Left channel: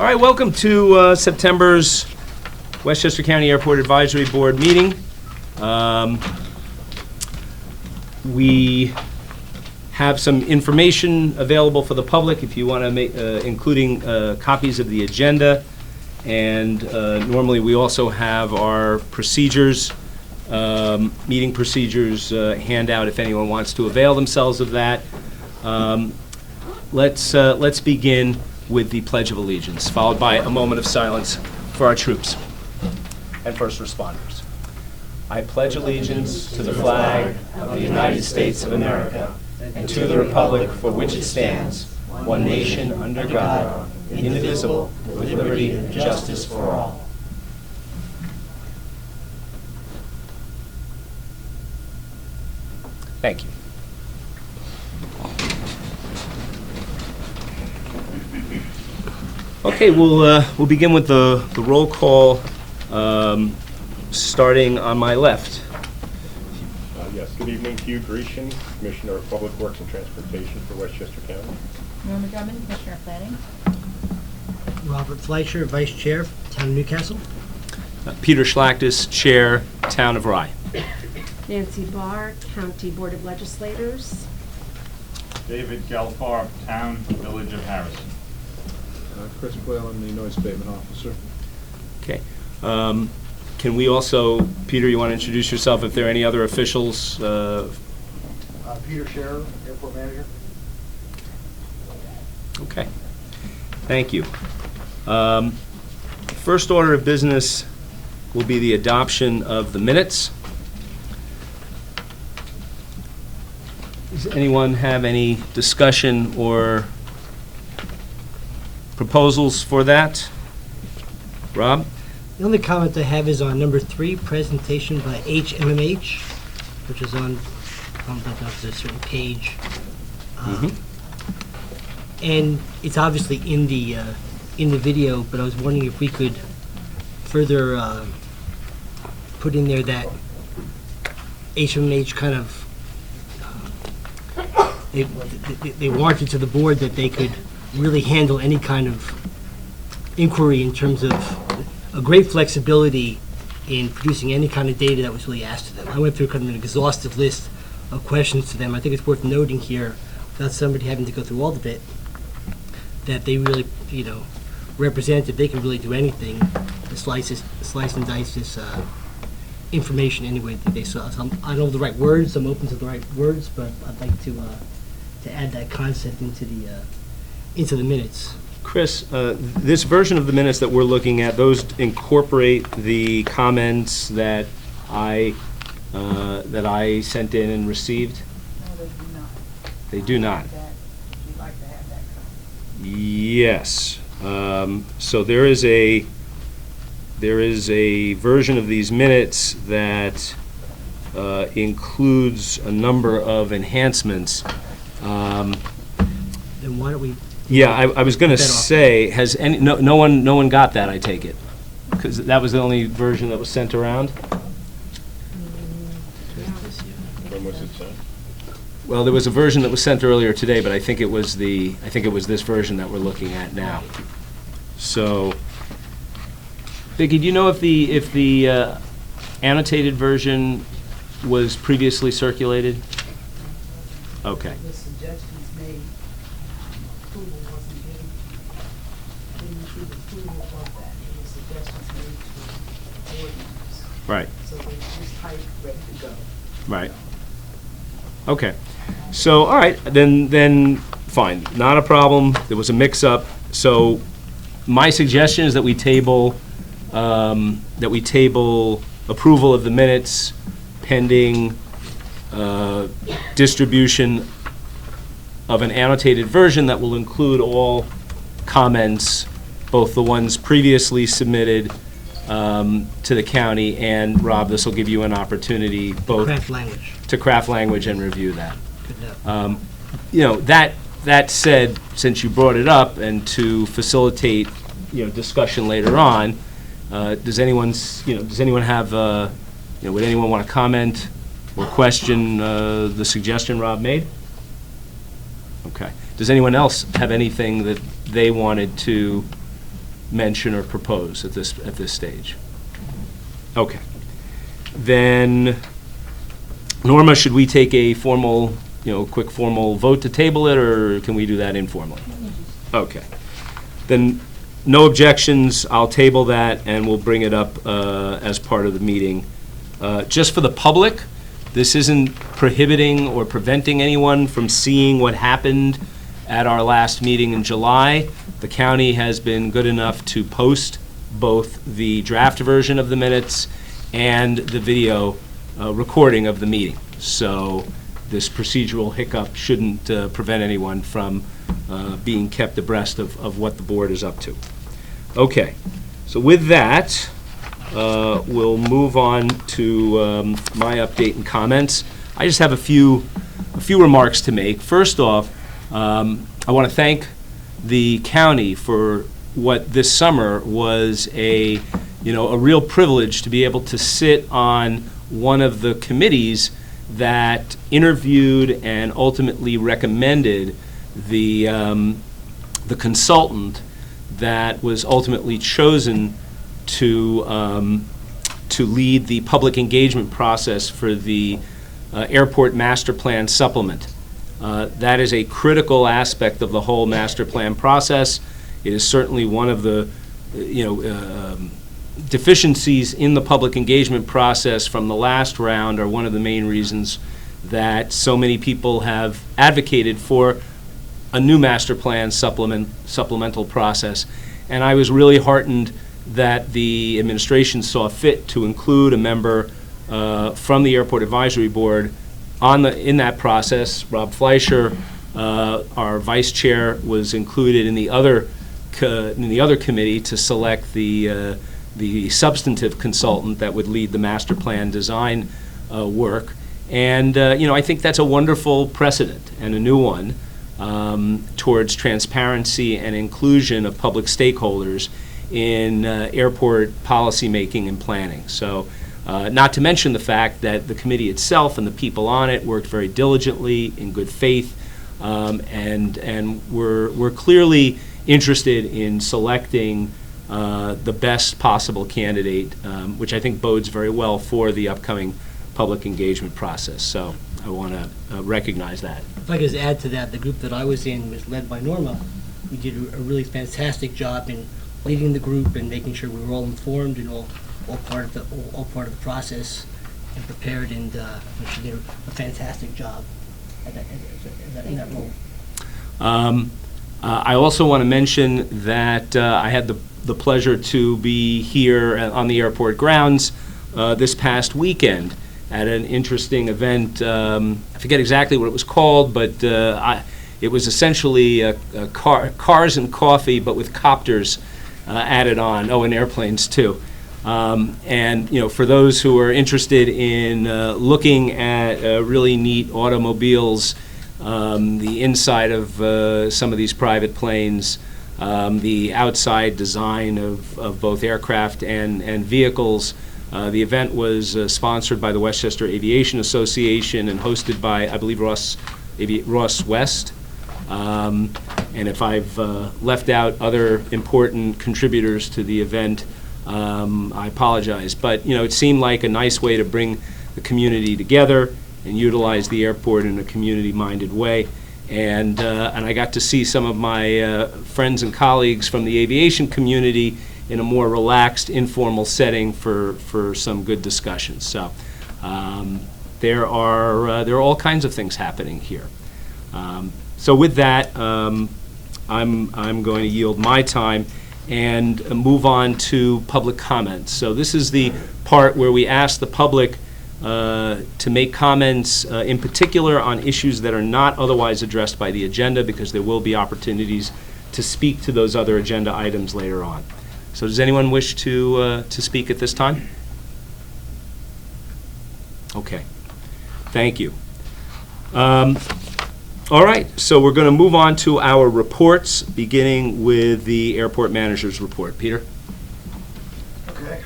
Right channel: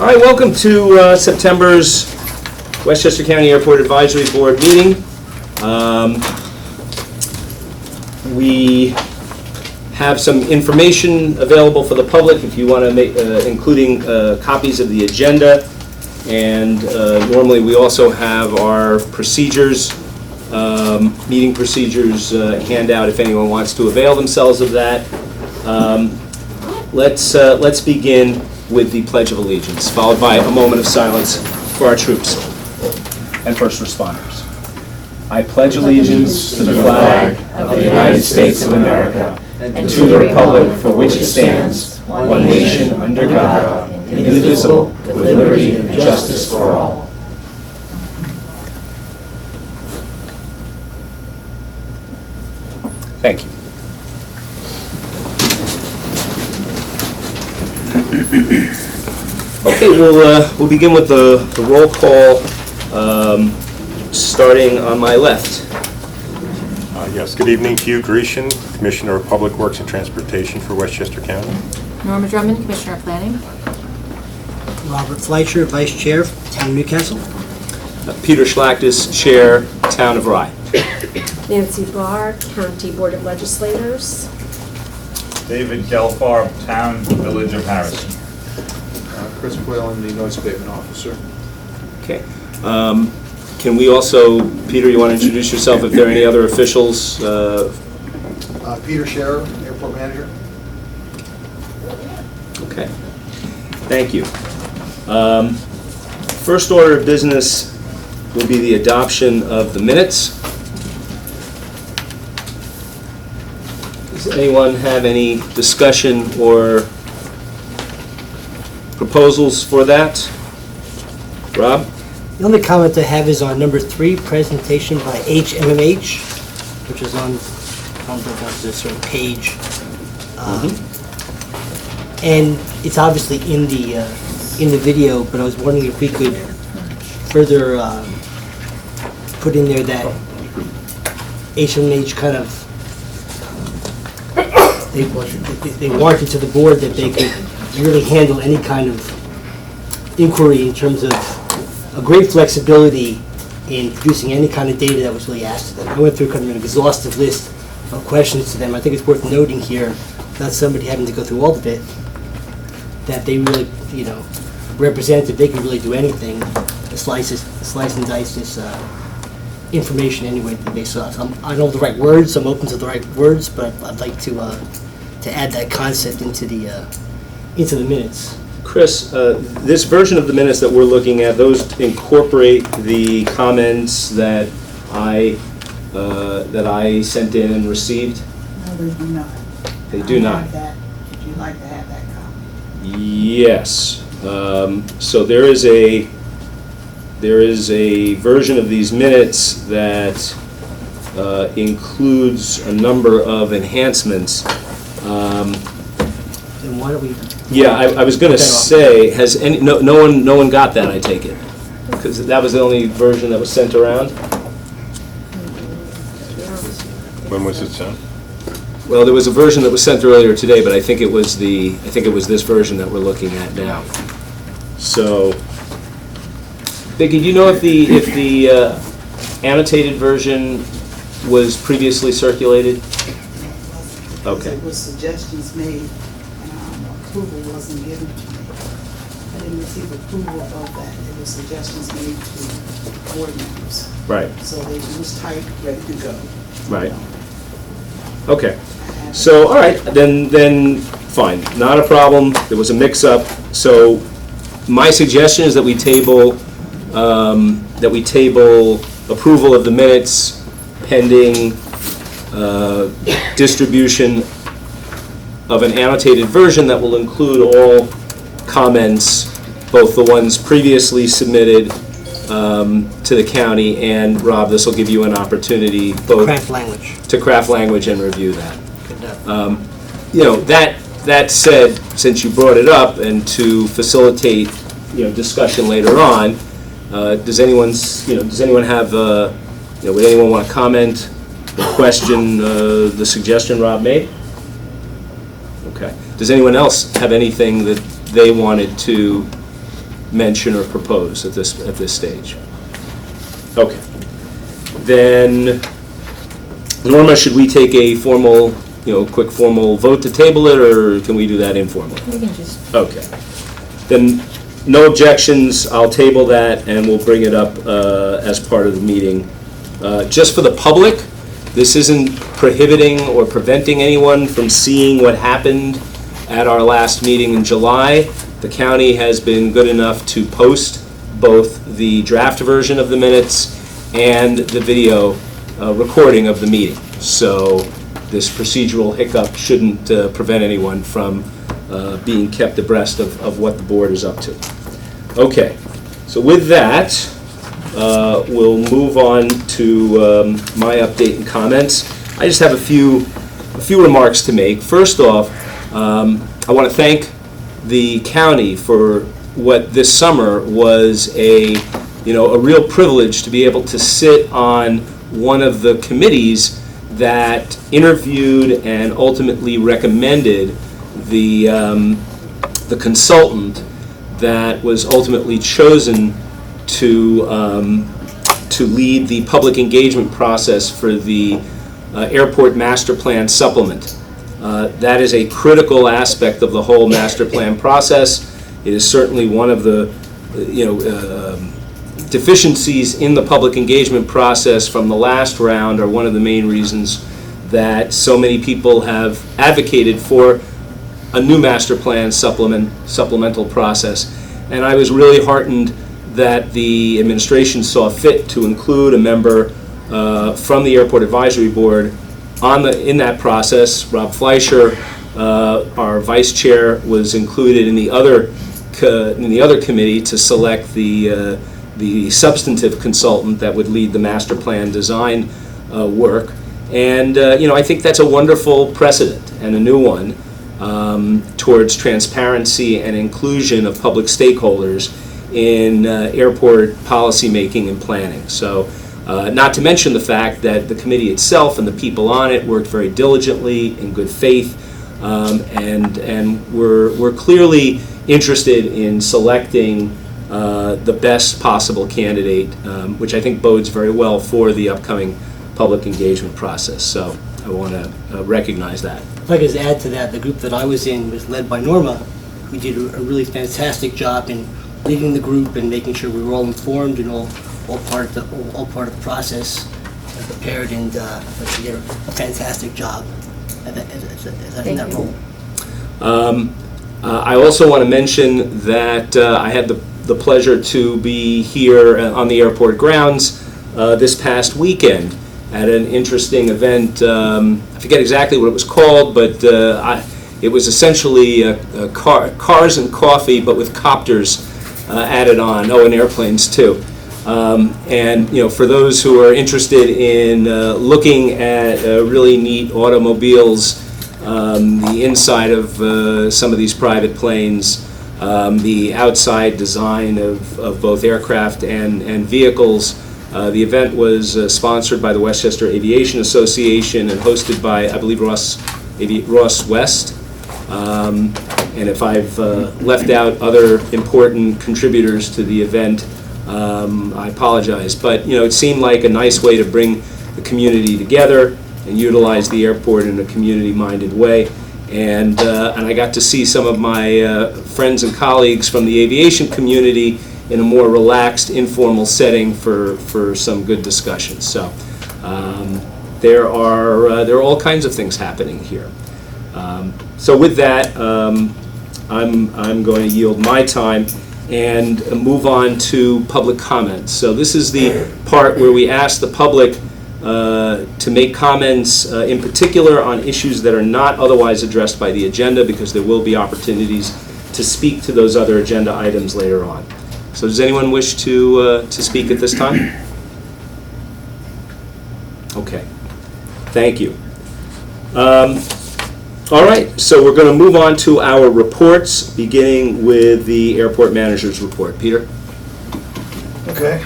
All right, welcome to September's Westchester County Airport Advisory Board meeting. We have some information available for the public if you want to make, including copies of the agenda. And normally we also have our procedures, meeting procedures handout if anyone wants to avail themselves of that. Let's begin with the Pledge of Allegiance, followed by a moment of silence for our troops and first responders. I pledge allegiance to the flag of the United States of America and to the republic for which it stands, one nation under God, indivisible, with liberty and justice for all. Thank you. Okay, we'll begin with the roll call, starting on my left. Yes, good evening. Hugh Grecian, Commissioner of Public Works and Transportation for Westchester County. Norma Drummond, Commissioner of Planning. Robert Fleischer, Vice Chair, Town of Newcastle. Peter Schlachtis, Chair, Town of Rye. Nancy Barr, County Board of Legislators. David Gelfar, Town Village of Harrison. Chris Whalen, the Noise Abatement Officer. Okay. Can we also, Peter, you want to introduce yourself if there are any other officials? Peter Scherer, Airport Manager. Okay. Thank you. First order of business will be the adoption of the minutes. Does anyone have any discussion or proposals for that? Rob? The only comment I have is on number 3, presentation by HMMH, which is on, I don't know if that's a certain page. And it's obviously in the video, but I was wondering if we could further put in there that HMMH kind of, they warranted to the board that they could really handle any kind of inquiry in terms of a great flexibility in producing any kind of data that was really asked of them. I went through kind of an exhaustive list of questions to them. I think it's worth noting here, without somebody having to go through all of it, that they really, represented they could really do anything to slice and dice this information any way that they saw. So I don't know the right words, I'm open to the right words, but I'd like to add that concept into the minutes. Chris, this version of the minutes that we're looking at, those incorporate the comments that I sent in and received? No, they do not. They do not. Would you like to have that copy? Yes. So there is a version of these minutes that includes a number of enhancements. Then why don't we? Yeah, I was going to say, has no one got that? I take it, because that was the only version that was sent around. When was it sent? Well, there was a version that was sent earlier today, but I think it was this version that we're looking at now. So, Vicki, do you know if the annotated version was previously circulated? Okay. It was suggestions made, and approval wasn't given to me. I didn't receive approval of that. It was suggestions made to board members. Right. So they was typed, ready to go. Right. Okay. So, all right, then fine, not a problem. There was a mix-up. So, my suggestion is that we table approval of the minutes pending distribution of an annotated version that will include all comments, both the ones previously submitted to the county, and Rob, this will give you an opportunity both to craft language and review that. That said, since you brought it up, and to facilitate discussion later on, does anyone have would anyone want to comment or question the suggestion Rob made? Okay. Does anyone else have anything that they wanted to mention or propose at this stage? Okay. Then, Norma, should we take a formal, quick formal vote to table it, or can we do that informally? We can just, Okay. Then, no objections, I'll table that, and we'll bring it up as part of the meeting. Just for the public, this isn't prohibiting or preventing anyone from seeing what happened at our last meeting in July. The county has been good enough to post both the draft version of the minutes and the video recording of the meeting. So this procedural hiccup shouldn't prevent anyone from being kept abreast of what the board is up to. Okay, so with that, we'll move on to my update and comments. I just have a few remarks to make. First off, I want to thank the county for what this summer was a real privilege to be able to sit on one of the committees that interviewed and ultimately recommended the consultant that was ultimately chosen to lead the public engagement process for the airport master plan supplement. That is a critical aspect of the whole master plan process. It is certainly one of the deficiencies in the public engagement process from the last round, are one of the main reasons that so many people have advocated for a new master plan supplemental process. And I was really heartened that the administration saw fit to include a member from the Airport Advisory Board in that process. Rob Fleischer, our vice chair, was included in the other committee to select the substantive consultant that would lead the master plan design work. And I think that's a wonderful precedent and a new one towards transparency and inclusion of public stakeholders in airport policy making and planning. So, not to mention the fact that the committee itself and the people on it worked very diligently in good faith, and we're clearly interested in selecting the best possible candidate, which I think bodes very well for the upcoming public engagement process. So I want to recognize that. If I could just add to that, the group that I was in was led by Norma, who did a really fantastic job in leading the group and making sure we were all informed and all part of the process and prepared, and she did a fantastic job in that role. I also want to mention that I had the pleasure to be here on the airport grounds this past weekend at an interesting event. I forget exactly what it was called, but it was essentially cars and coffee, but with copters added on. Oh, and airplanes too. And for those who are interested in looking at really neat automobiles, the inside of some of these private planes, the outside design of both aircraft and vehicles. The event was sponsored by the Westchester Aviation Association and hosted by, I believe, Ross West. And if I've left out other important contributors to the event, I apologize. But it seemed like a nice way to bring the community together and utilize the airport in a community-minded way. And I got to see some of my friends and colleagues from the aviation community in a more relaxed, informal setting for some good discussions. So there are all kinds of things happening here. So with that, I'm going to yield my time and move on to public comments. So this is the part where we ask the public to make comments in particular on issues that are not otherwise addressed by the agenda, because there will be opportunities to speak to those other agenda items later on. So does anyone wish to speak at this time? Okay, thank you. All right, so we're going to move on to our reports, beginning with the airport manager's report. Peter? Okay.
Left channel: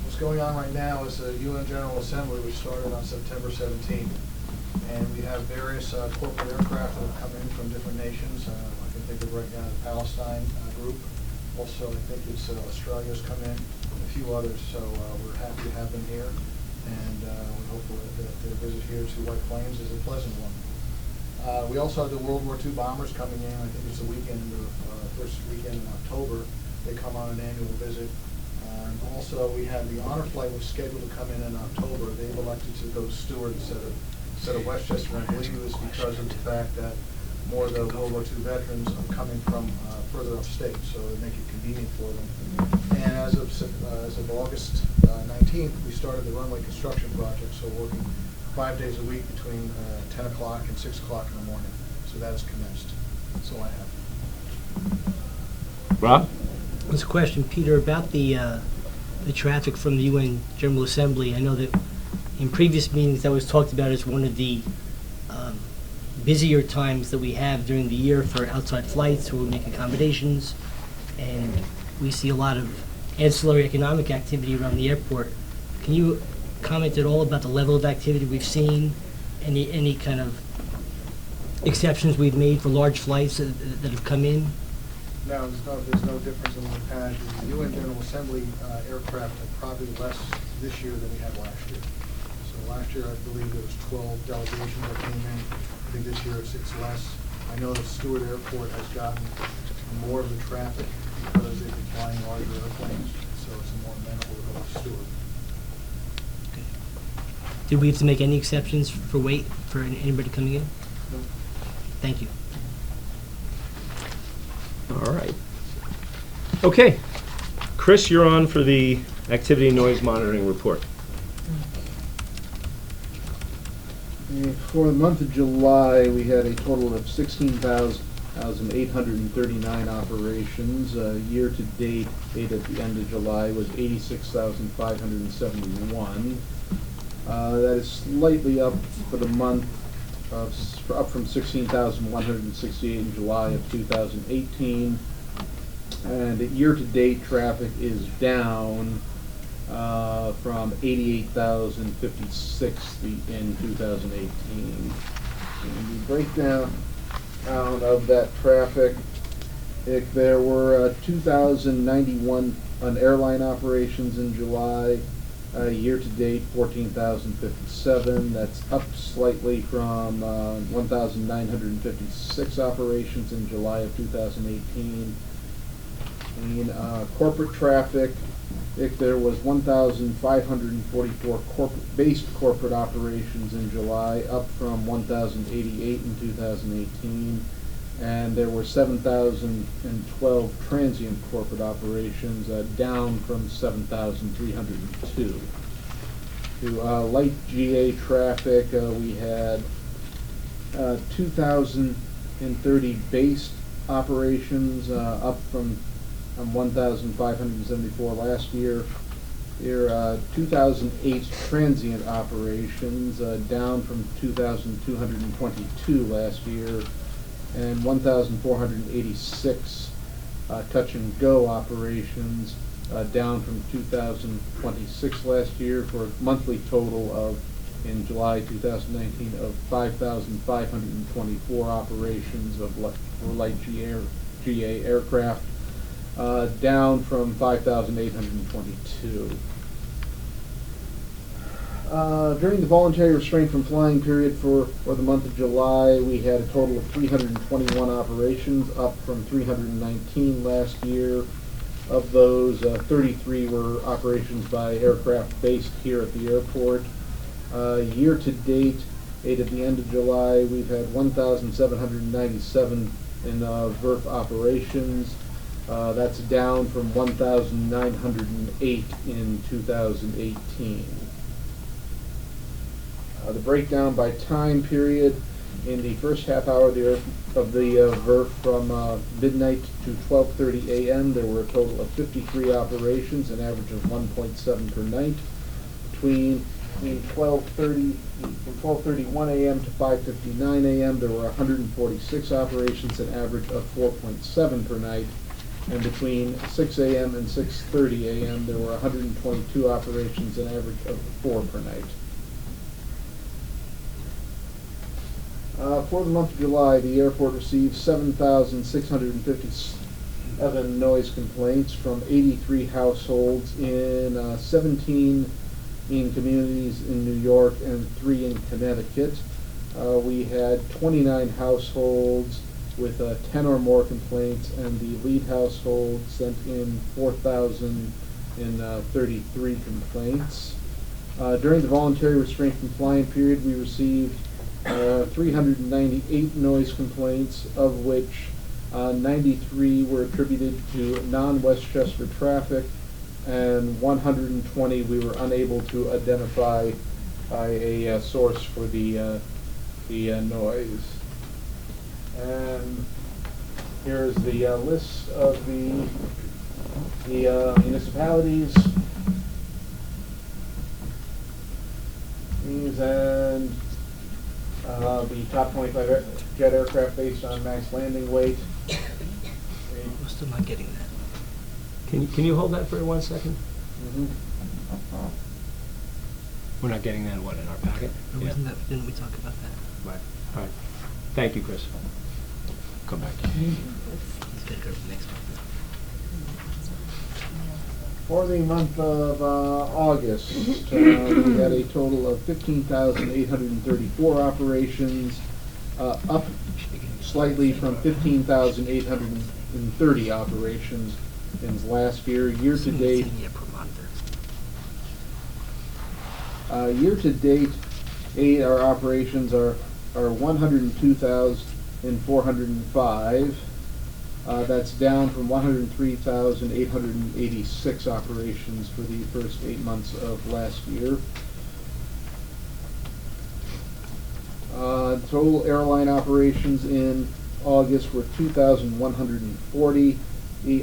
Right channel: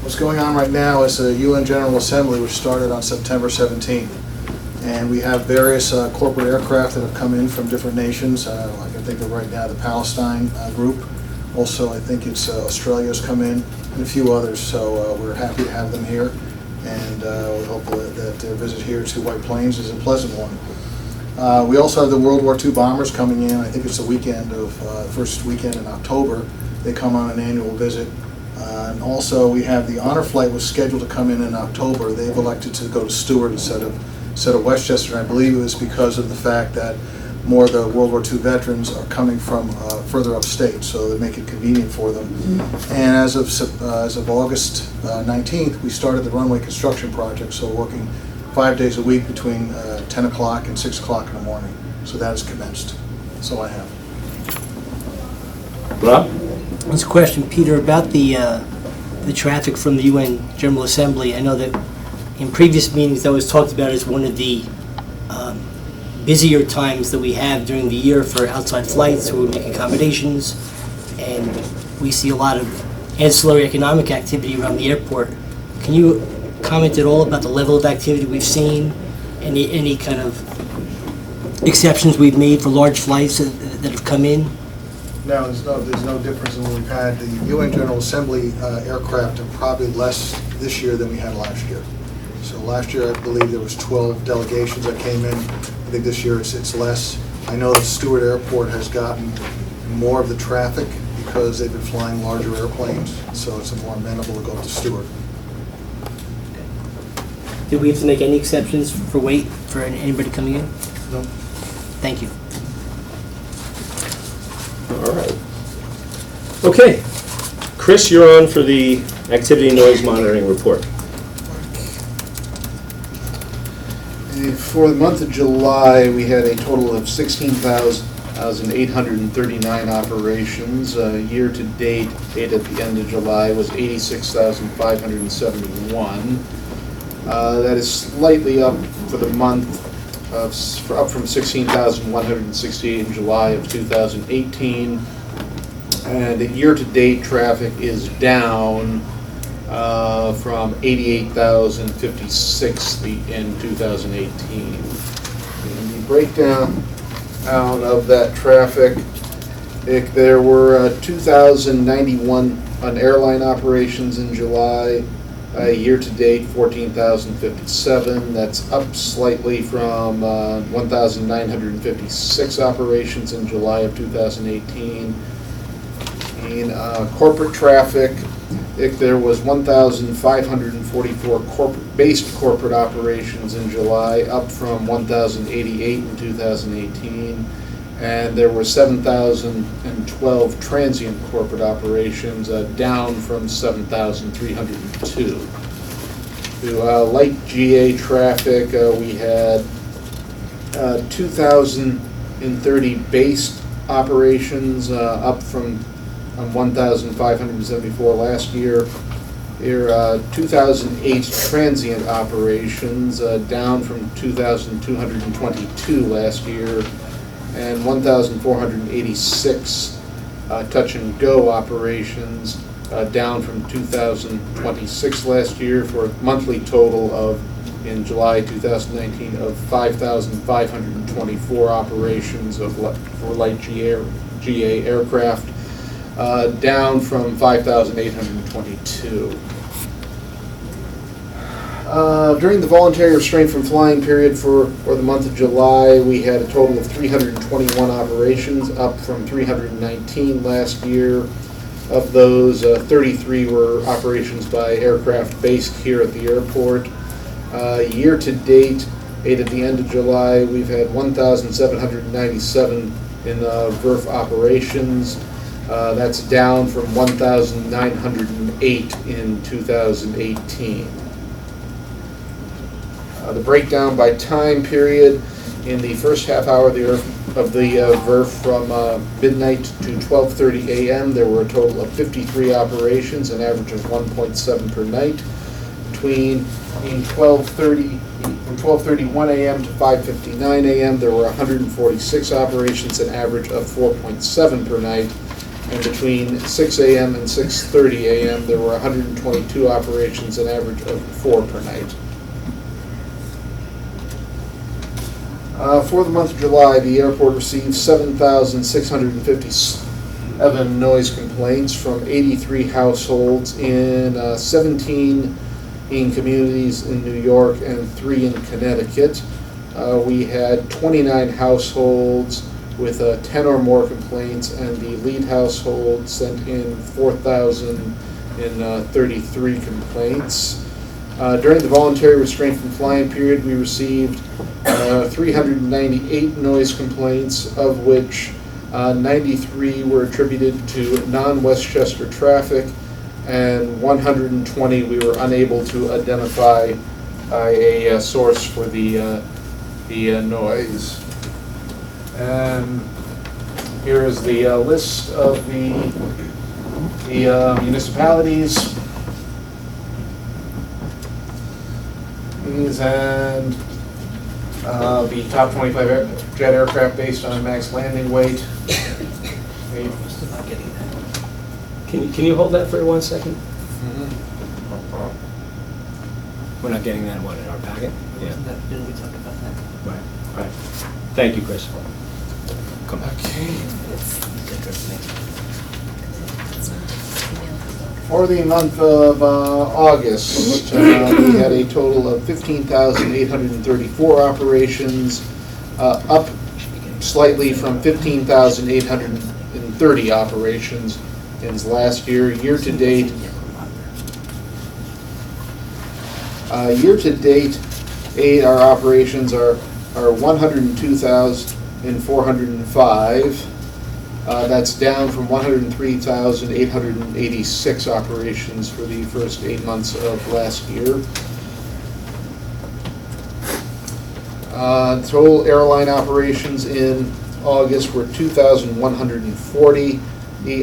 What's going on right now is the UN General Assembly, which started on September 17th. And we have various corporate aircraft that have come in from different nations. I can think of right now the Palestine group, Also, I think it's Australia's come in, and a few others, so we're happy to have them here. And we hope that their visit here to White Plains is a pleasant one. We also have the World War II bombers coming in. I think it's the weekend of, first weekend in October. They come on an annual visit. And also, we have the honor flight was scheduled to come in October. They've elected to go to Stewart instead of Westchester. And I believe it was because of the fact that more of the World War II veterans are coming from further upstate, so they make it convenient for them. And as of August 19th, we started the runway construction project, so working 5 days a week between 10 o'clock and 6 o'clock in the morning. So that has commenced. That's all I have. Rob? There's a question, Peter, about the traffic from the UN General Assembly. I know that in previous meetings that was talked about as one of the busier times that we have during the year for outside flights, where we make accommodations, and we see a lot of ancillary economic activity around the airport. Can you comment at all about the level of activity we've seen? Any kind of exceptions we've made for large flights that have come in? No, there's no difference in what we've had. The UN General Assembly aircraft are probably less this year than we had last year. So last year, I believe there was 12 delegations that came in. I think this year it's less. I know that Stewart Airport has gotten more of the traffic because they've been flying larger airplanes, so it's more amenable to go to Stewart. Did we have to make any exceptions for weight for anybody coming in? No. Thank you. All right. Okay. Chris, you're on for the activity and noise monitoring report. For the month of July, we had a total of 16,839 operations. Year-to-date, at the end of July, was 86,571. That is slightly up for the month, up from 16,168 in July of 2018. And year-to-date traffic is down from 88,056 in 2018. And the breakdown of that traffic, there were 2,091 on airline operations in July. Year-to-date, 14,057. That's up slightly from 1,956 operations in July of 2018. In corporate traffic, there was 1,544 based corporate operations in July, up from 1,088 in 2018. And there were 7,012 transient corporate operations, down from 7,302. To light GA traffic, we had 2,030 based operations, up from 1,574 last year. There are 2,008 transient operations, down from 2,222 last year, and 1,486 touch and go operations, down from 2,026 last year, for a monthly total of, in July 2019, of 5,524 operations for light GA aircraft, down from 5,822. During the voluntary restraint from flying period for the month of July, we had a total of 321 operations, up from 319 last year. Of those, 33 were operations by aircraft based here at the airport. Year to date, at the end of July, we've had 1,797 in VERF operations. That's down from 1,908 in 2018. The breakdown by time period: in the first half hour of the VERF from midnight to 12:30 a.m., there were a total of 53 operations, an average of 1.7 per night. From 12:31 a.m. to 5:59 a.m., there were 146 operations, an average of 4.7 per night. And between 6 a.m. and 6:30 a.m., there were 122 operations, an average of 4 per night. For the month of July, the airport received 7,650 37 noise complaints from 83 households in 17 in communities in New York and 3 in Connecticut. We had 29 households with 10 or more complaints, and the lead household sent in 4,033 complaints. During the voluntary restraint from flying period, we received 398 noise complaints, of which 93 were attributed to non-Westchester traffic, and 120 we were unable to identify a source for the noise. And here is the list of the municipalities. And the top 25 jet aircraft based on max landing weight. I'm still not getting that. Can you hold that for 1 second? Mhm. We're not getting that one in our packet? Yeah. Didn't we talk about that? Right, right. Thank you, Chris. Come back. For the month of August, we had a total of 15,834 operations, up slightly from 15,830 operations in last year. Year to date, our operations are 102,405. That's down from 103,886 operations for the first 8 months of last year. Total airline operations in August were 2,140,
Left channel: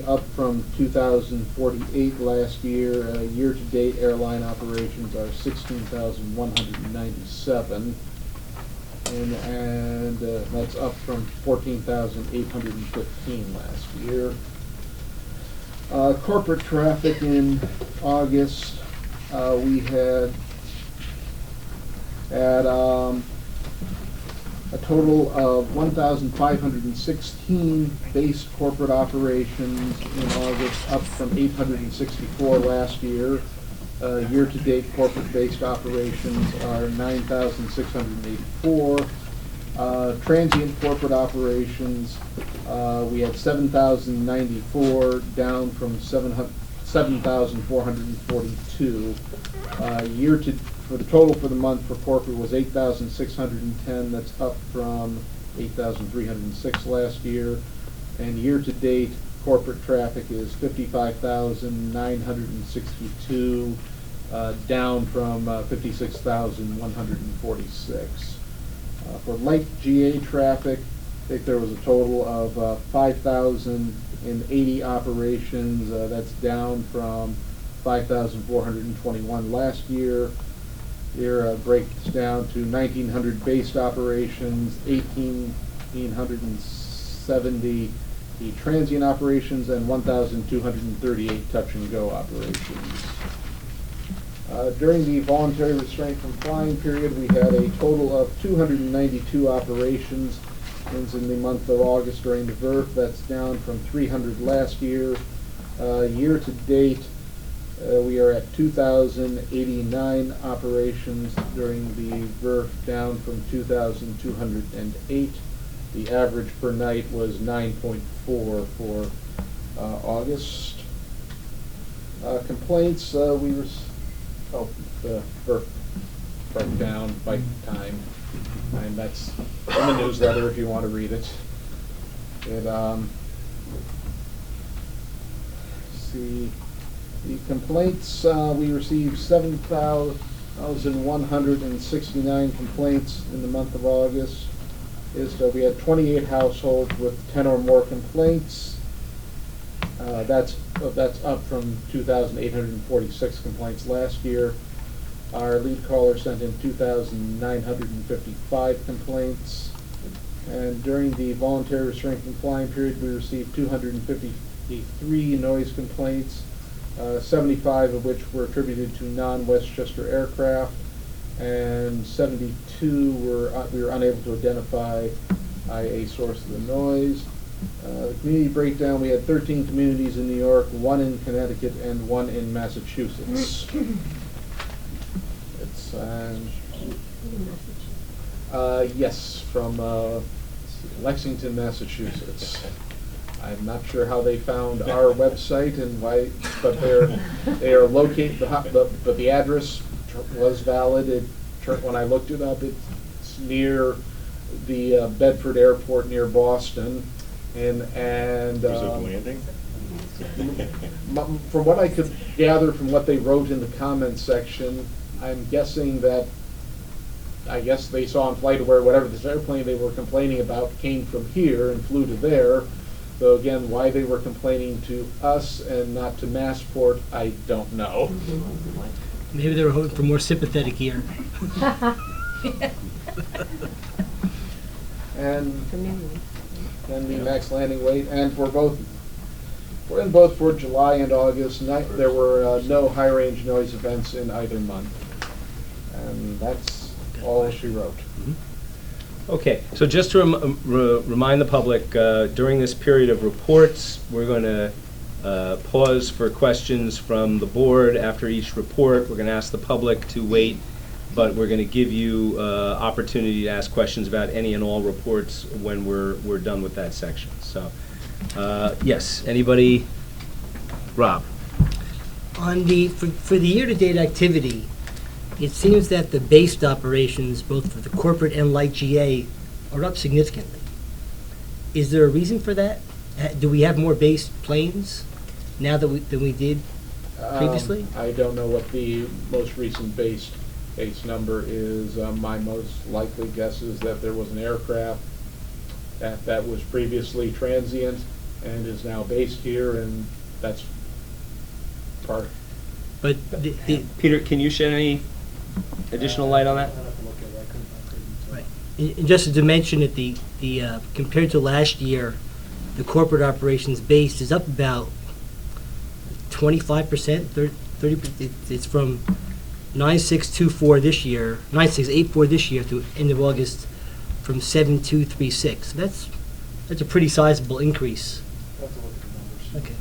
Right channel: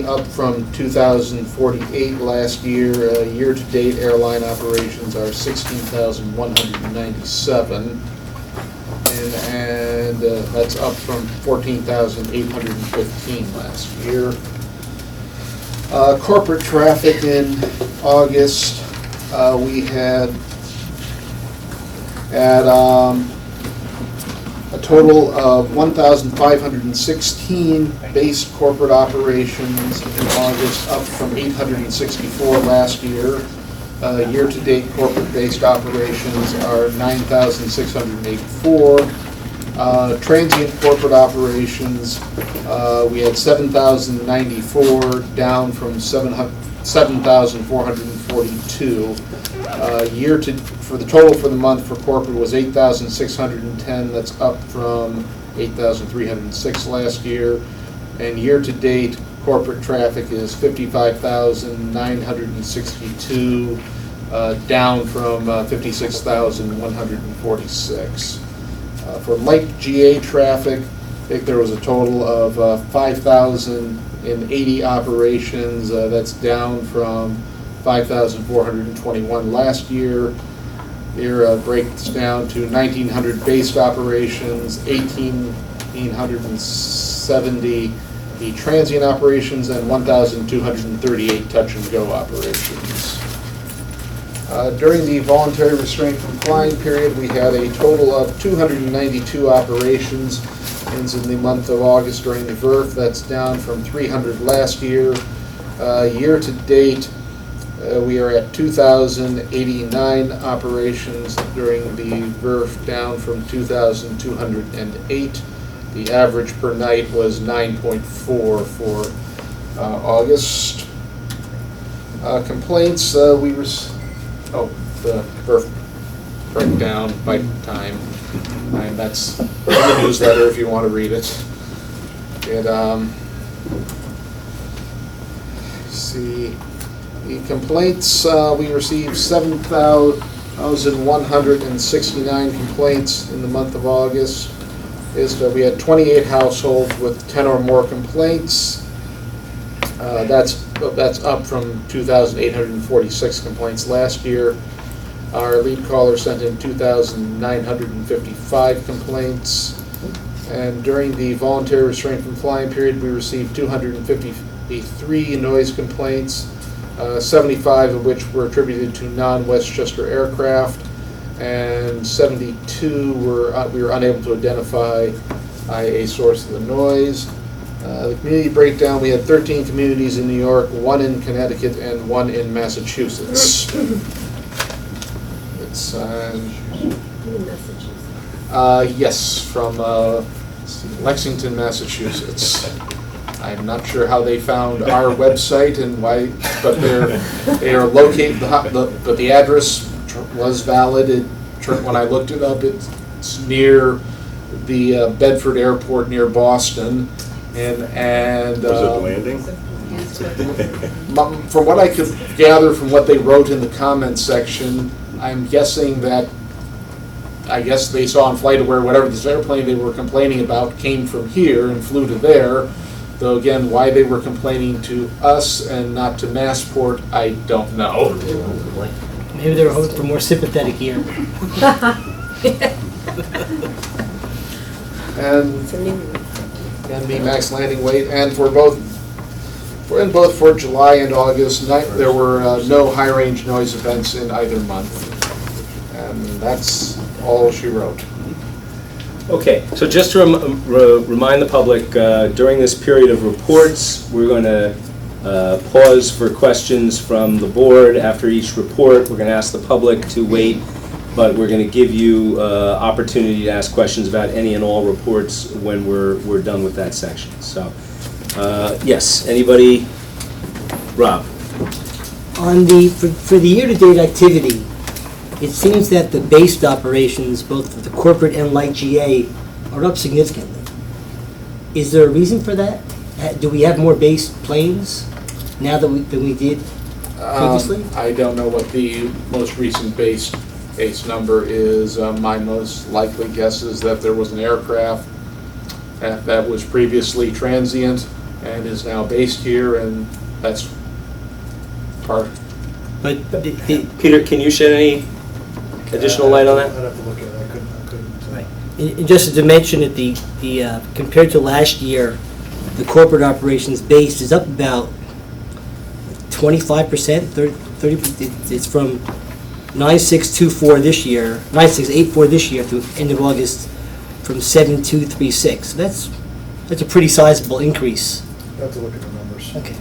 up from 2,048 last year. Year-to-date airline operations are 16,197. And that's up from 14,815 last year. Corporate traffic in August, we had a total of 1,516 base corporate operations in August, up from 864 last year. Year-to-date corporate-based operations are 9,684. Transient corporate operations, we had 7,094, down from 7,442. For the total for the month for corporate was 8,610. That's up from 8,306 last year. And year-to-date corporate traffic is 55,962, down from 56,146. For light GA traffic, I think there was a total of 5,080 operations. That's down from 5,421 last year. Here breaks down to 1,900 based operations, 1,870 the transient operations, and 1,238 touch-and-go operations. During the voluntary restraint from flying period, we had a total of 292 operations in the month of August during the VRF. That's down from 300 last year. Year-to-date, we are at 2,089 operations during the VRF, down from 2,208. The average per night was 9.4 for August. Complaints, the VRF breakdown by time. And that's in the newsletter if you want to read it. See, the complaints, we received 7,169 complaints in the month of August. We had 28 households with 10 or more complaints. That's up from 2,846 complaints last year. Our lead caller sent in 2,955 complaints. And during the voluntary restraint from flying period, we received 253 noise complaints, 75 of which were attributed to non-Westchester aircraft, and 72 we were unable to identify a source of the noise. The community breakdown, we had 13 communities in New York, 1 in Connecticut, and 1 in Massachusetts. It's, yes, from Lexington, Massachusetts. I'm not sure how they found our website and why, but they are located, but the address was valid. When I looked it up, it's near the Bedford Airport near Boston. And Was it landing? from what I could gather from what they wrote in the comments section, I'm guessing that, I guess they saw on FlightAware whatever this airplane they were complaining about came from here and flew to there. Though again, why they were complaining to us and not to Massport, I don't know. Maybe they were hoping for more sympathetic ear. And the max landing weight, and for both for July and August, there were no high range noise events in either month. And that's all she wrote. Okay, so just to remind the public, during this period of reports, we're going to pause for questions from the board. After each report, we're going to ask the public to wait, but we're going to give you opportunity to ask questions about any and all reports when we're done with that section. So, yes, anybody? Rob? On for the year-to-date activity, it seems that the based operations, both for the corporate and light GA, are up significantly. Is there a reason for that? Do we have more based planes now than we did previously? I don't know what the most recent base number is. My most likely guess is that there was an aircraft that was previously transient and is now based here, and that's part. But Peter, can you shed any additional light on that? I'd have to look at it. I couldn't. right. And just to mention it, the compared to last year, the corporate operations base is up about 25%, 30. It's from 9624 this year, 9684 this year through end of August, from 7236. So that's a pretty sizable increase. I have to look at the numbers. Okay.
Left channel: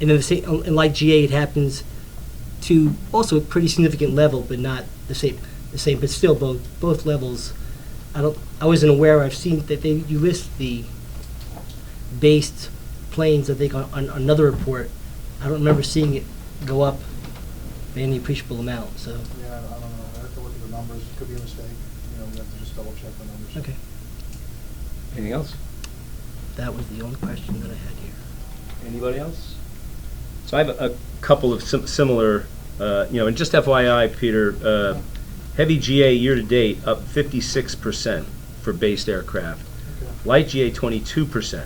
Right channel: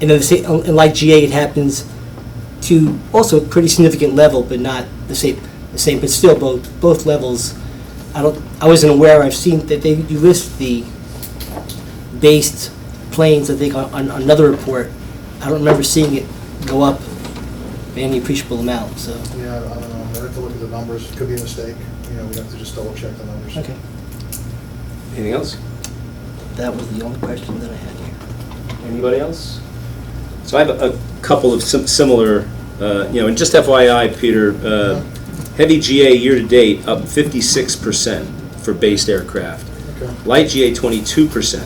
And then in light GA, it happens to also a pretty significant level, but not the same. But still, both levels. I wasn't aware. I've seen that you list the based planes. I think on another report. I don't remember seeing it go up by any appreciable amount. So. Yeah, I don't know. I have to look at the numbers. It could be a mistake. We have to just double check the numbers. Okay. Anything else? That was the only question that I had here. Anybody else? So I have a couple of similar, and just FYI, Peter, heavy GA year-to-date up 56% for based aircraft. Okay. Light GA 22%.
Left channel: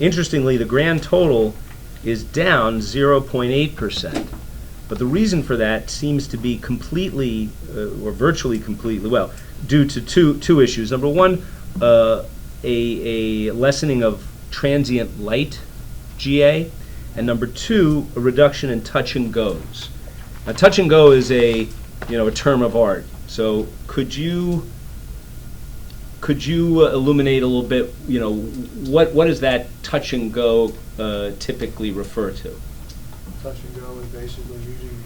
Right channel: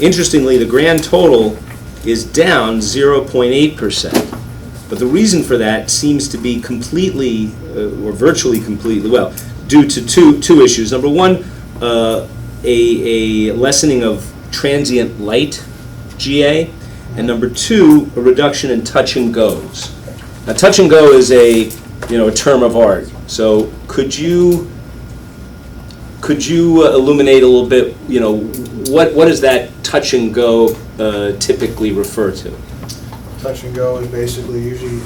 Interestingly, the grand total is down 0.8%. But the reason for that seems to be completely, or virtually completely, well, due to two issues. Number one, a lessening of transient light GA, and number two, a reduction in touch and goes. Now, touch and go is a term of art. So could you illuminate a little bit? What does that touch and go typically refer to? Touch and go is basically usually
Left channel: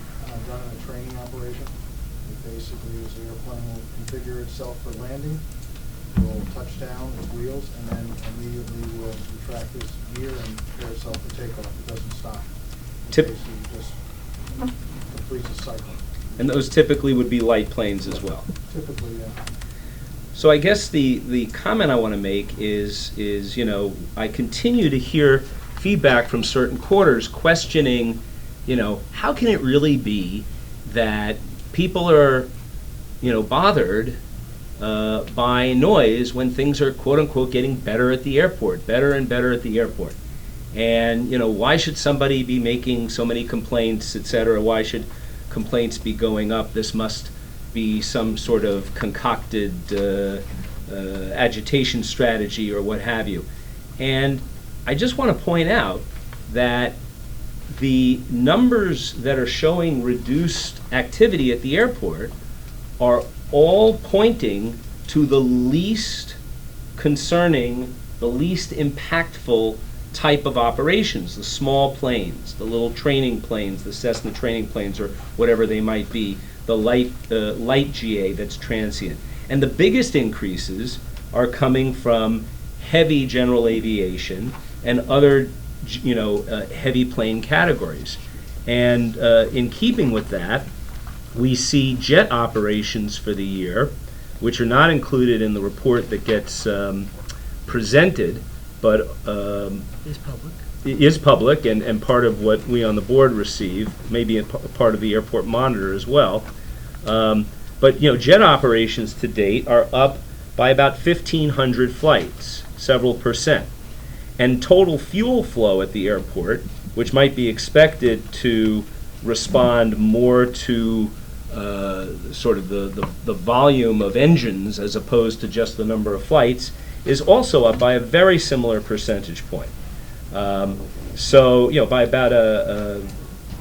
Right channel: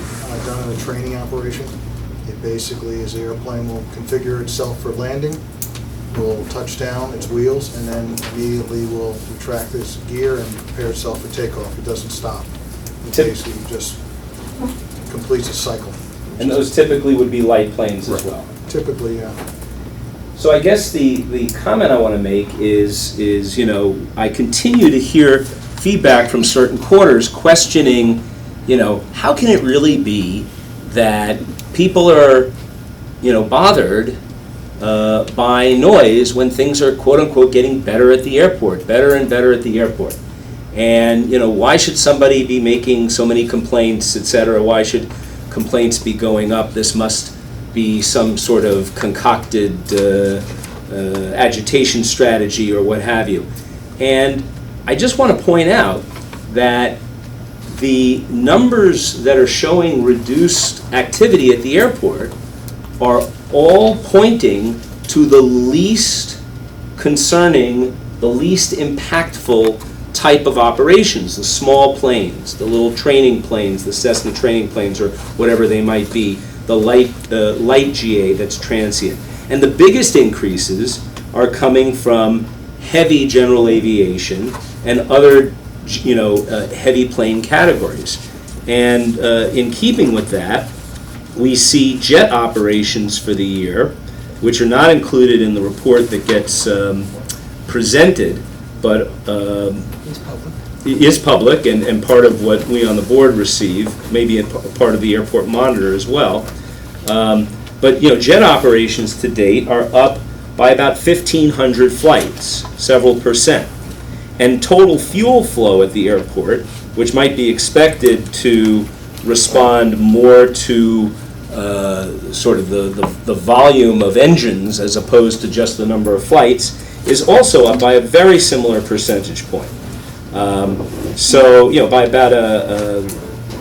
done in a training operation. It basically is the airplane will configure itself for landing, will touch down its wheels, and then immediately will retract its gear and prepare itself for takeoff. It doesn't stop. It basically just completes a cycle. And those typically would be light planes as well. Typically, yeah. So I guess the comment I want to make is I continue to hear feedback from certain quarters questioning, how can it really be that people are, bothered by noise when things are quote unquote getting better at the airport, better and better at the airport. And why should somebody be making so many complaints, et cetera? Why should complaints be going up? This must be some sort of concocted agitation strategy or what have you. And I just want to point out that the numbers that are showing reduced activity at the airport are all pointing to the least concerning the least impactful type of operations, the small planes, the little training planes, the Cessna training planes, or whatever they might be, the light GA that's transient. And the biggest increases are coming from heavy general aviation and other, heavy plane categories. And in keeping with that, we see jet operations for the year, which are not included in the report that gets presented, but It's public. is public and part of what we on the board receive, maybe in part of the airport monitor as well. But jet operations to date are up by about 1,500 flights, several percent. And total fuel flow at the airport, which might be expected to respond more to sort of the volume of engines as opposed to just the number of flights, is also up by a very similar percentage point. So, by about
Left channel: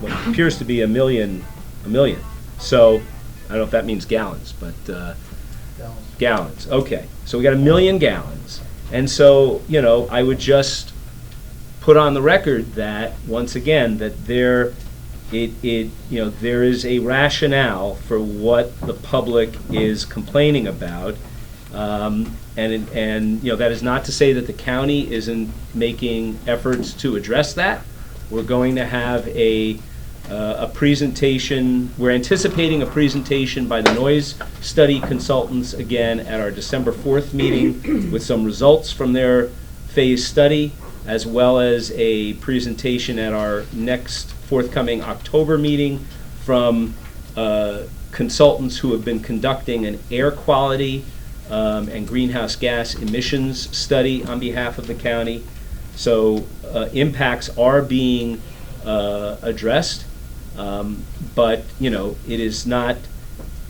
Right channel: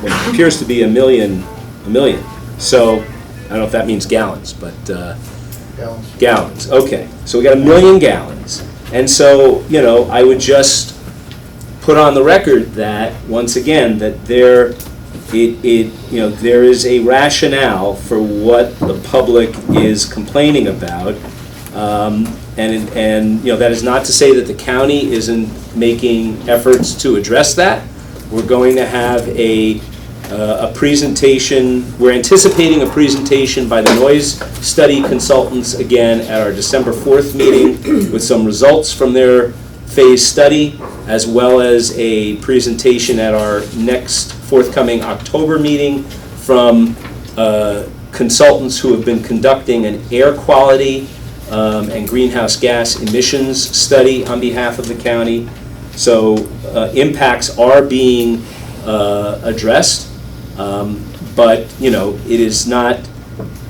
what appears to be a million. So, I don't know if that means gallons, but gallons. Okay, so we got 1 million gallons. And so, I would just put on the record that, once again, that there is a rationale for what the public is complaining about. And that is not to say that the county isn't making efforts to address that. We're going to have a presentation. We're anticipating a presentation by the noise study consultants again at our December 4th meeting with some results from their phase study, as well as a presentation at our next forthcoming October meeting from consultants who have been conducting an air quality and greenhouse gas emissions study on behalf of the county. So impacts are being addressed, but it is not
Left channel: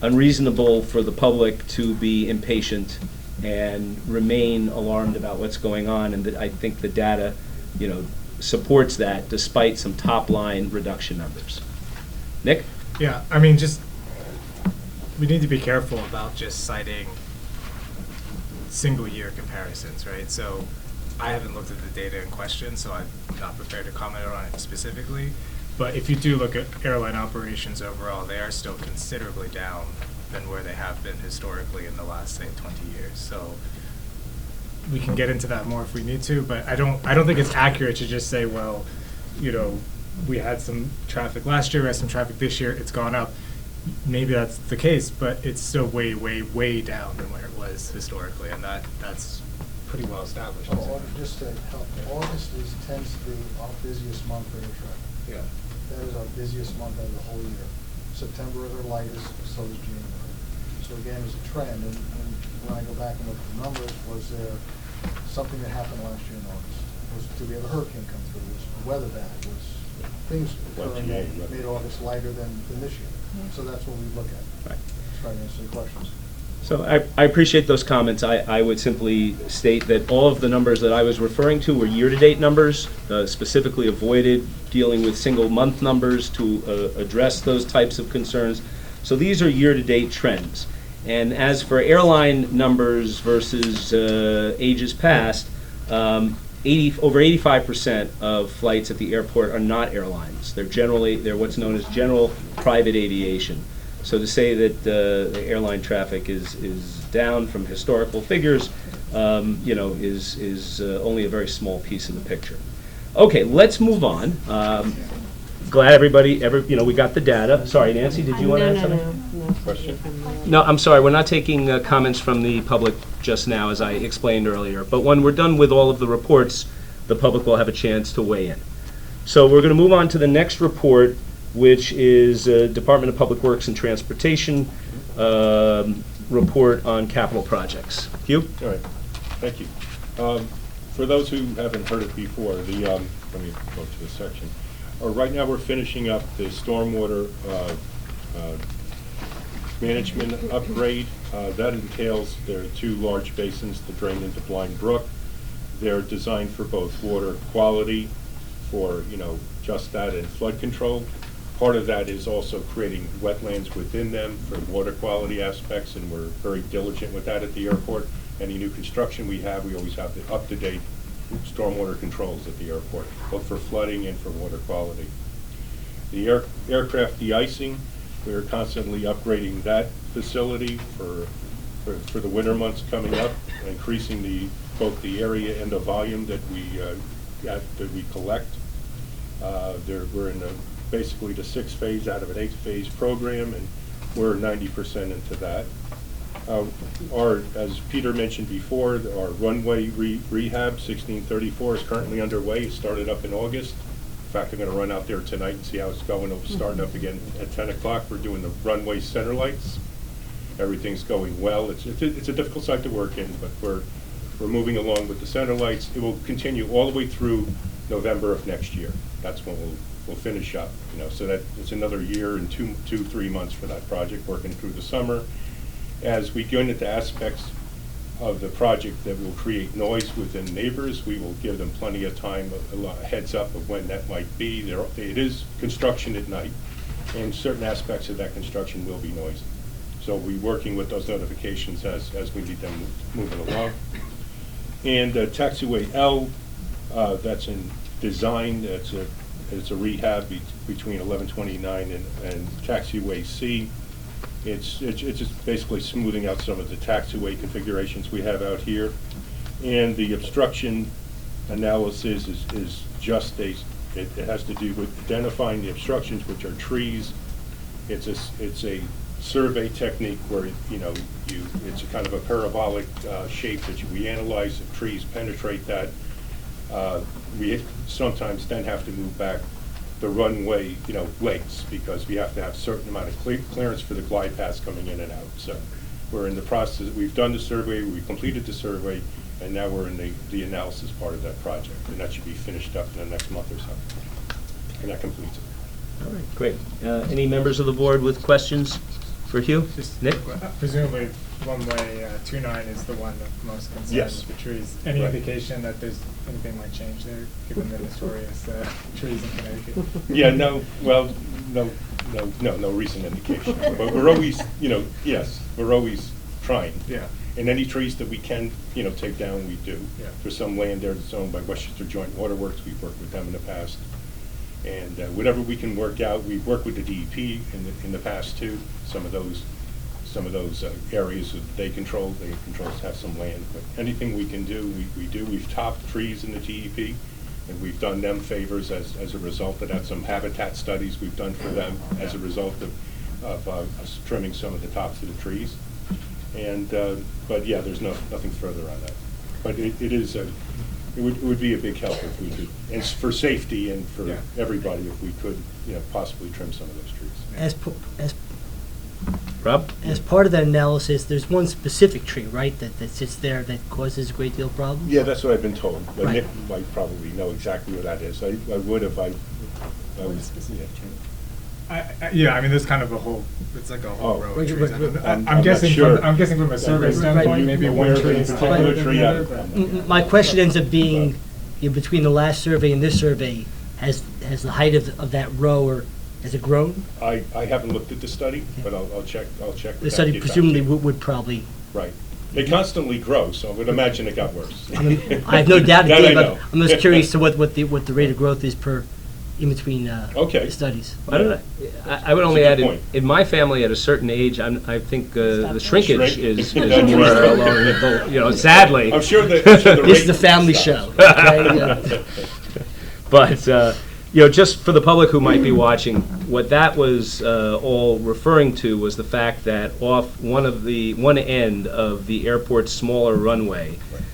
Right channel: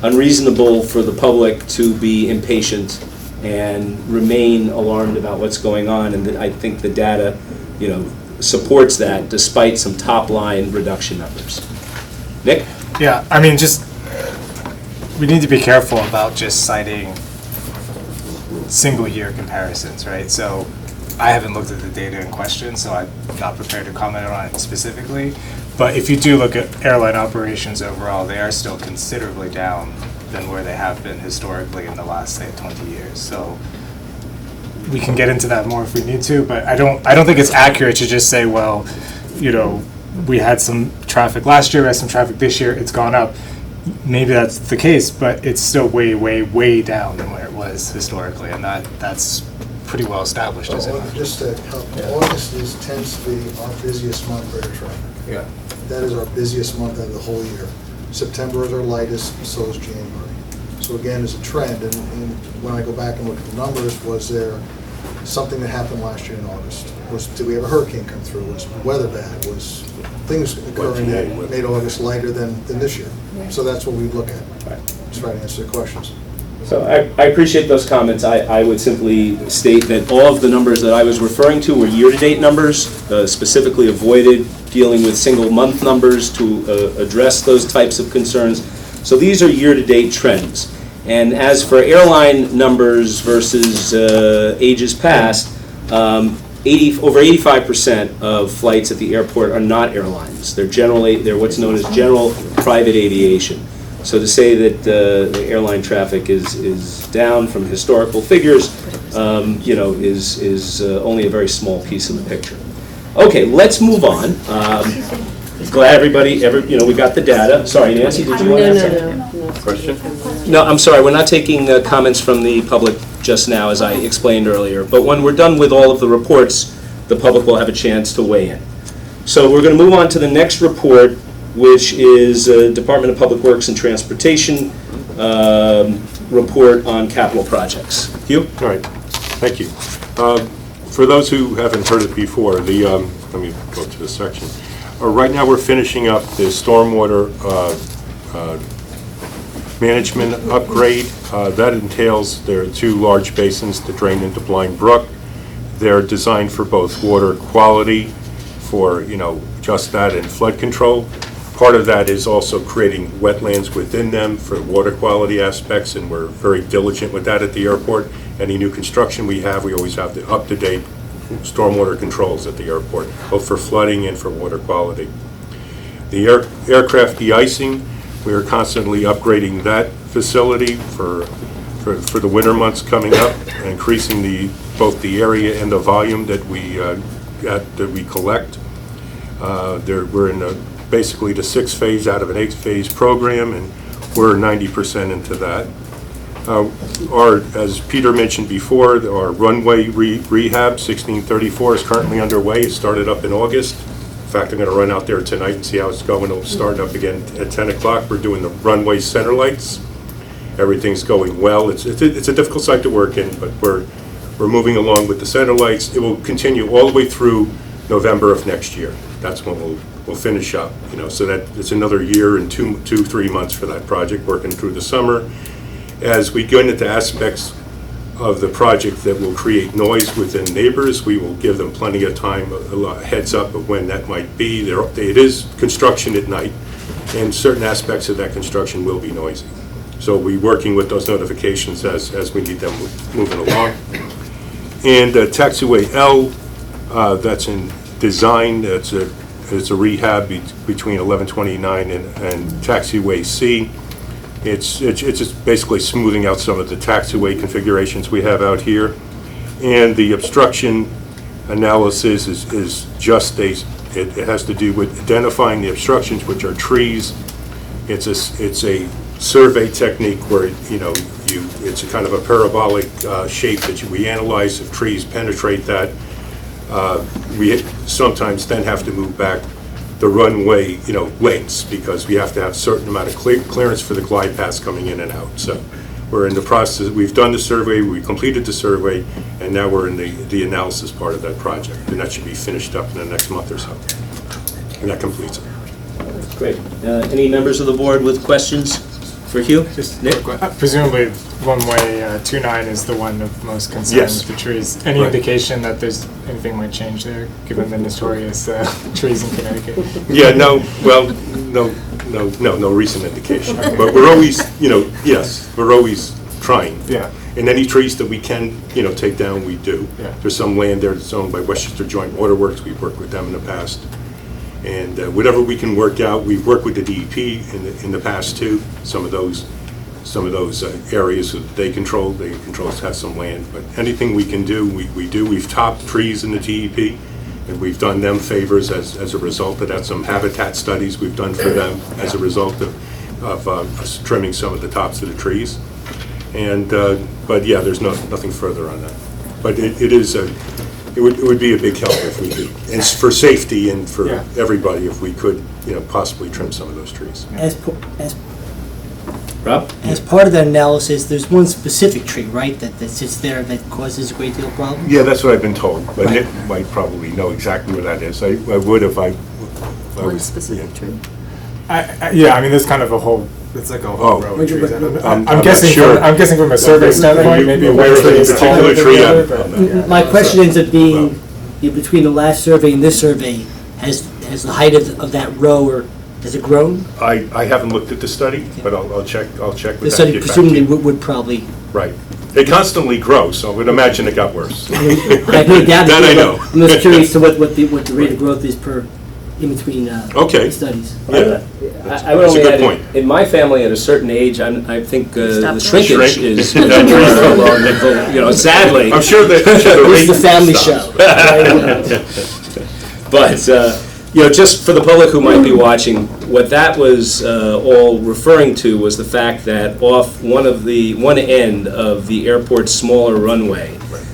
unreasonable for the public to be impatient and remain alarmed about what's going on, and I think the data, supports that despite some top-line reduction numbers. Nick? Yeah, we need to be careful about just citing single-year comparisons, right? So I haven't looked at the data in question, so I'm not prepared to comment on it specifically. But if you do look at airline operations overall, they are still considerably down than where they have been historically in the last, say, 20 years. So we can get into that more if we need to, but I don't think it's accurate to just say, well, we had some traffic last year, we had some traffic this year, it's gone up. Maybe that's the case, but it's still way, way, way down than where it was historically, and that's pretty well established, isn't it? Just to help, August tends to be our busiest month for air traffic. Yeah. That is our busiest month of the whole year. September is our lightest, so is January. So again, it's a trend, and when I go back and look at the numbers, was there something that happened last year in August? Did we have a hurricane come through? Was weather bad? Was things occurring that made August lighter than this year? So that's what we look at. Right. Just trying to answer the questions. So I appreciate those comments. I would simply state that all of the numbers that I was referring to were year-to-date numbers, specifically avoided dealing with single-month numbers to address those types of concerns. So these are year-to-date trends. And as for airline numbers versus ages past, over 85% of flights at the airport are not airlines. They're what's known as general private aviation. So to say that the airline traffic is down from historical figures, is only a very small piece of the picture. Okay, let's move on. Glad everybody, we got the data. Sorry, Nancy, did you want to add something? Question? No, I'm sorry, we're not taking comments from the public just now, as I explained earlier. But when we're done with all of the reports, the public will have a chance to weigh in. So we're going to move on to the next report, which is Department of Public Works and Transportation report on capital projects. Hugh? All right, thank you. For those who haven't heard it before, let me go to this section. Right now we're finishing up the stormwater management upgrade. That entails, there are 2 large basins that drain into Blind Brook. They're designed for both water quality, for just that, and flood control. Part of that is also creating wetlands within them for water quality aspects, and we're very diligent with that at the airport. Any new construction we always have the up-to-date stormwater controls at the airport, both for flooding and for water quality. The aircraft de-icing, we are constantly upgrading that facility for the winter months coming up, increasing both the area and the volume that we collect. We're in basically the 6th phase out of an 8-phase program, and we're 90% into that. As Peter mentioned before, our runway rehab 1634 is currently underway. It started up in August. In fact, I'm going to run out there tonight and see how it's going. It'll start up again at 10 o'clock. We're doing the runway center lights. Everything's going well. It's a difficult site to work in, but we're moving along with the center lights. It will continue all the way through November of next year. That's when we'll finish up. So that it's another year and 3 months for that project, working through the summer. As we go into aspects of the project that will create noise within neighbors, we will give them plenty of time, a heads up of when that might be. It is construction at night, and certain aspects of that construction will be noisy. So we're working with those notifications as we need them moving along. And taxiway L, that's in design. It's a rehab between 1129 and taxiway C. It's just basically smoothing out some of the taxiway configurations we have out here. And the obstruction analysis is just it has to do with identifying the obstructions, which are trees. It's a survey technique where it's a kind of a parabolic shape that we analyze. If trees penetrate that, we sometimes then have to move back the runway, lengths, because we have to have a certain amount of clearance for the glide paths coming in and out. So we're in the process. We've done the survey, we completed the survey, and now we're in the analysis part of that project, and that should be finished up in the next month or so. And that completes it. Great. Any members of the board with questions for Hugh? Nick? Presumably, runway 29 is the one of most concern Yes. with the trees. Any Right. indication that there's anything might change there, given the notorious trees in Connecticut? Yeah, no recent indication. But we're always, yes, we're always trying. Yeah. And any trees that we can, take down, we do. Yeah. There's some land there that's owned by Westchester Joint Waterworks. We've worked with them in the past. And whatever we can work out, we've worked with the DEP in the past too. Some of those areas that they control have some land. But anything we can do, we do. We've topped trees in the DEP, and we've done them favors as a result of that. Some habitat studies we've done for them as a result of us trimming some of the tops of the trees. And but yeah, there's nothing further on that. But it would be a big help if we could, and for safety and for everybody, if we could, possibly trim some of those trees. Rob? As part of that analysis, there's one specific tree, right, that sits there that causes a great deal of problems? Yeah, that's what I've been told, but Right. Nick might probably know exactly where that is. I would if I One was. specific tree. Yeah, I mean, there's kind of a whole, it's like a whole row of Right, trees. right, I don't know. I'm I'm not guessing sure. I'm guessing from a survey standpoint, maybe Aware one of tree any is taller particular than tree? the I'm other, but. not- My question ends up being, between the last survey and this survey, has the height of that row, or has it grown? I haven't looked at the study, but I'll check with that. The study get back to presumably you. would probably, Right. They constantly grow, so I would imagine it got worse. I mean, I have no doubt. That I know. I'm just curious to what the rate of growth is in between Okay. studies. Yeah. I would That's a only good add, point. in my family, at a certain age, I think the Stop shrinkage Shrink. is, sadly. I'm sure that. This is the rate family stops. show. But, just for the public who might be watching, what that was all referring to was the fact that off one end of the airport's smaller runway,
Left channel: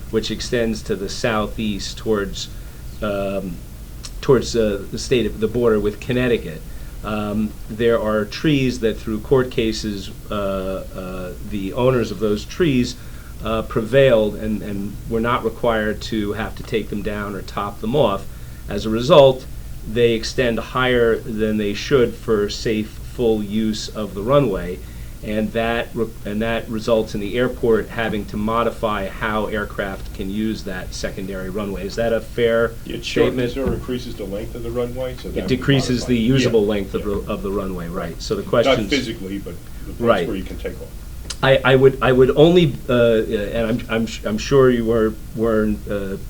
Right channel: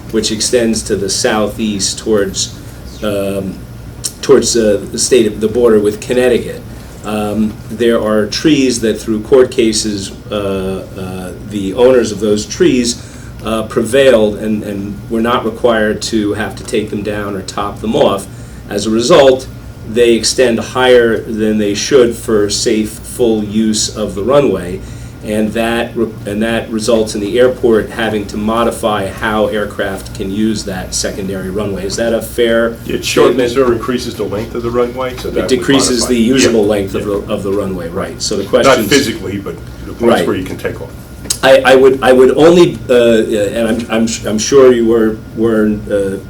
which extends to the southeast towards the border with Connecticut, there are trees that through court cases, the owners of those trees prevailed and were not required to have to take them down or top them off. As a result, they extend higher than they should for safe, full use of the runway, and that results in the airport having to modify how aircraft can use that secondary runway. Is that a fair It shortens statement? or increases the length of the runway, so that It would decreases modify. the usable Yeah. length Yeah. of the runway, right? So the Not question physically, but the Right. points where you can take off. I would only, and I'm sure you were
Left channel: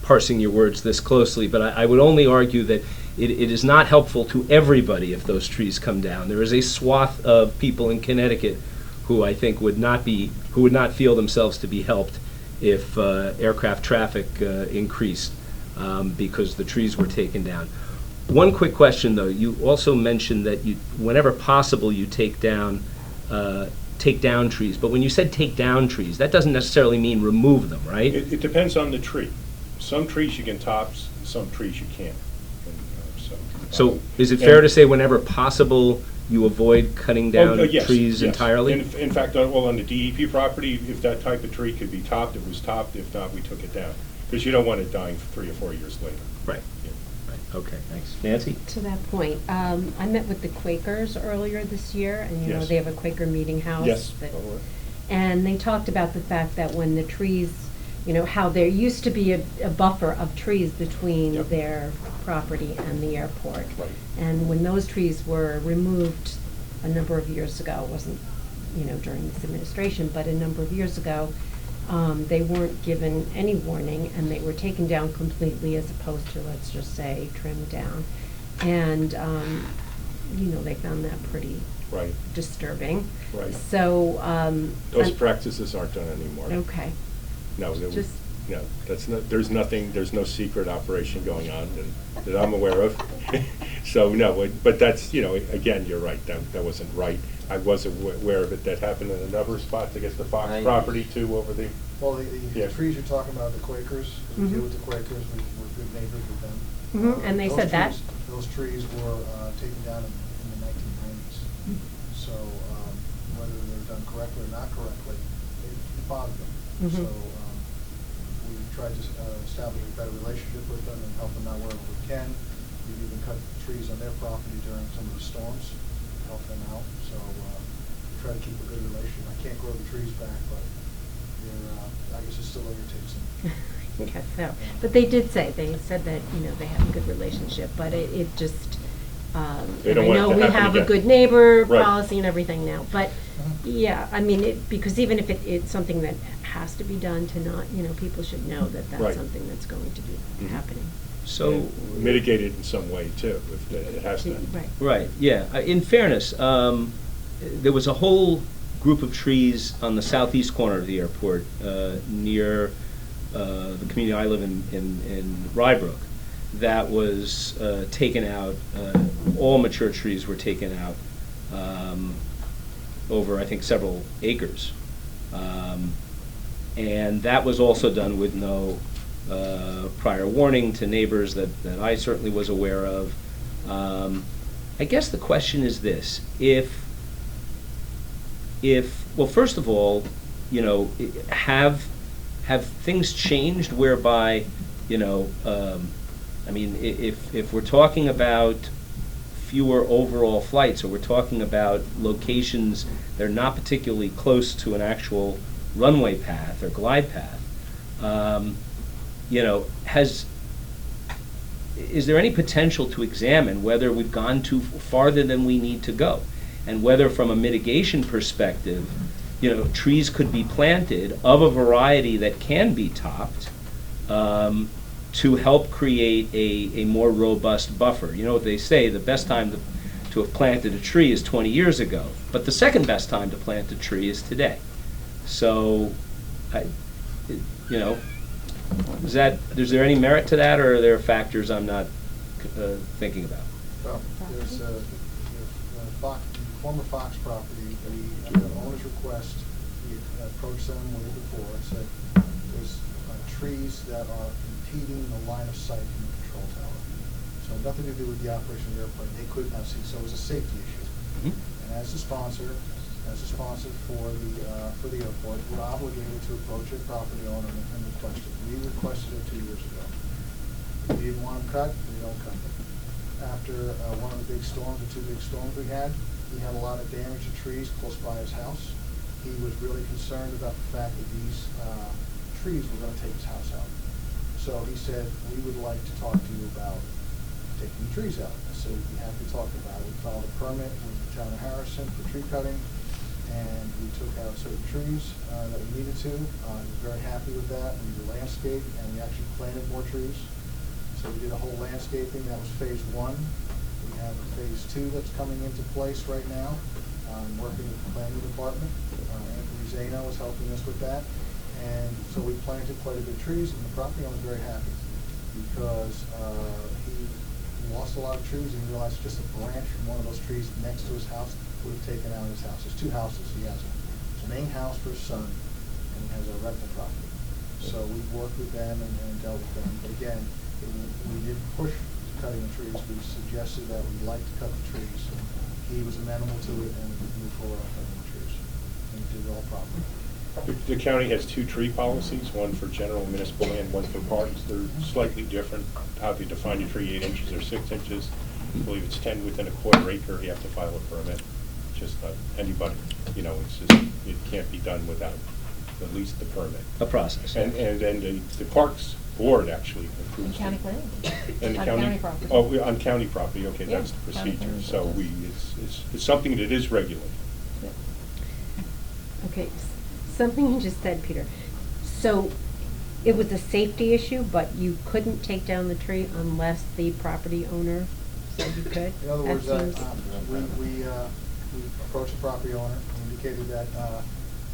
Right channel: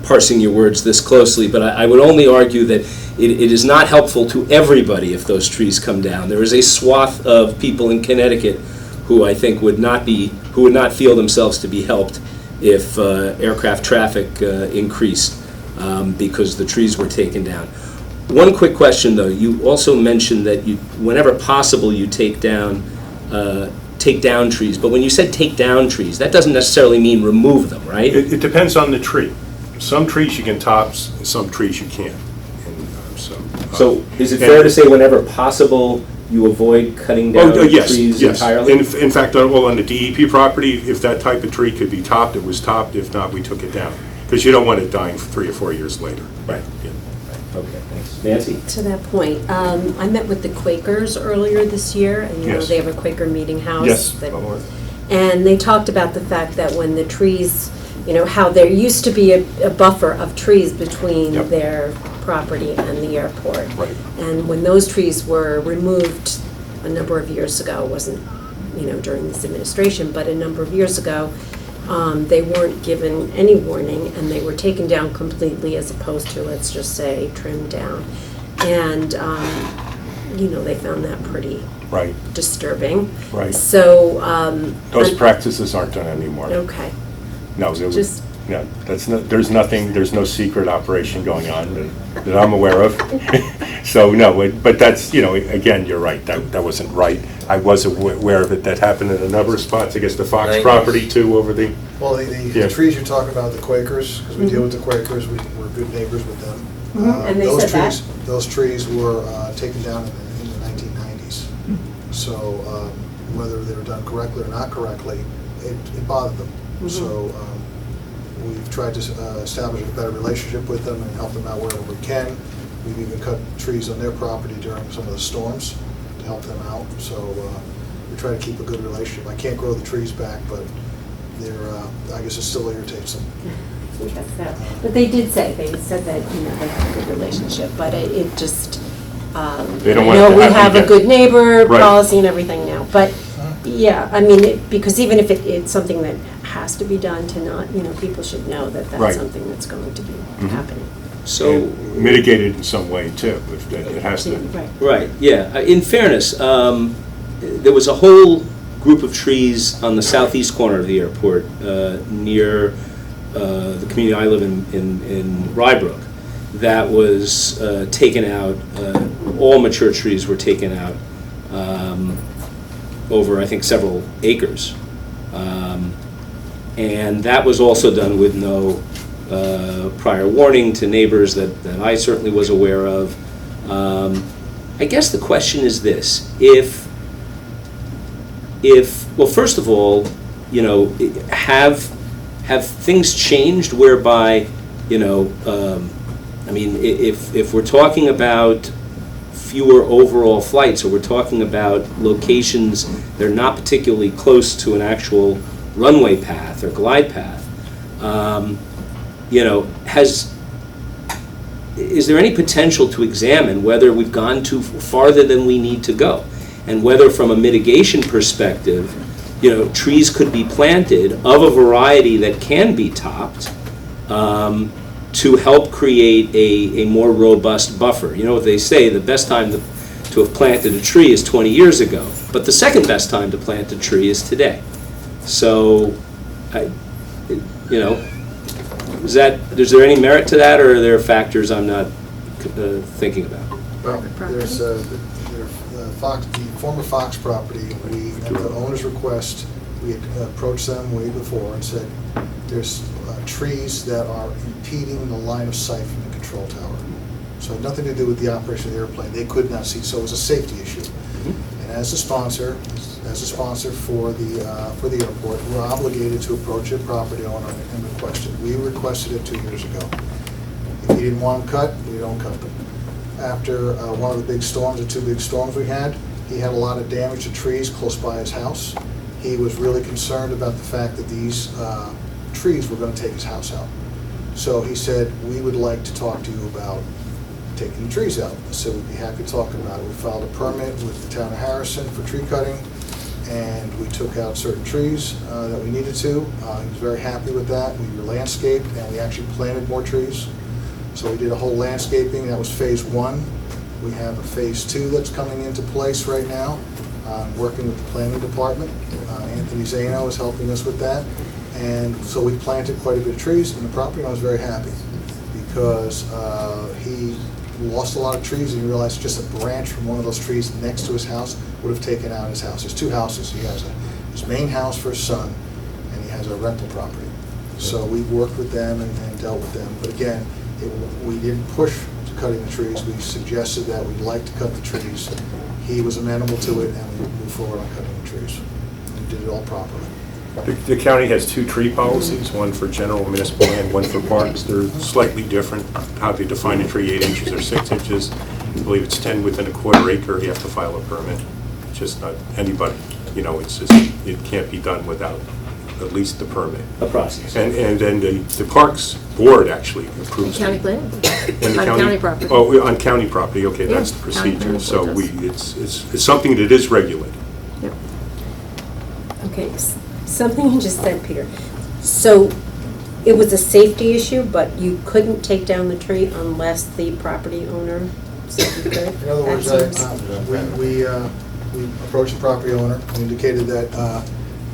parsing your words this closely, but I would only argue that it is not helpful to everybody if those trees come down. There is a swath of people in Connecticut who I think would not feel themselves to be helped if aircraft traffic increased because the trees were taken down. One quick question, though. You also mentioned that whenever possible, you take down trees. But when you said take down trees, that doesn't necessarily mean remove them, right? It depends on the tree. Some trees you can top, and some trees you can't. And, So is it fair to say whenever possible, you avoid cutting down trees entirely? In fact, on the DEP property, if that type of tree could be topped, it was topped. If not, we took it down. Because you don't want it dying 3 or 4 years later. Right. Yeah. Okay, thanks. Nancy? To that point, I met with the Quakers earlier this year, and you know, Yes. they have a Quaker meeting house. Yes. And they talked about the fact that when the trees, you know, how there used to be a buffer of trees between Yep. their property and the airport. Right. And when those trees were removed a number of years ago, it wasn't, you know, during this administration, but a number of years ago, they weren't given any warning, and they were taken down completely as opposed to, let's just say, trimmed down. And, you know, they found that pretty Right. disturbing. Right. So, Those practices aren't done anymore. okay. No, it was, Just- no, there's no secret operation going on that I'm aware of. So, no, but that's, you know, again, you're right, that wasn't right. I was aware of it, that happened in a number of spots, I guess the Fox property too, over the, Well, Yeah. the trees you're talking about, the Quakers, because we deal with the Quakers, we're good neighbors with them. And they Those said that? trees- Those trees were taken down in the 1990s. So whether they were done correctly or not correctly, it bothered them. So we've tried to establish a better relationship with them and help them out wherever we can. We've even cut trees on their property during some of the storms to help them out. So we try to keep a good relationship. I can't grow the trees back, but they're, I guess it still irritates them. Yes, so, but they said that, you know, they have a good relationship, but it just, They don't I want it know to we happen have a again. good neighbor Right. policy and everything now, but, yeah, I mean, because even if it's something that has to be done to not, you know, people should know that Right. that's something that's going to be happening. So, and mitigated in some way too, if it has to. Right. right, yeah. In fairness, there was a whole group of trees on the southeast corner of the airport near the community I live in Rybrook that was taken out. All mature trees were taken out over, I think, several acres. And that was also done with no prior warning to neighbors that I certainly was aware of. I guess the question is this: if well, first of all, you know, have things changed whereby, you know, I mean, if we're talking about fewer overall flights, or we're talking about locations that are not particularly close to an actual runway path or glide path, you know, is there any potential to examine whether we've gone too farther than we need to go, and whether, from a mitigation perspective, you know, trees could be planted of a variety that can be topped to help create a more robust buffer? You know what they say, the best time to have planted a tree is 20 years ago, but the second best time to plant a tree is today. So, you know, is there any merit to that, or are there factors I'm not thinking about? Well, there's the former Fox property, at the owner's request, we had approached them way before and said, there's trees that are impeding the line of sight from the control tower. So it had nothing to do with the operation of the airplane. They could not see, so it was a safety issue. And as a sponsor for the airport, we're obligated to approach a property owner and request it. We requested it 2 years ago. If he didn't want them cut, we don't cut them. After one of the big storms, the 2 big storms we had, he had a lot of damage to trees close by his house. He was really concerned about the fact that these trees were going to take his house out. So he said, we would like to talk to you about taking the trees out. So we'd be happy to talk about it. We filed a permit with the town of Harrison for tree cutting, and we took out certain trees that we needed to. He was very happy with that. We landscaped, and we actually planted more trees. So we did a whole landscaping. That was phase 1. We have a phase 2 that's coming into place right now. Working with the planning department. Anthony Zano is helping us with that. And so we planted quite a bit of trees, and the property owner was very happy because he lost a lot of trees and he realized just a branch from one of those trees next to his house would have taken out his house. There's 2 houses. He has his main house for his son, and he has a rental property. So we worked with them and dealt with them. But again, we didn't push to cutting the trees. We suggested that we'd like to cut the trees. He was amenable to it, and we moved forward on cutting the trees. We did it all properly. The county has 2 tree policies, one for general municipal and one for parks. They're slightly different, how they define a tree, 8 inches or 6 inches. I believe it's 10 within a quarter acre, you have to file a permit. It's just not anybody, you know, it's just, it can't be done without at least the permit. A process. And then the Parks Board actually approves. County it. planning? And the On county property. Oh, on county property, okay, Yeah, that's the county procedure. planning So board does. it's something that is regulated. Yep. Okay, something you just said, Peter. So it was a safety issue, but you couldn't take down the tree unless the property owner said you could? In other words, That seems- we approached the property owner, we indicated that,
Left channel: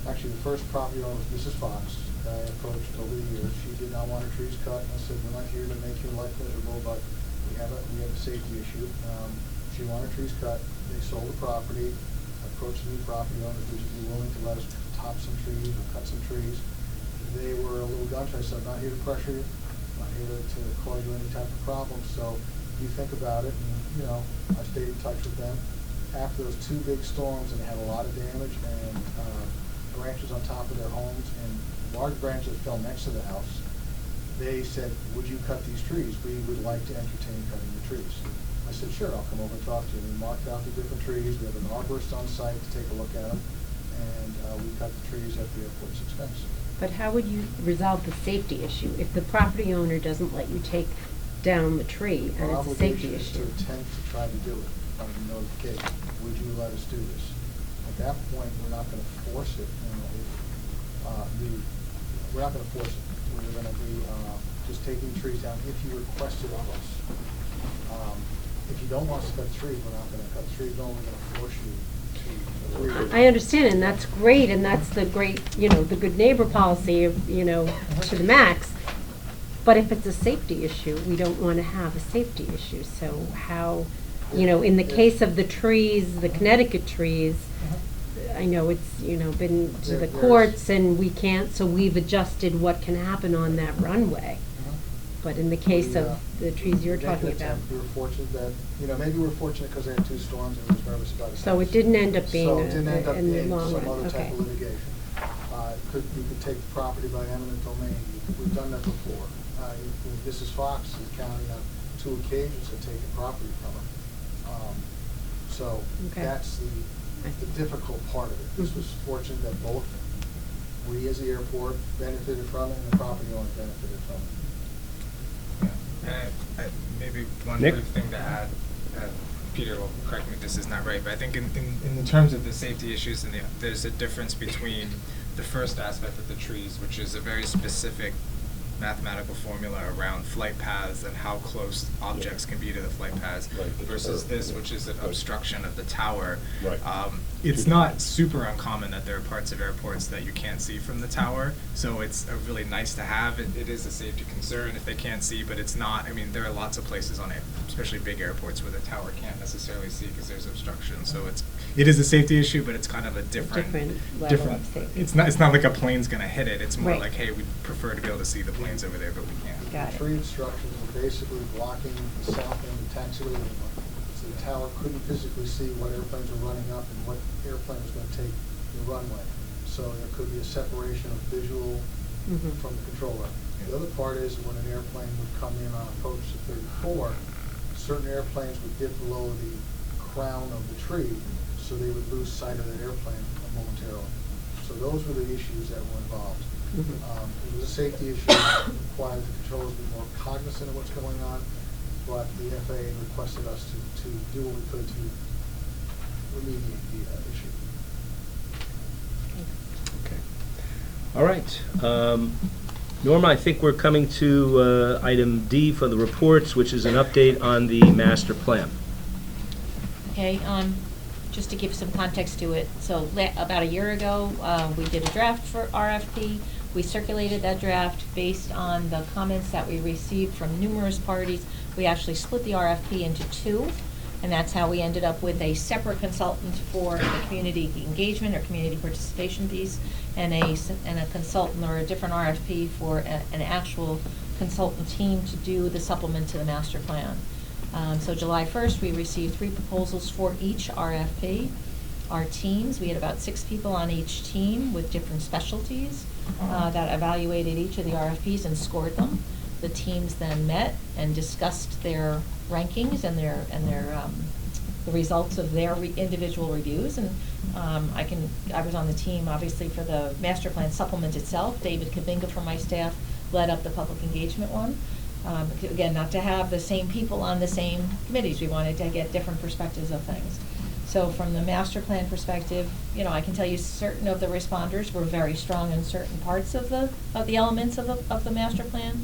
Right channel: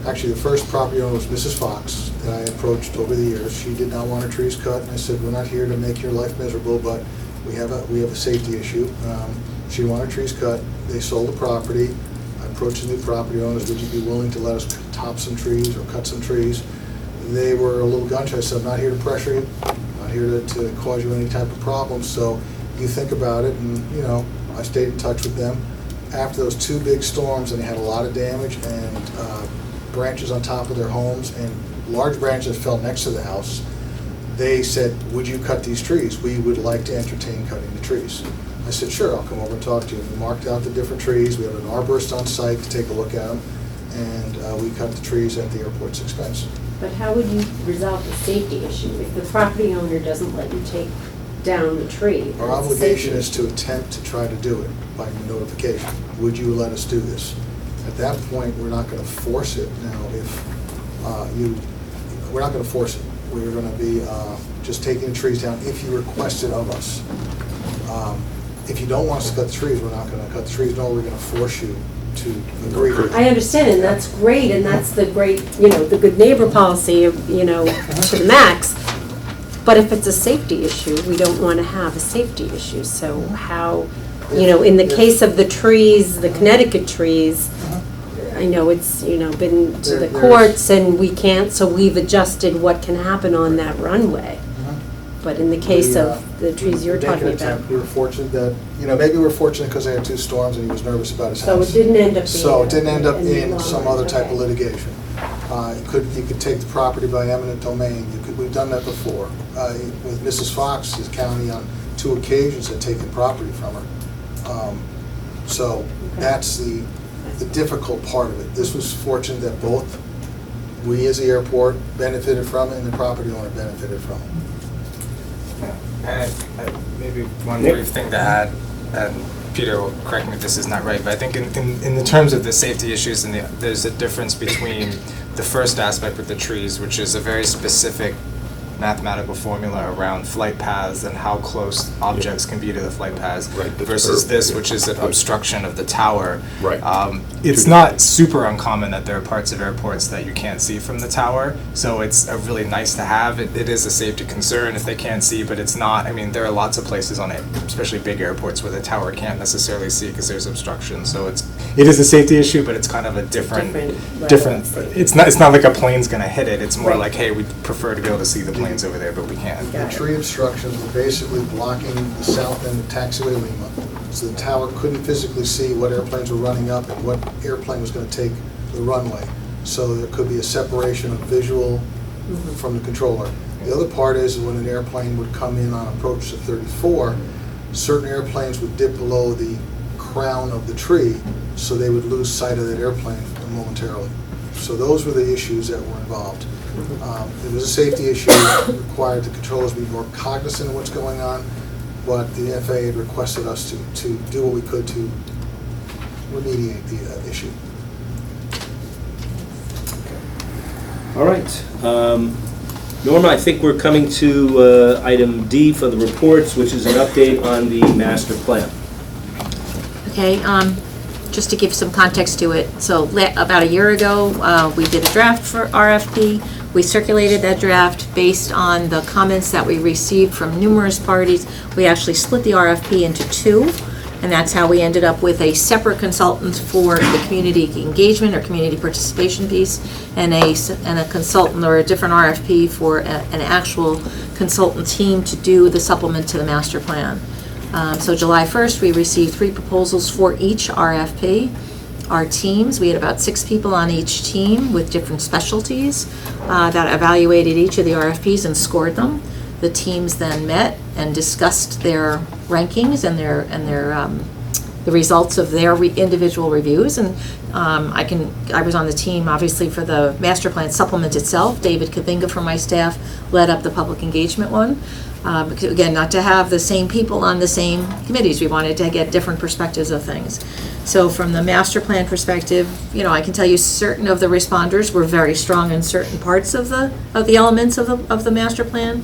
actually, the first property owner was Mrs. Fox, that I approached over the years. She did not want her trees cut, and I said, we're not here to make your life miserable, but we have a safety issue. She wanted her trees cut, they sold the property. I approached the new property owners, would you be willing to let us top some trees or cut some trees? They were a little gun shy. I said, I'm not here to pressure you, I'm not here to cause you any type of problem, so you think about it, and, you know, I stayed in touch with them. After those 2 big storms, and they had a lot of damage and branches on top of their homes and large branches that fell next to the house, they said, would you cut these trees? We would like to entertain cutting the trees. I said, sure, I'll come over and talk to you. We marked out the different trees. We have an arborist on site to take a look at them, and we cut the trees at the airport's expense. But how would you resolve the safety issue if the property owner doesn't let you take down the tree? Our and it's a obligation safety is to attempt to try to do it by notification. Would you let us do this? At that point, we're not going to force it. Now, if we're not going to force it. We're going to be just taking the trees down if you request it of us. If you don't want us to cut the trees, we're not going to cut the trees, nor we're going to force you to agree to it. I understand, and that's great, and that's the great, you know, the good neighbor policy, you know, to the max. But if it's a safety issue, we don't want to have a safety issue. So how, you know, in the case of the trees, the Connecticut trees, I know it's, you know, been to the courts and we can't, so we've adjusted what can happen on that runway. But in the case of the trees you're talking about. We were fortunate that, you know, maybe we're fortunate because they had 2 storms and he was nervous about his house. So it didn't end up being. So it didn't end up a being long some run, other type of okay. litigation. You could take the property by eminent domain. We've done that before. With Mrs. Fox, the county on 2 occasions had taken property from her. So Okay. that's the difficult part of it. This was fortunate that both we as the airport benefited from it and the property owner benefited from it. And maybe one Nick? brief thing to add, and Peter will correct me if this is not right, but I think in the terms of the safety issues, and there's a difference between the first aspect with the trees, which is a very specific mathematical formula around flight paths and how close objects can be to the flight paths, Right, the versus curve, this, yeah. which is an obstruction of the tower. Right. It's not super uncommon that there are parts of airports that you can't see from the tower, so it's a really nice to have. It is a safety concern if they can't see, but it's not, I mean, there are lots of places on it, especially big airports, where the tower can't necessarily see because there's obstruction, so it is a safety issue, but it's kind of a different, level of safety. it's not like a plane's gonna hit it, it's more Right. like, hey, we prefer to be able to see the planes over there, but we can't. The tree obstructions were basically blocking the south end of taxiway Lima. So the tower couldn't physically see what airplanes were running up and what airplane was going to take the runway. So there could be a separation of visual from the controller. The other part is when an airplane would come in on approach to 34, certain airplanes would dip below the crown of the tree, so they would lose sight of that airplane momentarily. So those were the issues that were involved. It was a safety issue, required the controllers be more cognizant of what's going on, but the FAA had requested us to do what we could to remediate the issue. All right. Norma, I think we're coming to item D for the reports, which is an update on the master plan. Okay, just to give some context to it, so about a year ago, we did a draft for RFP. We circulated that draft based on the comments that we received from numerous parties. We actually split the RFP into two, and that's how we ended up with a separate consultant for the community engagement or community participation piece, and a consultant or a different RFP for an actual consultant team to do the supplement to the master plan. So July 1st, we received 3 proposals for each RFP. Our teams, we had about 6 people on each team with different specialties that evaluated each of the RFPs and scored them. The teams then met and discussed their rankings and the results of their individual reviews. And I was on the team, obviously, for the master plan supplement itself. David Kabinga from my staff led up the public engagement one. Because, again, not to have the same people on the same committees. We wanted to get different perspectives of things. So from the master plan perspective, I can tell you certain of the responders were very strong in certain parts of the elements of the master plan,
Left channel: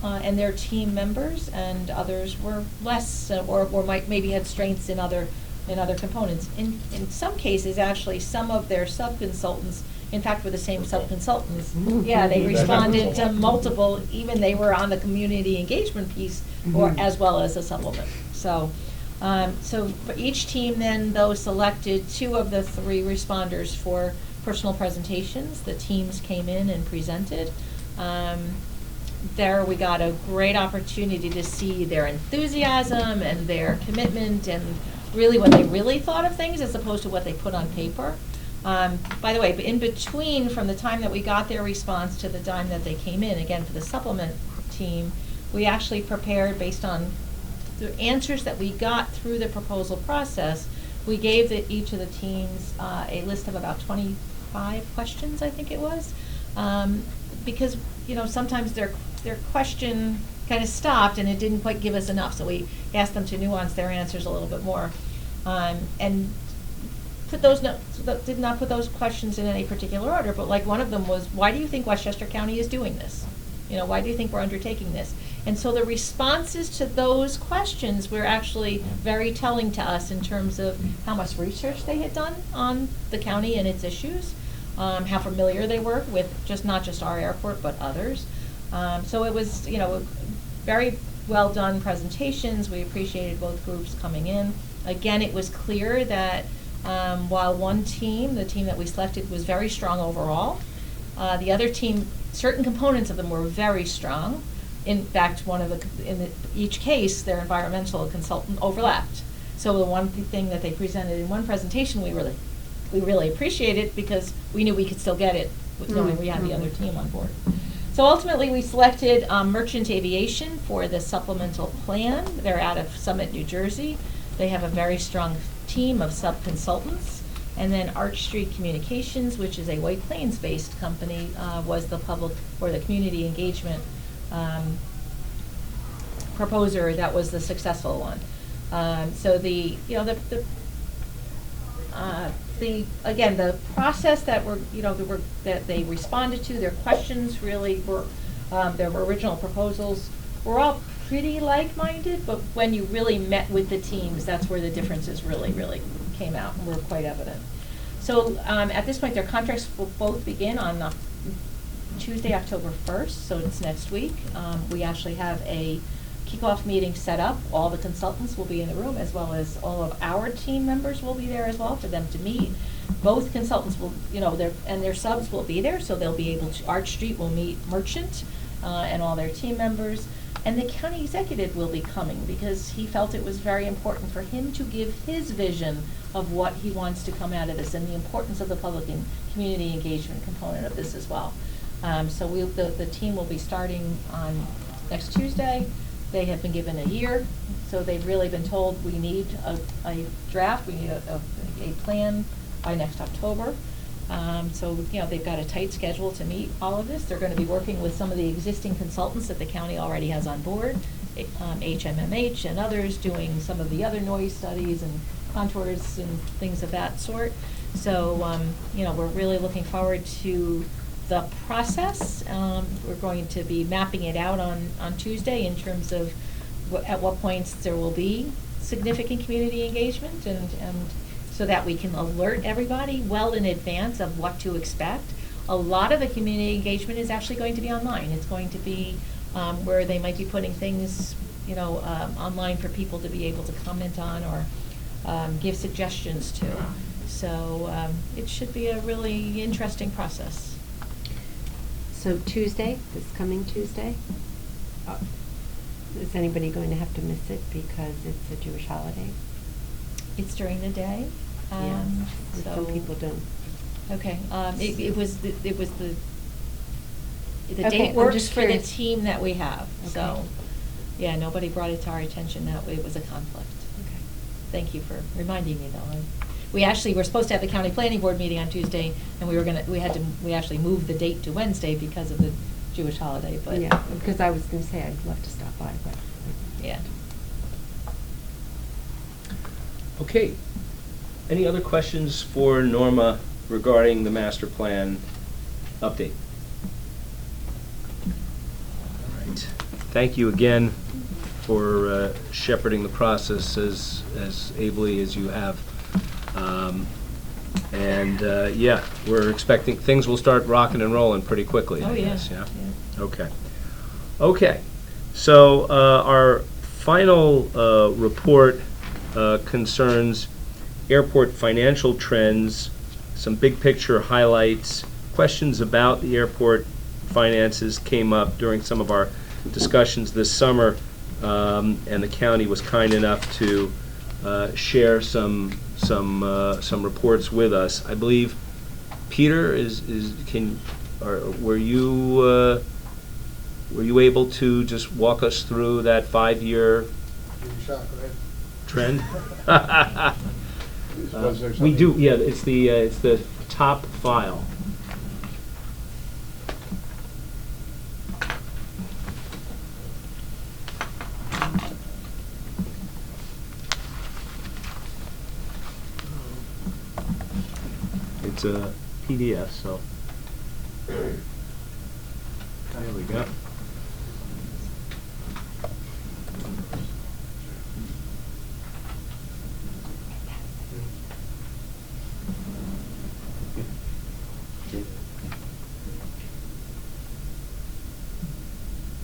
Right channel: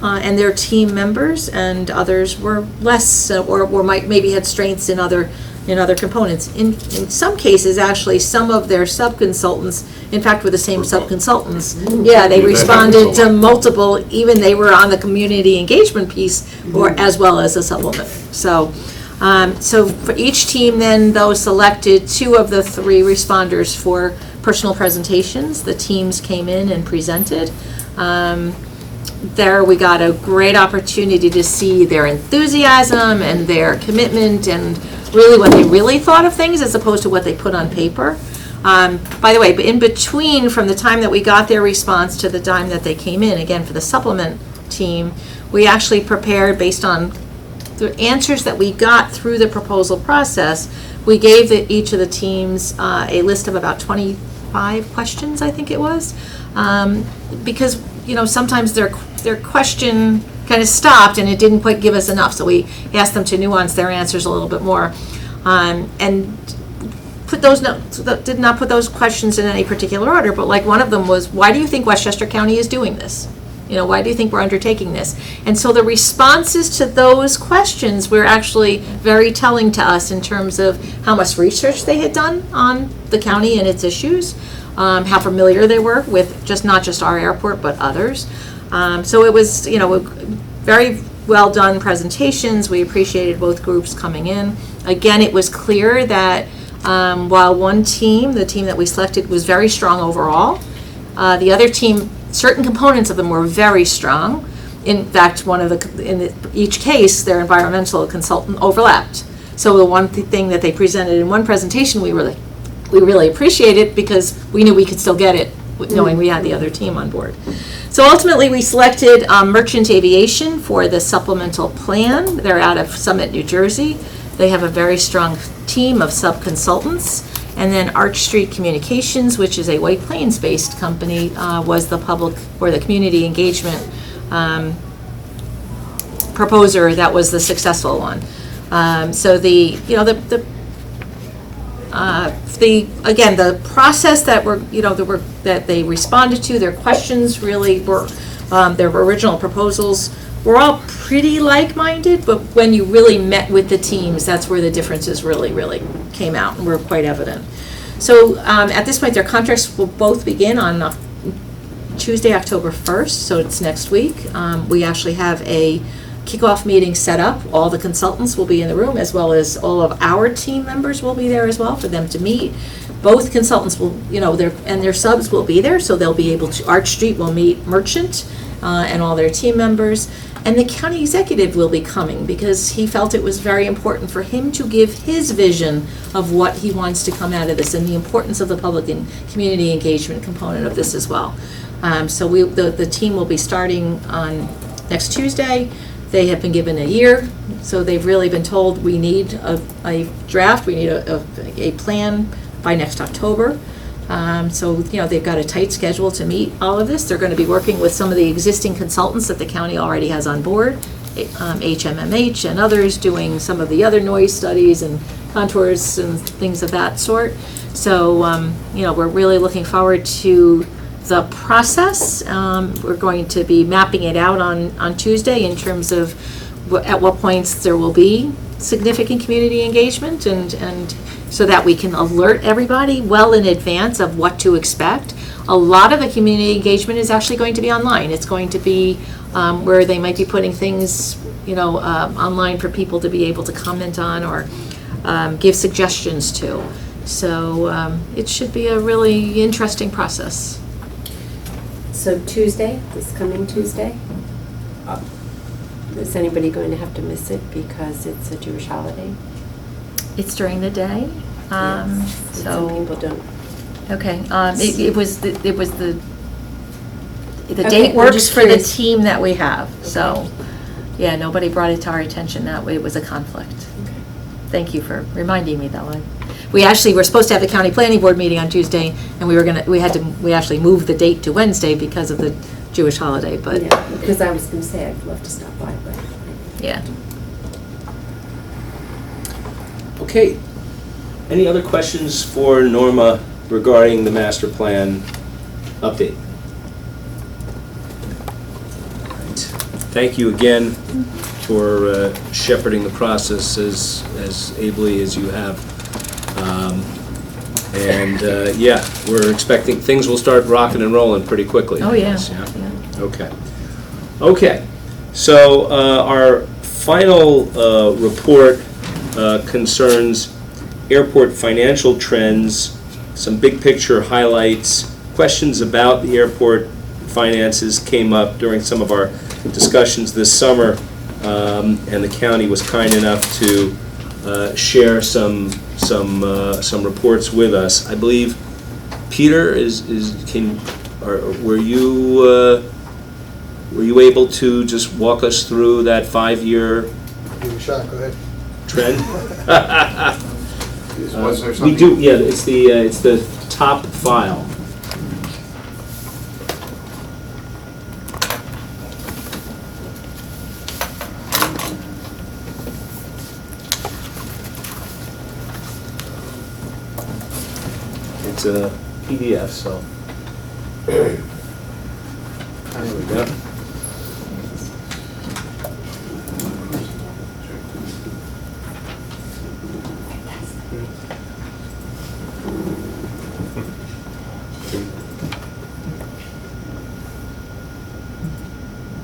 and their team members, and others were less, or maybe had strengths in other components. In some cases, actually, some of their sub-consultants, in fact, were the same sub-consultants. Yeah, they responded to multiple, even they were on the community engagement piece, or as well as a supplement. So for each team then, though, selected 2 of the 3 responders for personal presentations. The teams came in and presented. There we got a great opportunity to see their enthusiasm and their commitment and really what they really thought of things as opposed to what they put on paper. By the way, in between from the time that we got their response to the time that they came in, again, for the supplement team, we actually prepared based on the answers that we got through the proposal process. We gave each of the teams a list of about 25 questions, I think it was, because sometimes their question kind of stopped and it didn't quite give us enough, so we asked them to nuance their answers a little bit more, and did not put those questions in any particular order, but like one of them was, why do you think Westchester County is doing this? Why do you think we're undertaking this? And so the responses to those questions were actually very telling to us in terms of how much research they had done on the county and its issues, how familiar they were with not just our airport, but others. So it was, very well done presentations. We appreciated both groups coming in. Again, it was clear that while one team, the team that we selected, was very strong overall, the other team, certain components of them were very strong. In fact, in each case, their environmental consultant overlapped. So the one thing that they presented in one presentation, we really appreciated because we knew we could still get it, knowing we had the other team on board. So ultimately, we selected Merchant Aviation for the supplemental plan. They're out of Summit, New Jersey. They have a very strong team of sub-consultants. And then Arch Street Communications, which is a White Plains-based company, was the public or the community engagement proposer that was the successful one. So the process that they responded to, their questions really were, their original proposals were all pretty like-minded, but when you really met with the teams, that's where the differences really came out and were quite evident. So at this point, their contracts will both begin on Tuesday, October 1st, so it's next week. We actually have a kickoff meeting set up. All the consultants will be in the room, as well as all of our team members will be there as well for them to meet. Both consultants will, their subs will be there, so they'll be able to, Arch Street will meet Merchant and all their team members. And the county executive will be coming because he felt it was very important for him to give his vision of what he wants to come out of this and the importance of the public and community engagement component of this as well. So the team will be starting on next Tuesday. They have been given a year, so they've really been told we need a draft, we need a plan by next October. So they've got a tight schedule to meet all of this. They're going to be working with some of the existing consultants that the county already has on board, HMMH and others, doing some of the other noise studies and contours and things of that sort. So we're really looking forward to the process. We're going to be mapping it out on Tuesday in terms of at what points there will be significant community engagement, and so that we can alert everybody well in advance of what to expect. A lot of the community engagement is actually going to be online. It's going to be where they might be putting things, online for people to be able to comment on or give suggestions to. So it should be a really interesting process. So Tuesday, this coming Tuesday, is anybody going to have to miss it because it's a Jewish holiday? It's during the day. Yes. Some people don't. Okay, it was the Okay, date I'm works just for the curious. team that we have, so, yeah, nobody brought it to our attention that it was a conflict. Thank you for reminding me, though. We actually were supposed to have the county planning board meeting on Tuesday, and we actually moved the date to Wednesday because of the Jewish holiday, but, Yeah, because I was going to say I'd love to stop by, but. yeah. Okay. Any other questions for Norma regarding the master plan update? All right. Thank you again for shepherding the process as ably as you have. Yeah, we're expecting things will start rocking and rolling pretty quickly. Oh, I yeah. guess, Yeah. Okay. Okay. So our final report concerns airport financial trends, some big picture highlights, questions about the airport finances came up during some of our discussions this summer, and the county was kind enough to share some reports with us. I believe Peter were you able to just walk us through that 5-year Give it a shot, go ahead. trend? Was there We something? do, yeah, it's the top file. It's a PDF, so. There we go.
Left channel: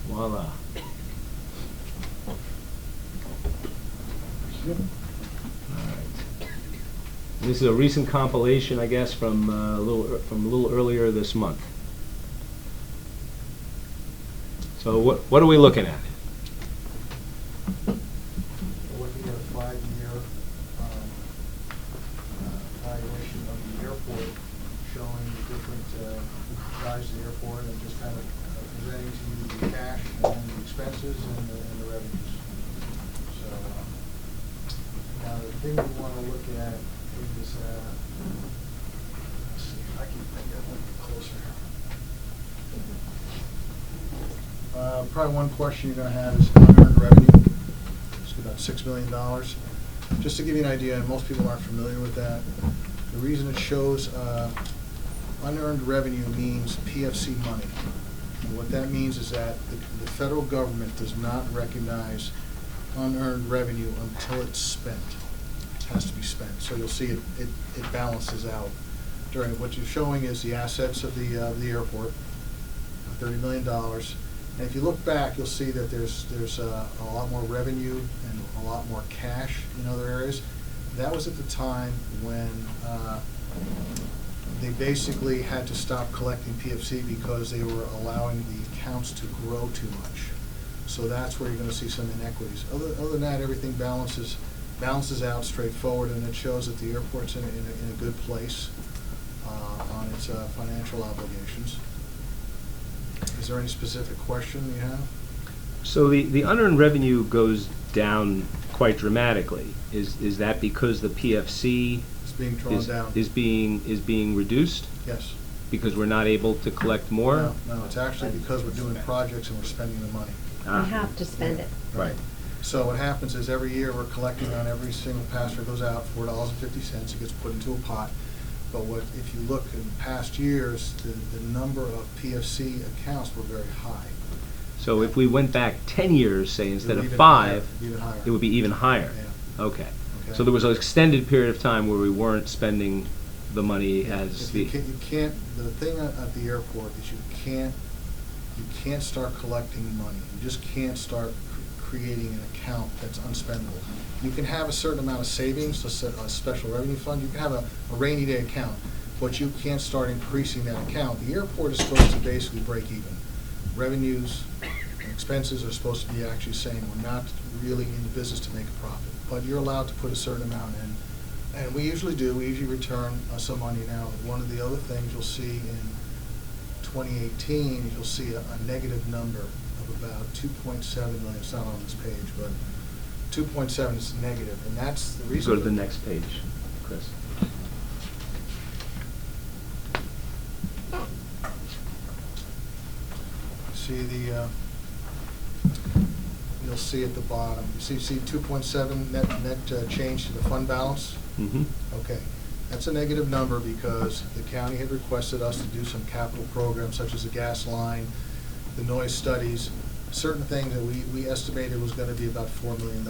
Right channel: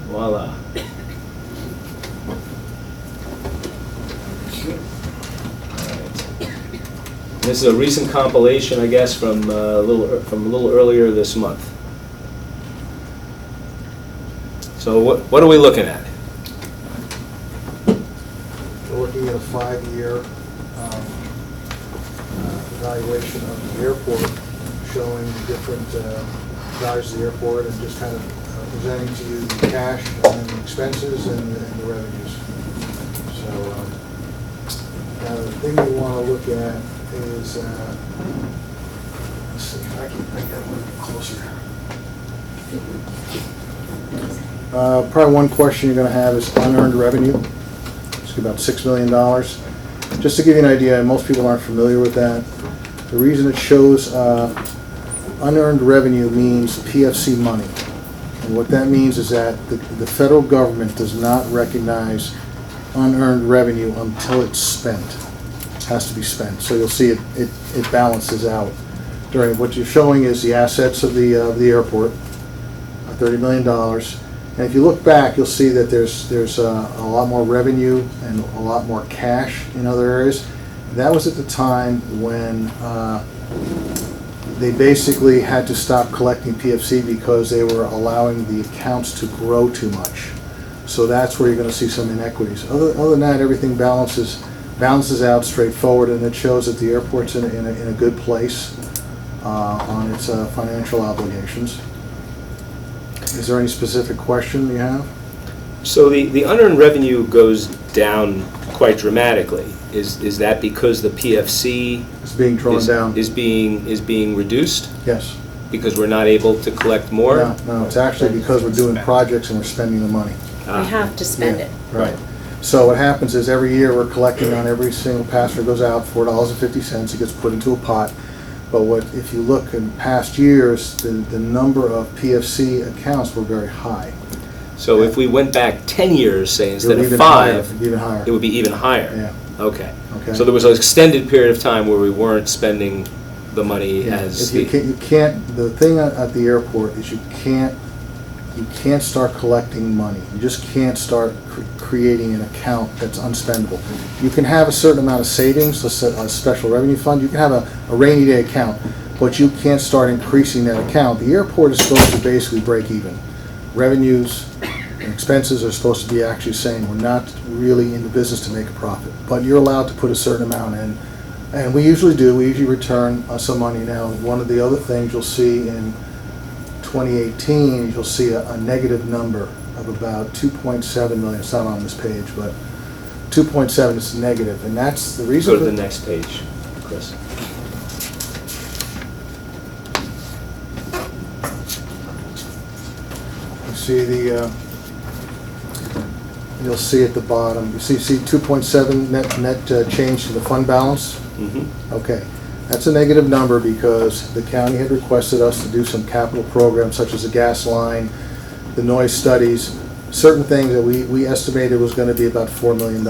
Voila. This is a recent compilation, I guess, from a little earlier this month. So what are we looking at? We're looking at a 5-year evaluation of the airport, showing the different values of the airport and just kind of presenting to you the cash and the expenses and the revenues. So now the thing we want to look at is, let's see, if I can get one closer. Probably one question you're going to have is unearned revenue. It's about $6 million. Just to give you an idea, most people aren't familiar with that. The reason it shows unearned revenue means PFC money. And what that means is that the federal government does not recognize unearned revenue until it's spent. It has to be spent. So you'll see it balances out. During what you're showing is the assets of the airport, $30 million. And if you look back, you'll see that there's a lot more revenue and a lot more cash in other areas. That was at the time when they basically had to stop collecting PFC because they were allowing the accounts to grow too much. So that's where you're going to see some inequities. Other than that, everything balances out straightforward, and it shows that the airport's in a good place on its financial obligations. Is there any specific question you have? So the unearned revenue goes down quite dramatically. Is that because the PFC It's being drawn down. is being reduced Yes. because we're not able to collect more? No, it's actually because we're doing projects and we're spending the money. We have to spend Yeah, it. Right. So what happens is every year we're collecting on every single passenger goes out $4.50. It gets put into a pot. But if you look in past years, the number of PFC accounts were very high. So if we went back 10 years, say, instead of Even 5, higher, even higher. it would be even higher? Yeah. Okay. Okay. So there was an extended period of time where we weren't spending the money Yeah, as... if you can't, the thing at the airport is you can't start collecting money. You just can't start creating an account that's unspendable. You can have a certain amount of savings, let's say a special revenue fund, you can have a rainy day account, but you can't start increasing that account. The airport is supposed to basically break even. Revenues and expenses are supposed to be actually saying we're not really in the business to make a profit, but you're allowed to put a certain amount in. And we usually do, we usually return some money. Now, one of the other things you'll see in 2018, you'll see a negative number of about 2.7 million. It's not on this page, but 2.7 is negative, and that's the reason. Go to the next page, Chris. You see you'll see at the bottom, you see 2.7 net change to the fund balance? Mm-hmm. Okay. That's a negative number because the county had requested us to do some capital programs such as the gas line, the noise studies, certain things that we estimated was going to be about $4 million.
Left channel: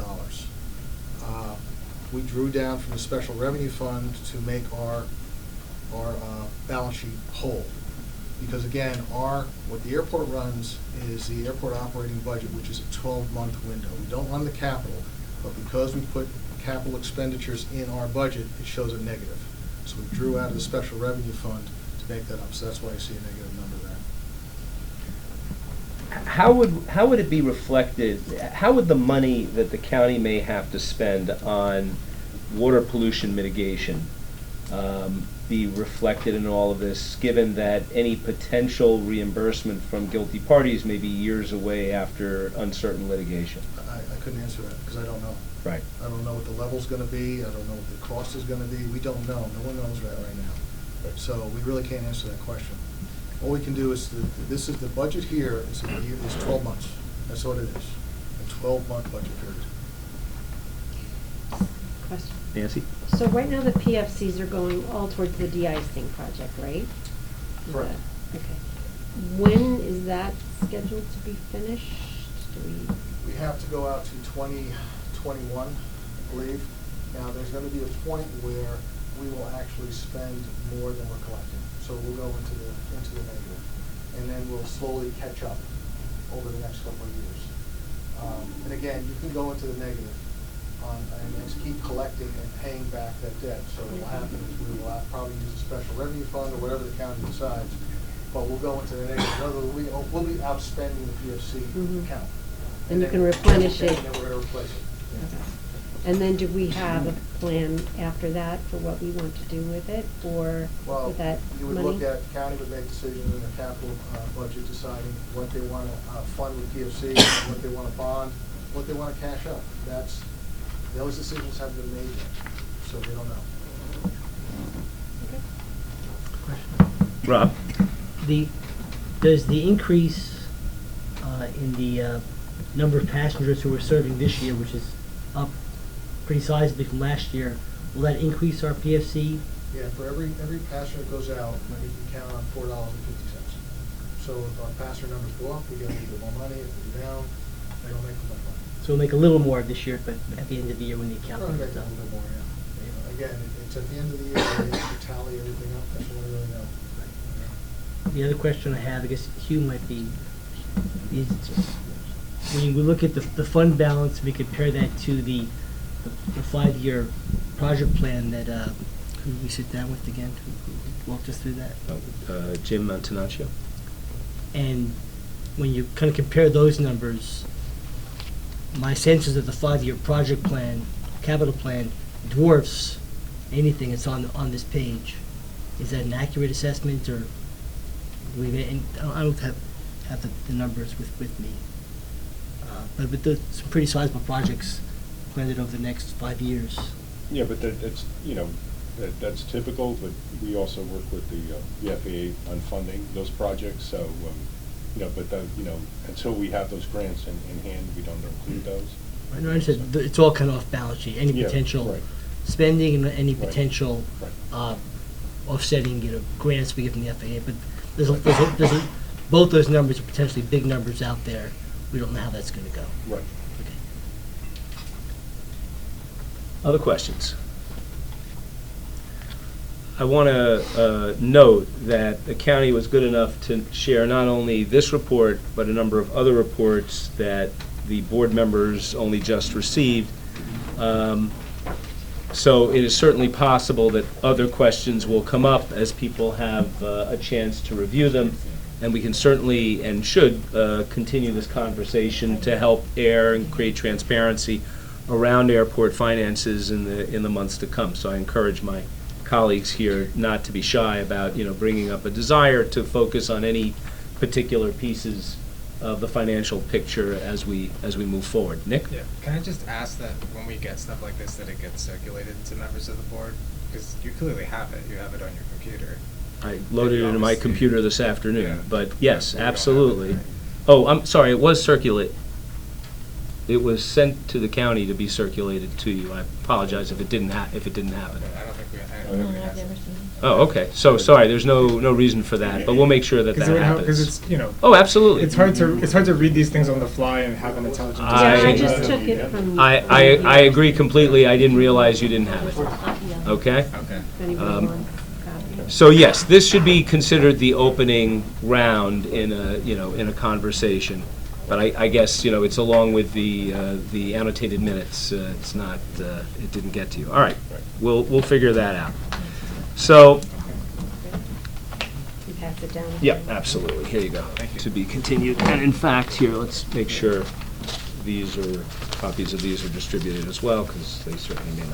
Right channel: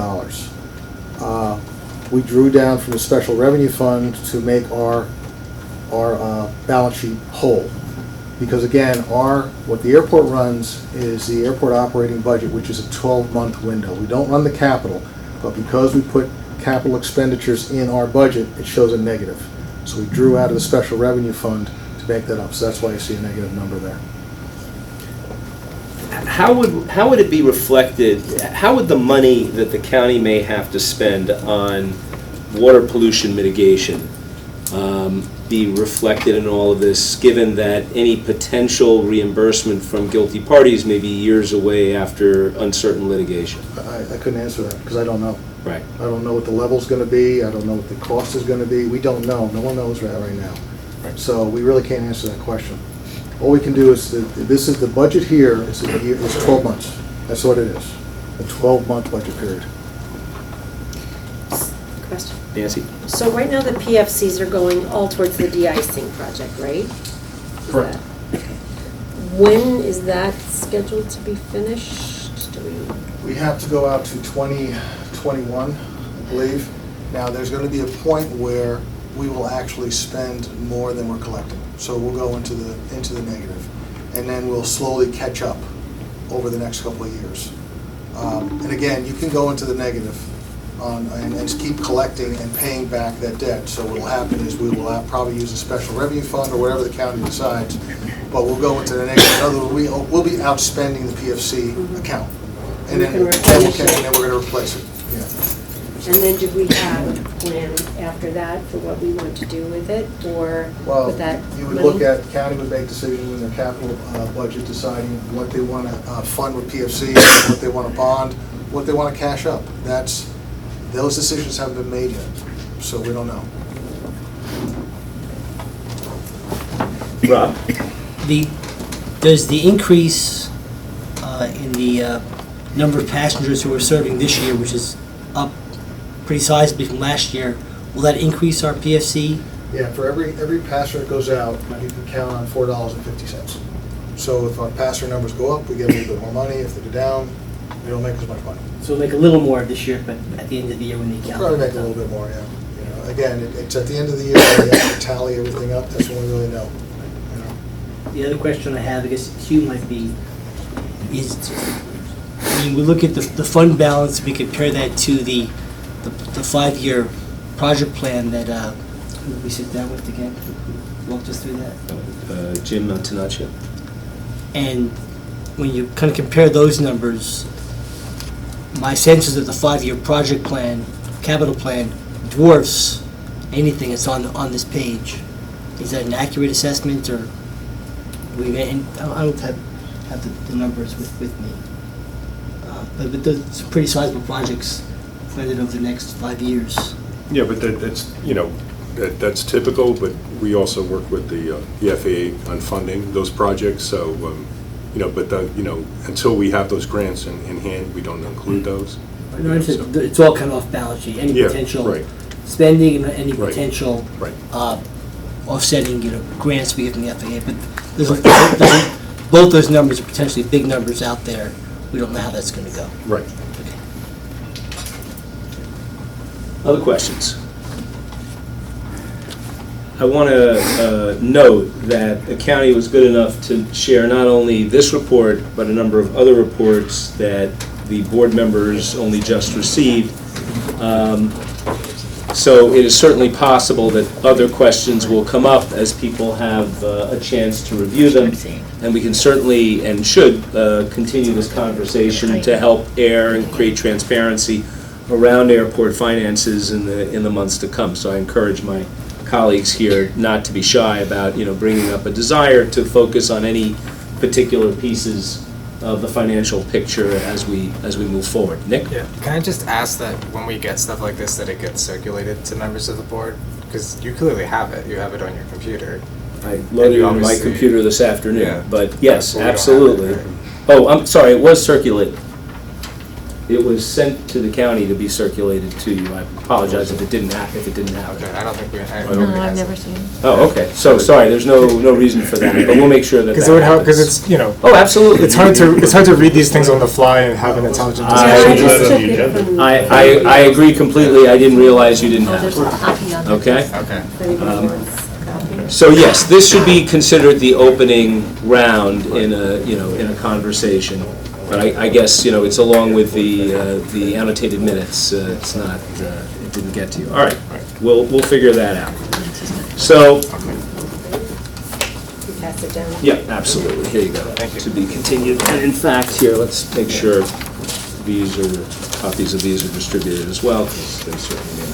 We drew down from the special revenue fund to make our balance sheet whole. Because again, what the airport runs is the airport operating budget, which is a 12-month window. We don't run the capital, but because we put capital expenditures in our budget, it shows a negative. So we drew out of the special revenue fund to make that up. So that's why you see a negative number there. How would it be reflected, how would the money that the county may have to spend on water pollution mitigation be reflected in all of this, given that any potential reimbursement from guilty parties may be years away after uncertain litigation? I couldn't answer that because I don't know. Right. I don't know what the level's going to be. I don't know what the cost is going to be. We don't know. No one knows that right now. Right. So we really can't answer that question. All we can do is, this is the budget here, is 12 months. That's what it is, a 12-month budget period. Question. Nancy? So right now the PFCs are going all towards the de-icing project, right? Is Correct. that- okay. When is that scheduled to be finished? Do we? We have to go out to 2021, I believe. Now, there's going to be a point where we will actually spend more than we're collecting. So we'll go into the negative. And then we'll slowly catch up over the next couple of years. And again, you can go into the negative and keep collecting and paying back that debt. So what will happen is we will probably use a special revenue fund or whatever the county decides, but we'll go into the negative. In other words, we'll be outspending the PFC account. And then we're going to replace it. Yeah. And then do we have a plan after that for what we want to do with it, or Well, with that you would money? look at, county would make decisions in their capital budget, deciding what they want to fund with PFC, what they want to bond, what they want to cash up. Those decisions haven't been made yet, so we don't know. Rob? Does the increase in the number of passengers who are serving this year, which is up pretty sizably from last year, will that increase our PFC? Yeah, for every passenger that goes out, you can count on $4.50. So if our passenger numbers go up, we get a little bit more money. If they go down, they don't make as much money. So we'll make a little more this year, but at the end of the year when they count. Probably make a little bit more, yeah. You know, again, it's at the end of the year, when we have to tally everything up, that's when we really know. You know. The other question I have, I guess Hugh might be, is, I mean, we look at the fund balance, we compare that to the 5-year project plan that who we sit down with again, who walked us through that. Jim Antonaccio? And when you kind of compare those numbers, my sense is that the 5-year project plan, capital plan, dwarfs anything that's on this page. Is that an accurate assessment, or we may? I don't have the numbers with me, but there's some pretty sizable projects planned over the next 5 years. Yeah, but that's typical, but we also work with the FAA on funding those projects, so, until we have those grants in hand, we don't include those. No, it's all kind of off balance sheet, any Yeah, potential right. spending and any Right. potential Right. offsetting, grants we get from the FAA, but both those numbers are potentially big numbers out there. We don't know how that's going to go. Right. Other questions? I want to note that the county was good enough to share not only this report, but a number of other reports that the board members only just received. So it is certainly possible that other questions will come up as people have a chance to review them. And we can certainly and should continue this conversation to help air and create transparency around airport finances in the months to come. So I encourage my colleagues here not to be shy about bringing up a desire to focus on any particular pieces of the financial picture as we move forward. Nick? Yeah. Can I just ask that when we get stuff like this, that it gets circulated to members of the board? Because you clearly have it. You have it on your computer. I loaded it on my obviously- computer this afternoon, Yeah. but yes, But we don't have absolutely. it. Oh, I'm sorry, it was circulated. It was sent to the county to be circulated to you. I apologize if it didn't happen. Okay, I don't think we. No, I've never seen it. Oh, okay. So sorry, there's no reason for that, but we'll make sure that Because that it would help. Because happens. it's Oh, absolutely. it's hard to read these things on the fly and have an intelligent I discussion. just took it from. I agree completely. I didn't realize you didn't Oh, have there's a it. copy of it. Okay? Okay. If anybody wants a copy. So yes, this should be considered the opening round in a conversation. But I guess, it's along with the annotated minutes. It's not, it didn't get to you. All right, we'll figure that out. So, You pass it down. yeah, absolutely. Here you go. Thank you. To be continued. And in fact, here, let's make sure copies of these are distributed as well, because they certainly may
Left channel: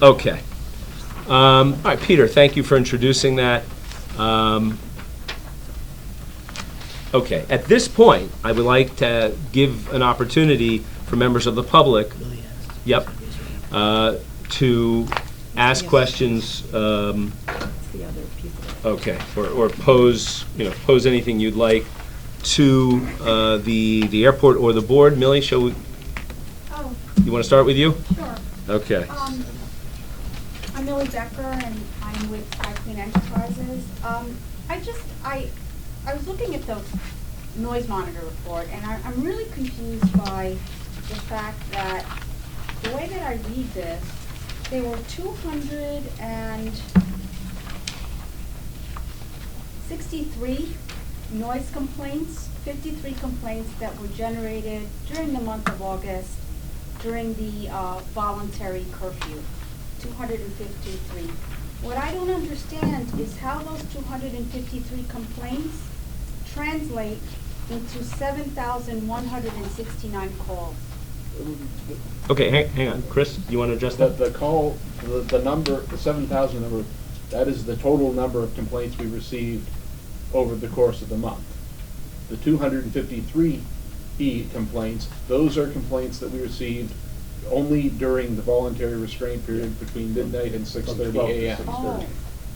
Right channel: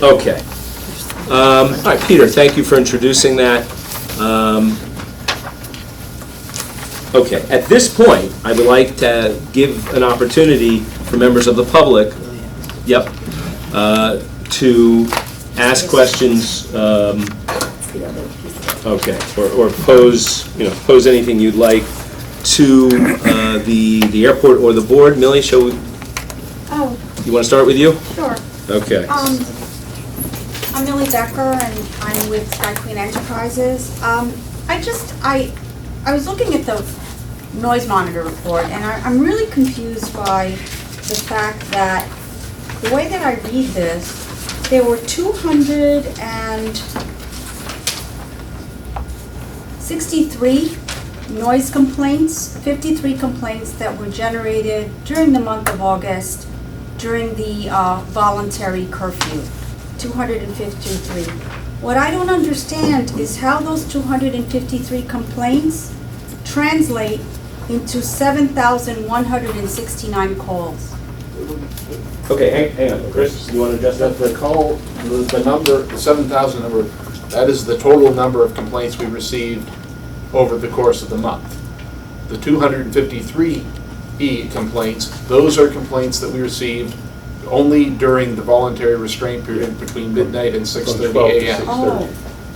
not. Okay. All right, Peter, thank you for introducing that. Okay, at this point, I would like to give an opportunity for members of the public, to ask questions, okay, or pose anything you'd like to the airport or the board. Millie, you want to start with you? Sure. Okay. I'm Millie Becker, and I'm with Sky Queen Enterprises. I was looking at the noise monitor report, and I'm really confused by the fact that the way that I read this, there were 263 noise complaints, 53 complaints that were generated during the month of August during the voluntary curfew. 253. What I don't understand is how those 253 complaints translate into 7,169 calls. Okay, hang on. Chris, you want to address that? The call, the number, the 7,000 number, that is the total number of complaints we received over the course of the month. The 253 complaints, those are complaints that we received only during the voluntary restraint period between midnight and 6:30 a.m. Oh,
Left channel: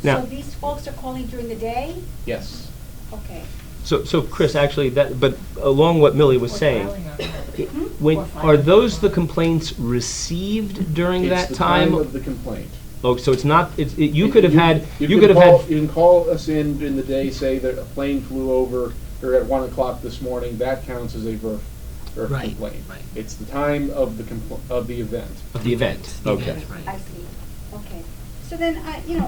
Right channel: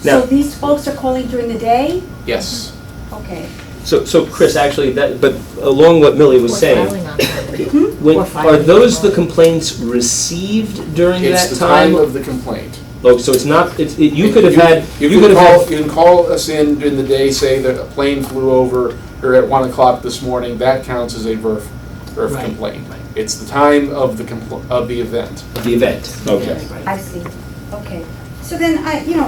Now- so these folks are calling during the day? Yes. Okay. So Chris, actually, but along what Millie was saying, Filing on it. are those the complaints received during It's that the time time? of the complaint. Oh, so it's not, you could have had, You can call us in the day, say that a plane flew over, or at 1 o'clock this morning, that counts as a VERF Right. complaint. It's the time of the event. the event, okay. I see. Okay. So then,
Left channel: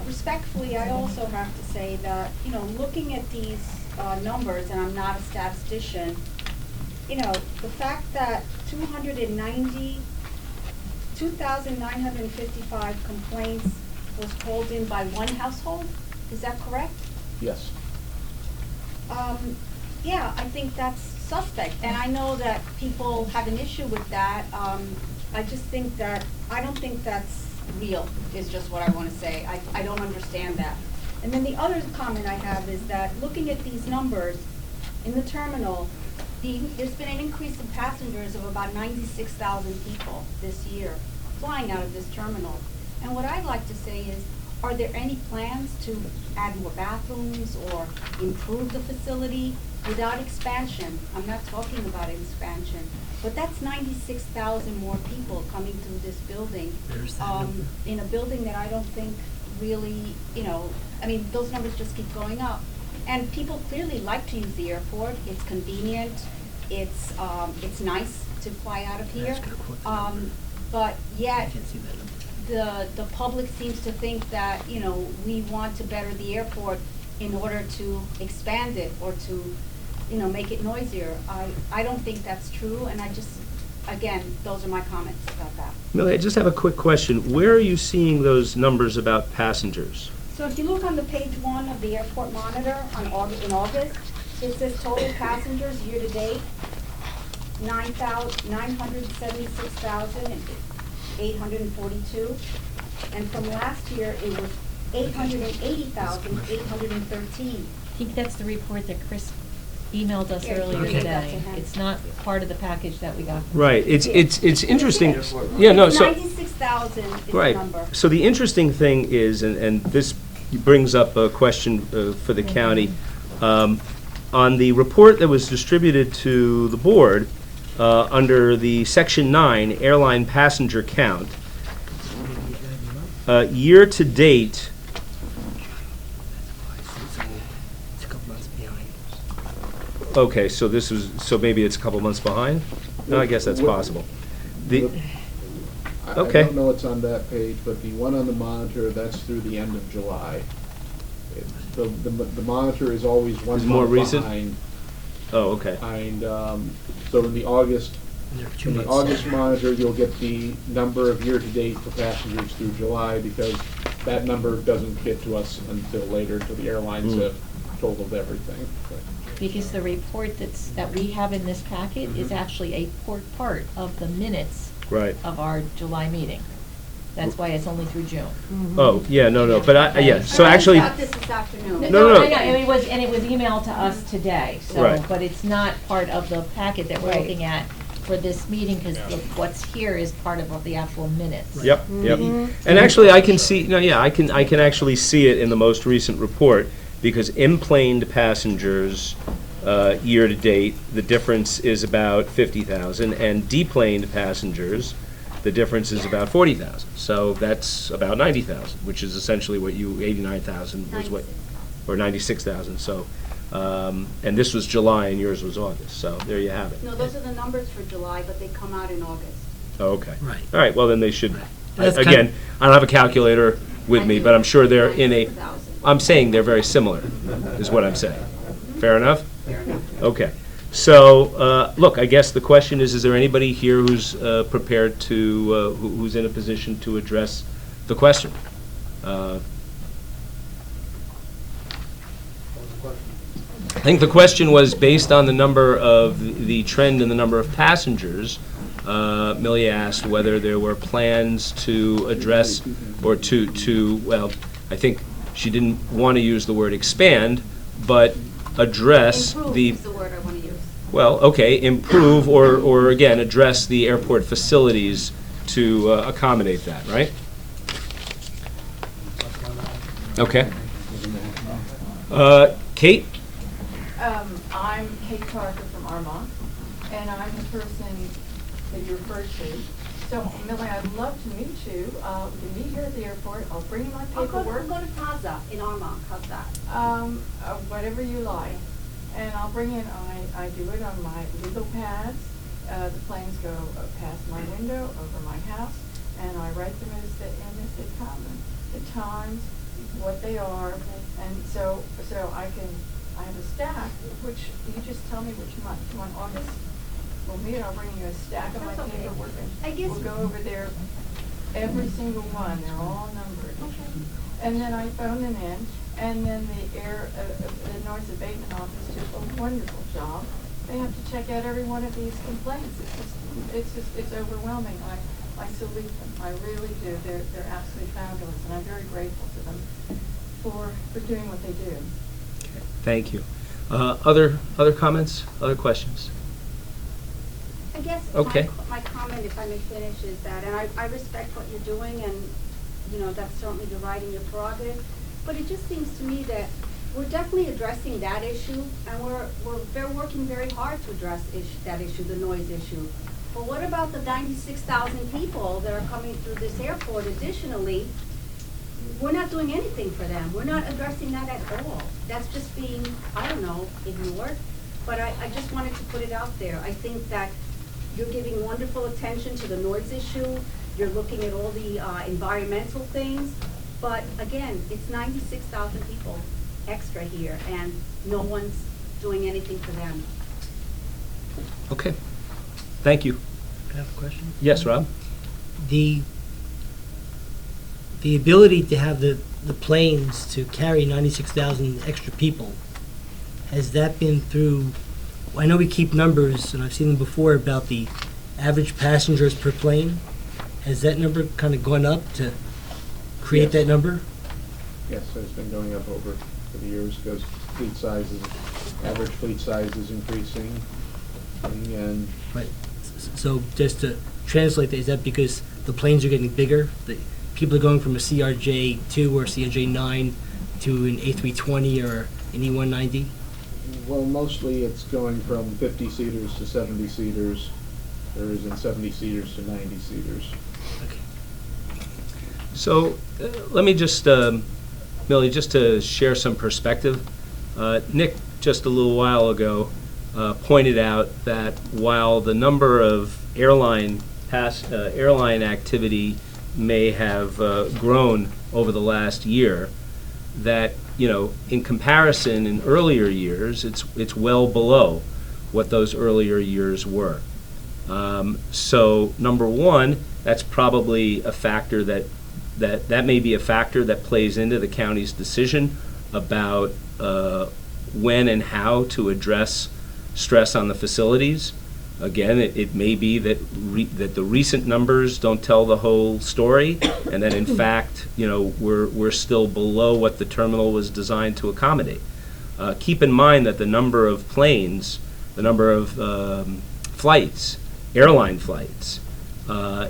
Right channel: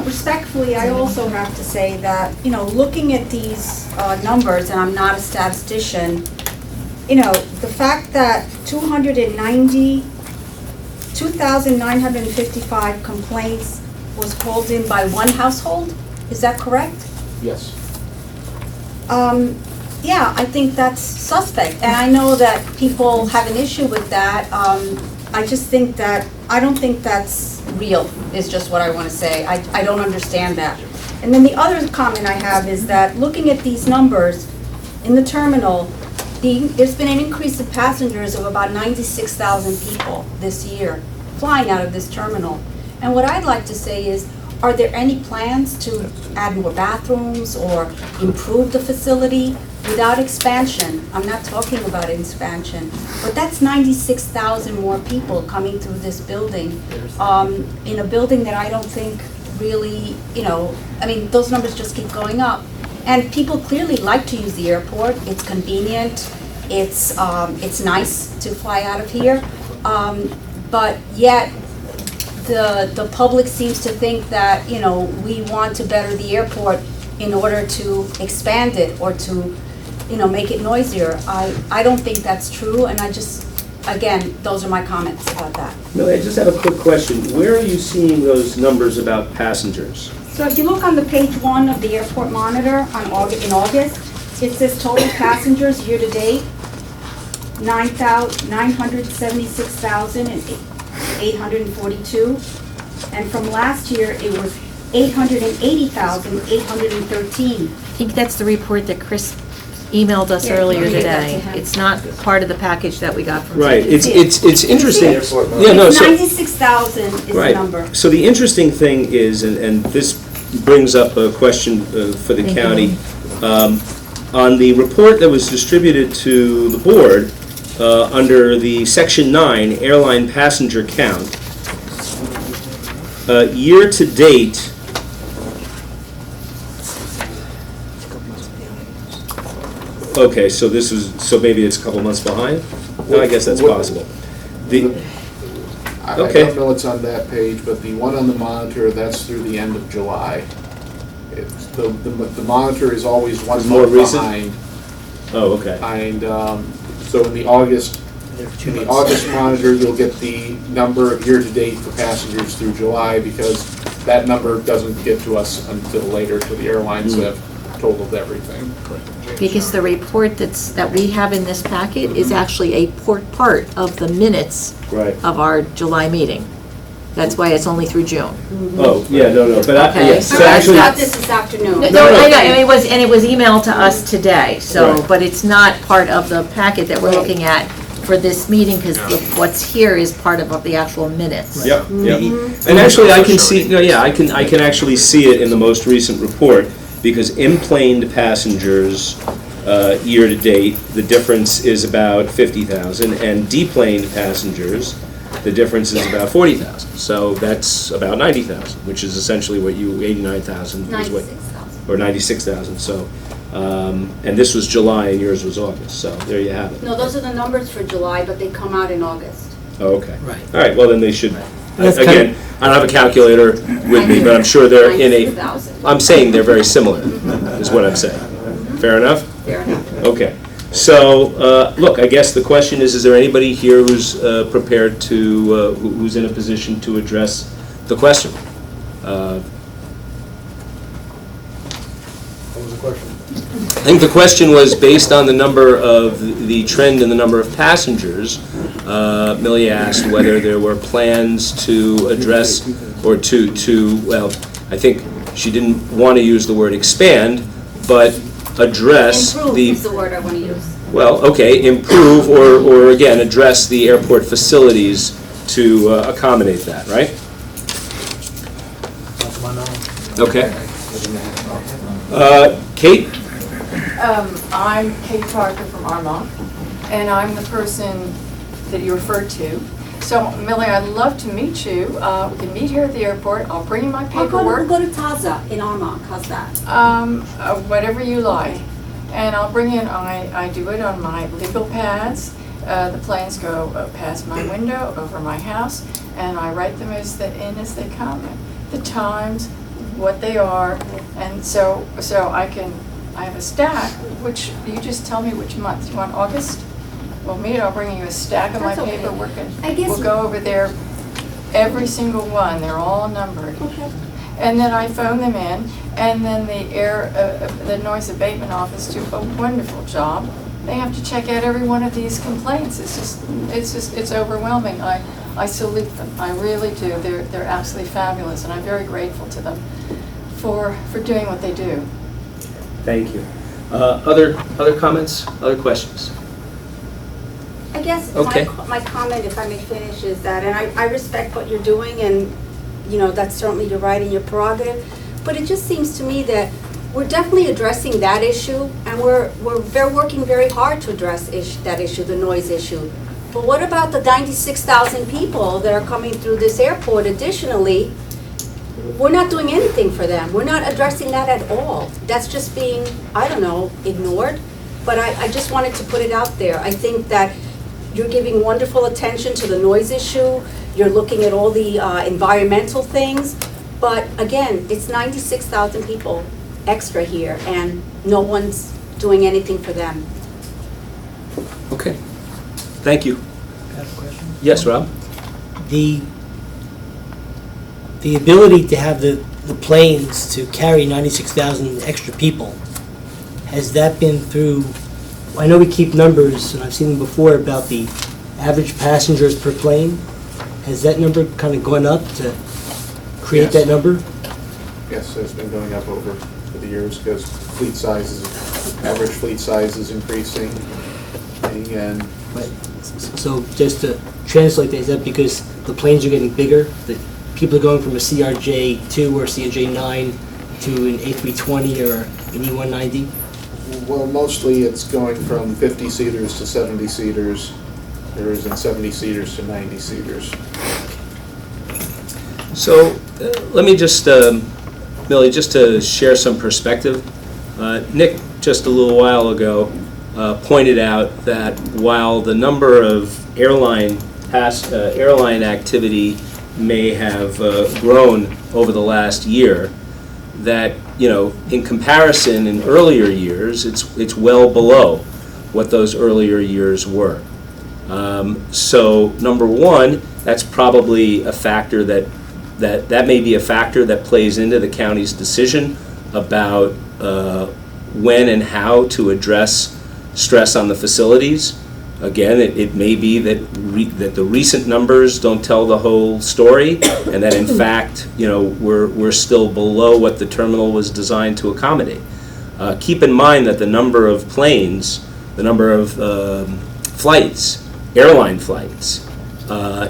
respectfully, I also have to say that, looking at these numbers, and I'm not a statistician, the fact that 2,955 complaints was called in by one household, is that correct? Yes. Yeah, I think that's suspect, and I know that people have an issue with that. I just think that, I don't think that's real, is just what I want to say. I don't understand that. And then the other comment I have is that, looking at these numbers in the terminal, there's been an increase in passengers of about 96,000 people this year flying out of this terminal. And what I'd like to say is, are there any plans to add more bathrooms or improve the facility without expansion? I'm not talking about expansion, but that's 96,000 more people coming through this building, in a building that I don't think really, I mean, those numbers just keep going up. And people clearly like to use the airport. It's convenient. It's nice to fly out of here. But yet, the public seems to think that, we want to better the airport in order to expand it or to, make it noisier. I don't think that's true, and again, those are my comments about that. Millie, I just have a quick question. Where are you seeing those numbers about passengers? So if you look on the page 1 of the airport monitor in August, it says total passengers year-to-date, 976,842. And from last year, it was 880,813. I think that's the report that Chris emailed us Yeah, earlier I'll give that to today. him. It's not part of the package that we got from. Right, CDC. it's interesting. Airport Yeah, no, It's so. 96,000 is the Right. number. So the interesting thing is, and this brings up a question for the county. On the report that was distributed to the board, under the Section 9, airline passenger count, year-to-date, okay, so maybe it's a couple months behind? No, I guess that's possible. I Okay. don't know what's on that page, but the one on the monitor, that's through the end of July. The monitor is always one Is more month recent? behind. Oh, okay. So in the August monitor, you'll get the number of year-to-date for passengers through July, because that number doesn't get to us until later, till the airlines have totaled everything. Because the report that we have in this packet is actually a part of the minutes Right. of our July meeting. That's why it's only through June. Oh, yeah, no, but Okay. yes, so actually, I got this this afternoon. No, no. I know, and it was emailed to us today, so, Right. but it's not part of the packet that we're looking at for this meeting, because what's here is part of the actual minutes. yep. And actually, I can see, I can actually see it in the most recent report, because implaned passengers, year-to-date, the difference is about 50,000, and deplaned passengers, the difference is about 40,000. So that's about 90,000, which is essentially what 89,000 is what. 96,000. Or 96,000, so, and this was July and yours was August, so there you have it. No, those are the numbers for July, but they come out in August. Oh, okay. Right. All right, well, then they should, That's again, I don't have a calculator with me, but I'm sure they're in a, 96,000. I'm saying they're very similar, is what I'm saying. Fair enough? Fair enough. Okay. So, look, I guess the question is there anybody here who's prepared to, who's in a position to address the question? What was the question? I think the question was based on the number of, the trend in the number of passengers. Millie asked whether there were plans to address, or well, I think she didn't want to use the word expand, but address Improve the, is the word I want to use. well, okay, improve or again, address the airport facilities to accommodate that, right? Okay. Kate? I'm Kate Parker from Armonk, and I'm the person that you referred to. So, Millie, I'd love to meet you. We can meet here at the airport. I'll bring you my We'll paperwork. go to Taza in Armonk, how's that? Whatever you like. And I'll bring in, I do it on my legal pads. The planes go past my window, over my house, and I write them as they come. The times, what they are, and so I have a stack, which, you just tell me which month. You want August? Well, I'll bring you a stack of my That's okay. paperwork, I and guess- we'll go over there, every single one, they're all numbered. Okay. And then I phone them in, and then the noise abatement office do a wonderful job. They have to check out every one of these complaints. It's overwhelming. I salute them, I really do. They're absolutely fabulous, and I'm very grateful to them for doing what they do. Thank you. Other comments, other questions? I guess Okay. my comment, if I may finish, is that, and I respect what you're doing, and, that's certainly your right and your prerogative, but it just seems to me that we're definitely addressing that issue, and we're working very hard to address that issue, the noise issue. But what about the 96,000 people that are coming through this airport additionally, we're not doing anything for them. We're not addressing that at all. That's just being, I don't know, ignored. But I just wanted to put it out there. I think that you're giving wonderful attention to the noise issue. You're looking at all the environmental things. But again, it's 96,000 people extra here, and no one's doing anything for them. Okay, thank you. I have a question. Yes, Rob? The ability to have the planes to carry 96,000 extra people, has that been through, I know we keep numbers, and I've seen them before about the average passengers per plane. Has that number kind of gone up to create Yes. that number? Yes, it's been going up over the years because average fleet size is increasing. And Right. So just to translate that, is that because the planes are getting bigger? That people are going from a CRJ-2 or CRJ-9 to an A320 or an E190? well, mostly it's going from 50-seaters to 70-seaters. There isn't 70-seaters to 90-seaters. So let me just, Millie, just to share some perspective. Nick, just a little while ago, pointed out that while the number of airline activity may have grown over the last year, that, you know, in comparison in earlier years, it's well below what those earlier years were. So number one, that's probably a factor that may be a factor that plays into the county's decision about when and how to address stress on the facilities. Again, it may be that that the recent numbers don't tell the whole story, and that in fact, you know, we're still below what the terminal was designed to accommodate. Keep in mind that the number of planes, the number of flights, airline flights,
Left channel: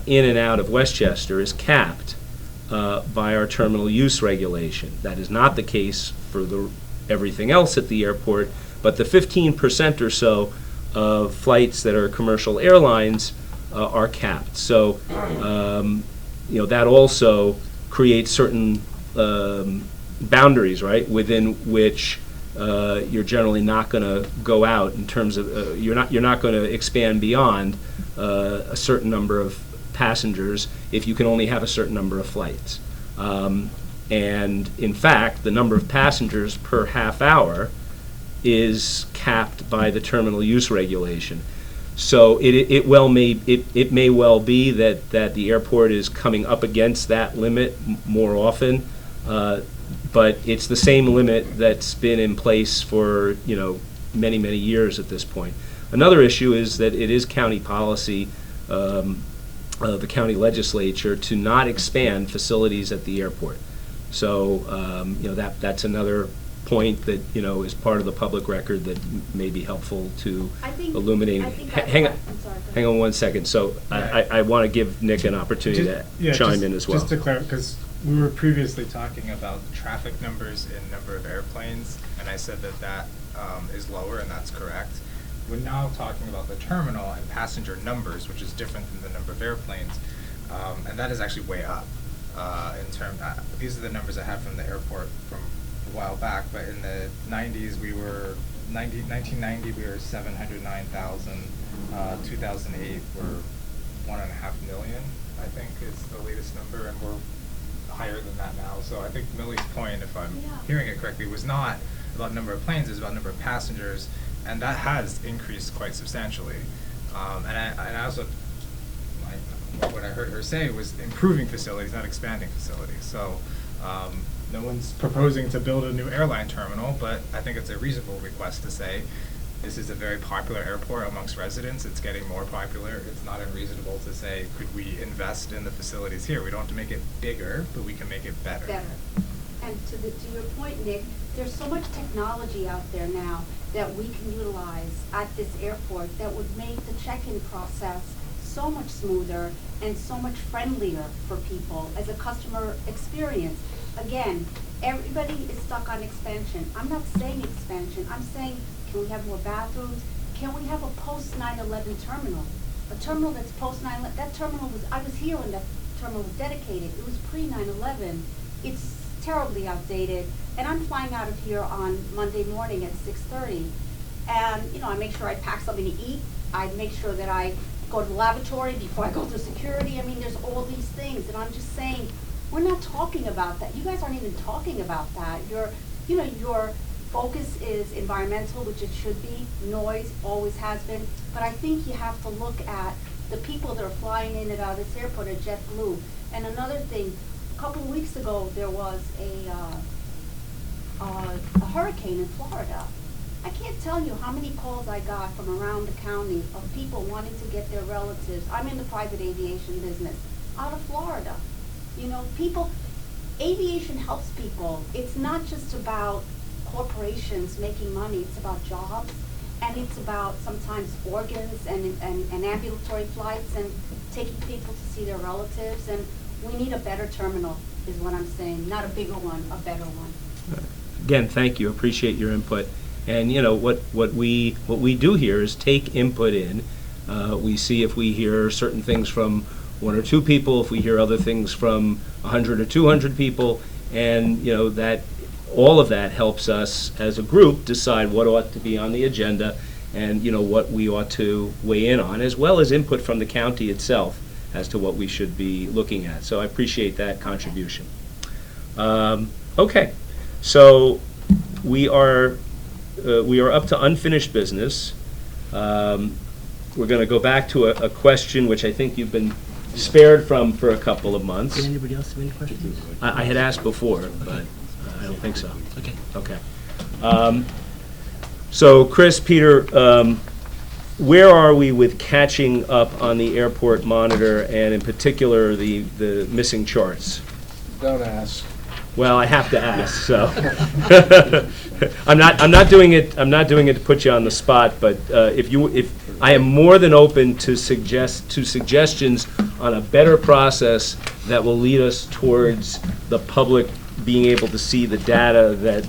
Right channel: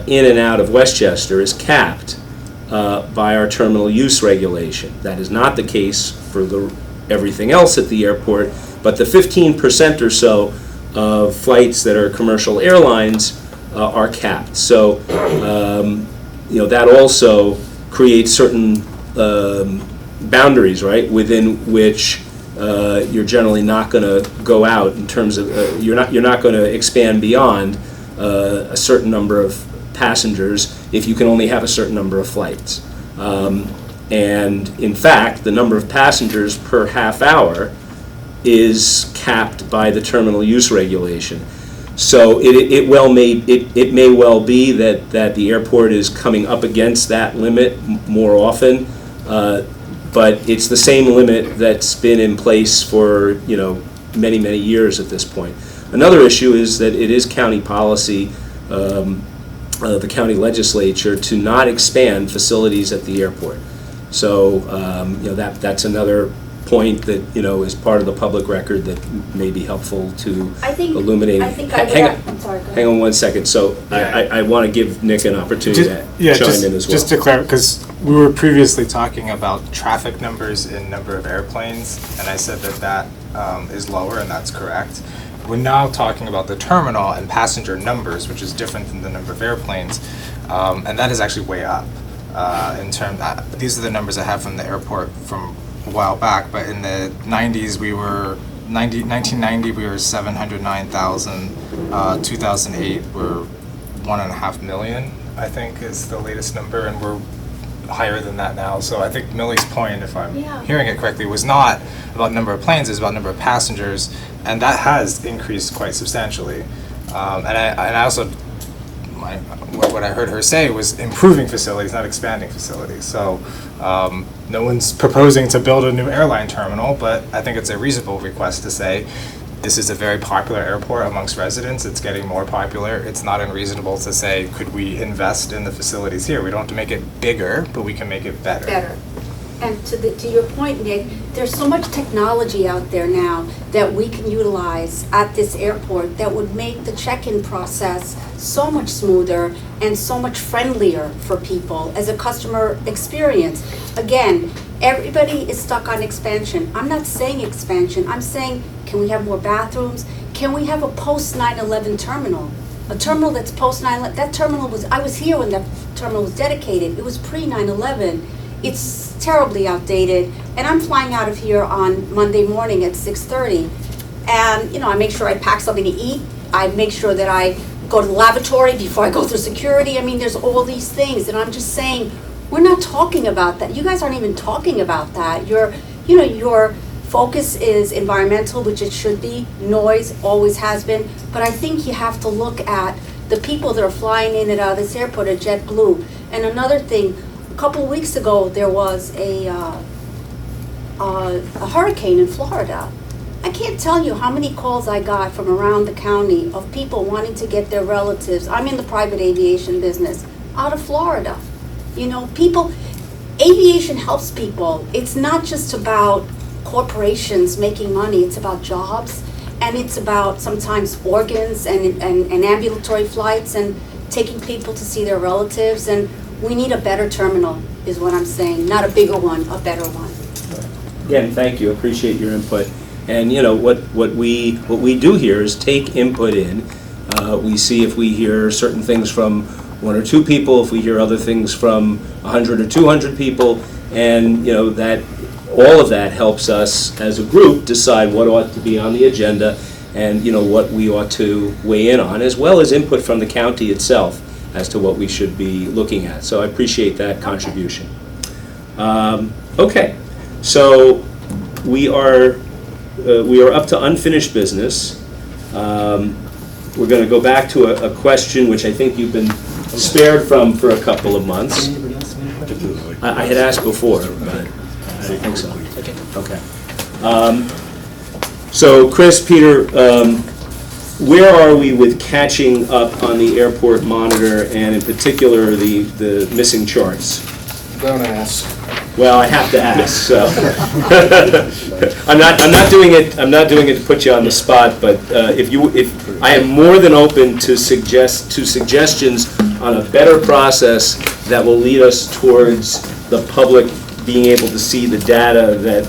in and out of Westchester is capped by our terminal use regulation. That is not the case for everything else at the airport, but the 15% or so of flights that are commercial airlines are capped. So, you know, that also creates certain boundaries, right, within which you're generally not going to go out in terms of you're not going to expand beyond a certain number of passengers if you can only have a certain number of flights. And in fact, the number of passengers per half hour is capped by the terminal use regulation. So it may well be that the airport is coming up against that limit more often, but it's the same limit that's been in place for, you know, many, many years at this point. Another issue is that it is county policy, the county legislature, to not expand facilities at the airport. So, you know, that's another point that, you know, is part of the public record that may be helpful to illuminate. Hang on one second. So I want to give Nick an opportunity to chime in as well. Just to clarify, because we were previously talking about traffic numbers in number of airplanes, and I said that is lower, and that's correct. We're now talking about the terminal and passenger numbers, which is different than the number of airplanes, and that is actually way up. These are the numbers I have from the airport from a while back, but in the 90s 1990 we were 709,000, 2008 we're 1.5 million, I think is the latest number, and we're higher than that now. So I think Millie's point, if I'm hearing it correctly, was not about number of planes, it was about number of passengers, and that has increased quite substantially. And I also, what I heard her say was improving facilities, not expanding facilities. So no one's proposing to build a new airline terminal, but I think it's a reasonable request to say this is a very popular airport amongst residents. It's getting more popular. It's not unreasonable to say, could we invest in the facilities here? We don't have to make it bigger, but we can make it better. Better. And to your point, Nick, there's so much technology out there now that we can utilize at this airport that would make the check-in process so much smoother and so much friendlier for people as a customer experience. Again, everybody is stuck on expansion. I'm not saying expansion. I'm saying, can we have more bathrooms? Can we have a post-9/11 terminal? A terminal that's post-9/11. That terminal was, I was here when that terminal was dedicated. It was pre-9/11. it's terribly outdated. And I'm flying out of here on Monday morning at 6:30. And, I make sure I pack something to eat. I make sure that I go to the lavatory before I go through security. I mean, there's all these things. And I'm just saying, we're not talking about that. You guys aren't even talking about that. Your focus is environmental, which it should be. Noise always has been. But I think you have to look at the people that are flying in and out of this airport at JetBlue. And another thing, a couple of weeks ago, there was a hurricane in Florida. I can't tell you how many calls I got from around the county of people wanting to get their relatives. I'm in the private aviation business, out of Florida. Aviation helps people. It's not just about corporations making money, it's about jobs, and it's about sometimes organs and ambulatory flights and taking people to see their relatives. And we need a better terminal, is what I'm saying. Not a bigger one, a better one. Again, thank you, appreciate your input. And what we do here is take input in. We see if we hear certain things from one or two people, if we hear other things from 100 or 200 people, and that all of that helps us as a group decide what ought to be on the agenda and what we ought to weigh in on, as well as input from the county itself as to what we should be looking at. So I appreciate that contribution. Okay, so we are up to unfinished business. We're going to go back to a question which I think you've been spared from for a couple of months. Anybody else have any questions? I had asked before, but I don't think so. Okay. So Chris, Peter, where are we with catching up on the airport monitor and in particular the missing charts? Don't ask. Well, I have to ask, so. I'm not doing it to put you on the spot, but if I am more than open to suggestions on a better process that will lead us towards the public being able to see the data that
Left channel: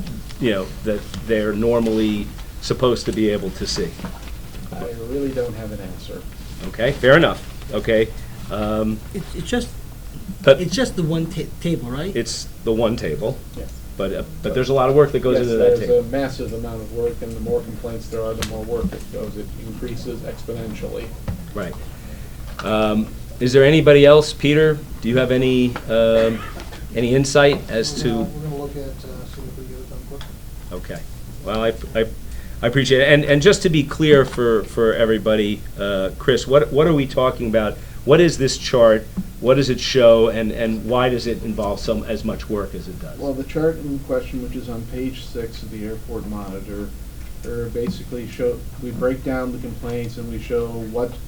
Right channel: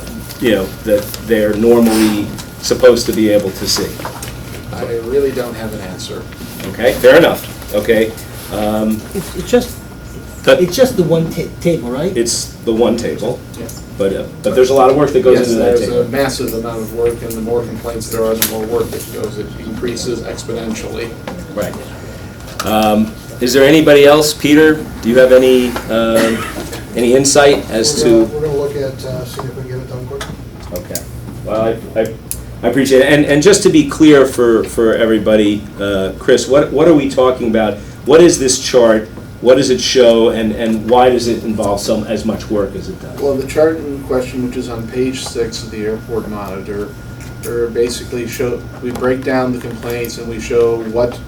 they're normally supposed to be able to see. I really don't have an answer. Okay, fair enough. Okay. It's just the one table, right? It's the one table, Yes. but there's a lot of work that goes into that Yes, table. there's a massive amount of work, and the more complaints there are, the more work that goes. It increases exponentially. Right. Is there anybody else, Peter? Do you have any insight as to? We're gonna look at, seeing if we can get it done quick. Okay. Well, I appreciate it. And just to be clear for everybody, Chris, what are we talking about? What is this chart? What does it show, and why does it involve as much work as it does? Well, the chart in question, which is on page 6 of the airport monitor, basically we break down the complaints and we show what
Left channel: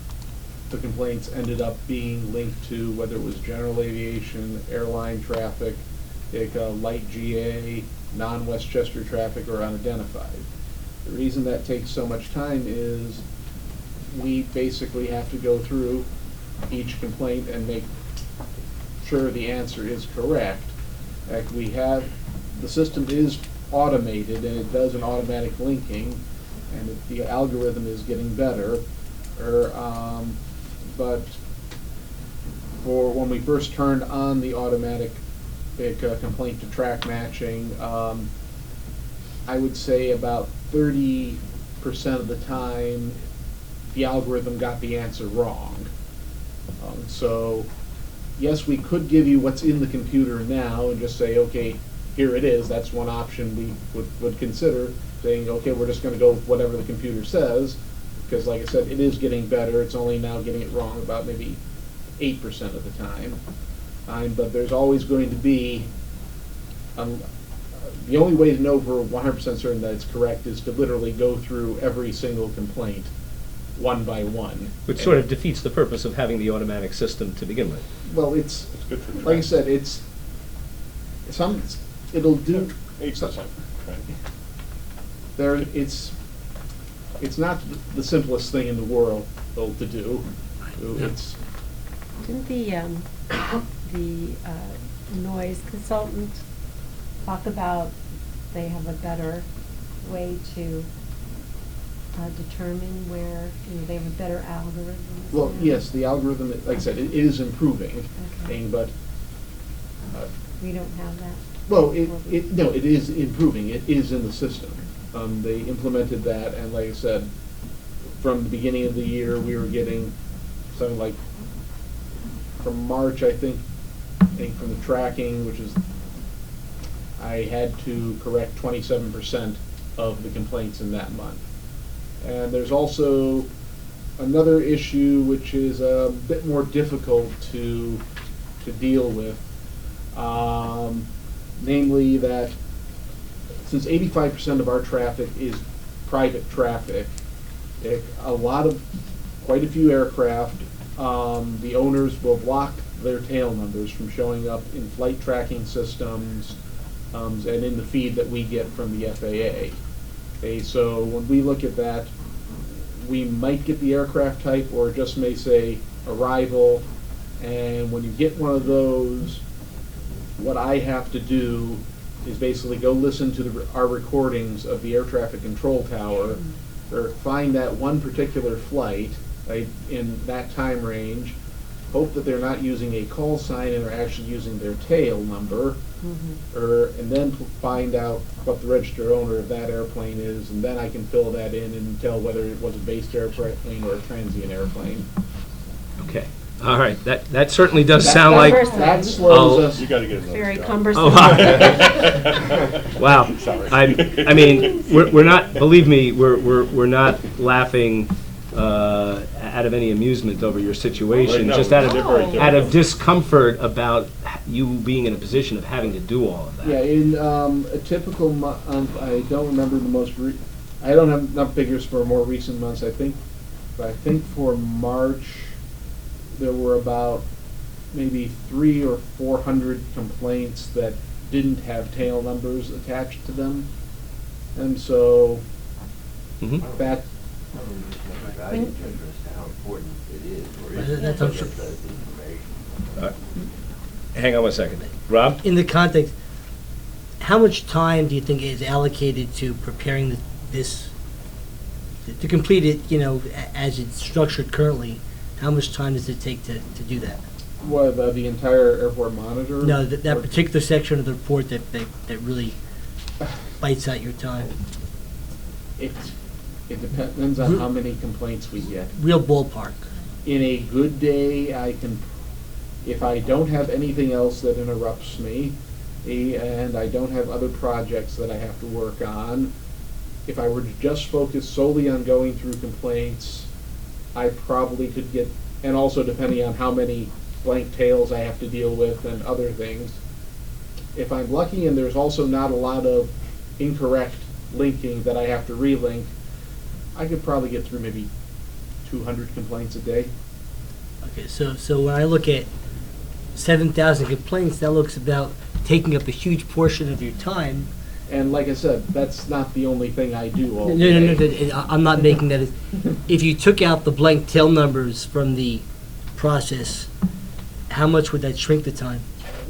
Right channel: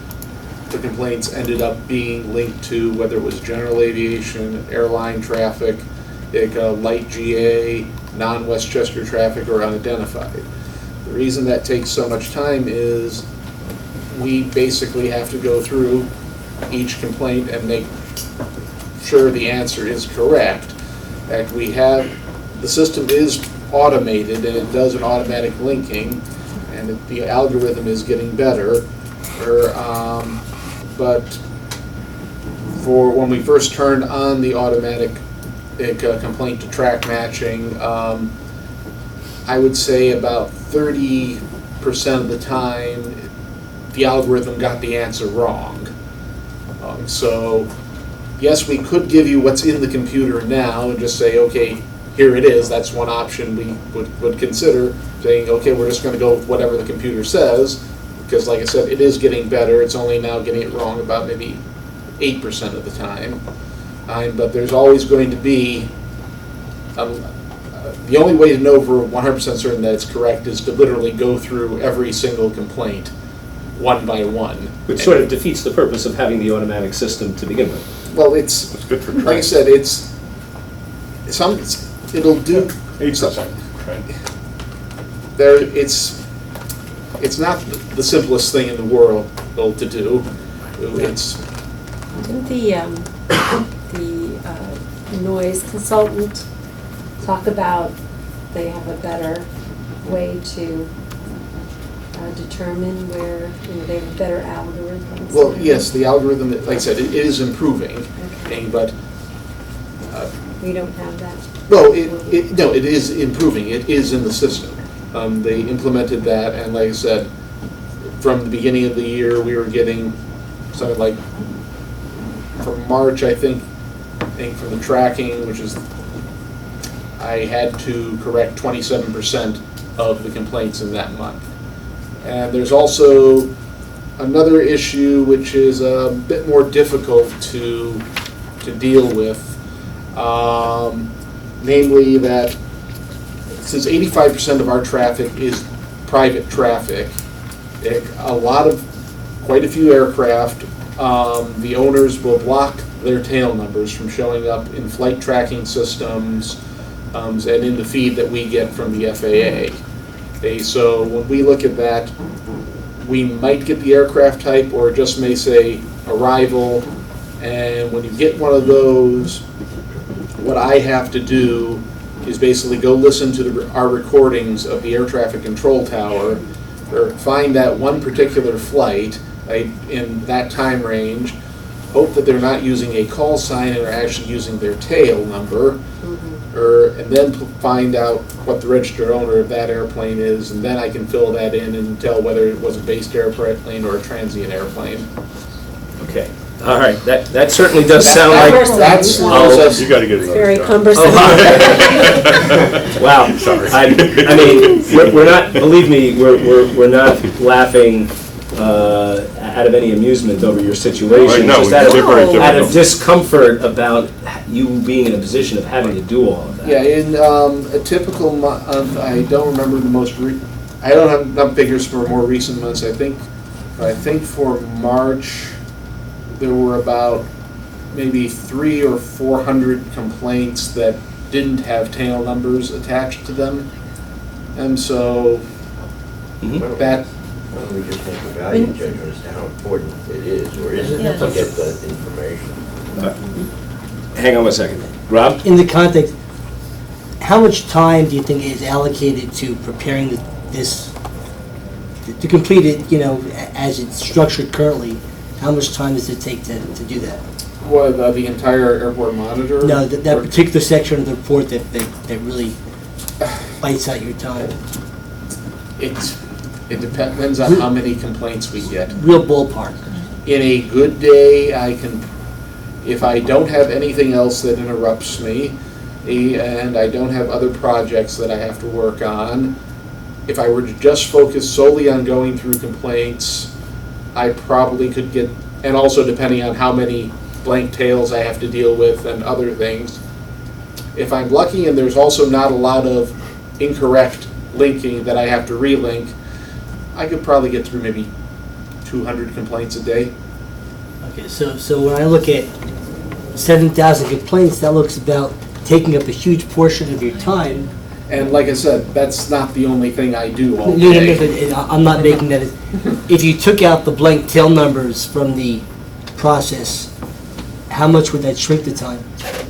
the complaints ended up being linked to, whether it was general aviation, airline traffic, light GA, non-Westchester traffic, or unidentified. The reason that takes so much time is we basically have to go through each complaint and make sure the answer is correct. And the system is automated and it does an automatic linking, and the algorithm is getting better. But for when we first turned on the automatic complaint to track matching, I would say about 30% of the time the algorithm got the answer wrong. So yes, we could give you what's in the computer now and just say, okay, here it is. That's one option we would consider, saying, okay, we're just going to go with whatever the computer says, because like I said, it is getting better. It's only now getting it wrong about maybe 8% of the time. But there's always going to be, the only way to know for 100% certain that it's correct is to literally go through every single complaint one by one. Which sort of defeats the purpose of having the automatic system to begin with. Well, it's good for like I said, it'll do 8%. Right. It's not the simplest thing in the world to do. Didn't the noise consultant talk about they have a better way to determine where, they have better algorithms? Well, yes, the algorithm, like I said, it is improving, but We don't have that. Well, no, it is improving. It is in the system. They implemented that, and like I said, from the beginning of the year, we were getting something like, from March, I think from the tracking, which is, I had to correct 27% of the complaints in that month. And there's also another issue which is a bit more difficult to deal with, namely that since 85% of our traffic is private traffic, quite a few aircraft, the owners will block their tail numbers from showing up in flight tracking systems and in the feed that we get from the FAA. So when we look at that, we might get the aircraft type or it just may say arrival, and when you get one of those, what I have to do is basically go listen to our recordings of the air traffic control tower, or find that one particular flight in that time range, hope that they're not using a call sign and are actually using their tail number, and then find out what the registered owner of that airplane is, and then I can fill that in and tell whether it was a based airplane or a transient airplane. Okay, all right, that certainly does sound like... That slows us. You gotta get another Very job. cumbersome. Wow. Sorry. I mean, we're not, believe me, we're not laughing out of any amusement over your situation. No, Just out very of difficult. discomfort about you being in a position of having to do all of that. Yeah, in a typical month, I don't remember the most, I don't have enough figures for more recent months, I think for March, there were about maybe 300 or 400 complaints that didn't have tail numbers attached to them. And so that... Why don't we just make a value judgment as to how important it is, or isn't Yeah. it, to get the information? Hang on one second. Rob? In the context, how much time do you think is allocated to preparing this, to complete it, as it's structured currently? How much time does it take to do that? What, the entire airport monitor? No, that particular section of the report that really bites out your time. It depends on how many complaints we get. Real ballpark. In a good day, if I don't have anything else that interrupts me, and I don't have other projects that I have to work on, if I were to just focus solely on going through complaints, I probably could get, and also depending on how many blank tails I have to deal with and other things. If I'm lucky and there's also not a lot of incorrect linking that I have to relink, I could probably get through maybe 200 complaints a day. Okay, so when I look at 7,000 complaints, that looks about taking up a huge portion of your time. And like I said, that's not the only thing I do all No, day. I'm not making that. If you took out the blank tail numbers from the process, how much would that shrink the time?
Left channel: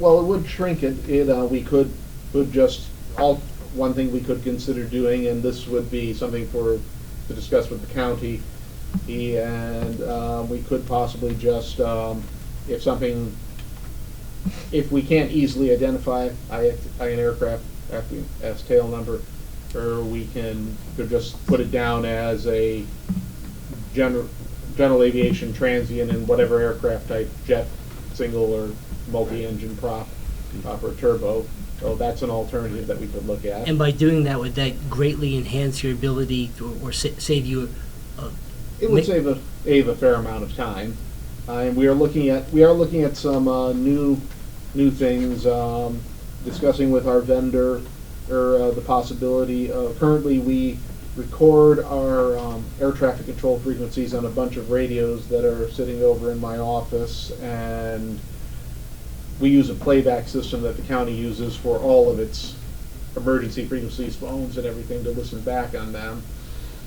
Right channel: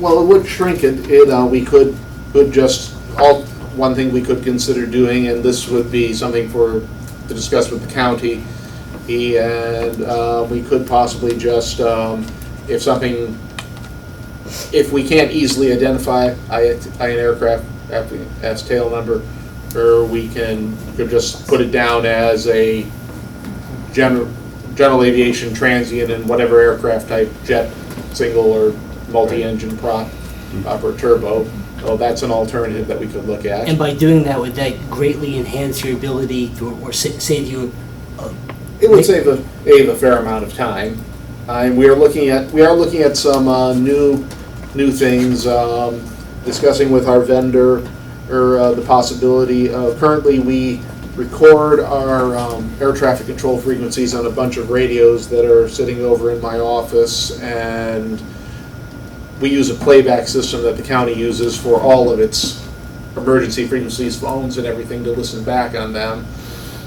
Well, it would shrink it. We could just, one thing we could consider doing, and this would be something to discuss with the county, and we could possibly just, if we can't easily identify an aircraft as tail number, or we could just put it down as a general aviation transient in whatever aircraft type, jet, single, or multi-engine prop or turbo. So that's an alternative that we could look at. And by doing that, would that greatly enhance your ability or save you? It would save a fair amount of time. We are looking at some new things, discussing with our vendor, or the possibility of, currently we record our air traffic control frequencies on a bunch of radios that are sitting over in my office, and we use a playback system that the county uses for all of its emergency frequencies, phones and everything, to listen back on them.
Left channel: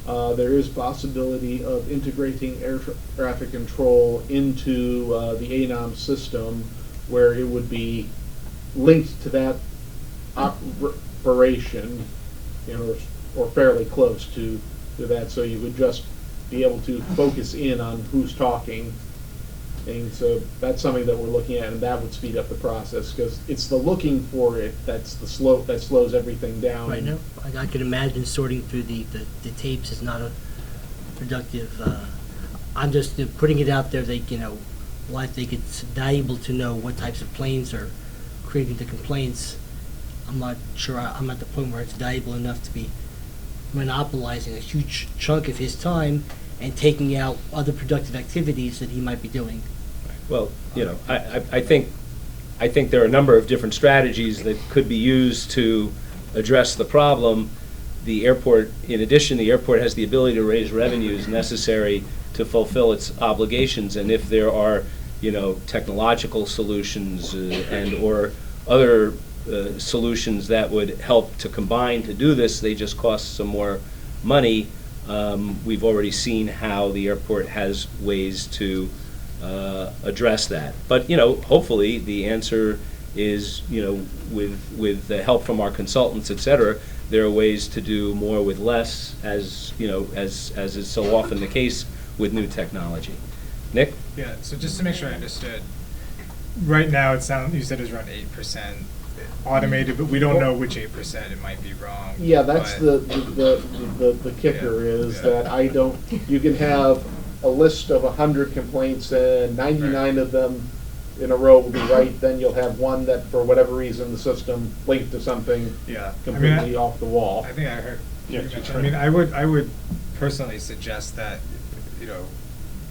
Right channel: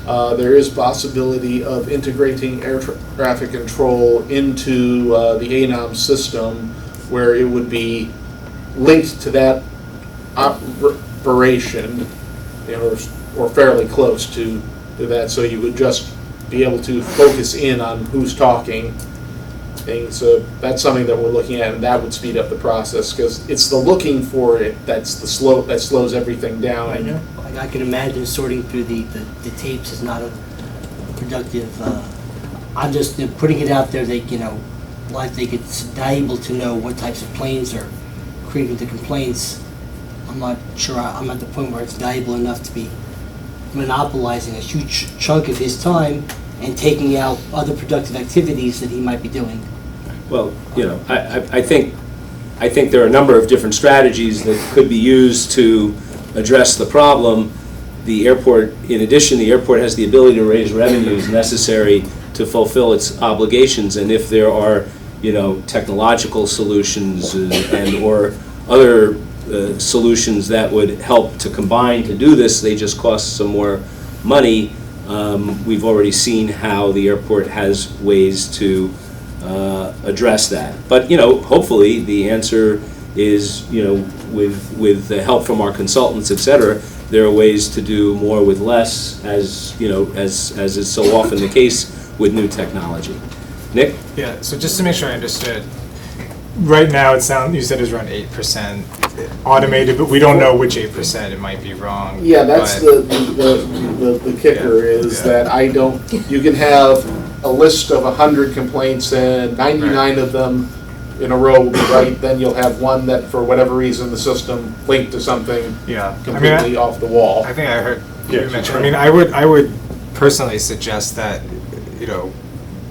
There is possibility of integrating air traffic control into the ANOM system, where it would be linked to that operation, or fairly close to that, so you would just be able to focus in on who's talking thing. So that's something that we're looking at, and that would speed up the process, because it's the looking for it that slows everything down. I know. I can imagine sorting through the tapes is not a productive. I'm just putting it out there that, I think it's valuable to know what types of planes are creating the complaints. I'm not sure, I'm at the point where it's valuable enough to be monopolizing a huge chunk of his time and taking out other productive activities that he might be doing. Well, I think there are a number of different strategies that could be used to address the problem. The airport, in addition, the airport has the ability to raise revenues necessary to fulfill its obligations, and if there are, technological solutions and or other solutions that would help to combine to do this, they just cost some more money. We've already seen how the airport has ways to address that. But, hopefully the answer is, with the help from our consultants, et cetera, there are ways to do more with less, as is so often the case with new technology. Nick? Yeah, so just to make sure I understood, right now you said it's around 8% automated, but we don't know which 8%, it might be wrong. Yeah, that's but- the kicker is that you can have a list of 100 complaints and 99 of them in a row will be right, then you'll have one that for whatever reason the system linked to something completely off the wall. I think I heard you mention, I would personally suggest that,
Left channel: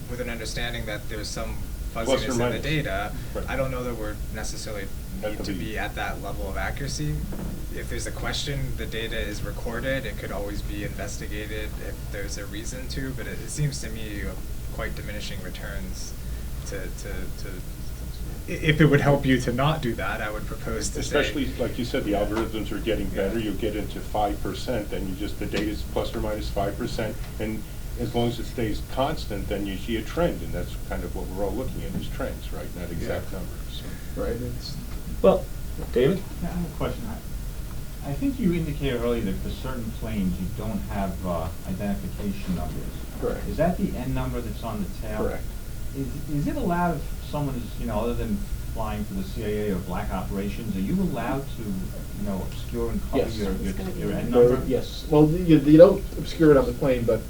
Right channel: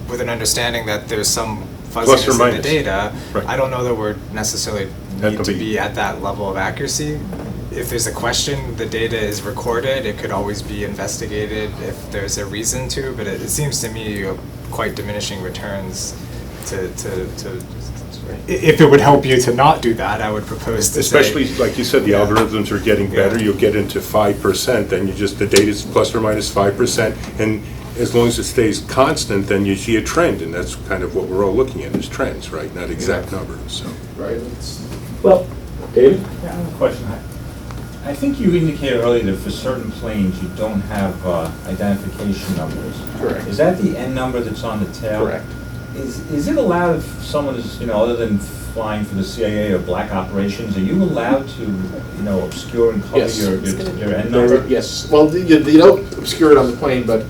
with an understanding that there's some fuzziness in the data, I don't know that we're necessarily need to be at that level of accuracy. If there's a question, the data is recorded, it could always be investigated if there's a reason to, but it seems to me quite diminishing returns to if it would help you to not do that, I would propose to Especially, like you said, the algorithms are getting better, you'll get into 5%, then the data's plus or minus 5%, and as long as it stays constant, then you see a trend, and that's kind of what we're all looking at, is trends, right? Not exact numbers, so. Right. Well, David? Yeah, I have a question. I think you indicated earlier that for certain planes, you don't have identification numbers. Correct. Is that the N number that's on the tail? Correct. Is it allowed if someone is, other than flying for the CIA or black operations, are you allowed to, obscure and cover Yes. your N number? Yes. Well, you don't obscure it on the plane, but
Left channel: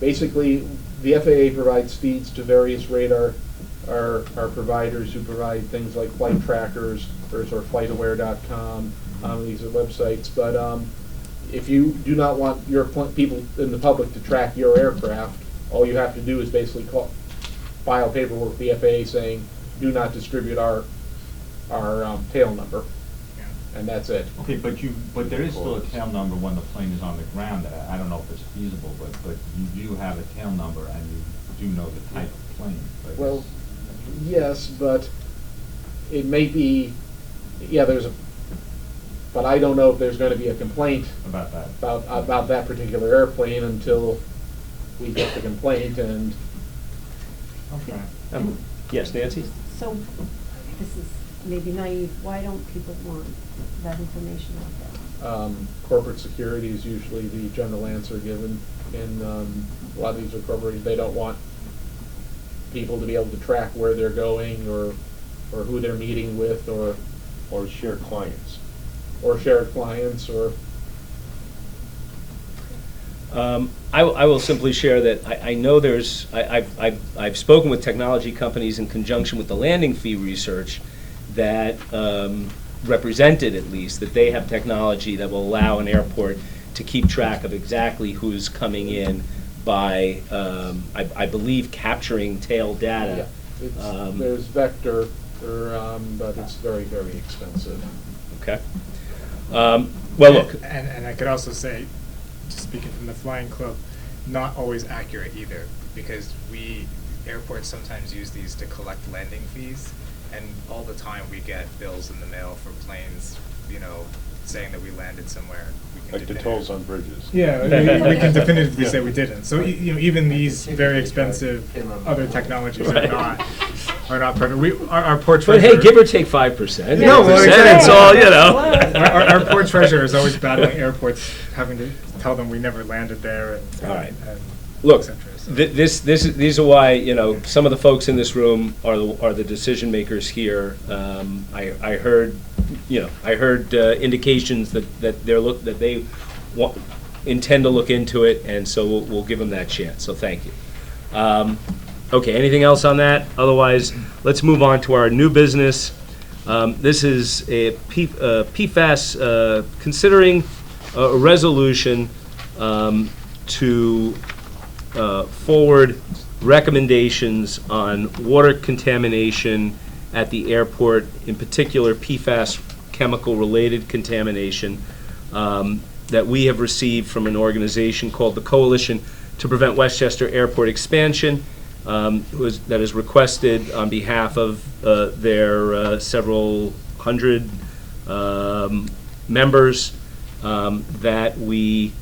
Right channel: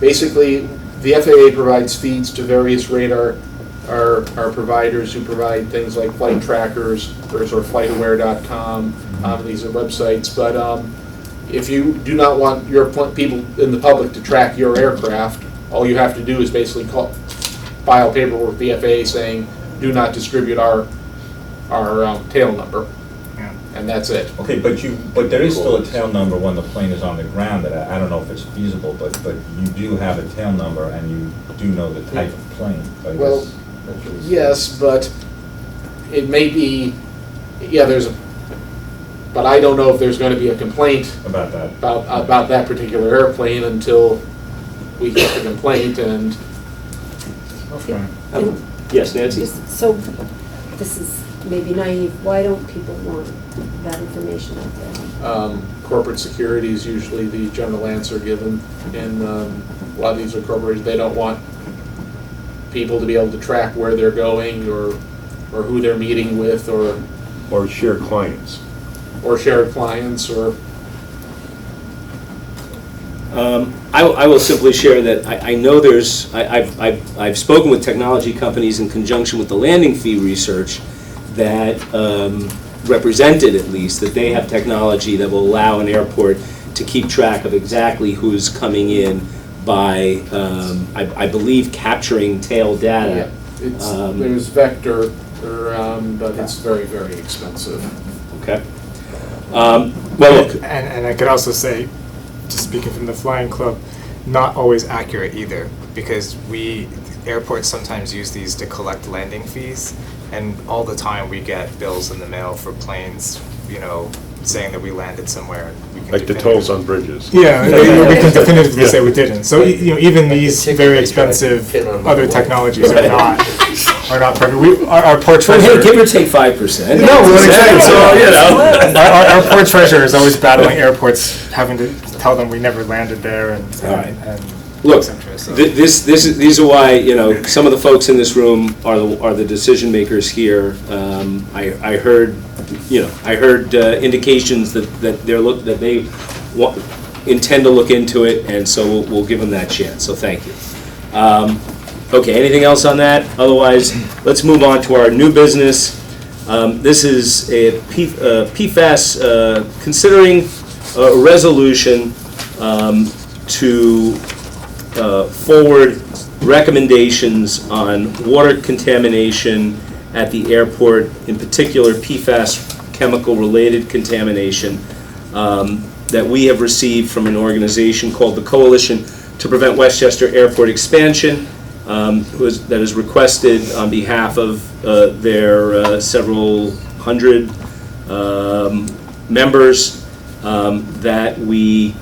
basically the FAA provides feeds to various radar our providers who provide things like flight trackers or flightaware.com. These are websites, but if you do not want your people in the public to track your aircraft, all you have to do is basically file paperwork with the FAA saying, do not distribute our tail number, and that's it. Okay, but there is still a tail number when the plane is on the ground. That I don't know if it's feasible, but you do have a tail number, and you do know the type of plane. Well, yes, but it may be. Yeah, but I don't know if there's going to be a complaint about that about that particular airplane until we get the complaint and. Okay. Yes, Nancy? So, this is maybe naive, why don't people want that information out there? Corporate security is usually the general answer given, and a lot of these are corporations, they don't want people to be able to track where they're going or who they're meeting with Or share clients. Or shared clients or. I will simply share that I know I've spoken with technology companies in conjunction with the landing fee research that represented, at least, that they have technology that will allow an airport to keep track of exactly who's coming in by, I believe, capturing tail data. Yeah, there's Vector, but it's very, very expensive. Okay. Well, and I could also say, just speaking from the flying club, not always accurate either, because airports sometimes use these to collect landing fees, and all the time we get bills in the mail for planes, saying that we landed somewhere. Like the tolls on bridges. Yeah, we can definitively say we didn't. So even these very expensive other technologies are not perfect. Our poor treasurer. Hey, give or take 5%. No, we're saying so. Our poor treasurer is always battling airports, having to tell them we never landed there, and Look, interest. So. these are why, you know, some of the folks in this room are the decision makers here. I heard, you know, indications that they intend to look into it, and so we'll give them that chance. So thank you. Okay, anything else on that? Otherwise, let's move on to our new business. This is a PFAS, considering a resolution to forward recommendations on water contamination at the airport, in particular PFAS chemical-related contamination that we have received from an organization called the Coalition to Prevent Westchester Airport Expansion, that is requested on behalf of their several hundred members that we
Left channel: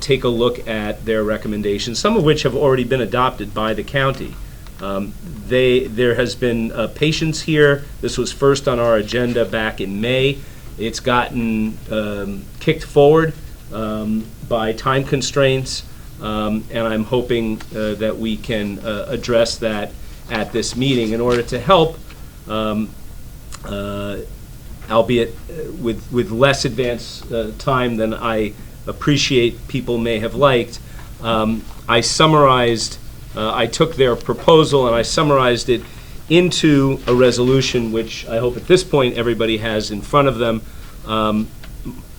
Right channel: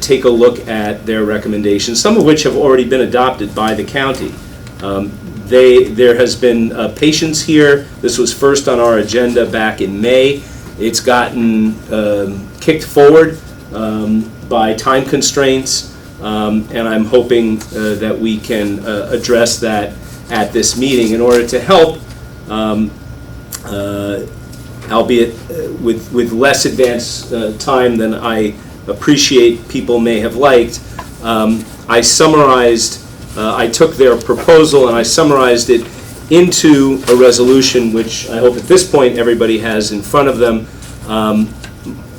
take a look at their recommendations, some of which have already been adopted by the county. There has been patience here. This was first on our agenda back in May. It's gotten kicked forward by time constraints, and I'm hoping that we can address that at this meeting in order to help, albeit with less advance time than I appreciate people may have liked. I summarized, I took their proposal and I summarized it into a resolution, which I hope at this point everybody has in front of them.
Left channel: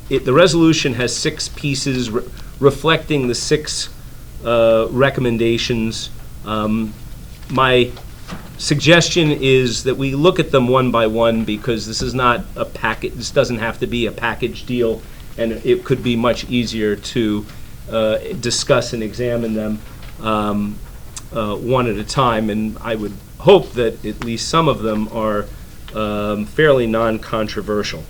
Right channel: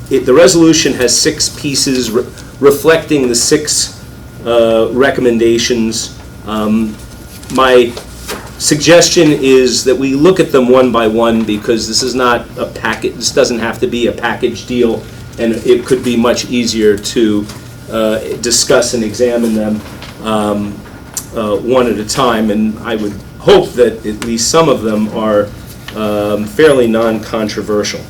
The resolution has 6 pieces reflecting the 6 recommendations. My suggestion is that we look at them one by one, because this is not a package. This doesn't have to be a package deal, and it could be much easier to discuss and examine them one at a time. And I would hope that at least some of them are fairly non-controversial.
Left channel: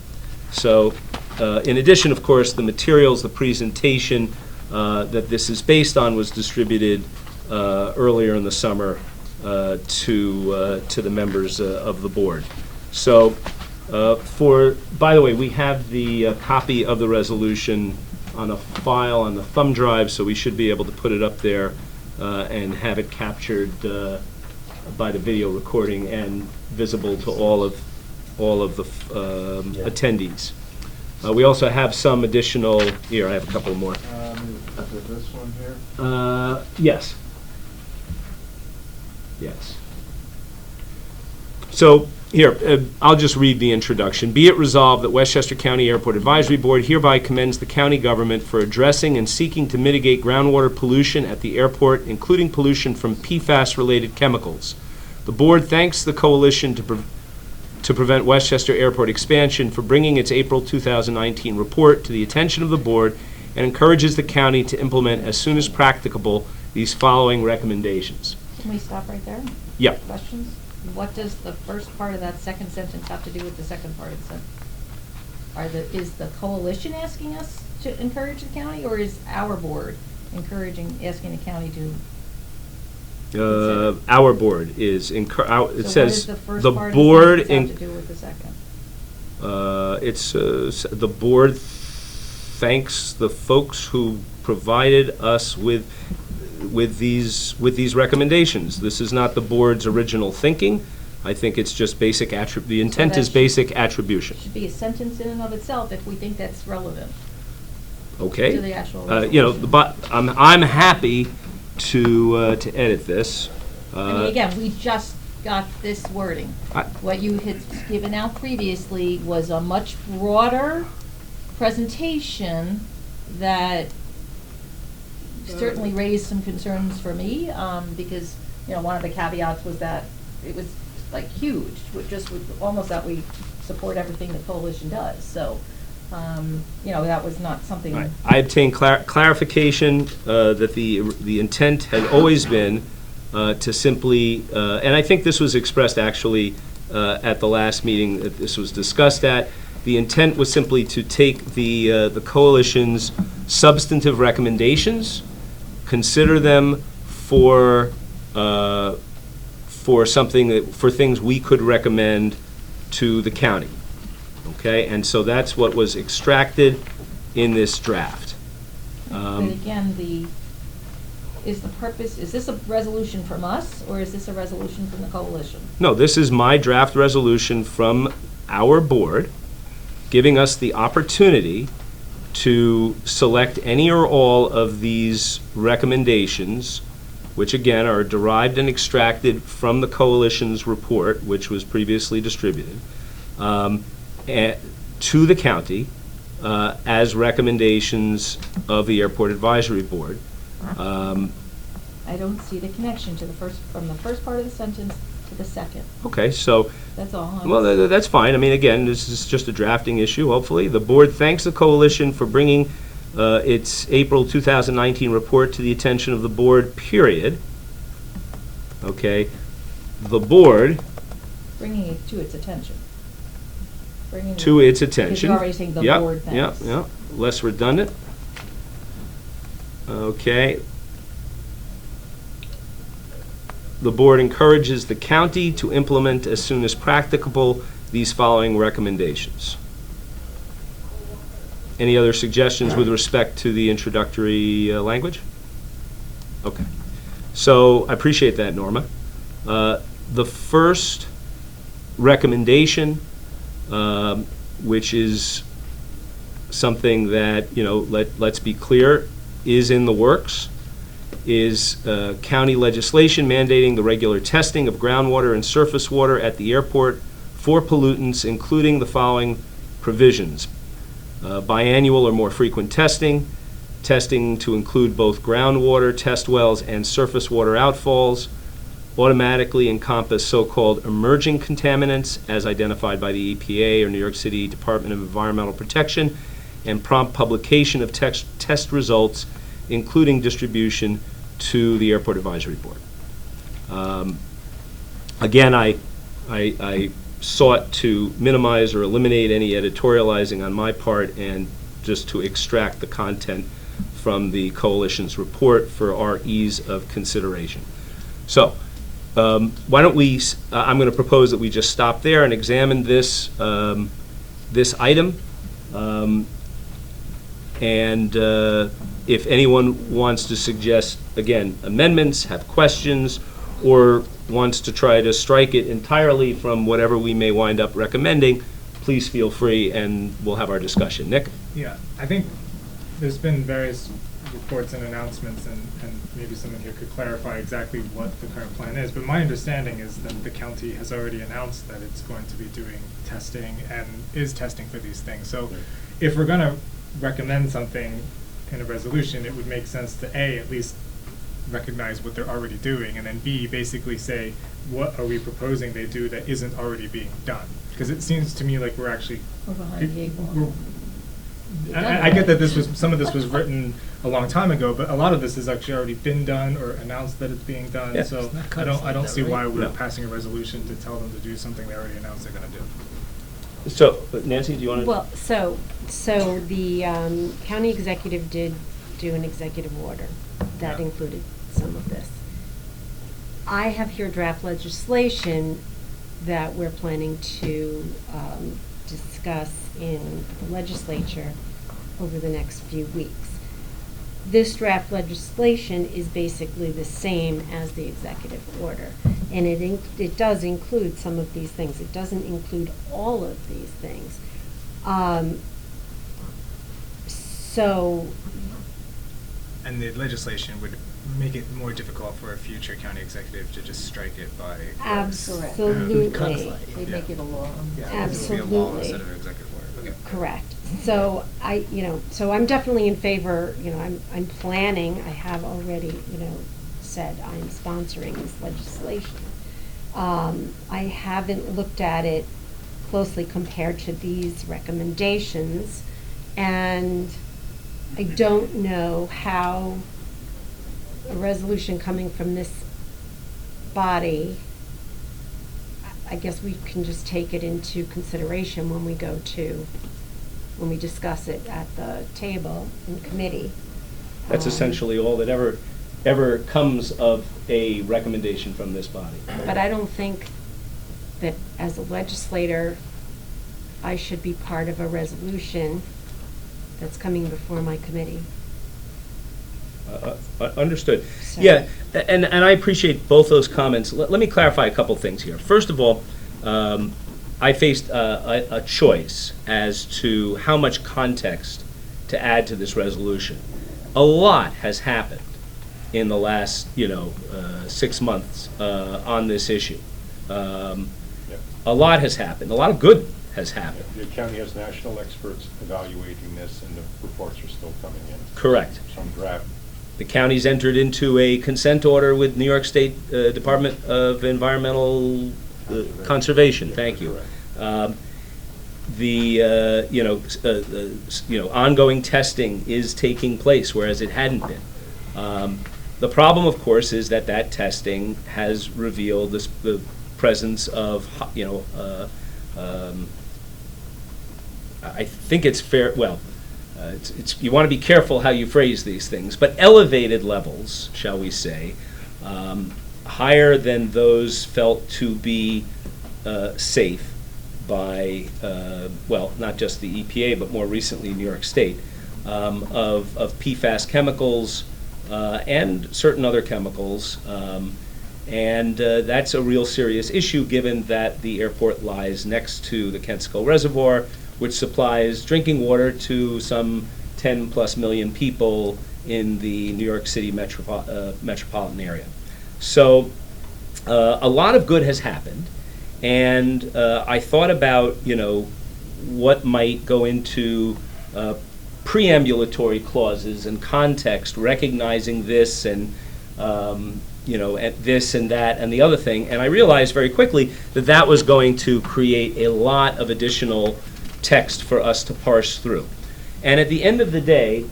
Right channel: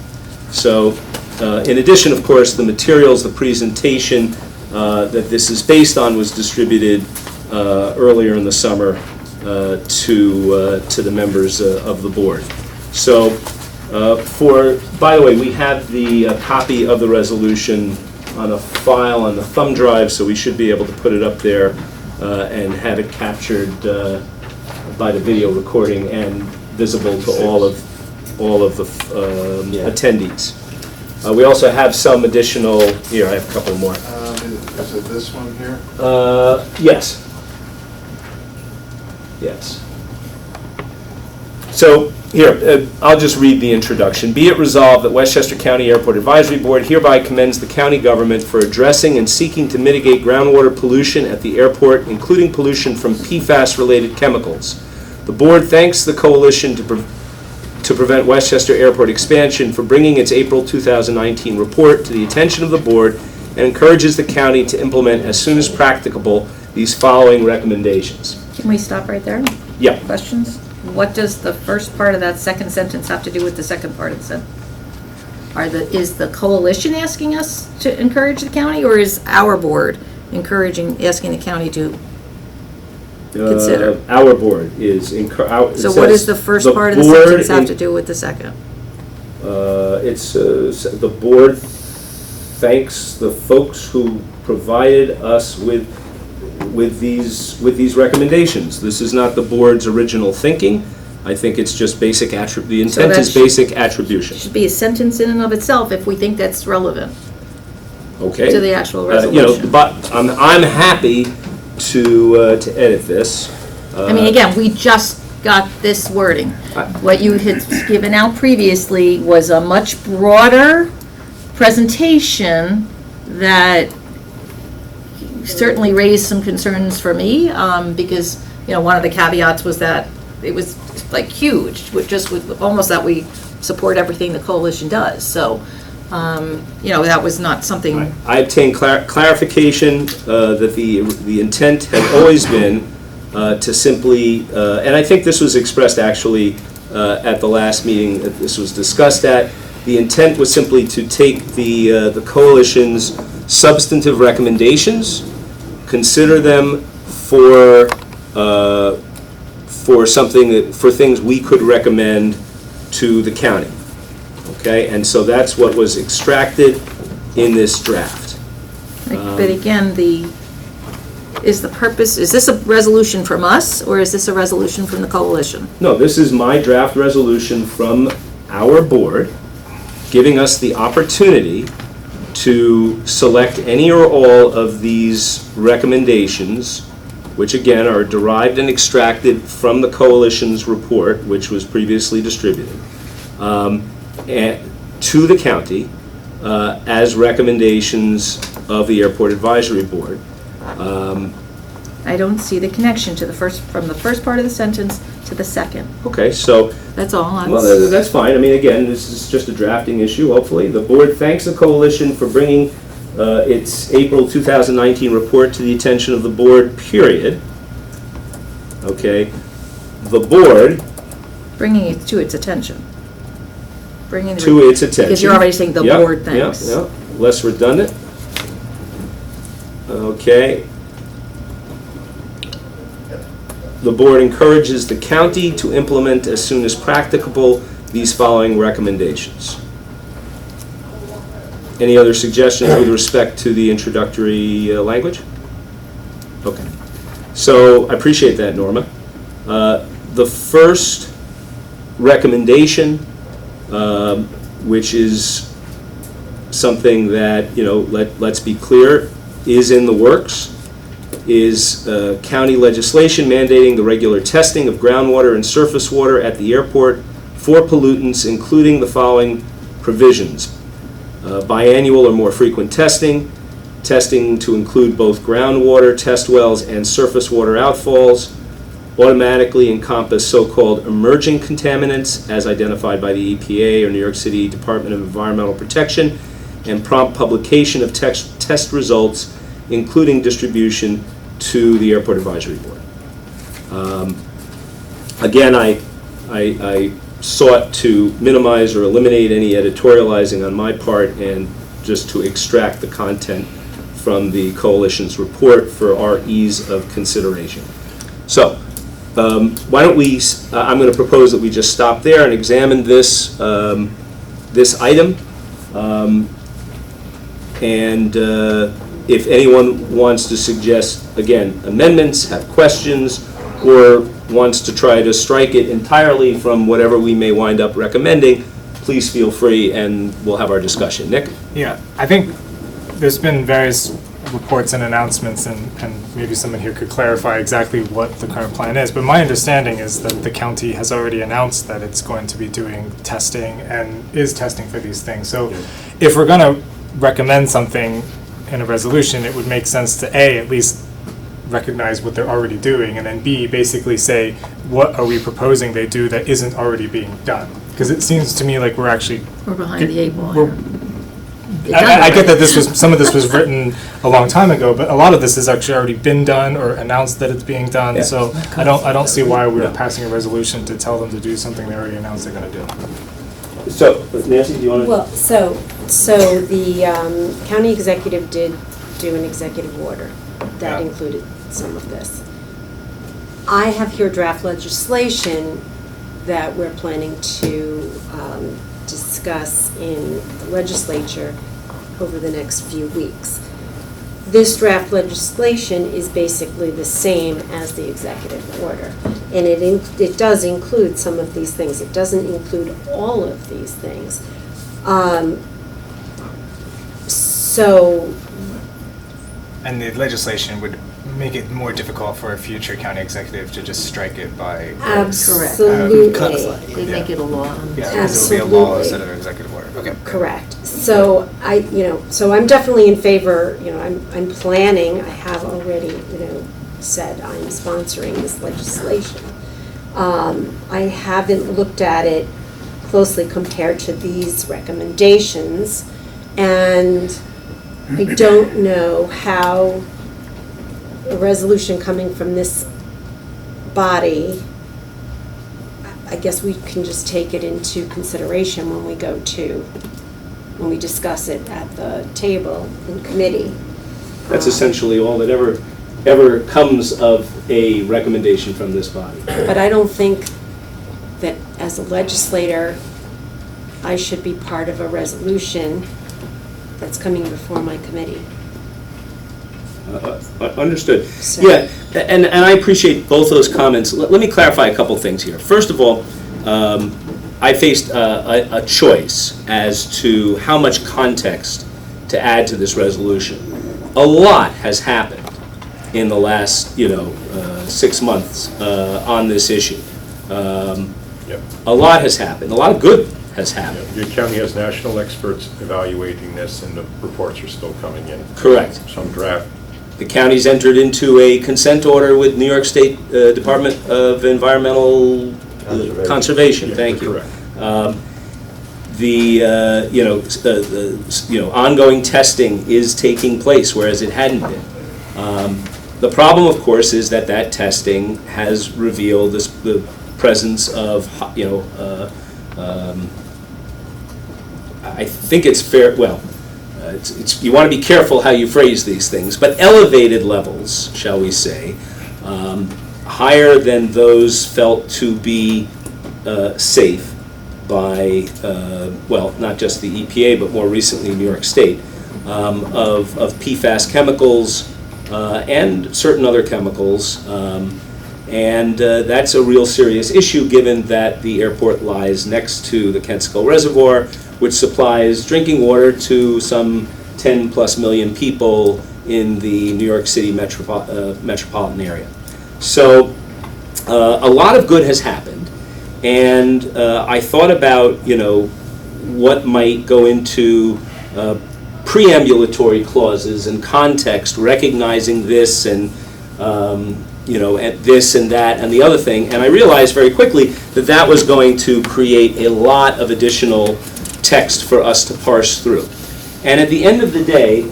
So, in addition, of course, the materials, the presentation that this is based on was distributed earlier in the summer to the members of the board. So, by the way, we have the copy of the resolution on a file on the thumb drive, so we should be able to put it up there and have it captured by the video recording and visible to all of the attendees. We also have some additional, here, I have a couple more. Is it this one here? Yes. Yes. So, here, I'll just read the introduction. Be it resolved that Westchester County Airport Advisory Board hereby commends the county government for addressing and seeking to mitigate groundwater pollution at the airport, including pollution from PFAS-related chemicals. The board thanks the Coalition to Prevent Westchester Airport Expansion for bringing its April 2019 report to the attention of the board, and encourages the county to implement as soon as practicable these following recommendations. Can we stop right there? Yeah. Questions? What does the first part of that second sentence have to do with the second part of the sentence? Is the coalition asking us to encourage the county, or is our board asking the county to consider? Our board is So what does the first part of the sentence have to do with the second? It's the board thanks the folks who provided us with these recommendations. This is not the board's original thinking. I think it's just basic the intent is basic attribution. Should be a sentence in and of itself if we think that's relevant. Okay. To the actual resolution. You know, but I'm happy to edit this. I mean, again, we just got this wording. What you had given out previously was a much broader presentation that certainly raised some concerns for me, because, you know, one of the caveats was that it was like huge, with almost that we support everything the coalition does. So, you know, that was not something. I obtained clarification that the intent had always been to simply, and I think this was expressed actually at the last meeting that this was discussed at. The intent was simply to take the coalition's substantive recommendations, consider them for things we could recommend to the county. Okay, and so that's what was extracted in this draft. But again, is the purpose, is this a resolution from us, or is this a resolution from the coalition? No, this is my draft resolution from our board, giving us the opportunity to select any or all of these recommendations, which again are derived and extracted from the coalition's report, which was previously distributed, to the county as recommendations of the Airport Advisory Board. I don't see the connection to from the first part of the sentence to the second. Okay, so, That's all. well, that's fine. I mean, again, this is just a drafting issue, hopefully. The board thanks the coalition for bringing its April 2019 report to the attention of the board, period. Okay, the board, Bringing it to its attention. Bringing to its attention. Because you're already saying the Yep, board thanks. Yep, yep, less redundant. Okay. The board encourages the county to implement as soon as practicable these following recommendations. Any other suggestions with respect to the introductory language? Okay. So I appreciate that, Norma. The first recommendation, which is something that, you know, let's be clear, is in the works, is county legislation mandating the regular testing of groundwater and surface water at the airport for pollutants, including the following provisions. Biannual or more frequent testing to include both groundwater test wells and surface water outfalls, automatically encompass so-called emerging contaminants as identified by the EPA or New York City Department of Environmental Protection, and prompt publication of test results, including distribution to the Airport Advisory Board. Again, I sought to minimize or eliminate any editorializing on my part and just to extract the content from the coalition's report for our ease of consideration. So, why don't we, I'm going to propose that we just stop there and examine this, this item. And if anyone wants to suggest, again, amendments, have questions, or wants to try to strike it entirely from whatever we may wind up recommending, please feel free and we'll have our discussion. Nick? Yeah, I think there's been various reports and announcements, and maybe someone here could clarify exactly what the current plan is, but my understanding is that the county has already announced that it's going to be doing testing and is testing for these things. So if we're going to recommend something in a resolution, it would make sense to A, at least recognize what they're already doing, and then B, basically say, what are we proposing they do that isn't already being done? Because it seems to me like we're behind the eight ball. I get that some of this was written a long time ago, but a lot of this has actually already been done or announced that it's being done. Yeah. So I don't see why we're passing a resolution to tell them to do something they already announced they're going to do. So, Nancy, do you want to? Well, so the county executive did do an executive order that included some of this. I have here draft legislation that we're planning to discuss in the legislature over the next few weeks. This draft legislation is basically the same as the executive order, and it does include some of these things. It doesn't include all of these things. And the legislation would make it more difficult for a future county executive to just strike it by... Absolutely. They make it a law. Yeah, because it'll be a law instead of an executive order. Okay. Correct. So so I'm definitely in favor, I'm planning, I have already, said I'm sponsoring this legislation. I haven't looked at it closely compared to these recommendations, and I don't know how a resolution coming from this body, I guess we can just take it into consideration when we discuss it at the table in committee. That's essentially all that ever comes of a recommendation from this body. But I don't think that as a legislator, I should be part of a resolution that's coming before my committee. Understood. Yeah, and I appreciate both those comments. Let me clarify a couple things here. First of all, I faced a choice as to how much context to add to this resolution. A lot has happened in the last, 6 months on this issue. A lot has happened. A lot of good has happened. Your county has national experts evaluating this, and the reports are still coming in. Correct. Some draft. The county's entered into a consent order with New York State Department of Environmental Conservation. Thank you. Correct. Ongoing testing is taking place, whereas it hadn't been. The problem, of course, is that testing has revealed the presence of, I think it's fair, you want to be careful how you phrase these things, but elevated levels, shall we say, higher than those felt to be safe by, not just the EPA, but more recently New York State, of PFAS chemicals and certain other chemicals. And that's a real serious issue, given that the airport lies next to the Kensico Reservoir, which supplies drinking water to some 10+ million people in the New York City metropolitan area. So a lot of good has happened, and I thought about, what might go into preambulatory clauses and context, recognizing this and at this and that and the other thing, and I realized very quickly that was going to create a lot of additional text for us to parse through. And at the end of the day,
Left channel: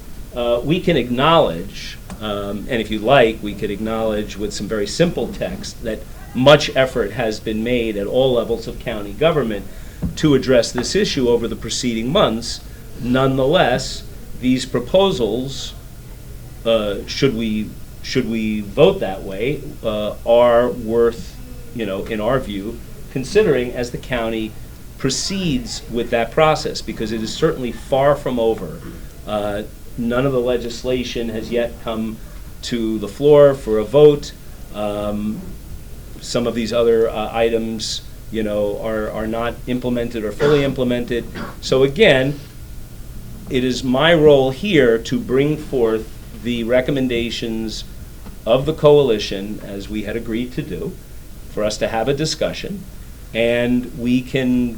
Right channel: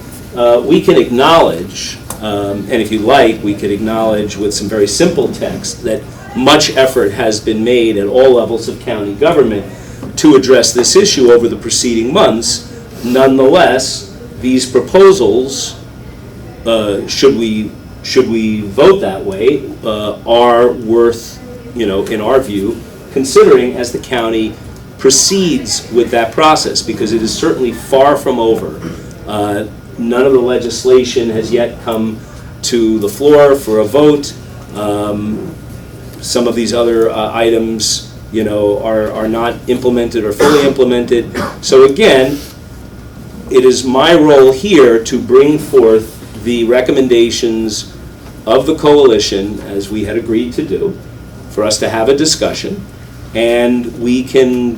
we can acknowledge, and if you like, we could acknowledge with some very simple text that much effort has been made at all levels of county government to address this issue over the preceding months. Nonetheless, these proposals, should we vote that way, are worth, in our view, considering as the county proceeds with that process, because it is certainly far from over. None of the legislation has yet come to the floor for a vote. Some of these other items, are not implemented or fully implemented. So again, it is my role here to bring forth the recommendations of the coalition, as we had agreed to do, for us to have a discussion, and we can,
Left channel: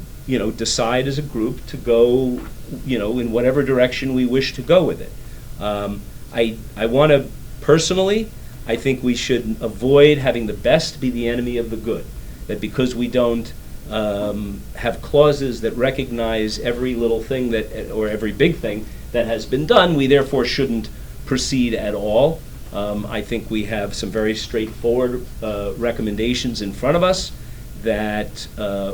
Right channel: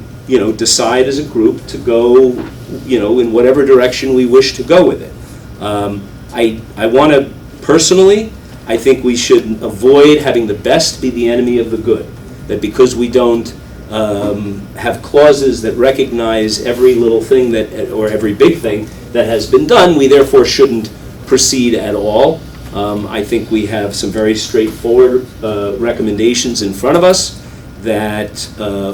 decide as a group to go, in whatever direction we wish to go with it. I want to, personally, I think we should avoid having the best be the enemy of the good. That because we don't have clauses that recognize every little thing or every big thing that has been done, we therefore shouldn't proceed at all. I think we have some very straightforward recommendations in front of us that,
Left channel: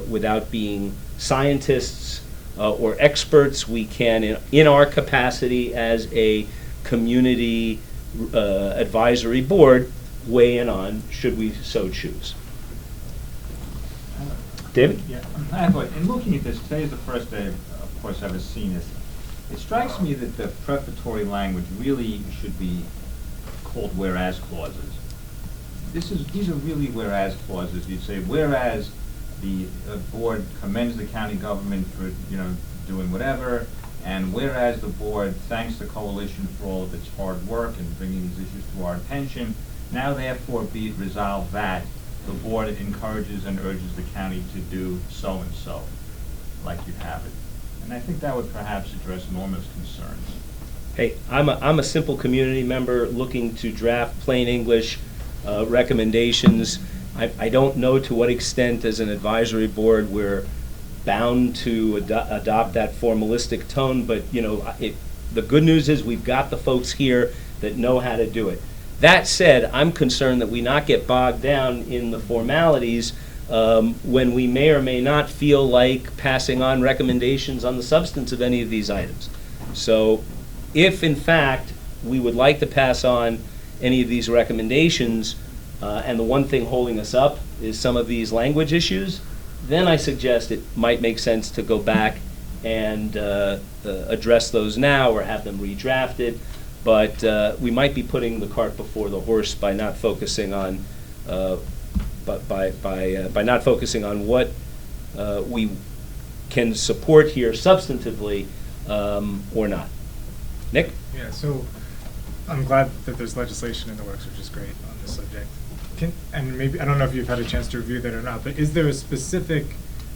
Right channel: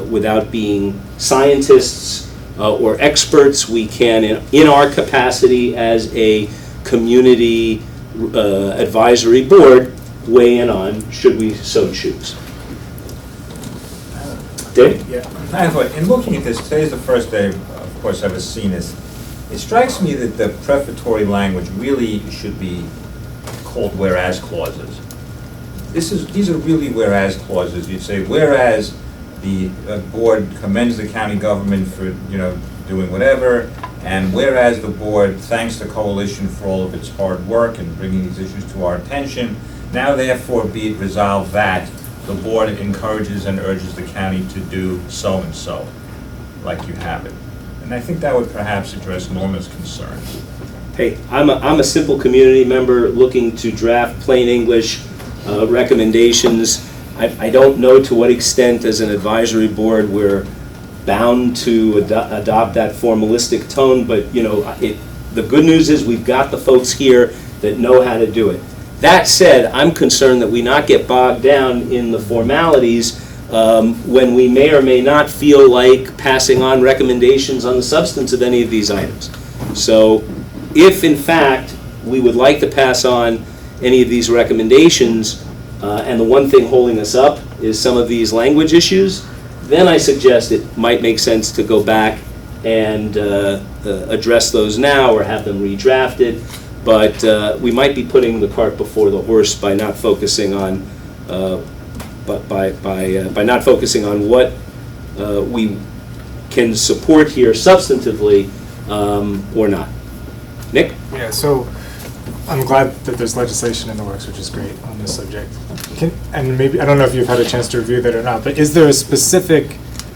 without being scientists or experts, we can, in our capacity as a community advisory board, weigh in on, should we so choose. Dave? Yeah, I thought, in looking at this, today's the first day, of course, I've ever seen this. It strikes me that the prefatory language really should be called whereas clauses. These are really whereas clauses. You'd say, whereas the board commends the county government for, doing whatever, and whereas the board thanks the coalition for all of its hard work in bringing these issues to our attention, now therefore be it resolved that the board encourages and urges the county to do so and so, like you have it. And I think that would perhaps address Norma's concerns. Hey, I'm a simple community member looking to draft plain English recommendations. I don't know to what extent, as an advisory board, we're bound to adopt that formalistic tone, but the good news is we've got the folks here that know how to do it. That said, I'm concerned that we not get bogged down in the formalities when we may or may not feel like passing on recommendations on the substance of any of these items. So if, in fact, we would like to pass on any of these recommendations, and the one thing holding us up is some of these language issues, then I suggest it might make sense to go back and address those now or have them redrafted. but we might be putting the cart before the horse by not focusing on, by not focusing on what we can support here substantively or not. Nick? Yeah, so I'm glad that there's legislation in the works, which is great on this subject. And maybe, I don't know if you've had a chance to review that or not, but is there a specific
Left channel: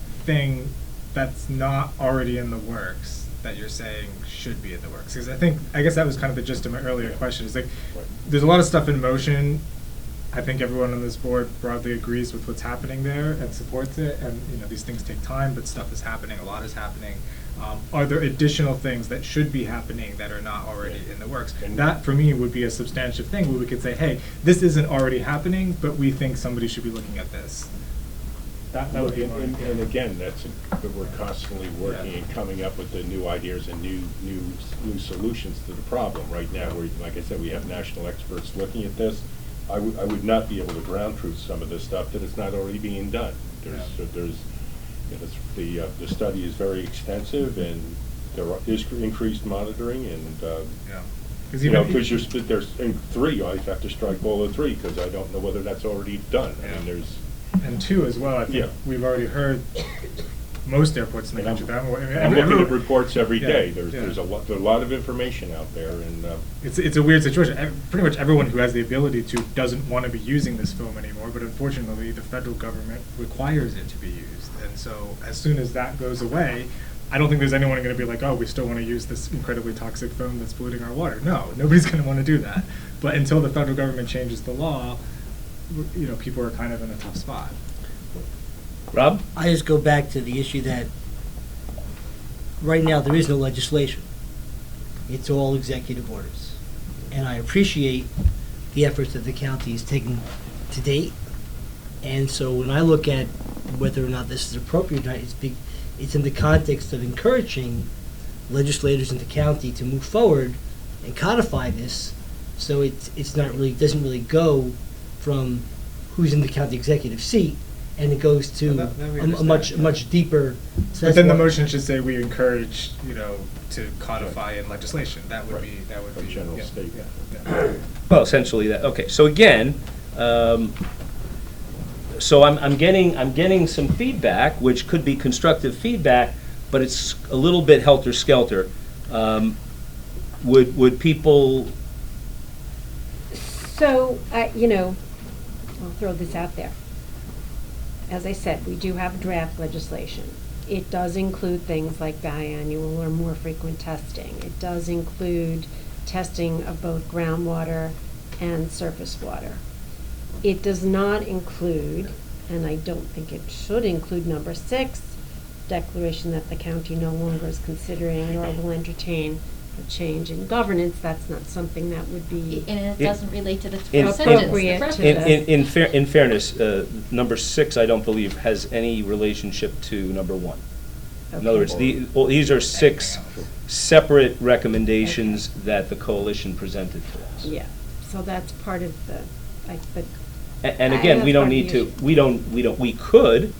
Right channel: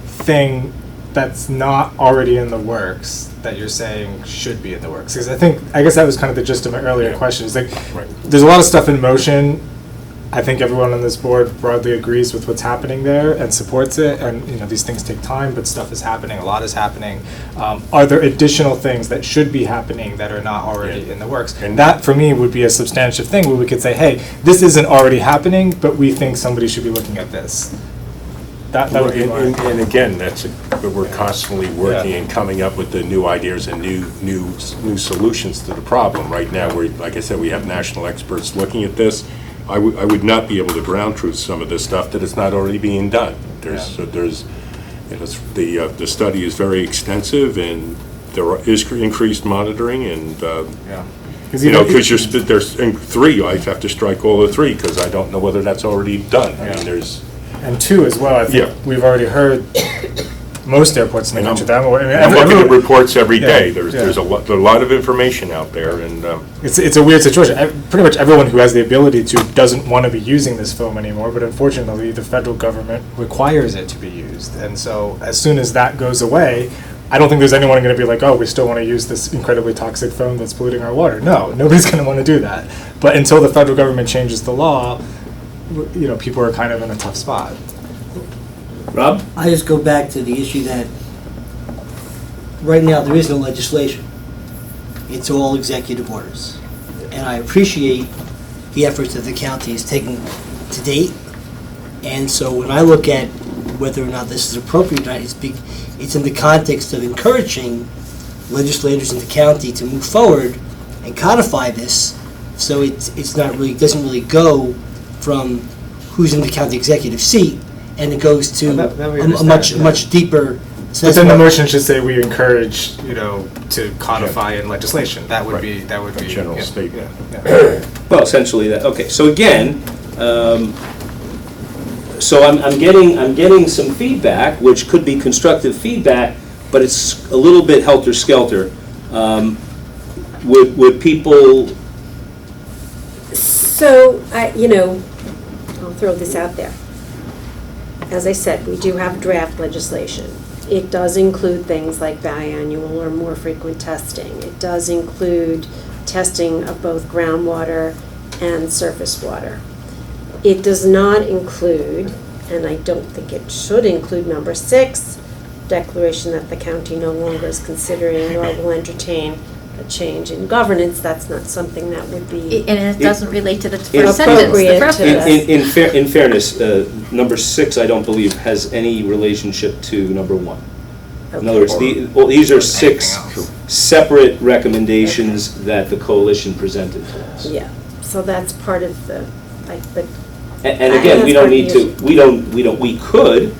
thing that's not already in the works that you're saying should be in the works? Because I guess that was kind of the gist of my earlier question. Is like, there's a lot of stuff in motion. I think everyone on this board broadly agrees with what's happening there and supports it. And these things take time, but stuff is happening. A lot is happening. Are there additional things that should be happening that are not already in the works? And that, for me, would be a substantive thing where we could say, hey, this isn't already happening, but we think somebody should be looking at this. That would be and again, we're constantly working and coming up with the new ideas and new solutions to the problem. Right now, like I said, we have national experts looking at this. I would not be able to ground truth some of this stuff that is not already being done. The study is very extensive, and there is increased monitoring, and because there's in 3, I have to strike all the 3 because I don't know whether that's already done. I mean, there's. And 2 as well. I think we've already heard most airports in the country. I'm looking at reports every day. There's a lot of information out there, and it's a weird situation. Pretty much everyone who has the ability to doesn't want to be using this film anymore, but unfortunately, the federal government requires it to be used. And so, as soon as that goes away, I don't think there's anyone going to be like, oh, we still want to use this incredibly toxic foam that's polluting our water. No, nobody's going to want to do that. But until the federal government changes the law, people are kind of in a tough spot. Rob? I just go back to the issue that right now there is no legislation. It's all executive orders. And I appreciate the efforts that the county has taken to date. And so when I look at whether or not this is appropriate or not, it's in the context of encouraging legislators in the county to move forward and codify this, so it's not really, doesn't really go from who's in the county executive seat, and it goes to a much deeper. But then the motion should say we encourage, to codify in legislation. That would be a general statement. Well, essentially that. Okay. So again, so I'm getting some feedback, which could be constructive feedback, but it's a little bit helter-skelter. Would people? So I'll throw this out there. As I said, we do have draft legislation. It does include things like biannual or more frequent testing. It does include testing of both groundwater and surface water. It does not include, and I don't think it should include, number 6, declaration that the county no longer is considering or will entertain a change in governance. That's not something that would be. And it doesn't relate to the In- first sentence, the preface. In fairness, number 6, I don't believe has any relationship to number 1. In other words, these are 6 separate recommendations that the coalition presented to us. Yeah, so that's part of the, And again, we don't need to, we could,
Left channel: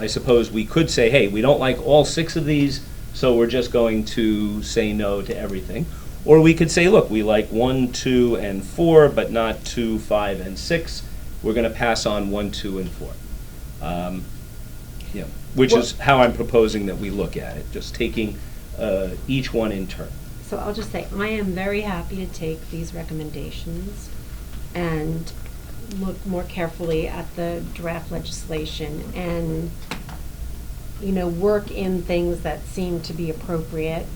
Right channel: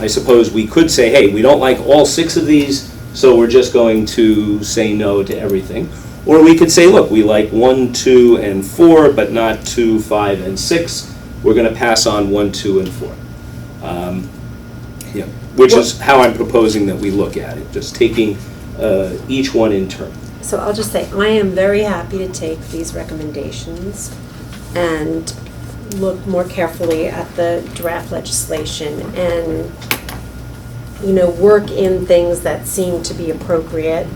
I suppose, we could say, hey, we don't like all 6 of these, so we're just going to say no to everything. Or we could say, look, we like 1, 2, and 4, but not 2, 5, and 6. We're going to pass on 1, 2, and 4. Which is how I'm proposing that we look at it, just taking each one in turn. So I'll just say, I am very happy to take these recommendations and look more carefully at the draft legislation and, work in things that seem to be appropriate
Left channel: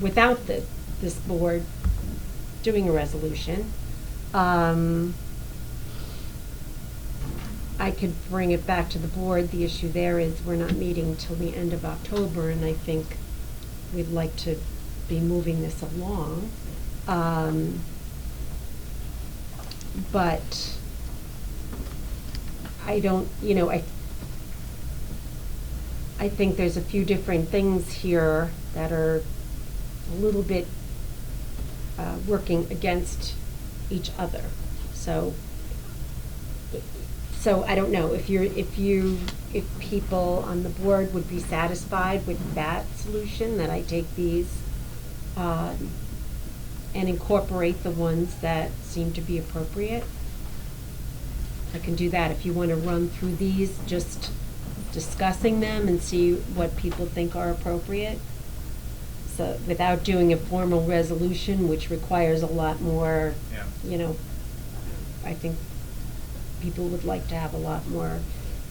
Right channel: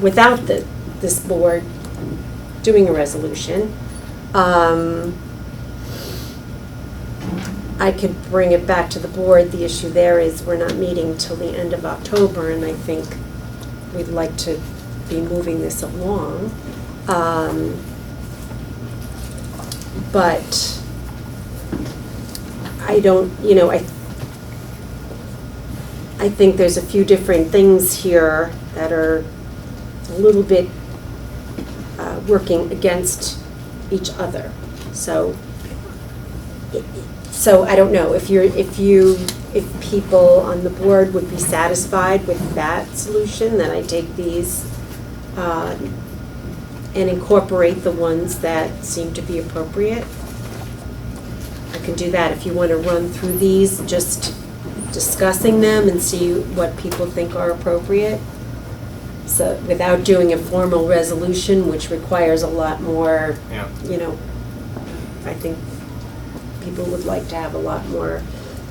without this board doing a resolution. I could bring it back to the board. The issue there is we're not meeting till the end of October, and I think we'd like to be moving this along. But I don't, I think there's a few different things here that are a little bit working against each other. So I don't know if people on the board would be satisfied with that solution, that I take these and incorporate the ones that seem to be appropriate. I can do that if you want to run through these, just discussing them and see what people think are appropriate. So without doing a formal resolution, which requires a lot more, Yeah. you know, I think people would like to have a lot more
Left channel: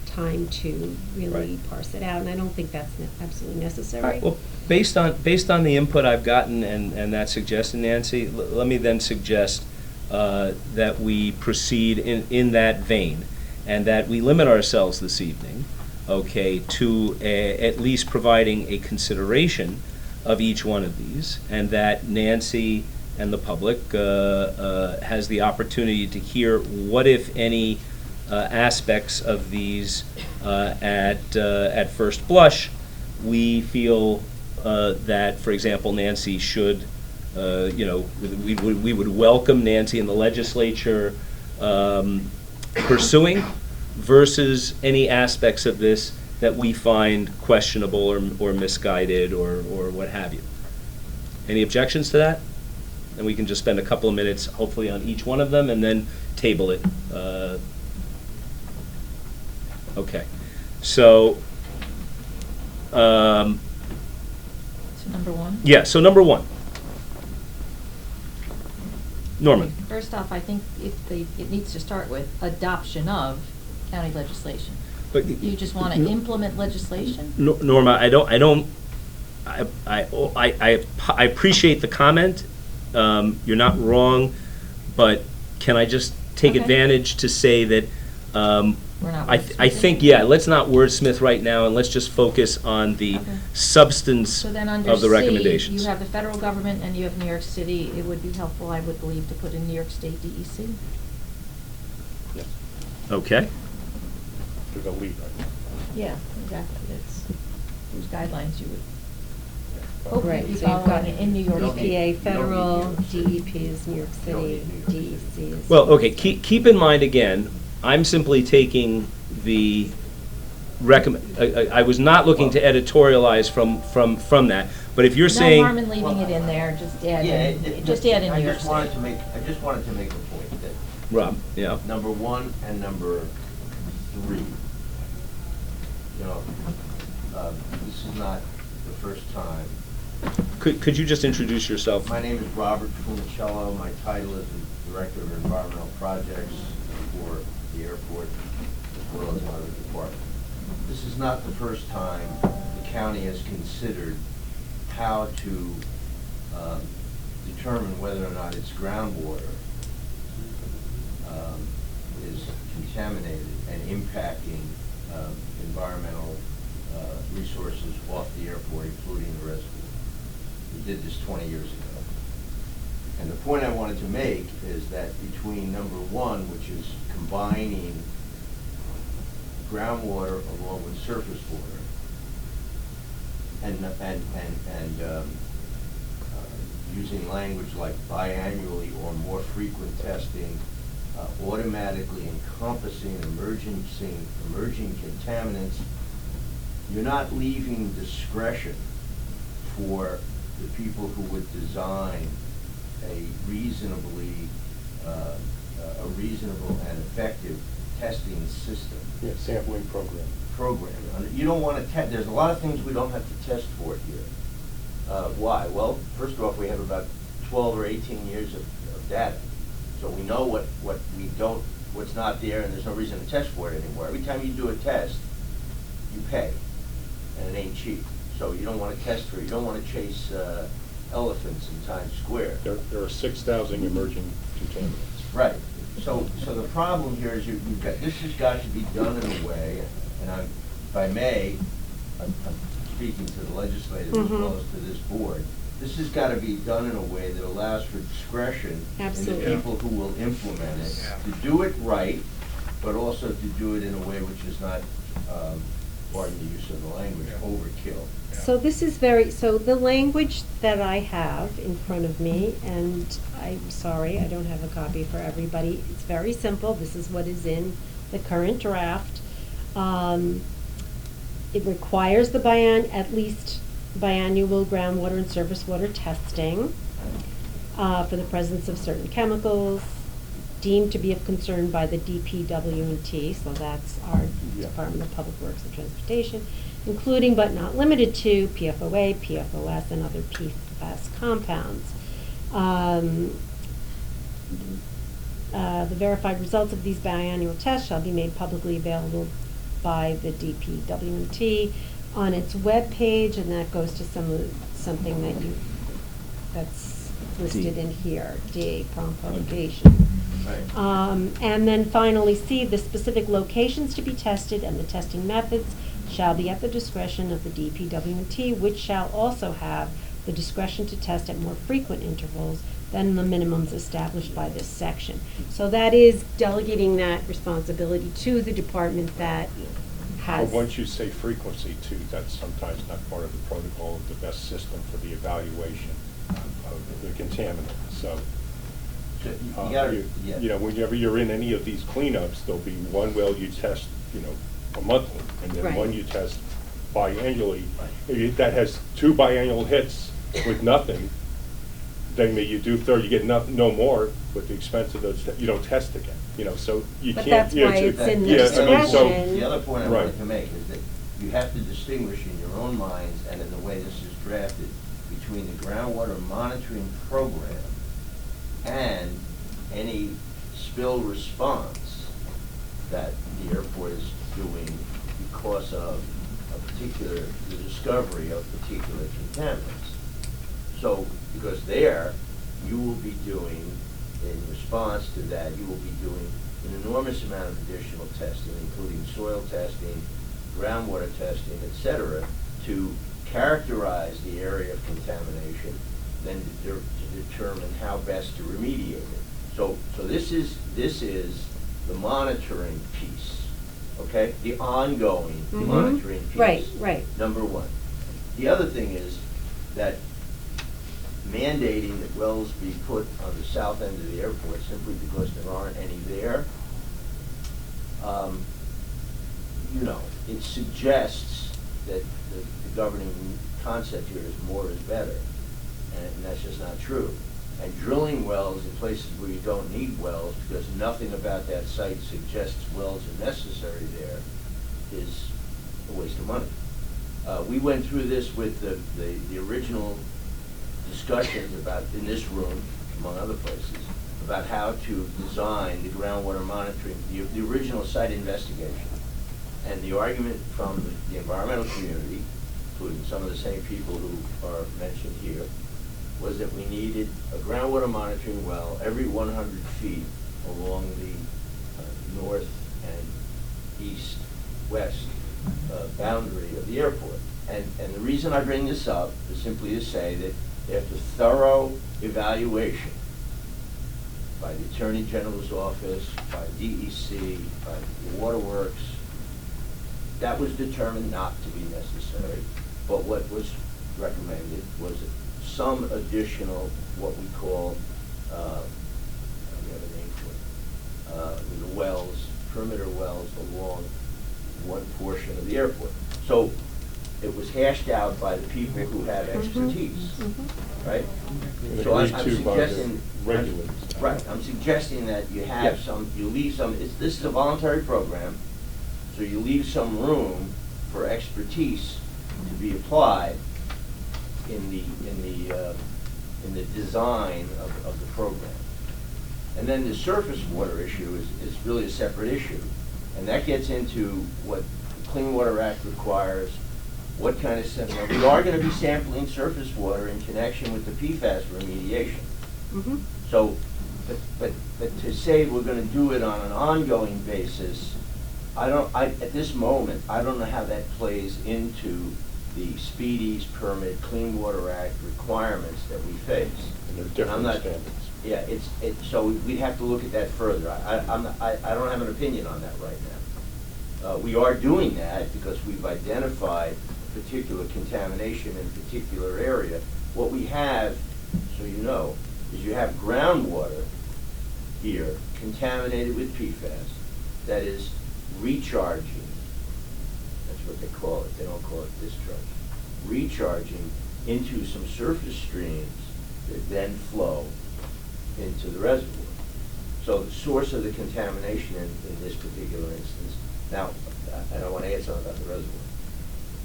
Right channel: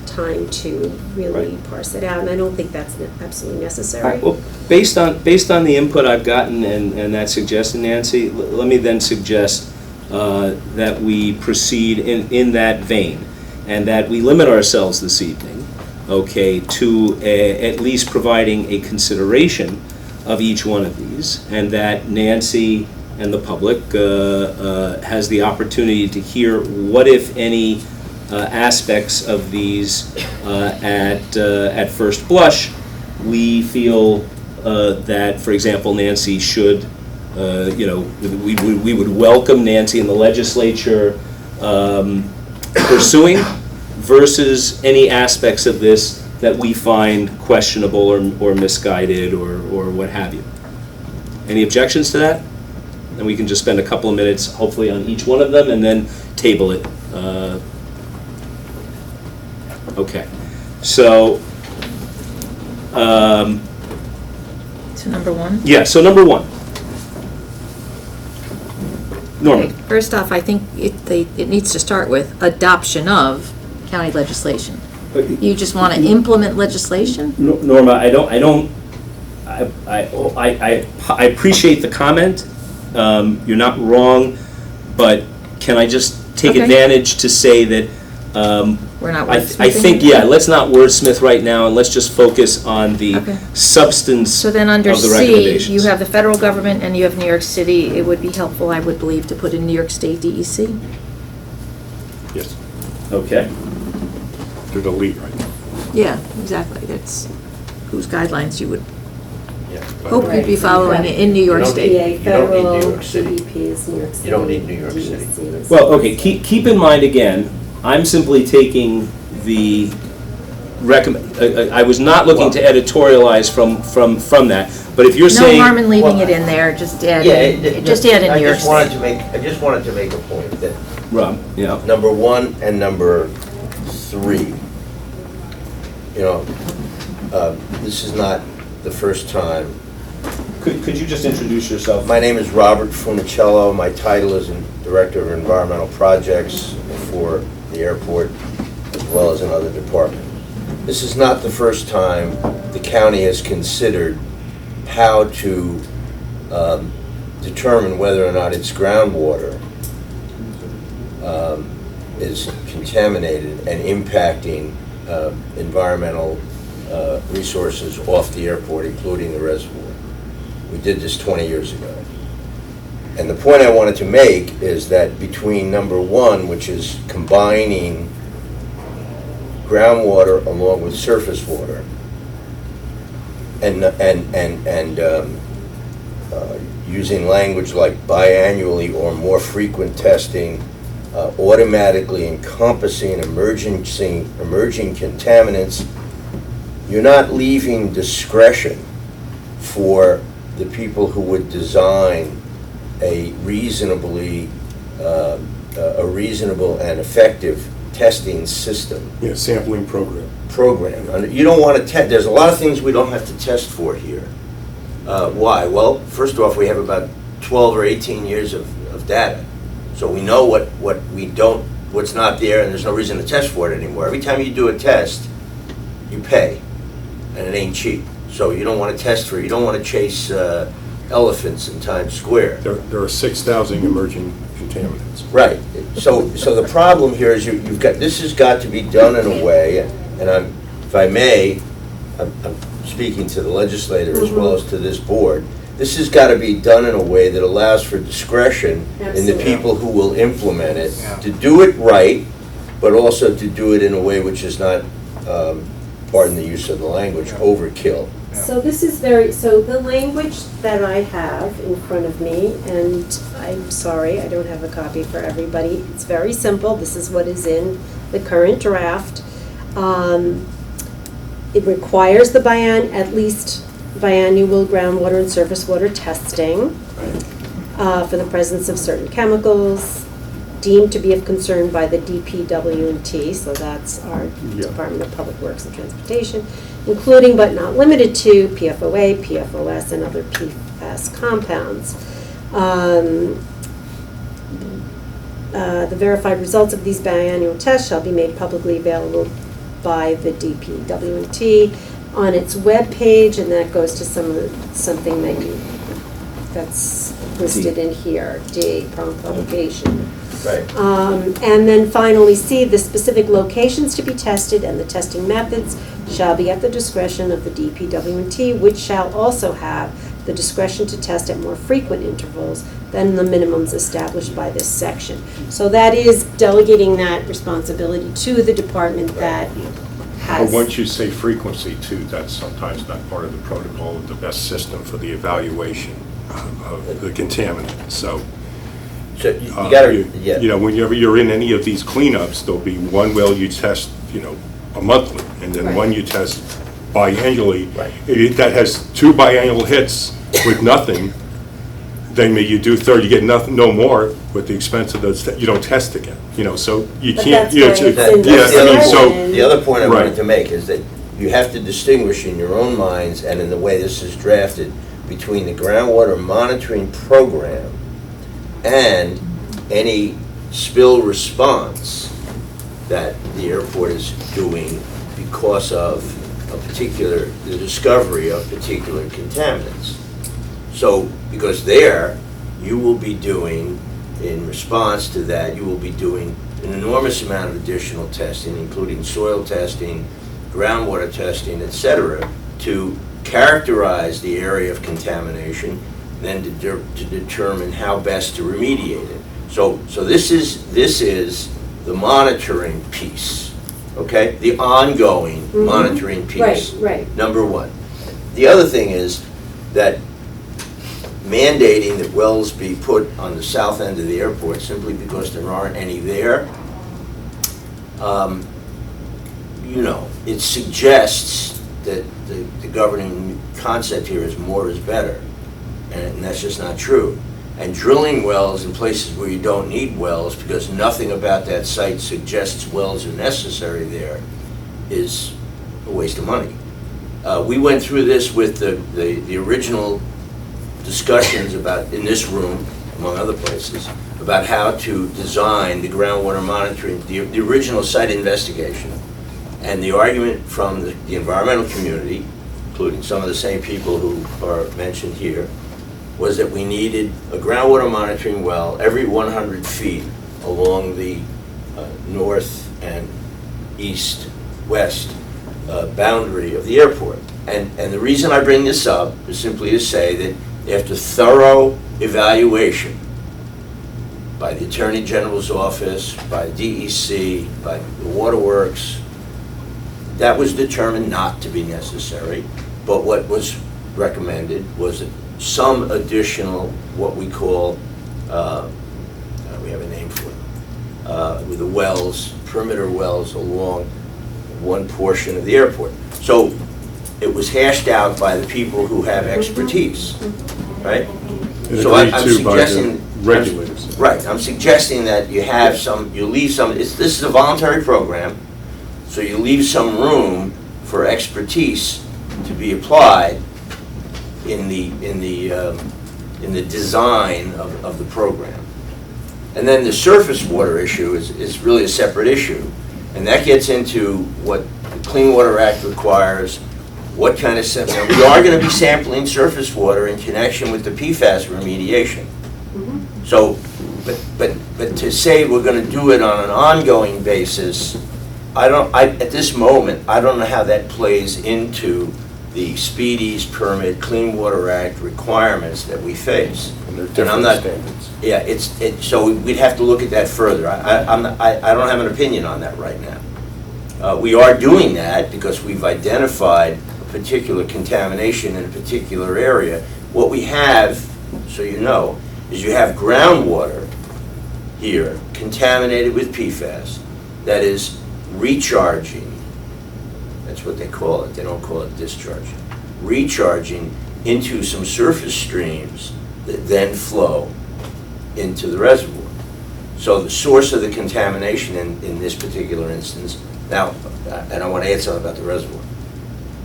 time to really parse it out, and I don't think that's absolutely All necessary. right, well, based on the input I've gotten and that suggestion, Nancy, let me then suggest that we proceed in that vein, and that we limit ourselves this evening, okay, to at least providing a consideration of each one of these, and that Nancy and the public has the opportunity to hear what, if any, aspects of these at first blush we feel that, for example, Nancy should, we would welcome Nancy in the legislature pursuing, versus any aspects of this that we find questionable or misguided or what have you. Any objections to that? And we can just spend a couple of minutes, hopefully, on each one of them and then table it. Okay. So, So number one? yeah, so number one. Norman. Okay, first off, I think it needs to start with adoption of county legislation. You just want to implement legislation? Norma, I appreciate the comment. You're not wrong, but can I just take Okay. advantage to say that We're not I wordsmithing think, it? yeah, let's not wordsmith right now, and let's just focus on the Okay. substance So then under of the C, recommendations. you have the federal government and you have New York City. It would be helpful, I would believe, to put in New York State DEC. Yes, Okay. they're the lead right now. Yeah, exactly. That's whose guidelines you would Yeah. hope you'd be following in New York You don't State. PA, You don't need federal, New York City. DEP is New York City. You don't need New York City. DEC is Well, New okay, York State. keep in mind again, I'm simply taking the I was not looking to editorialize from that, but if you're No saying. harm in leaving it in there, just add Yeah, in, just add in New York State. I just wanted to make a point that Rob, yeah. number 1 and number 3, this is not the first time. Could you just introduce yourself? My name is Robert Funicello. My title is Director of Environmental Projects for the airport, as well as another department. This is not the first time the county has considered how to determine whether or not its groundwater is contaminated and impacting environmental resources off the airport, including the reservoir. We did this 20 years ago. And the point I wanted to make is that between number 1, which is combining groundwater along with surface water, and using language like biannually or more frequent testing, automatically encompassing emerging contaminants, you're not leaving discretion for the people who would design a reasonable and effective testing system. Yeah, sampling program. You don't want to test, there's a lot of things we don't have to test for here. Why? Well, first off, we have about 12 or 18 years of data. So we know what's not there, and there's no reason to test for it anymore. Every time you do a test, you pay, and it ain't cheap. So you don't want to test for it. You don't want to chase elephants in Times Square. There are 6,000 emerging contaminants. Right. So the problem here is this has got to be done in a way, and if I may, I'm speaking to the legislator as well as to this board. This has got to be done in a way that allows for discretion in the people who will implement it, to do it right, but also to do it in a way which is not, pardon the use of the language, overkill. So this is so the language that I have in front of me, and I'm sorry, I don't have a copy for everybody. It's very simple. This is what is in the current draft. It requires at least biannual groundwater and surface water testing. for the presence of certain chemicals deemed to be of concern by the DPW&T, so that's our Yeah. Department of Public Works and Transportation, including but not limited to PFOA, PFOS, and other PFAS compounds. The verified results of these biannual tests shall be made publicly available by the DPW&T on its webpage, and that goes to something that's listed in here, D, prompt publication. Right. And then finally, C, the specific locations to be tested and the testing methods shall be at the discretion of the DPW&T, which shall also have the discretion to test at more frequent intervals than the minimums established by this section. So that is delegating that responsibility to the department that But has. once you say frequency too, that's sometimes not part of the protocol of the best system for the evaluation of the contaminant, so. So you gotta, yeah. You know, whenever you're in any of these cleanups, there'll be one well you test, a monthly, and then Right. one you test biannually. Right. That has 2 biannual hits with nothing, then you do third, you get nothing, no more with the expense of those, you don't test again, so you But can't. that's why it's in the The other point I wanted Right. to make is that you have to distinguish in your own minds and in the way this is drafted between the groundwater monitoring program and any spill response that the airport is doing because of the discovery of particular contaminants. So, because there, you will be doing, in response to that, you will be doing an enormous amount of additional testing, including soil testing, groundwater testing, et cetera, to characterize the area of contamination, then to determine how best to remediate it. So this is the monitoring piece, okay? The ongoing monitoring piece. Right. Number one. The other thing is that mandating that wells be put on the south end of the airport simply because there aren't any there, it suggests that the governing concept here is more is better, and that's just not true. And drilling wells in places where you don't need wells because nothing about that site suggests wells are necessary there is a waste of money. We went through this with the original discussions about, in this room, among other places, about how to design the groundwater monitoring, the original site investigation. And the argument from the environmental community, including some of the same people who are mentioned here, was that we needed a groundwater monitoring well every 100 feet along the north and east-west boundary of the airport. And the reason I bring this up is simply to say that after thorough evaluation by the Attorney General's office, by DEC, by the Waterworks, that was determined not to be necessary. But what was recommended was some additional, what we call, we have a name for it, with the wells, perimeter wells along one portion of the airport. So it was hashed out by the people who have expertise, right? So I'm suggesting, regulators. Right, I'm suggesting that you have you leave some, this is a voluntary program, so you leave some room for expertise to be applied in the design of the program. And then the surface water issue is really a separate issue, and that gets into what the Clean Water Act requires, what kind of sampling. We are going to be sampling surface water in connection with the PFAS remediation. So, but to say we're going to do it on an ongoing basis, at this moment, I don't know how that plays into the Speedies permit, Clean Water Act requirements that we face. And they're different standards. Yeah, so we'd have to look at that further. I don't have an opinion on that right now. We are doing that because we've identified a particular contamination in a particular area. What we have, so you know, is you have groundwater here contaminated with PFAS that is recharging. That's what they call it. They don't call it discharging. Recharging into some surface streams that then flow into the reservoir. So the source of the contamination in this particular instance, now, and I want to add something about the reservoir,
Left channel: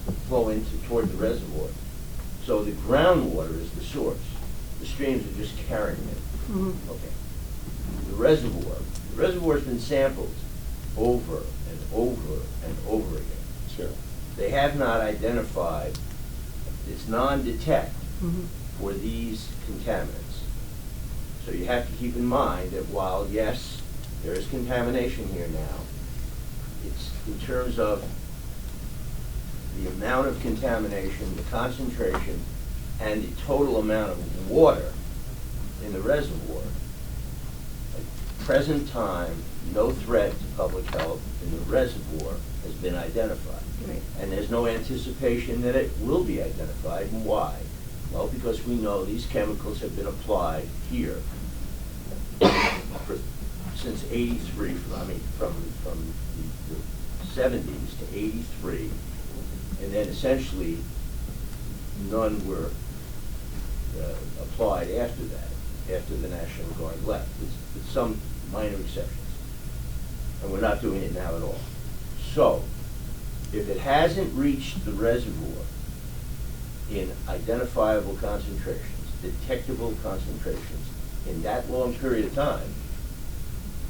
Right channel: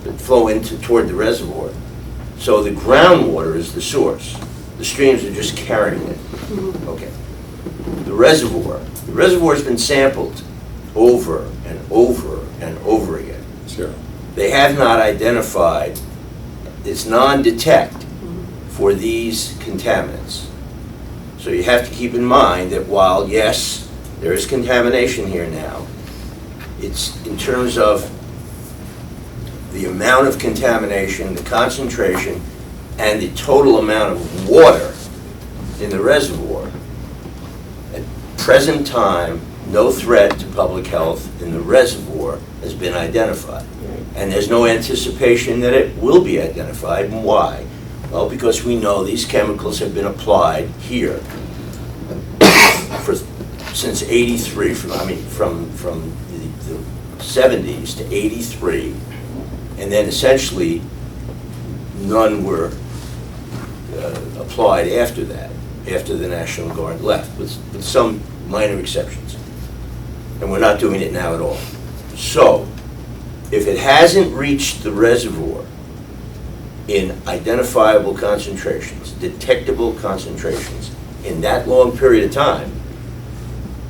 that flow toward the reservoir. So the groundwater is the source. The streams are just carrying it. Okay. The reservoir's been sampled over and over and over again. Sure. They have not identified, it's non-detect for these contaminants. So you have to keep in mind that while, yes, there is contamination here now, it's in terms of the amount of contamination, the concentration, and the total amount of water in the reservoir. At present time, no threat to public health in the reservoir has been identified. And there's no anticipation that it will be identified. And why? Well, because we know these chemicals have been applied here since '83, from the 70s to '83, and then essentially none were applied after that, after the National Guard left, with some minor exceptions. And we're not doing it now at all. So, if it hasn't reached the reservoir in identifiable concentrations, detectable concentrations, in that long period of time,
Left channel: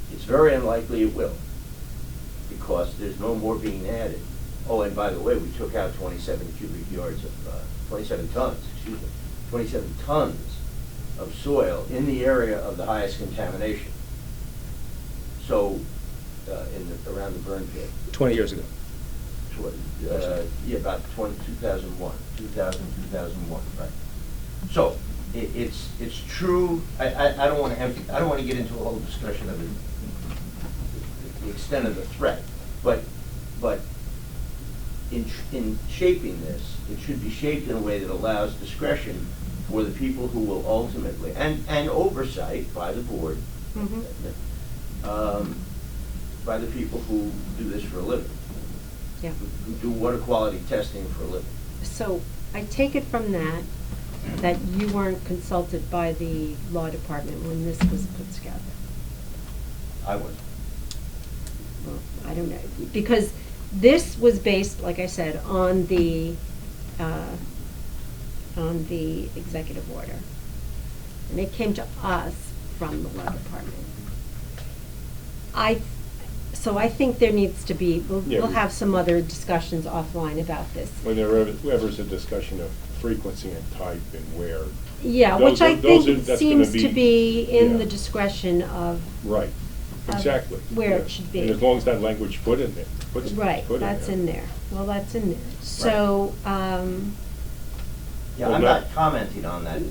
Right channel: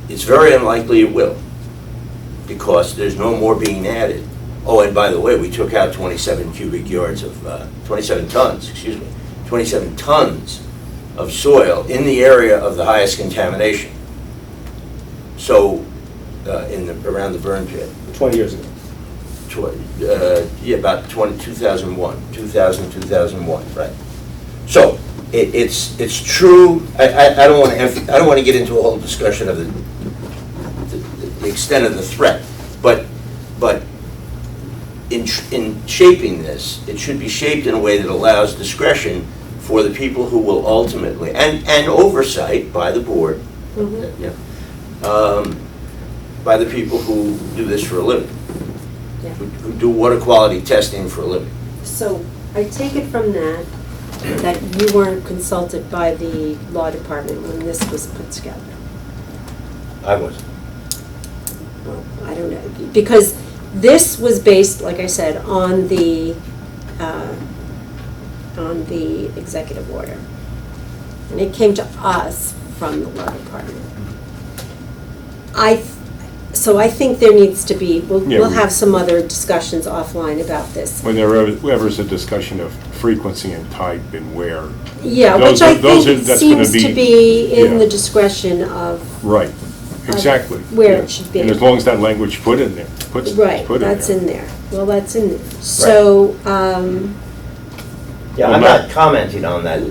it's very unlikely it will, because there's no more being added. Oh, and by the way, we took out 27 tons of soil in the area of the highest contamination. So, around the burn pit. 20 years ago. About 2001, 2001, right? So it's true. I don't want to get into a whole discussion of the extent of the threat, but in shaping this, it should be shaped in a way that allows discretion for the people who will ultimately, and oversight by the board, by the people who do this for a living. Yeah. Who do water quality testing for a living. So I take it from that you weren't consulted by the law department when this was put together. I wasn't. Well, I don't know, because this was based, like I said, on the executive order. And it came to us from the law department. So I think there needs to be, we'll have some other discussions offline about this. When there's a discussion of frequency and type and where. Yeah, which I think seems to be in the discretion of. Right, exactly. Where it should be. And as long as that language put in there, Right, that's in there. Well, that's in there. So, Yeah, I'm not commenting on that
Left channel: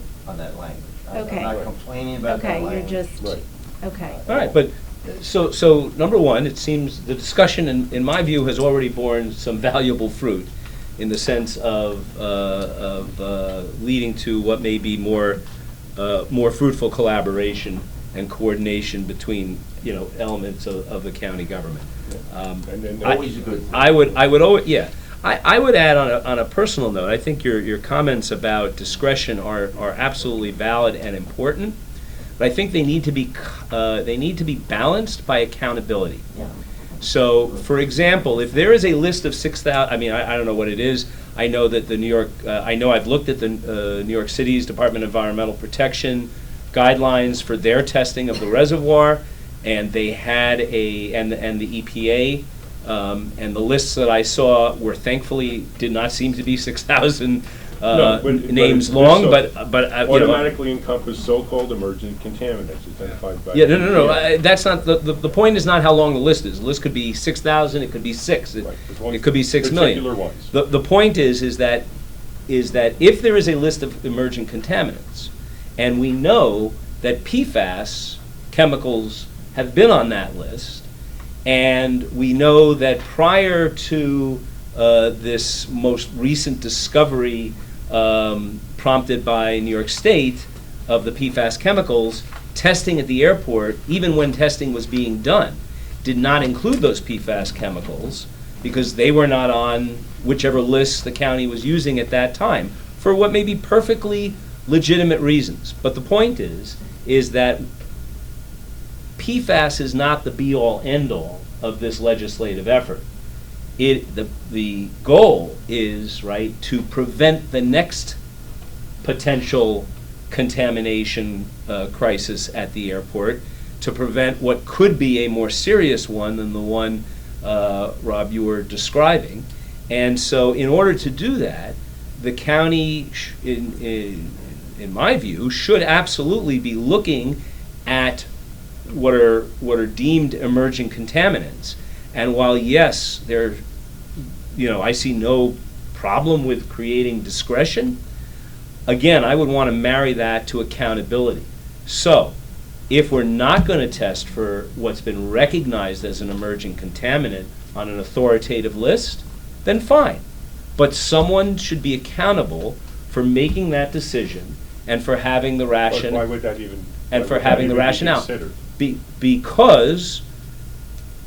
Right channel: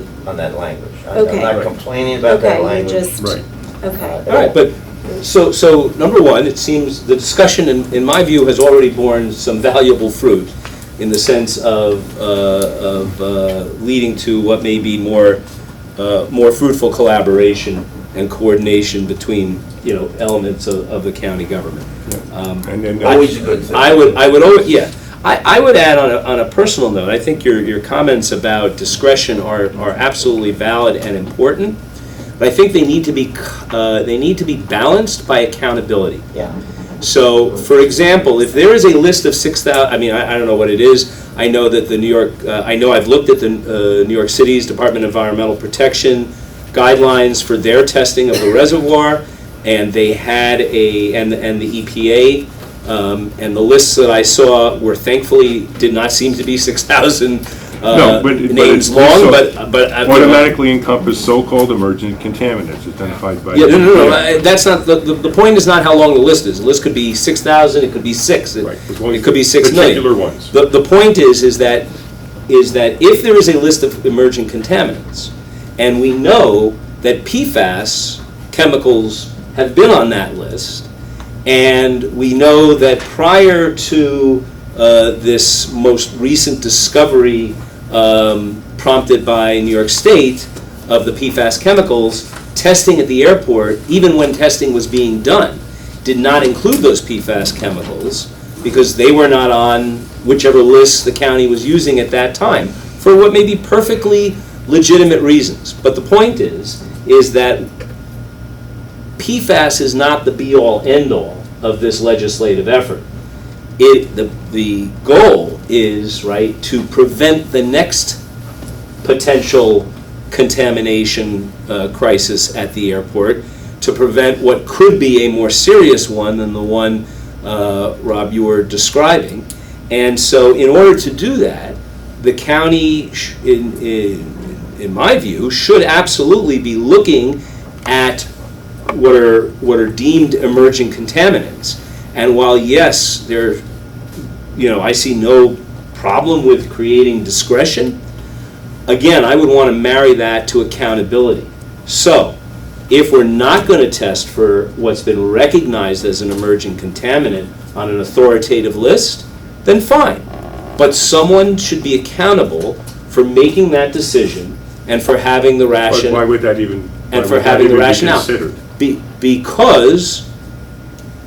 language. Okay. I'm not complaining about that okay, you language. just, Right. okay. All right, but, so number one, it seems the discussion, in my view, has already borne some valuable fruit in the sense of leading to what may be more fruitful collaboration and coordination between, elements of the county government. And then Always a good thing. I would add on a personal note, I think your comments about discretion are absolutely valid and important, but I think they need to be balanced by accountability. Yeah. So, for example, if there is a list of 6,000, I don't know what it is. I know that I've looked at the New York City's Department of Environmental Protection guidelines for their testing of the reservoir, and they had and the EPA, and the lists that I saw were thankfully did not seem to be 6,000 names long, but automatically encompass so-called emergent contaminants identified by. Yeah, no. That's not the point. Is not how long the list is. The list could be 6,000. It could be 6. Right. It could be 6 million. Particular ones. The point is that if there is a list of emerging contaminants, and we know that PFAS chemicals have been on that list, and we know that prior to this most recent discovery prompted by New York State of the PFAS chemicals, testing at the airport, even when testing was being done, did not include those PFAS chemicals because they were not on whichever list the county was using at that time, for what may be perfectly legitimate reasons. But the point is is that PFAS is not the be-all, end-all of this legislative effort. The goal is, right, to prevent the next potential contamination crisis at the airport, to prevent what could be a more serious one than the one, Rob, you were describing. And so in order to do that, the county, in my view, should absolutely be looking at what are deemed emerging contaminants. And while, yes, I see no problem with creating discretion, again, I would want to marry that to accountability. So, if we're not going to test for what's been recognized as an emerging contaminant on an authoritative list, then fine. But someone should be accountable for making that decision and for having the But why would that even, and for having the rationale. considered? Because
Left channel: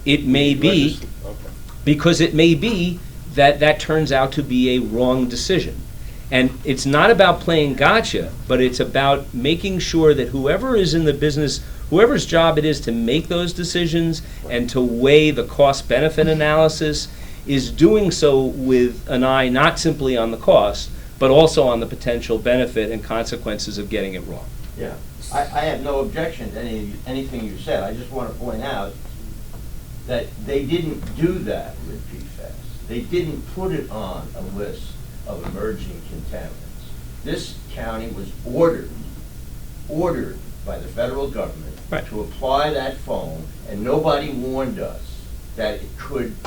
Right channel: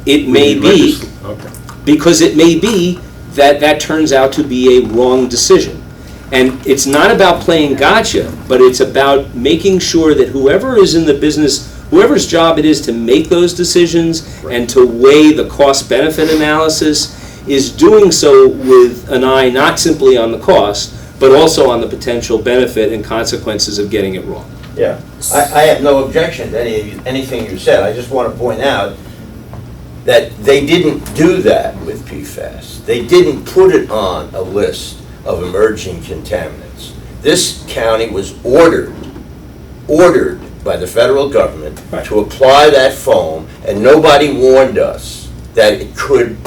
it may be, Okay. because it may be that turns out to be a wrong decision. And it's not about playing gotcha, but it's about making sure that whoever is in the business, whoever's job it is to make those decisions and to weigh the cost-benefit analysis, is doing so with an eye not simply on the cost, but also on the potential benefit and consequences of getting it wrong. Yeah, I have no objection to anything you said. I just want to point out that they didn't do that with PFAS. They didn't put it on a list of emerging contaminants. This county was ordered by the federal government to apply that foam, and nobody warned us that it could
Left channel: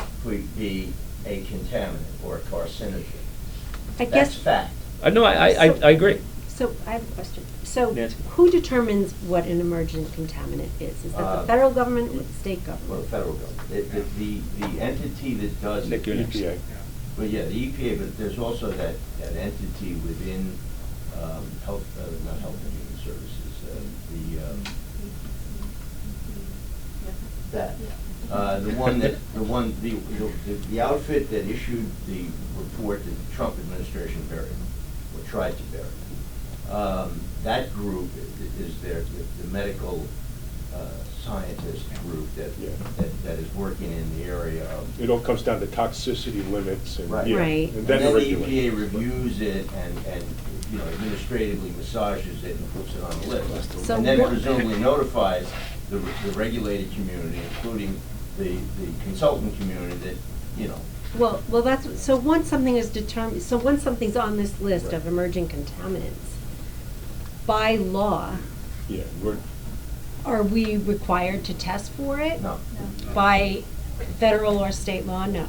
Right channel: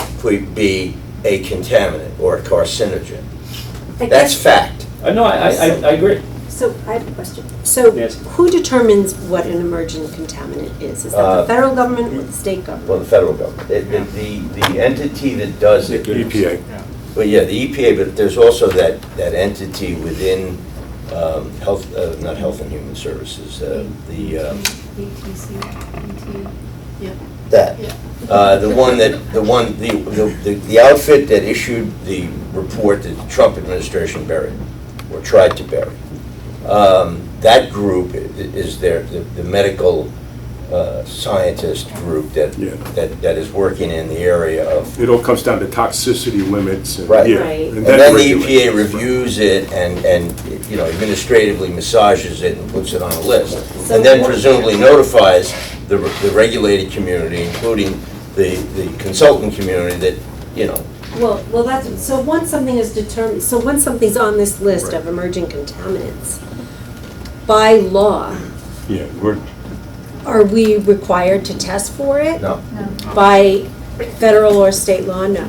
be a contaminant or a carcinogen. That's fact. No, I agree. So I have a question. So Yes. who determines what an emerging contaminant is? Is that the federal government or the state government? Well, the federal government. The entity that does it. EPA. Well, yeah, the EPA, but there's also that entity within health, not Health and Human Services, that. The outfit that issued the report that the Trump administration buried, or tried to bury. That group is the medical scientist group that is working in the area of. It all comes down to toxicity limits. And, Right. yeah, Right. and And that then the regulates. EPA reviews it and administratively massages it and puts it on a list. And then presumably notifies the regulated community, including the consultant community that, Well, that's, so once something is determined, so once something's on this list Right. of emerging contaminants, by law, Yeah, are we required to test for it? no. By federal or state law? No.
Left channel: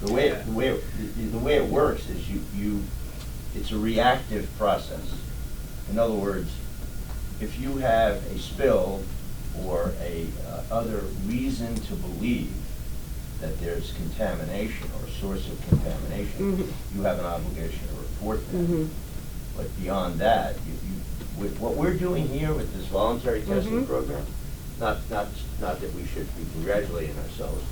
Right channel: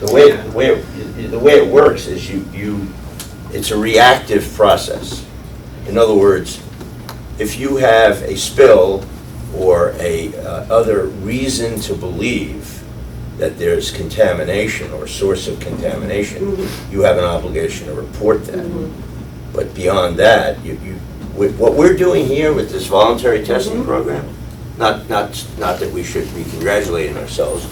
The way it works is it's a reactive process. In other words, if you have a spill or a other reason to believe that there's contamination or source of contamination, you have an obligation to report that. But beyond that, what we're doing here with this voluntary testing program, not that we should be congratulating ourselves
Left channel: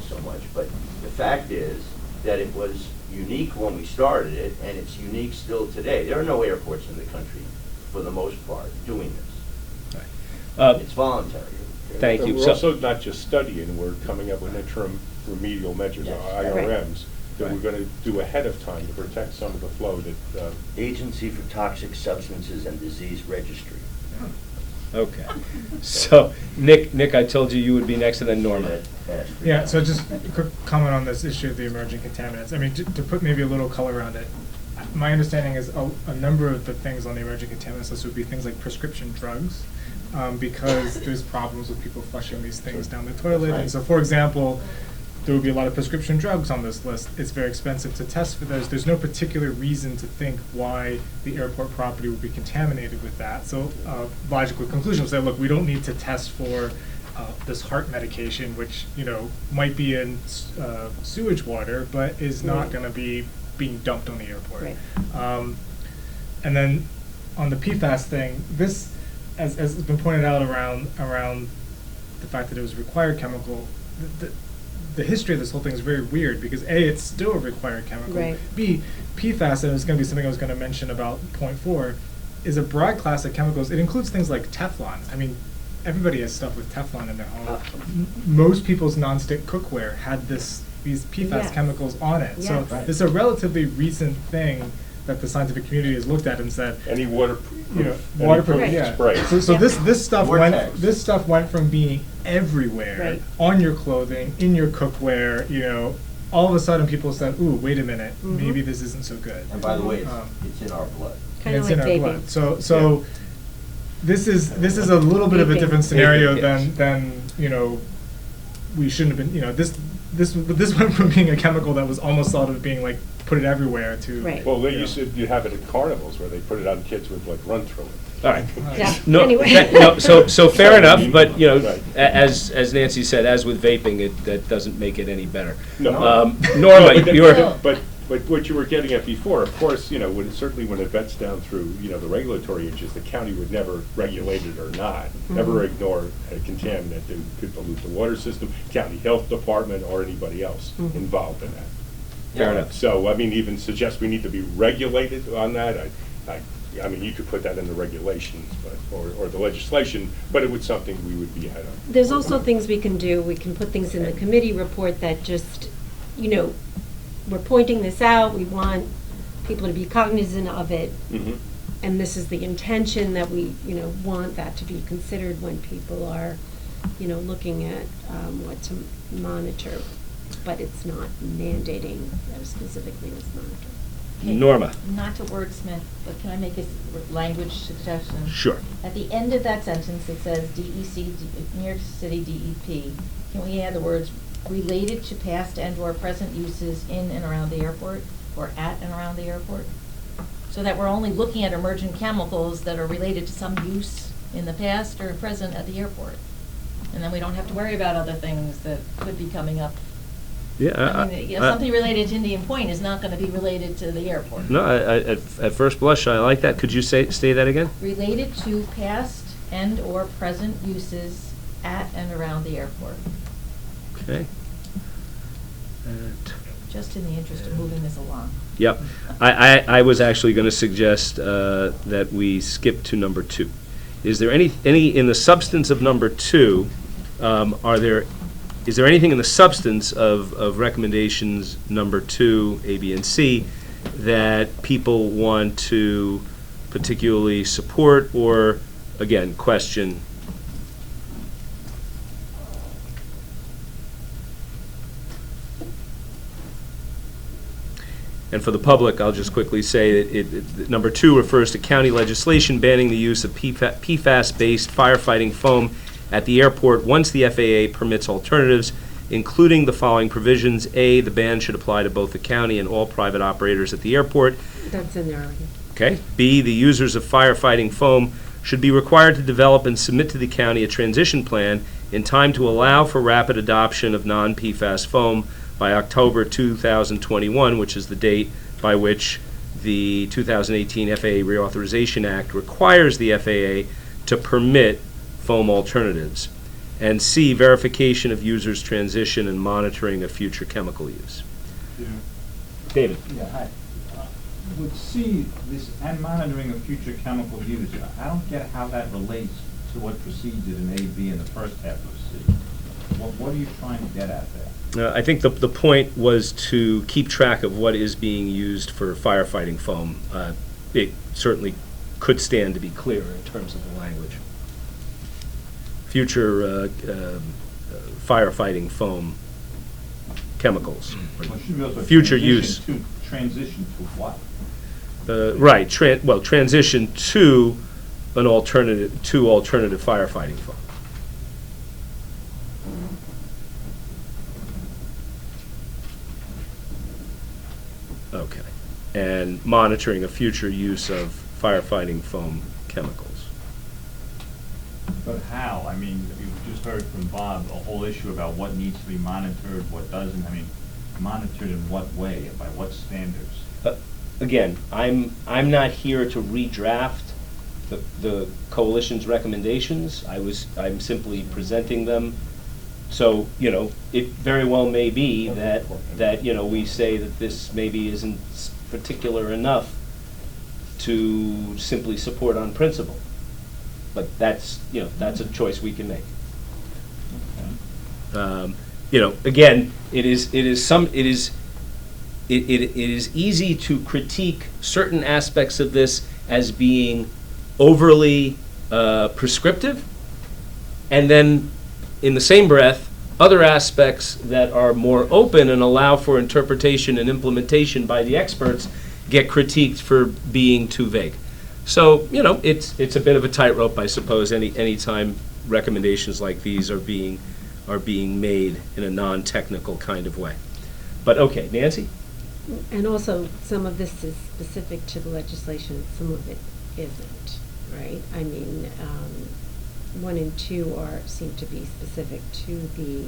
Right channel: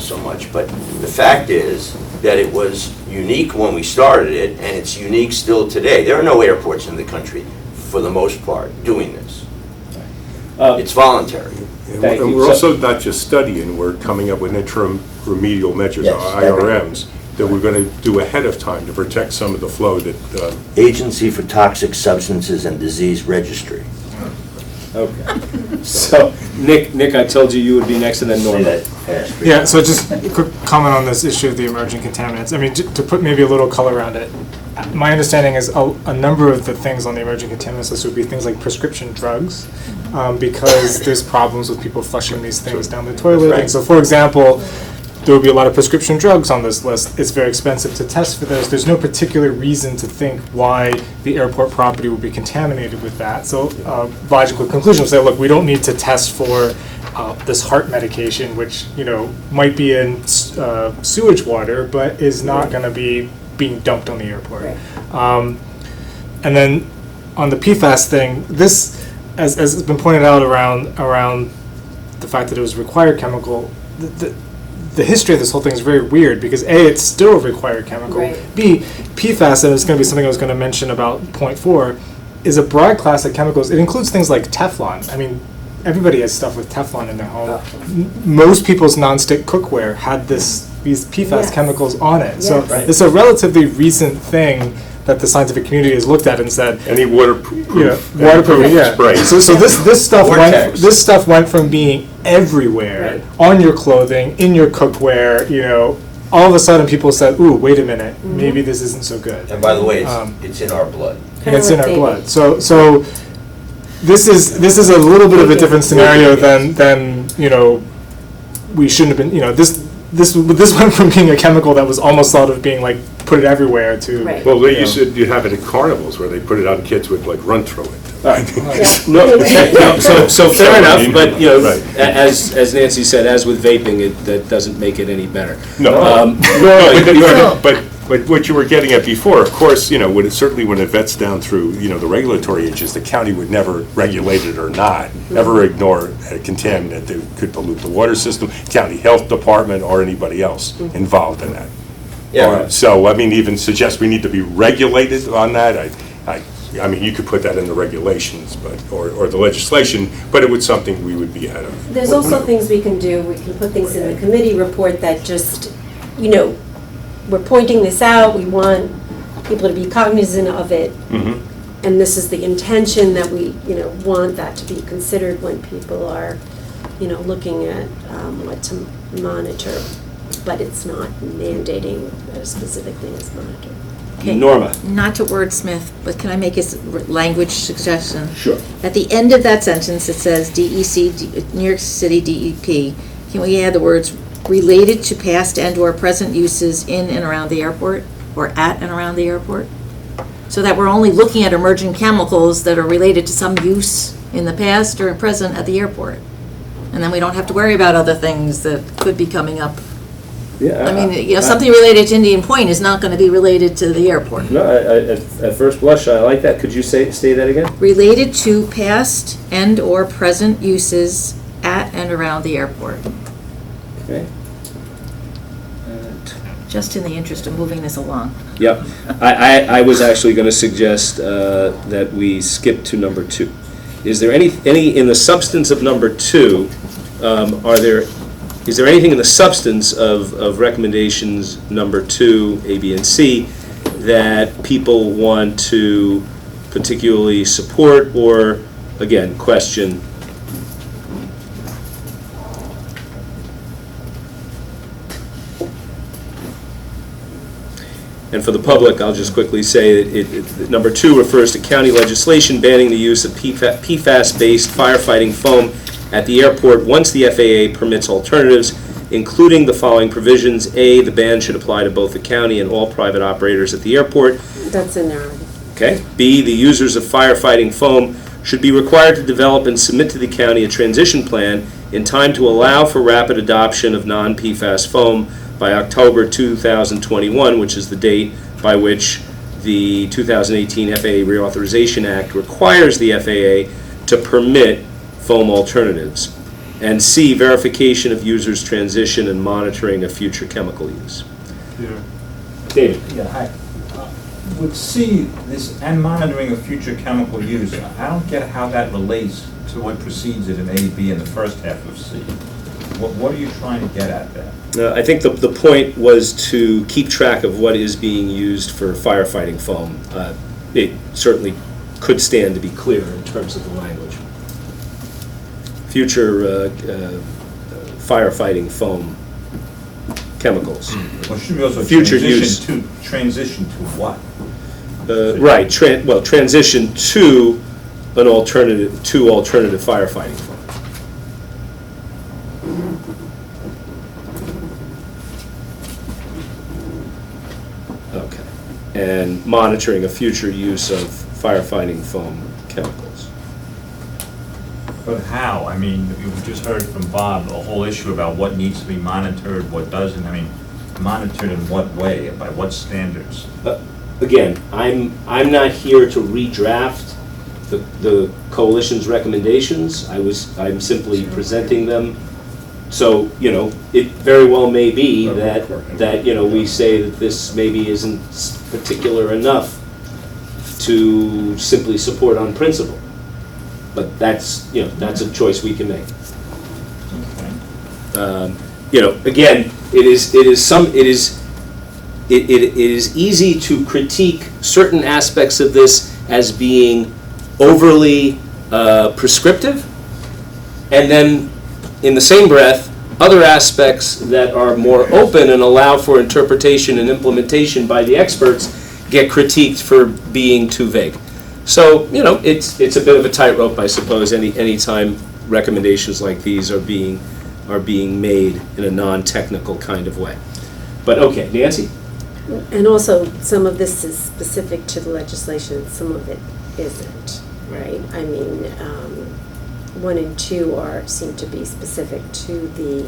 so much, but the fact is that it was unique when we started it, and it's unique still today. There are no airports in the country, for the most part, doing this. It's voluntary. Thank And you. we're So- also not just studying, we're coming up with interim remedial measures, Yes. IRMs, that we're going to do ahead of time to protect some of the flow that, Agency for Toxic Substances and Disease Registry. Okay. So, Nick, I told you would be next, and then Say Norma. that fast. Yeah, so just a quick comment on this issue of the emerging contaminants. I mean, to put maybe a little color around it, my understanding is a number of the things on the emerging contaminants list would be things like prescription drugs, because there's problems with people flushing these things down the toilet. And so, for example, there will be a lot of prescription drugs on this list. It's very expensive to test for those. There's no particular reason to think why the airport property will be contaminated with that. So logical conclusion would say, look, we don't need to test for this heart medication, which might be in sewage water, but is not going to be being dumped on the airport. Right. And then on the PFAS thing, this, as has been pointed out around the fact that it was a required chemical, the history of this whole thing is very weird because A, it's still a required chemical. Right. B, PFAS, and it's going to be something I was going to mention about point 4, is a broad class of chemicals. It includes things like Teflon. I mean, everybody has stuff with Teflon in their home. Most people's nonstick cookware had these PFAS Yes. chemicals on it. So Yes. it's a relatively recent thing that the scientific community has looked at and said, Any waterproof, waterproof, yeah. spray. So this stuff Vortex. went from being everywhere, Right. on your clothing, in your cookware, all of a sudden people said, ooh, wait a minute, maybe this isn't so good. And by the way, Um, it's in our blood. And it's in Kinda our like blood. So this is a little bit of a different scenario than we shouldn't have been, this went from being a chemical that was almost thought of being like, put it everywhere to. Right. Well, they used to, you have it at carnivals where they put it on kids would like run through it. So fair enough, but, Right. as Nancy said, as with vaping, that doesn't make it any better. No, but what you were getting at before, of course, certainly when it vets down through, the regulatory agencies, the county would never regulate it or not, never ignore a contaminant that could pollute the water system, county health department, or anybody else involved in that. Yeah. So, even suggest we need to be regulated on that, I mean, you could put that in the regulations, or the legislation, but it was something we would be out of. There's also things we can do. We can put things in the committee report that just, we're pointing this out. We want people to be cognizant of it. Mhm. And this is the intention that we, want that to be considered when people are, looking at what to monitor. But it's not mandating that a specific thing is monitored. Okay. Norma? Not to wordsmith, but can I make a language suggestion? Sure. At the end of that sentence, it says DEC, New York City DEP. Can we add the words related to past and/or present uses in and around the airport, or at and around the airport? So that we're only looking at emerging chemicals that are related to some use in the past or present at the airport. And then we don't have to worry about other things that could be coming up. Yeah. I mean, something related to Indian Point is not going to be related to the airport. No, at first blush, I like that. Could you say that again? Related to past and/or present uses at and around the airport. Okay. Just in the interest of moving this along. Yep. I was actually going to suggest that we skip to number 2. Is there any in the substance of number 2, is there anything in the substance of recommendations number 2, A, B, and C, that people want to particularly support or, again, question? And for the public, I'll just quickly say that number 2 refers to county legislation banning the use of PFAS-based firefighting foam at the airport once the FAA permits alternatives, including the following provisions. A, the ban should apply to both the county and all private operators at the airport. That's in there already. Okay. B, the users of firefighting foam should be required to develop and submit to the county a transition plan in time to allow for rapid adoption of non-PFAS foam by October 2021, which is the date by which the 2018 FAA Reauthorization Act requires the FAA to permit foam alternatives. And C, verification of users' transition and monitoring of future chemical use. David? Yeah, hi. With C, this and monitoring of future chemical use, I don't get how that relates to what precedes it in A, B, in the first half of C. What are you trying to get at there? I think the point was to keep track of what is being used for firefighting foam. It certainly could stand to be clear in terms of the language. Future firefighting foam chemicals. Well, should we also Future use. Transition to what? Right, transition to an alternative firefighting foam. Okay. And monitoring a future use of firefighting foam chemicals. But how? I mean, you just heard from Bob a whole issue about what needs to be monitored, what doesn't. I mean, monitored in what way, by what standards? Again, I'm not here to redraft the coalition's recommendations. I'm simply presenting them. So, it very well may be that we say that this maybe isn't particular enough to simply support on principle. But that's, that's a choice we can make. Again, it is easy to critique certain aspects of this as being overly prescriptive, and then in the same breath, other aspects that are more open and allow for interpretation and implementation by the experts get critiqued for being too vague. So, it's a bit of a tightrope, I suppose, any time recommendations like these are being made in a non-technical kind of way. But okay, Nancy? And also, some of this is specific to the legislation, some of it isn't, right? I mean, 1 and 2 seem to be specific to the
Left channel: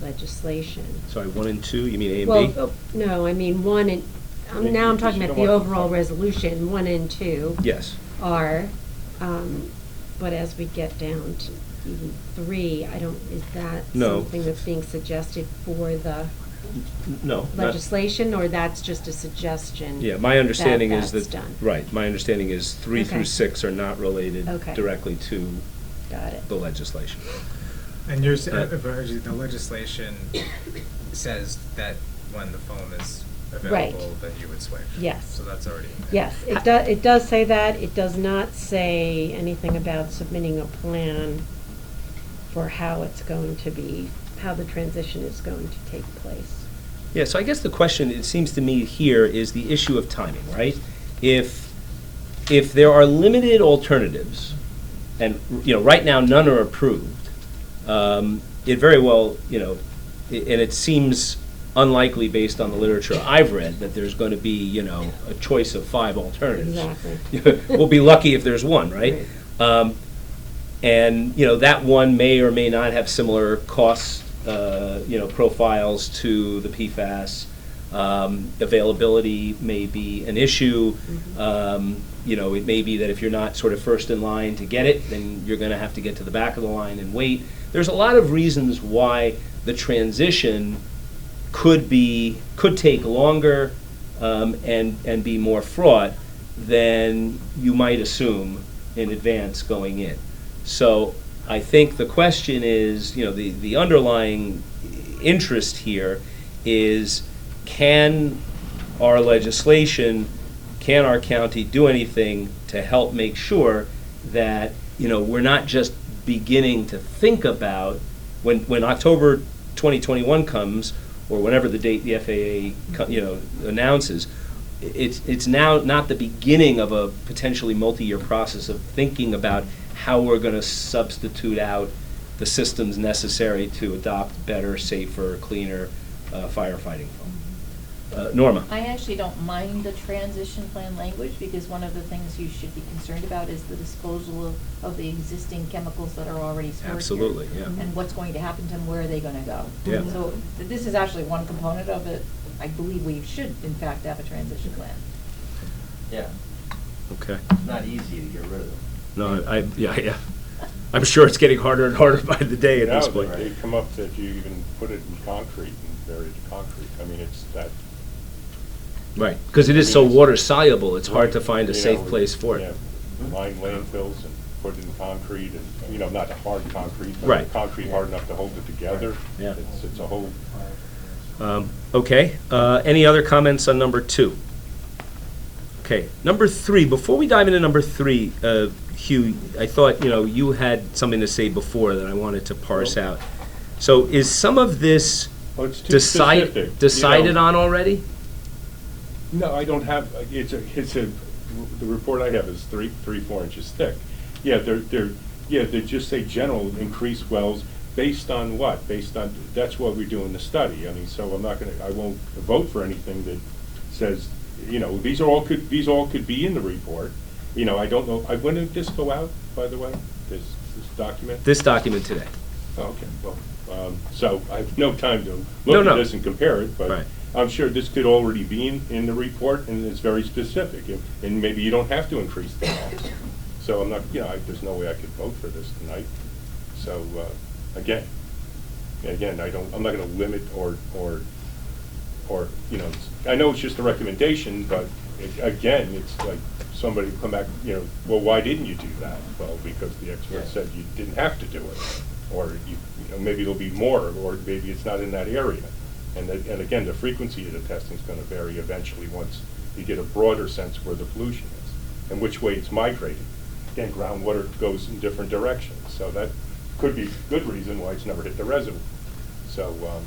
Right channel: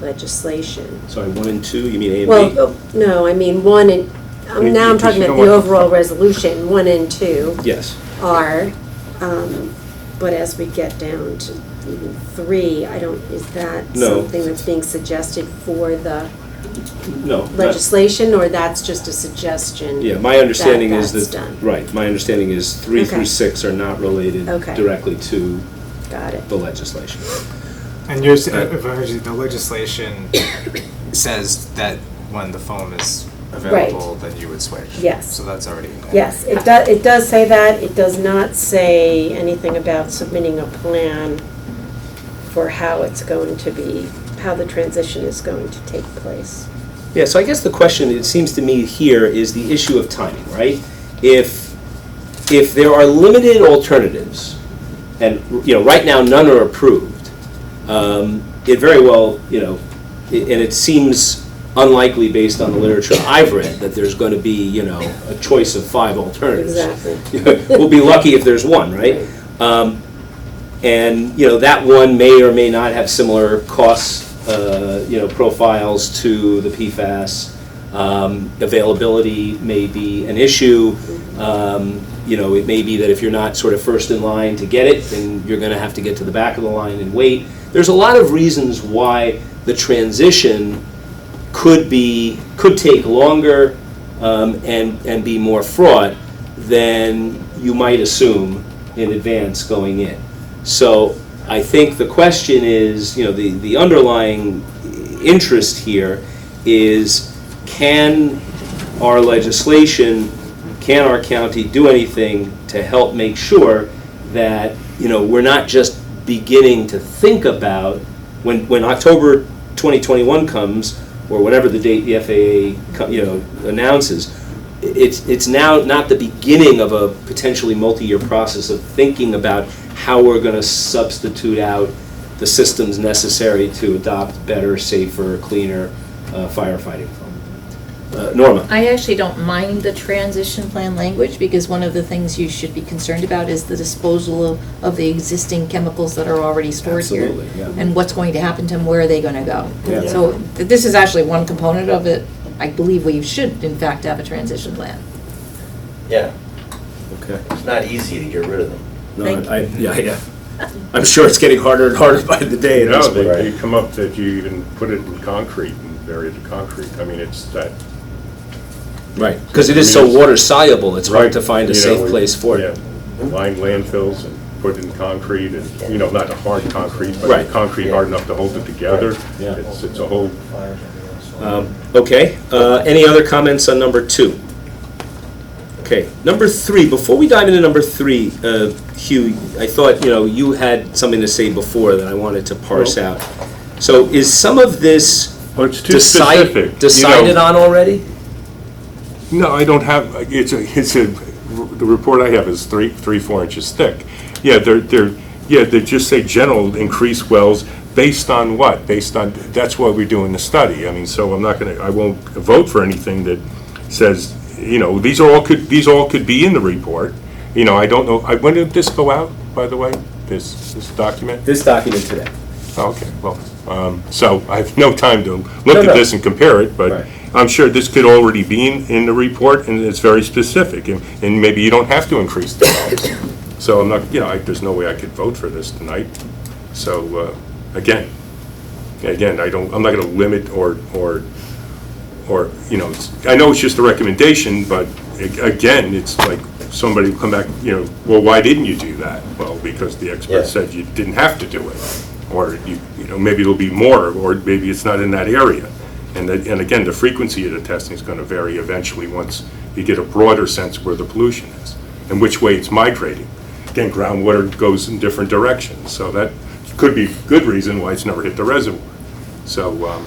legislation. Sorry, 1 and 2, you mean A and B? Well, no, I mean 1 and, now I'm talking about the overall resolution, 1 and 2 Yes. are, but as we get down to even 3, is that No. something that's being suggested for the No. not- legislation, or that's just a suggestion? Yeah, my understanding is that's that, done? right, my understanding is 3 Okay. through 6 are not related Okay. directly to Got it. the legislation. And the legislation says that when the phone is available, then you would switch. Yes. So that's already in there. Yes, it does say that. It does not say anything about submitting a plan for how it's going to be, how the transition is going to take place. Yeah, so I guess the question, it seems to me here, is the issue of timing, right? If there are limited alternatives, and right now none are approved, it very well, and it seems unlikely based on the literature I've read that there's going to be, a choice of 5 alternatives. Exactly. We'll be lucky if there's one, right? And that one may or may not have similar costs, profiles to the PFAS. Availability may be an issue. It may be that if you're not sort of first in line to get it, then you're going to have to get to the back of the line and wait. There's a lot of reasons why the transition could take longer and be more fraught than you might assume in advance going in. So I think the question is, the underlying interest here is, can our legislation, can our county do anything to help make sure that, we're not just beginning to think about, when October 2021 comes, or whatever the date the FAA, announces, it's now not the beginning of a potentially multi-year process of thinking about how we're going to substitute out the systems necessary to adopt better, safer, cleaner firefighting. Norma? I actually don't mind the transition plan language, because one of the things you should be concerned about is the disposal of the existing chemicals that are already stored here. Absolutely, yeah. And what's going to happen to them, where are they gonna go? Yeah. So this is actually one component of it. I believe we should, in fact, have a transition plan. Yeah, Okay. it's not easy to get rid of them. No, yeah. I'm sure it's getting harder and harder by the day at No, this point. they come up that you even put it in concrete and bury it in concrete. I mean, it's that. Right, because it is so water soluble, it's hard Right, to find a safe place for it. Yeah, line landfills and put it in concrete and, not a hard concrete, Right. but concrete hard enough to hold it together. Yeah. It's a whole, Okay, any other comments on number 2? Okay, number 3, before we dive into number 3, Hugh, I thought, you had something to say before that I wanted to parse out. So is some of this well, it's too specific. decided on already? No, I don't have, the report I have is 4 inches thick. Yeah, they just say general increased wells based on what? That's why we're doing the study. I mean, so I won't vote for anything that says, these all could be in the report. I don't know, when did this go out, by the way, this document? This document today. Oh, okay, well, so I have no time to look No. at this and compare it, but Right. I'm sure this could already be in the report, and it's very specific, and maybe you don't have to increase the wells. So I'm not, there's no way I could vote for this tonight. So, again, I'm not gonna limit or, I know it's just a recommendation, but, again, it's like somebody will come back, well, why didn't you do that? Well, because the expert Yeah. said you didn't have to do it. Or, maybe it'll be more, or maybe it's not in that area. And again, the frequency of the testing is going to vary eventually once you get a broader sense of where the pollution is and which way it's migrating. Again, groundwater goes in different directions, so that could be a good reason why it's never hit the reservoir. So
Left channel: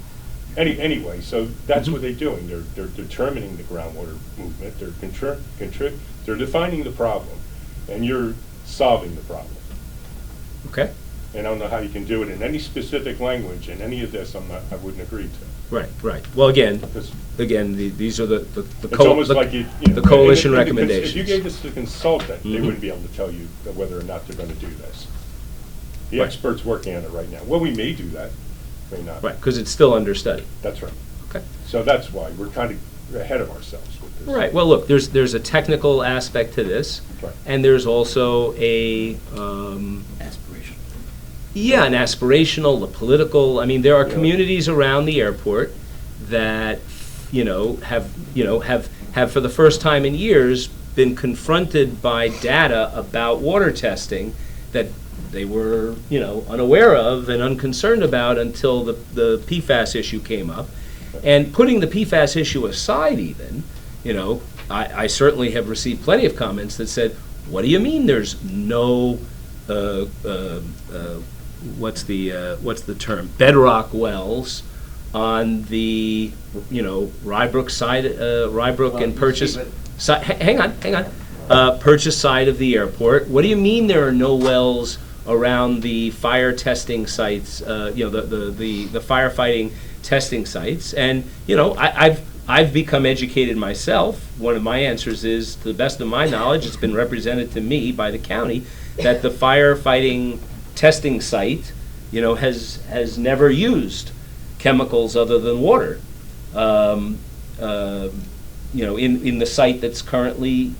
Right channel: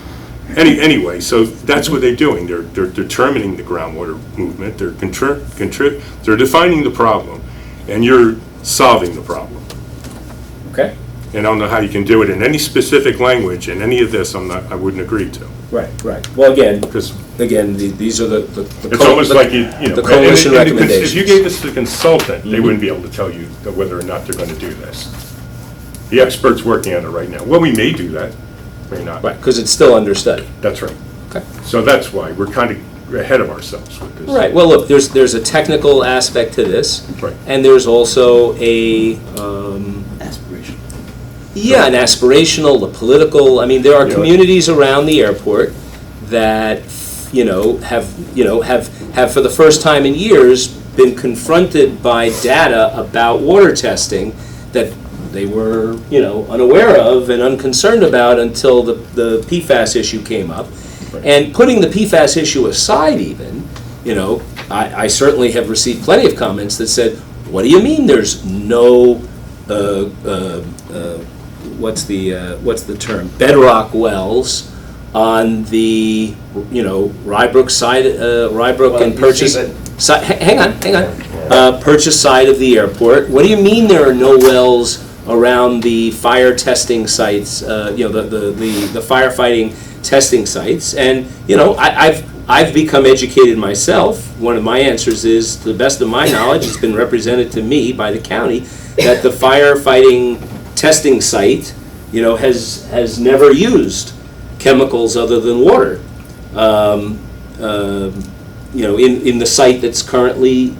anyway, so that's what they're doing. They're determining the groundwater movement. They're they're defining the problem, and you're solving the problem. Okay? And I don't know how you can do it in any specific language, and any of this I wouldn't agree to. Right. Well, again, Because these are the it's almost like the coalition and recommendations. if you gave this to the consultant, they wouldn't be able to tell you whether or not they're going to do this. The expert's working on it right now. Well, we may do that, may not. Right, because it's still under study. That's right. Okay. So that's why we're kind of ahead of ourselves with this. Right, well, look, there's a technical aspect to this. Right. And there's also a, Aspiration. yeah, an aspirational, a political, I mean, there are Yeah. communities around the airport that, have for the first time in years been confronted by data about water testing that they were, unaware of and unconcerned about until the PFAS issue came up. Right. And putting the PFAS issue aside even, I certainly have received plenty of comments that said, what do you mean there's no, what's the term, bedrock wells on the, Rybrook side, Rybrook and Purchase. Hang on. Purchase side of the airport. What do you mean there are no wells around the fire testing sites, the firefighting testing sites? And, I've become educated myself. One of my answers is, to the best of my knowledge, it's been represented to me by the county that the firefighting testing site, has never used chemicals other than water. In the site that's currently,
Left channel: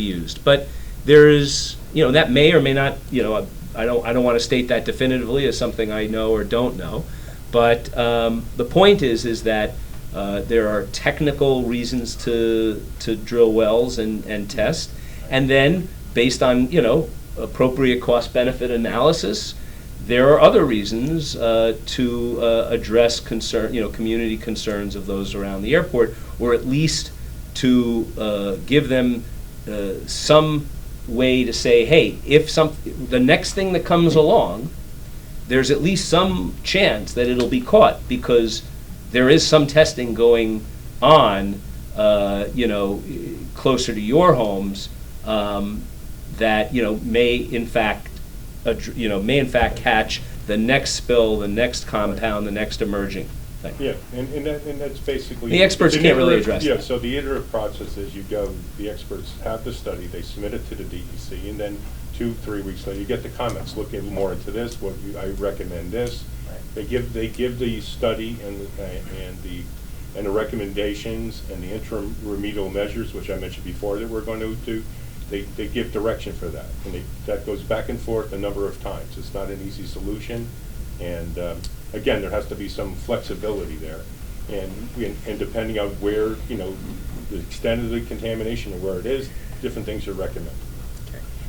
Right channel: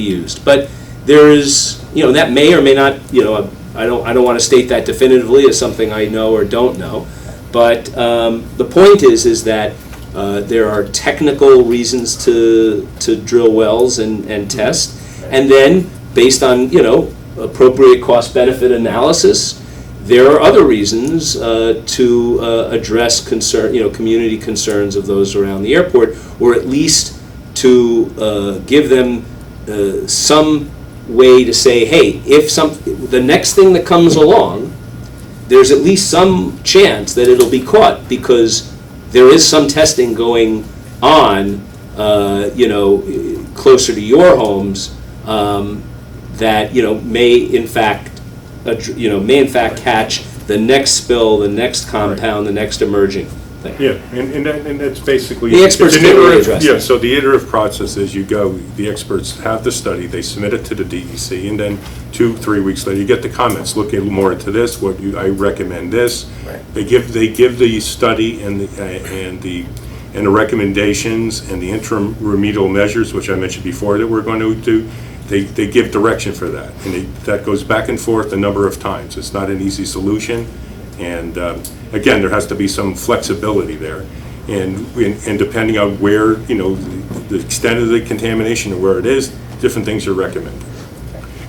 used. But there is, that may or may not, I don't want to state that definitively as something I know or don't know. But the point is that there are technical reasons to drill wells and test, and then based on appropriate cost-benefit analysis, there are other reasons to address community concerns of those around the airport, or at least to give them some way to say, hey, if the next thing that comes along, there's at least some chance that it'll be caught, because there is some testing going on, closer to your homes, that may in fact catch the next spill, the next compound, the next emerging thing. Yeah, and that's basically. The experts it's an can't really iterative- address Yeah, that. so the iterative process is you go, the experts have the study, they submit it to the DEC, and then 2-3 weeks later, you get the comments, look a little more into this, I recommend this. Right. They give the study and the recommendations and the interim remedial measures, which I mentioned before that we're going to do. They give direction for that, and that goes back and forth a number of times. It's not an easy solution, and again, there has to be some flexibility there, and depending on where, the extent of the contamination and where it is, different things are recommended.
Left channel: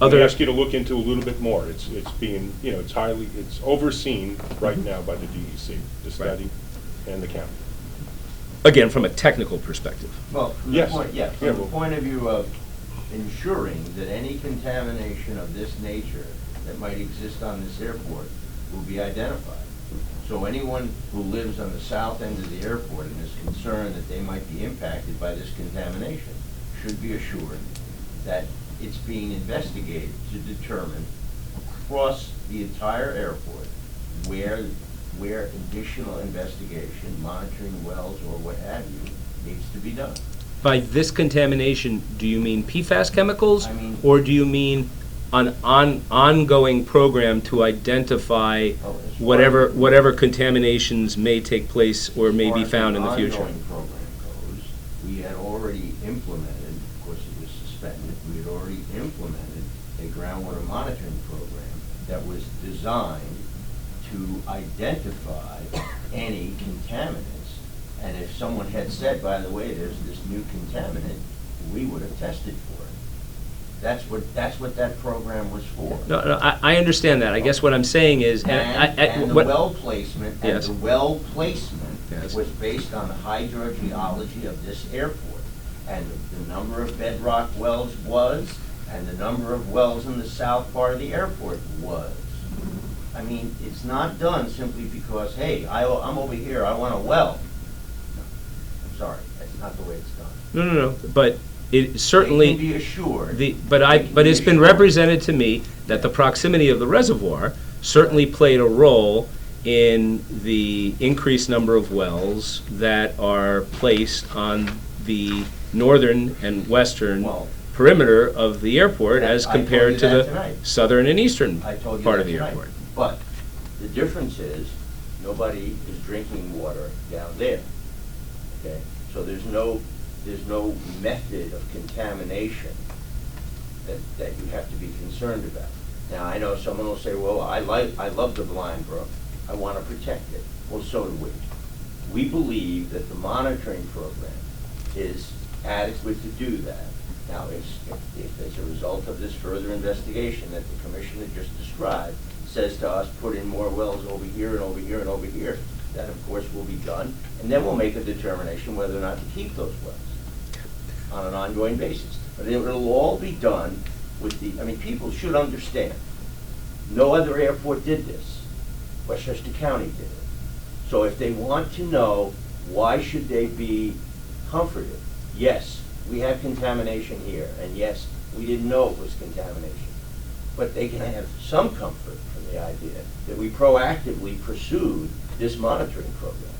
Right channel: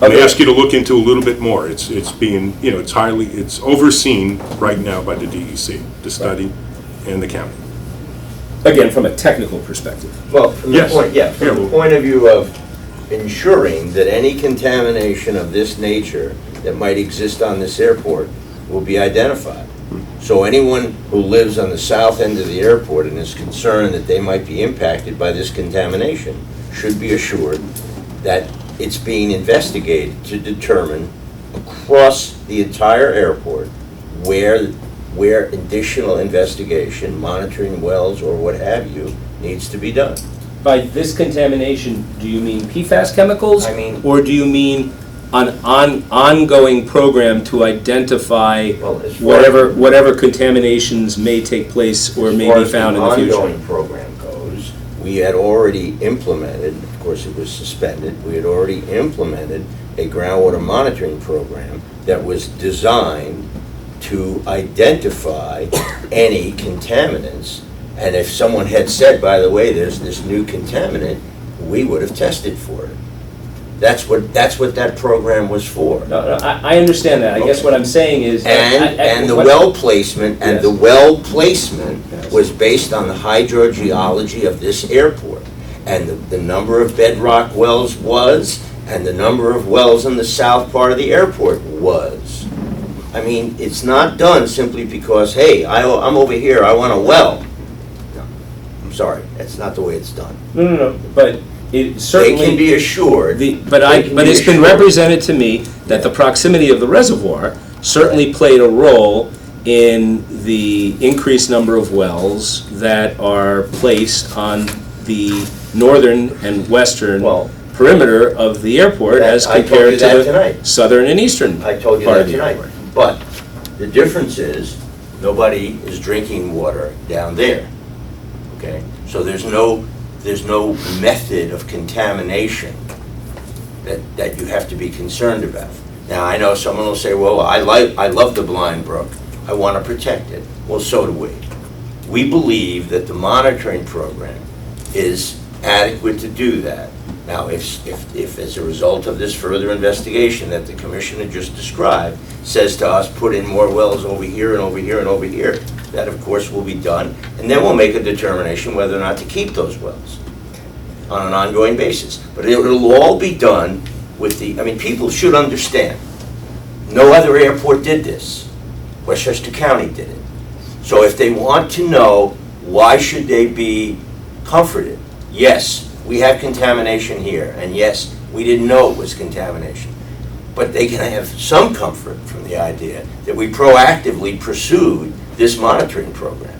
And they ask you to look into a little bit more. It's being, it's overseen right now by the DEC, the study, and the county. Again, from a technical perspective. Well, from the Yes. point, yeah, from Yeah, the well- point of view of ensuring that any contamination of this nature that might exist on this airport will be identified. So anyone who lives on the south end of the airport and is concerned that they might be impacted by this contamination should be assured that it's being investigated to determine across the entire airport where additional investigation, monitoring wells or what have you, needs to be done. By this contamination, do you mean PFAS chemicals? I mean- Or do you mean an ongoing program to identify Well, as far as- whatever contaminations may take place or may be found in the As far as the future? ongoing program goes, we had already implemented, of course it was suspended, we had already implemented a groundwater monitoring program that was designed to identify any contaminants And if someone had said, by the way, there's this new contaminant, we would have tested for it. That's what that program was for. No, I understand that. I guess what I'm saying is. And the well placement, Yes. Yes. was based on the hydrogeology of this airport. And the number of bedrock wells was, and the number of wells in the south part of the airport was. I mean, it's not done simply because, hey, I'm over here, I want a well. No, I'm sorry, that's not the way it's done. No, but it certainly. They can be assured. But it's been represented to me that the proximity of the reservoir certainly played a role in the increased number of wells that are placed on the northern and western perimeter of the airport as I told you compared to that the tonight. southern and eastern I told you part that of the tonight. airport. But the difference is, nobody is drinking water down there, okay? So there's no method of contamination that you have to be concerned about. Now, I know someone will say, well, I love the Blind Brook, I want to protect it. Well, so do we. We believe that the monitoring program is adequate to do that. Now, if as a result of this further investigation that the commissioner just described, says to us, put in more wells over here and over here and over here, that of course will be done, and then we'll make a determination whether or not to keep those wells on an ongoing basis. But it'll all be done with people should understand, no other airport did this. Westchester County did it. So if they want to know, why should they be comforted? Yes, we have contamination here, and yes, we didn't know it was contamination. But they can have some comfort from the idea that we proactively pursued this monitoring program.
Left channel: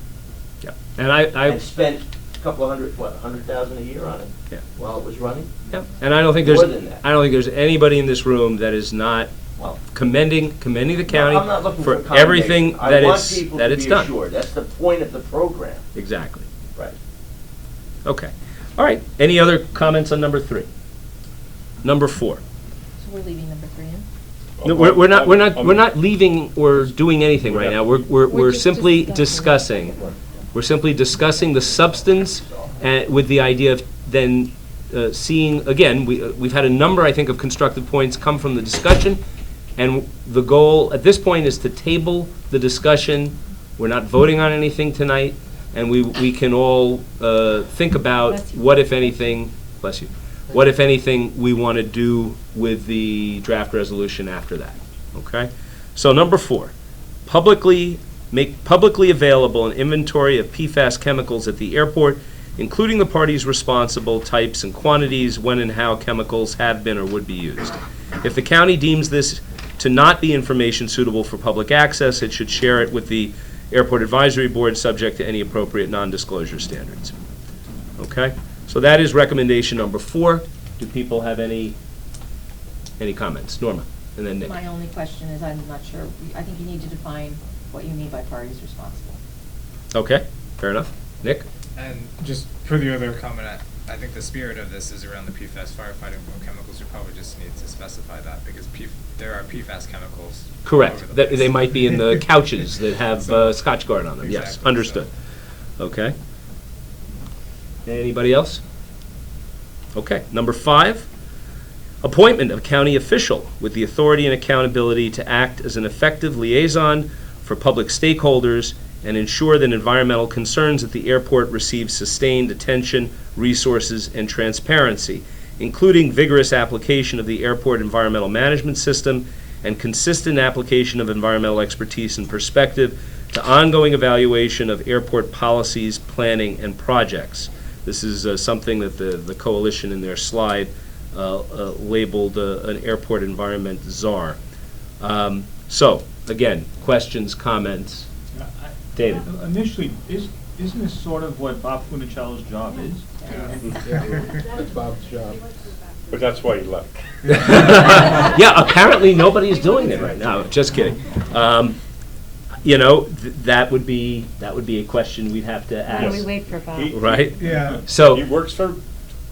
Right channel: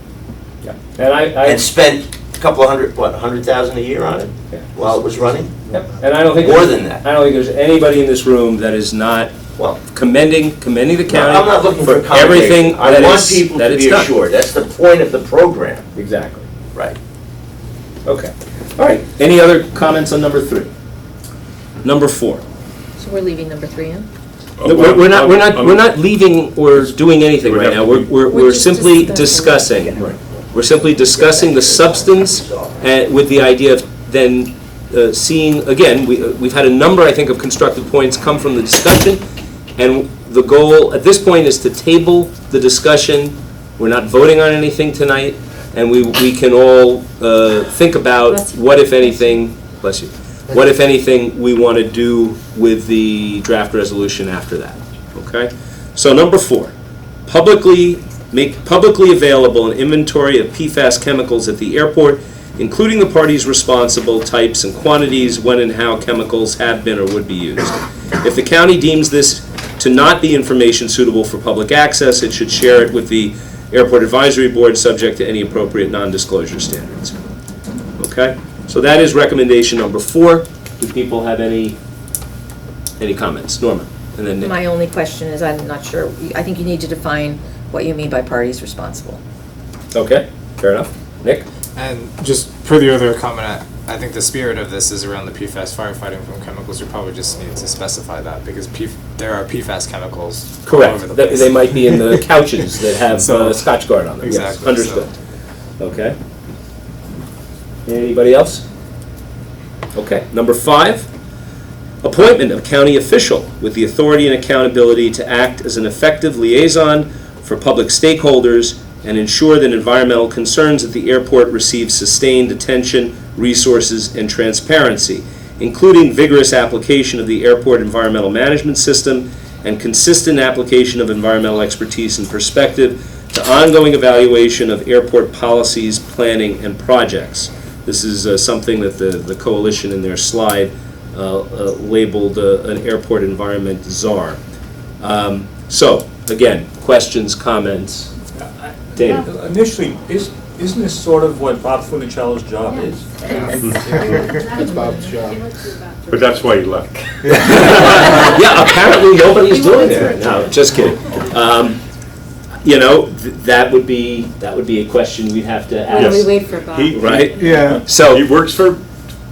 Yeah. And spent a couple of $100,000 a year on it while it was running? Yep. And I don't think more than that. I don't think there's anybody in this room that is not commending the county I'm not looking for for everything I want people to be done. assured. That's the point of the program. Exactly. Right. Okay. All right. Any other comments on number 3? Number 4. So we're leaving number 3 in? No, we're not leaving or doing anything right now. We're simply discussing. We're simply discussing the substance with the idea of then seeing, again, we've had a number, I think, of constructive points come from the discussion, and the goal at this point is to table the discussion. We're not voting on anything tonight, and we can all think about what, if anything, bless you, what, if anything, we want to do with the draft resolution after that, okay? So number 4, make publicly available an inventory of PFAS chemicals at the airport, including the parties responsible, types and quantities, when and how chemicals have been or would be used. If the county deems this to not be information suitable for public access, it should share it with the Airport Advisory Board, subject to any appropriate non-disclosure standards. Okay? So that is recommendation number 4. Do people have any comments? Norma, and then Nick. My only question is, I'm not sure, I think you need to define what you mean by parties responsible. Okay, fair enough. Nick? And just per the other comment, I think the spirit of this is around the PFAS firefighting from chemicals. You probably just need to specify that because there are PFAS chemicals all over the place. They might be in the couches that have Scotch Guard on them. Exactly. Yes, understood. Okay. Anybody else? Okay. Number 5, appointment of county official with the authority and accountability to act as an effective liaison for public stakeholders and ensure that environmental concerns at the airport receive sustained attention, resources, and transparency, including vigorous application of the airport environmental management system and consistent application of environmental expertise and perspective to ongoing evaluation of airport policies, planning, and projects. This is something that the coalition in their slide labeled an airport environment czar. So, again, questions, comments? David? Initially, isn't this sort of what Bob Funicello's job is? That's Bob's job. But that's why he left. Yeah, apparently nobody's doing it right now. Just kidding. That would be a question we'd have to ask. We wait for Bob. Right? Yeah. So He works for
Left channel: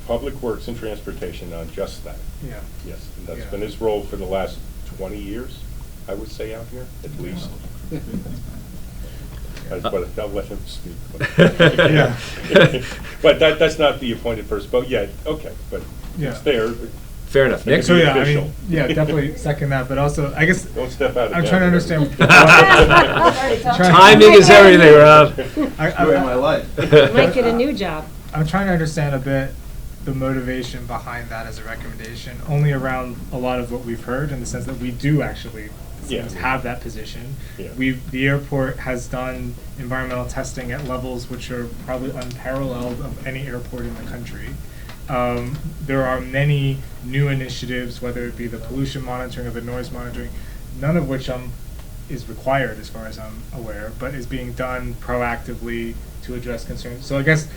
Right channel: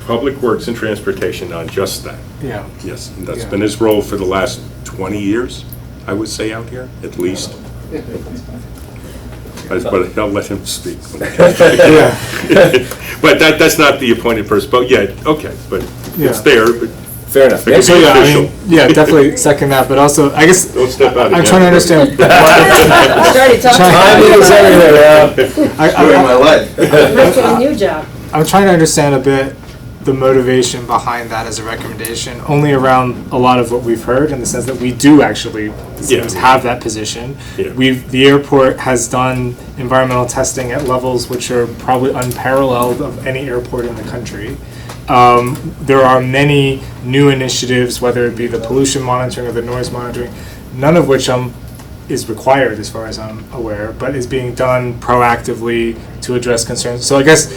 Public Works and Transportation on just that. Yeah. Yes, and that's been his role for the last 20 years, I would say, out here, at least. But I'll let him speak. But that's not the appointed person, but yeah, okay, but it's Yeah. there, but Fair enough. It could So be yeah, I official. mean, yeah, definitely second that, but also, I guess, don't step out again. I'm trying to understand. Started talking. Timing is everything, Rob. Ruined my life. You might get a new job. I'm trying to understand a bit the motivation behind that as a recommendation, only around a lot of what we've heard, in the sense that we do actually Yeah. have that position. Yeah. The airport has done environmental testing at levels which are probably unparalleled of any airport in the country. There are many new initiatives, whether it be the pollution monitoring or the noise monitoring, none of which is required as far as I'm aware, but is being done proactively to address concerns. So I guess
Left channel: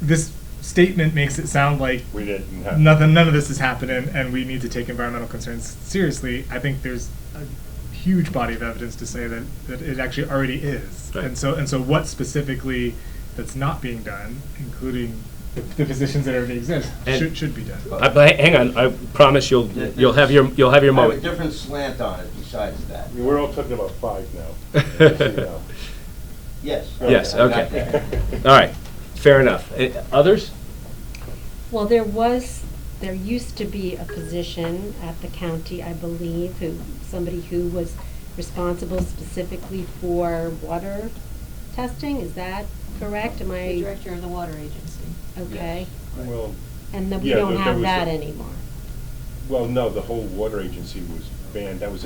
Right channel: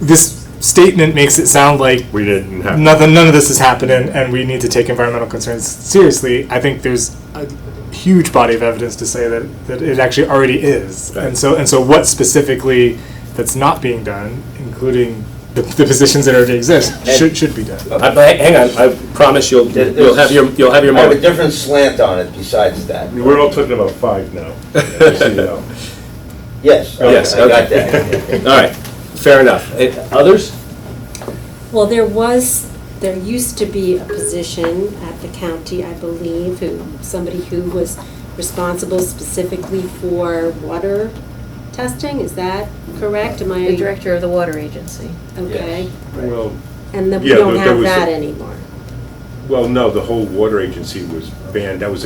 this statement makes it sound like We didn't have. none of this is happening and we need to take environmental concerns seriously. I think there's a huge body of evidence to say that it actually already is. Right. And so what specifically that's not being done, including the positions that already exist, should be done. But hang on, I promise you'll have your I have a moment. different slant on it besides that. We're all talking about 5 now. Just so you know. Yes, Yes, I got okay. that. All right, fair enough. Others? Well, there used to be a position at the county, I believe, somebody who was responsible specifically for water testing, is that correct? Am The I, director of the water agency. okay? Well, And then we Yeah, don't there have was that a- anymore. well, no, the whole water agency was banned. That was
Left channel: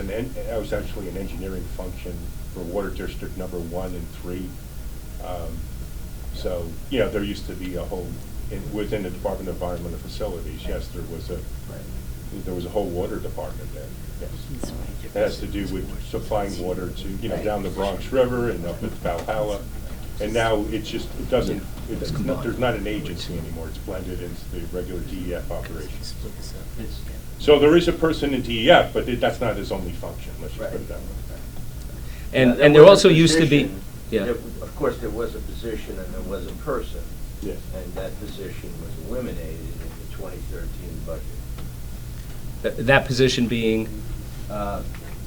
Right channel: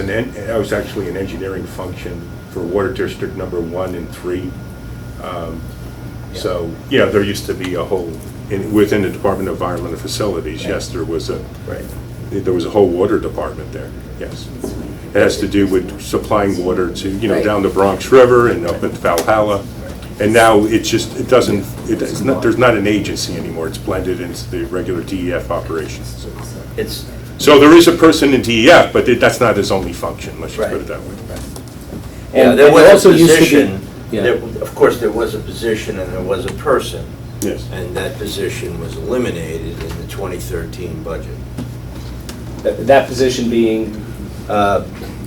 actually an engineering function for Water District Number 1 and 3. So, yeah, there used to be a whole, within the Department of Environmental Facilities, yes, there was a whole water department there, yes. It has to do with supplying water to, Right. down the Bronx River and up at Valhalla. And now there's not an agency anymore. It's blended into the regular DEF operations. It's, So there is a person in DEF, but that's not his only function, let's just put it that way. yeah, And there was also a used to be. position, Yeah. of course, there was a position and there was a person, Yes. and that position was eliminated in the 2013 budget. That position being,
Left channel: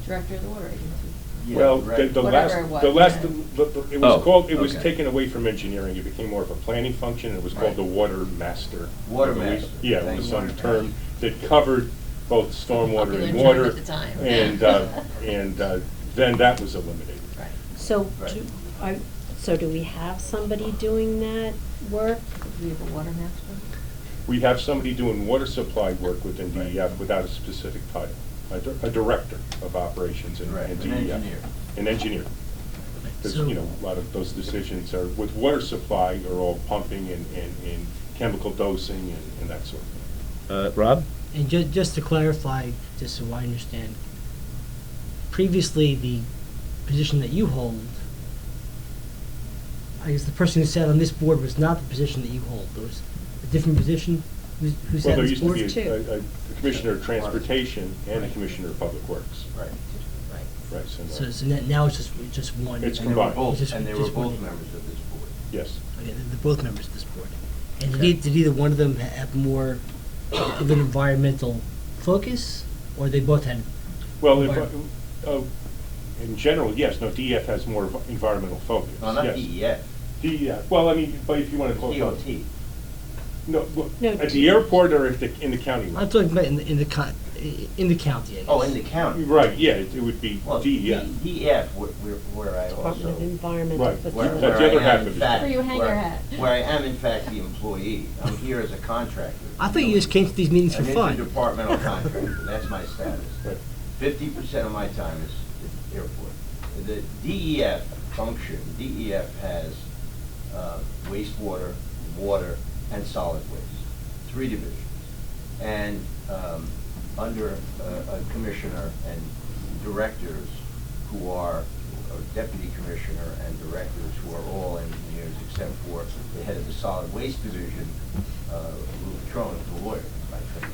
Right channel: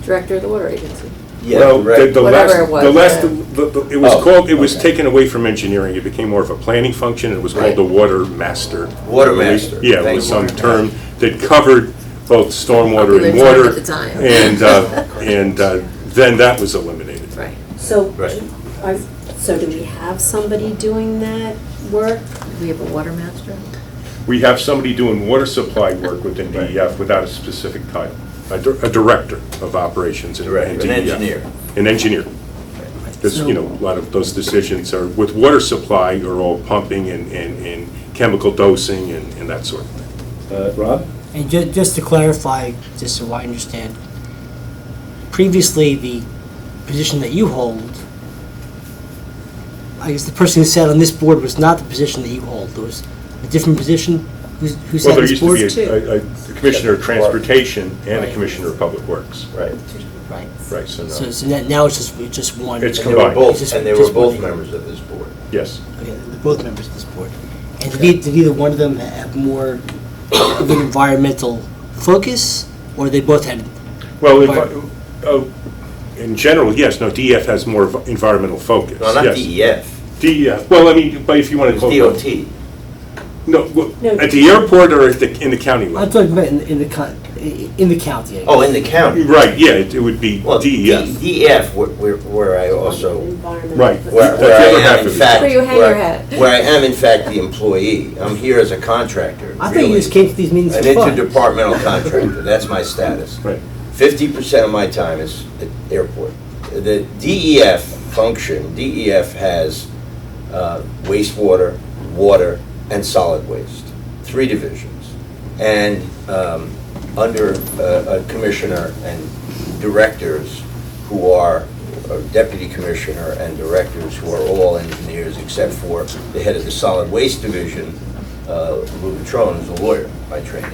Director of the water agency. Yeah, Well, right. the last, Whatever it was, the last, yeah. it was Oh, called, it was okay. taken away from engineering. It became more of a planning function. It was called Right. the Water Master. Water Master. Yeah, it Thank was you. some term that covered both stormwater and Popular term water. at the time. And then that was eliminated. Right. So, Right. so do we have somebody doing that work? We have a water master. We have somebody doing water supply work within DEF without a specific title. A director of operations in Director, DEF. an engineer. An engineer. Because, a lot of those decisions are, with water supply, are all pumping and chemical dosing and that sort of thing. Rob? And just to clarify, just so I understand, previously the position that you hold, I guess the person who sat on this board was not the position that you hold. There was a different position who Well, sat on there this used to board? be a commissioner of transportation and a Right. commissioner of public works. Right. Right. Right, so So, no. so now it's just one. It's And they were combined. both, Just- and they were just both one. members of this board. Yes. Okay, they're both members of this board. And did either one of them have more of an environmental focus, or they both had? Well, Envi- in general, yes, no, DEF has more environmental focus. No, not yes. DEF, DEF, well, I mean, but if you want it to was call it. DOT. No, well, No. at the airport or in the county I'm level? talking about in the county. I guess. Oh, in the county. Right, yeah, it would be Well, DEF. DEF, where I also, Environmental. Right. where That's the other I half am in of it. fact, Where you hang your hat. where I am in fact the employee. I'm here as a contractor. I thought you really. just came to these meetings An for fun. interdepartmental contractor, that's my status. Right. 50% of my time is at airport. The DEF function, DEF has wastewater, water, and solid waste, 3 divisions. And under a commissioner and directors who are, a deputy commissioner and directors who are all engineers except for the head of the solid waste division, Lou Patron, who's a lawyer by training.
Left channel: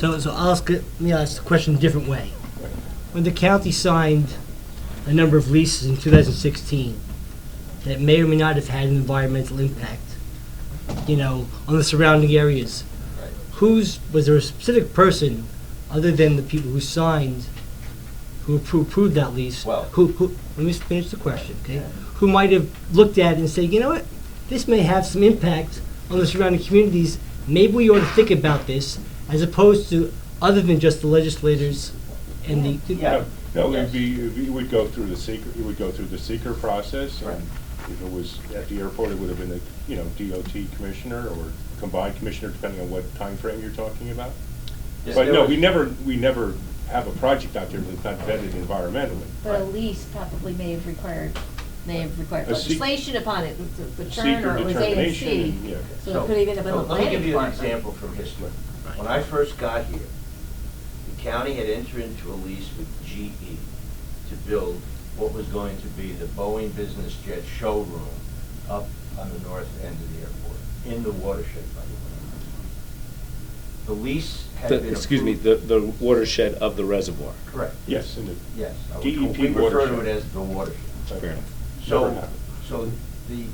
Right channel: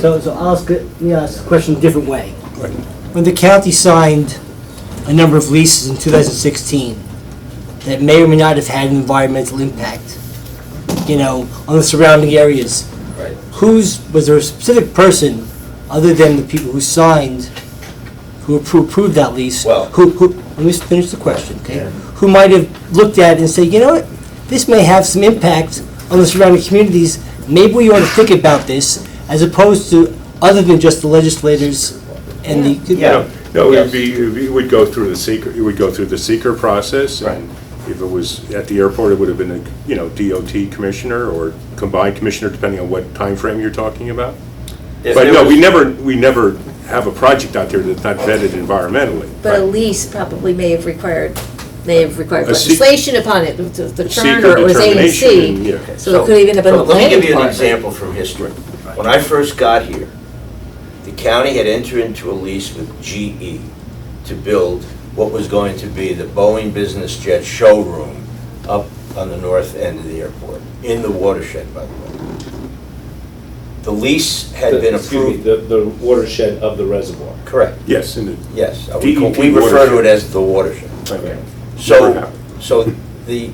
So let me ask the question a different way. Right. When the county signed a number of leases in 2016 that may or may not have had an environmental impact, on the surrounding areas, Right. was there a specific person, other than the people who signed, who approved that lease? Well- Let me finish the question, okay? Yeah. who might have looked at it and said, you know what, this may have some impact on the surrounding communities. Maybe we ought to think about this, as opposed to other than just the legislators and the. Yeah. No, Yes. it would go through the seeker, it would go through the seeker process. Right. And if it was at the airport, it would have been a, DOT commissioner or combined commissioner, depending on what time frame you're talking about. If But there no, was- we never have a project out there that's not vetted environmentally. But a lease probably may have required A legislation upon it, the turn, Seeker or it was A and determination, C. yeah. So it could even have been a Let me planning give you an department. example from history. When I first got here, the county had entered into a lease with GE to build what was going to be the Boeing business jet showroom up on the north end of the airport, in the watershed, by the way. The lease had been approved. The watershed of the reservoir. Correct, Yes, and yes. DEP We refer to watershed. it as the watershed. Okay. So, the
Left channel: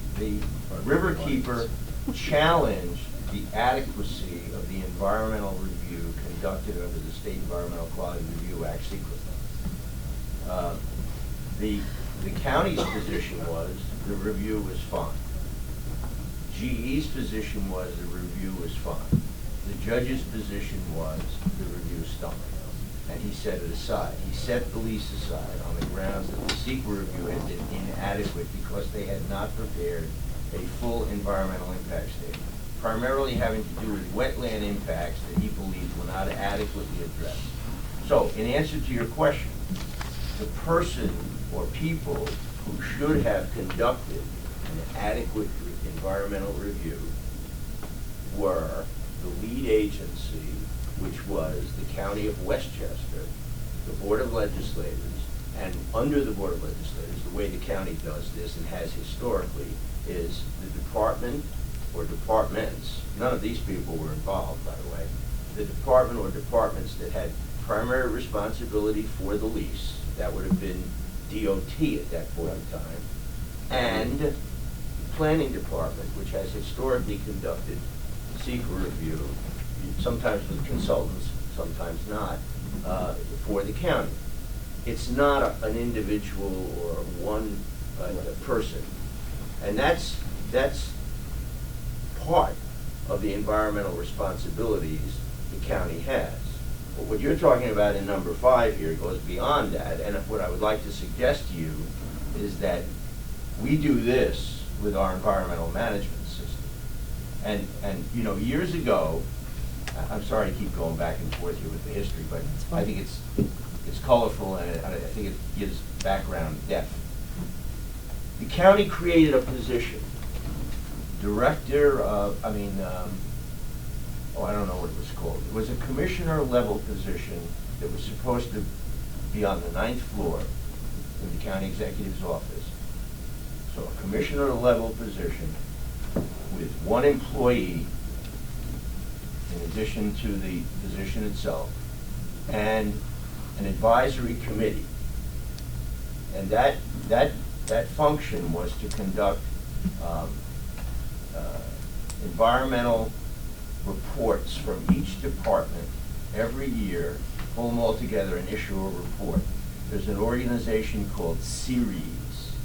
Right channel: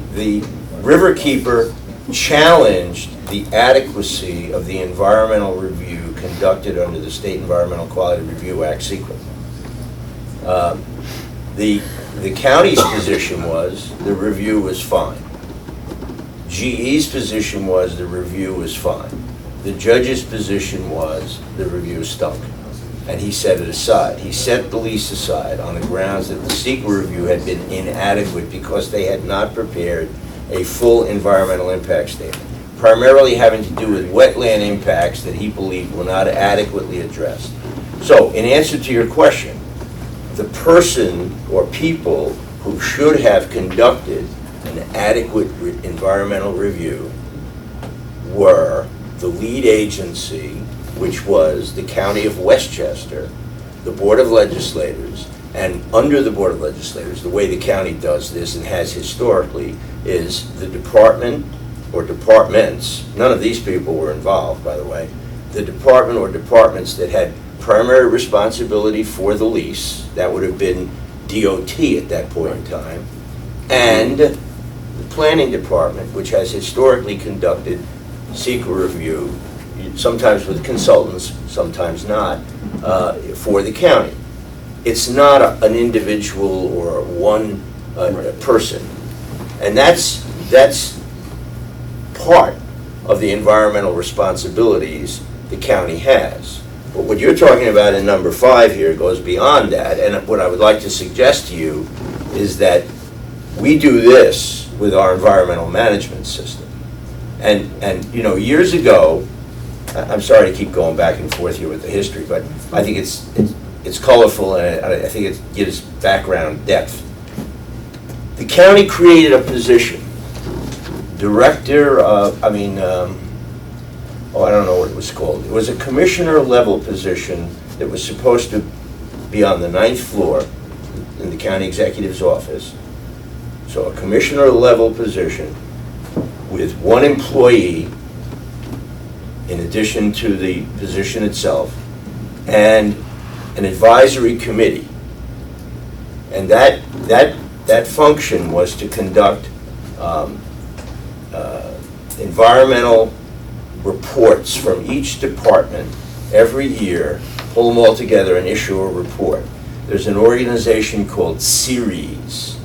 riverkeeper challenged the adequacy of the environmental review conducted under the State Environmental Quality Review Act sequence. The county's position was the review was fine. GE's position was the review was fine. The judge's position was the review stunk. And he set it aside. He set the lease aside on the grounds that the secret review had been inadequate because they had not prepared a full environmental impact statement, primarily having to do with wetland impacts that he believed were not adequately addressed. So, in answer to your question, the person or people who should have conducted an adequate environmental review were the lead agency, which was the County of Westchester, the Board of Legislators, and under the Board of Legislators, the way the county does this and has historically is the department or departments, none of these people were involved, by the way, the department or departments that had primary responsibility for the lease, that would have been DOT at that point in time, and the planning department, which has historically conducted secret review, sometimes with consultants, sometimes not, for the county. It's not an individual or one person. And that's part of the environmental responsibilities the county has. But what you're talking about in number 5 here goes beyond that, and what I would like to suggest to you is that we do this with our environmental management system. And years ago, I'm sorry to keep going back and forth here with the history, but I think it's colorful and I think it gives background depth. The county created a position, I don't know what it was called. It was a commissioner level position that was supposed to be on the 9th floor in the county executive's office. So a commissioner level position with one employee in addition to the position itself, and an advisory committee. And that function was to conduct environmental reports from each department every year, pull them all together and issue a report. There's an organization called CERES,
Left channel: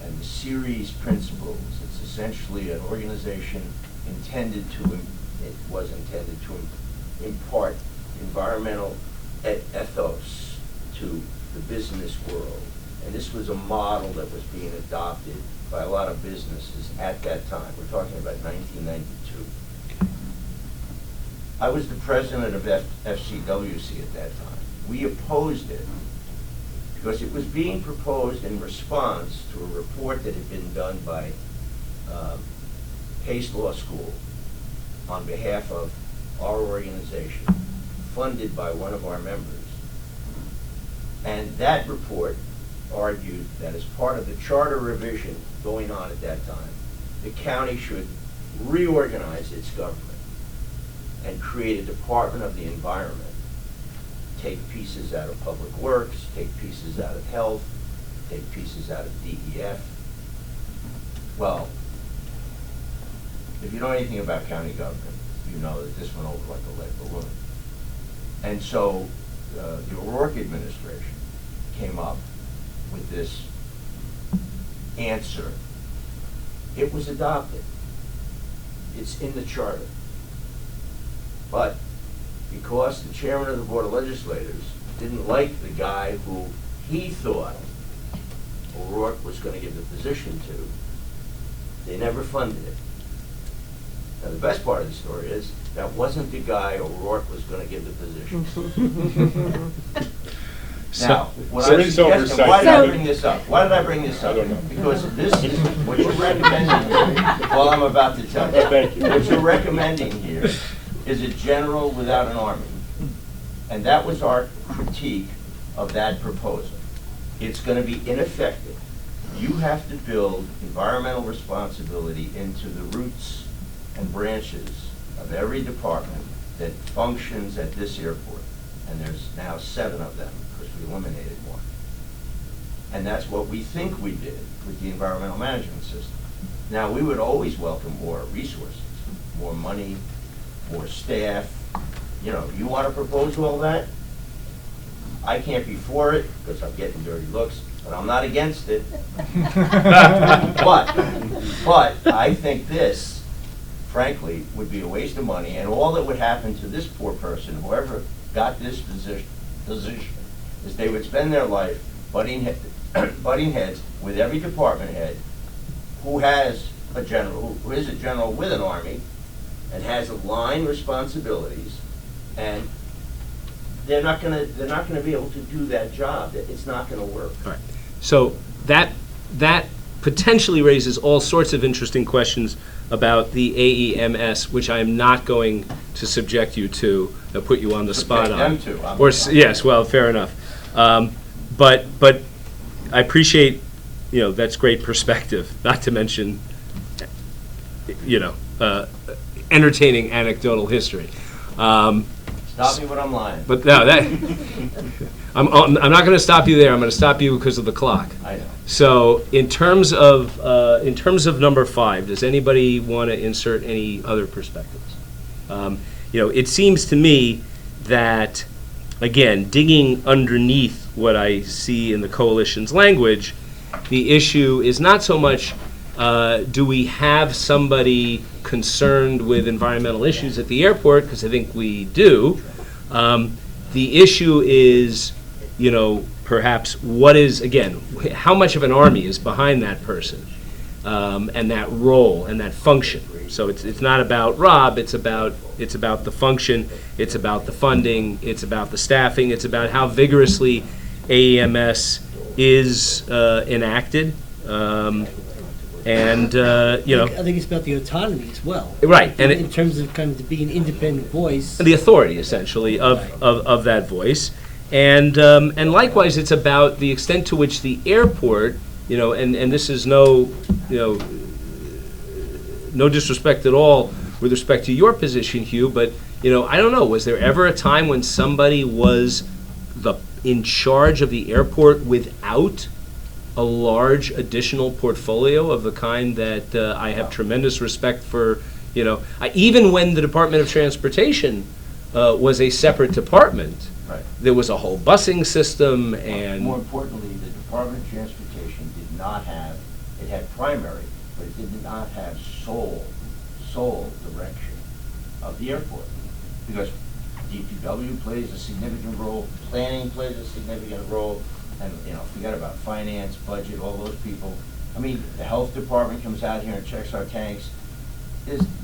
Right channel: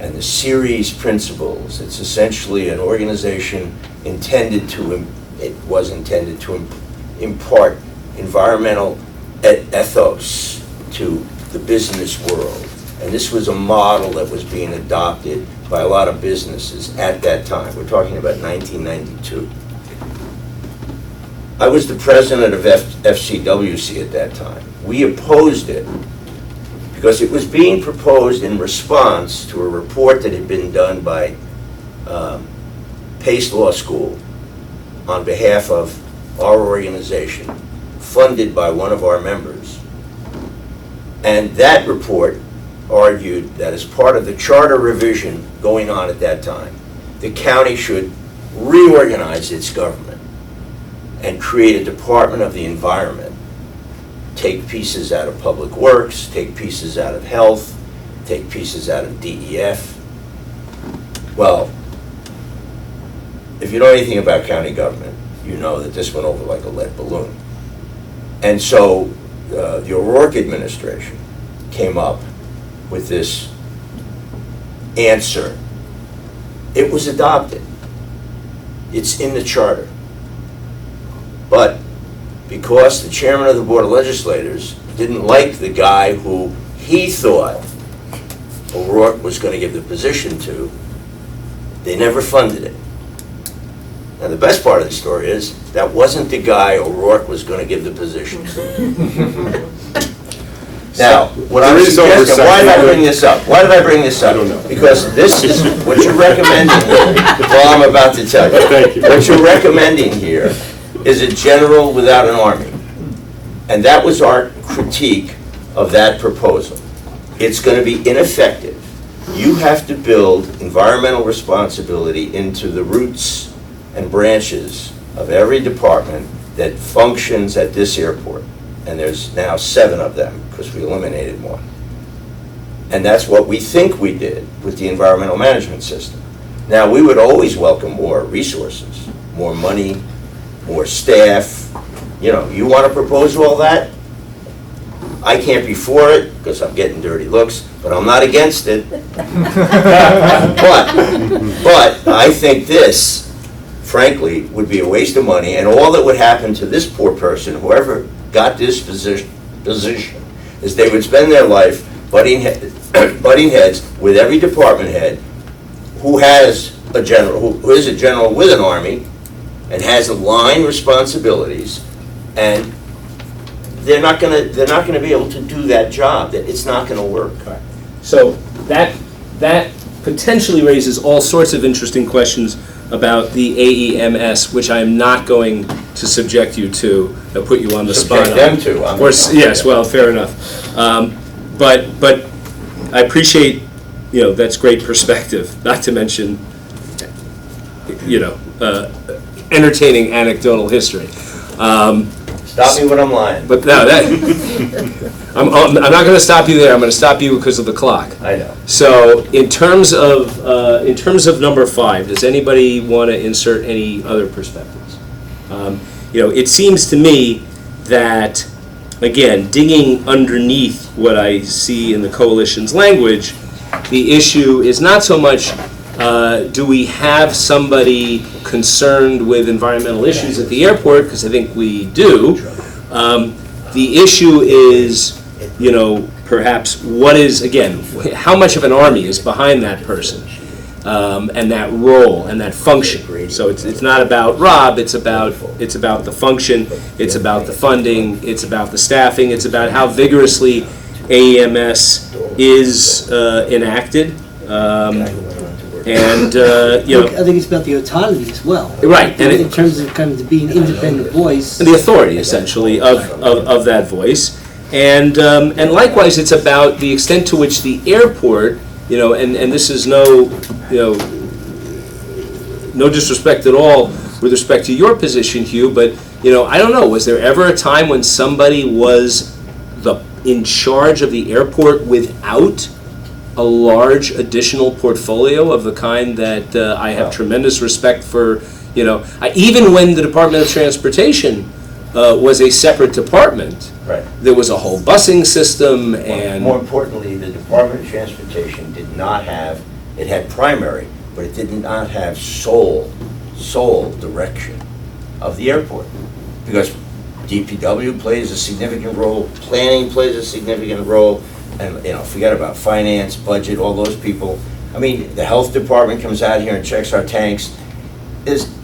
and the CERES principles, it's essentially an organization intended to impart environmental ethos to the business world. And this was a model that was being adopted by a lot of businesses at that time. We're talking about 1992. I was the president of FCWC at that time. We opposed it because it was being proposed in response to a report that had been done by Pace Law School on behalf of our organization, funded by one of our members. And that report argued that as part of the charter revision going on at that time, the county should reorganize its government and create a Department of the Environment, take pieces out of Public Works, take pieces out of Health, take pieces out of DEF. Well, if you know anything about county government, you know that this went over like a lead balloon. And so the O'Rourke administration came up with this answer. It was adopted. It's in the charter. But because the chairman of the Board of Legislators didn't like the guy who he thought O'Rourke was going to give the position to, they never funded it. Now, the best part of the story is that wasn't the guy O'Rourke was going to give the position to. Now, what I was suggesting, why did I bring this up? Why did I bring this up? I don't know. Because this is what you're recommending here. Well, I'm about to tell you. Thank you. What you're recommending here is a general without an army. And that was our critique of that proposal. It's going to be ineffective. You have to build environmental responsibility into the roots and branches of every department that functions at this airport. And there's now 7 of them because we eliminated one. And that's what we think we did with the environmental management system. Now, we would always welcome more resources, more money, more staff. You know, you want to propose all that? I can't be for it because I'm getting dirty looks, but I'm not against it. But I think this, frankly, would be a waste of money, and all that would happen to this poor person, whoever got this position, is they would spend their life butting heads with every department head who is a general with an army and has line responsibilities, and they're not going to be able to do that job. That it's not going to work. So that potentially raises all sorts of interesting questions about the AEMS, which I am not going to subject you to, put you on the spot on. Subject them to. Yes, well, fair enough. But I appreciate, that's great perspective, not to mention, entertaining anecdotal history. Stop me when I'm lying. But no, I'm not going to stop you there. I'm going to stop you because of the clock. I know. So in terms of number 5, does anybody want to insert any other perspectives? It seems to me that, again, digging underneath what I see in the coalition's language, the issue is not so much do we have somebody concerned with environmental issues at the airport, because I think we do. The issue is, perhaps what is, again, how much of an army is behind that person and that role and that function. So it's not about Rob, it's about the function, it's about the funding, it's about the staffing, it's about how vigorously AEMS is enacted. I think it's about the autonomy as well. Right, and in terms of kind of being an independent voice. The authority, essentially, of that voice. And likewise, it's about the extent to which the airport, and this is no disrespect at all with respect to your position, Hugh, but, I don't know, was there ever a time when somebody was in charge of the airport without a large additional portfolio of the kind that I have tremendous respect for? Even when the Department of Transportation was a separate department, Right. there was a whole busing system, and More importantly, the Department of Transportation did not have, it had primary, but it did not have sole direction of the airport. Because DPW plays a significant role, planning plays a significant role, and, forget about finance, budget, all those people. I mean, the health department comes out here and checks our tanks.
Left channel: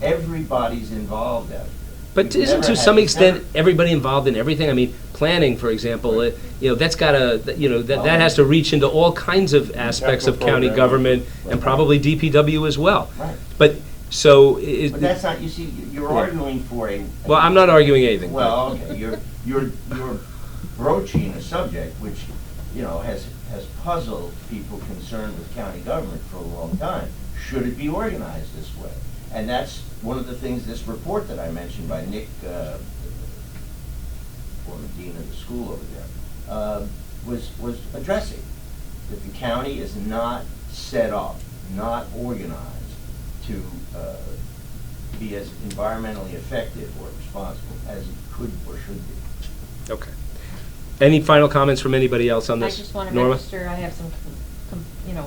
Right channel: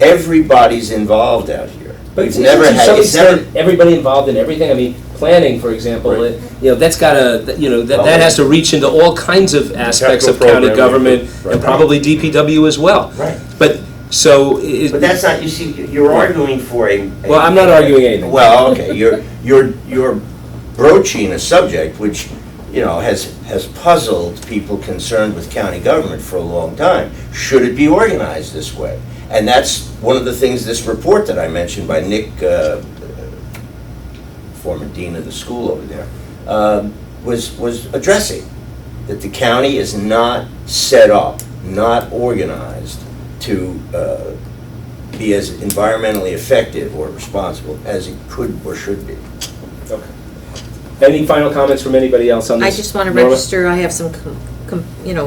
Everybody's involved out here. But We've never to had, some it's never, extent, everybody involved in everything. I mean, planning, for example, Right. That's got that has to reach into all kinds of aspects of Capital county programming, government right. and probably DPW as well. Right. But so. But that's not, you see, you're arguing for a. Well, I'm not arguing anything. Well, okay, you're broaching a subject which, has puzzled people concerned with county government for a long time. Should it be organized this way? And that's one of the things, this report that I mentioned by Nick, former dean of the school over there, was addressing. That the county is not set up, not organized to be as environmentally effective or responsible as it could or should be. Okay. Any final comments from anybody else on I this? just want to Laura? register, I have some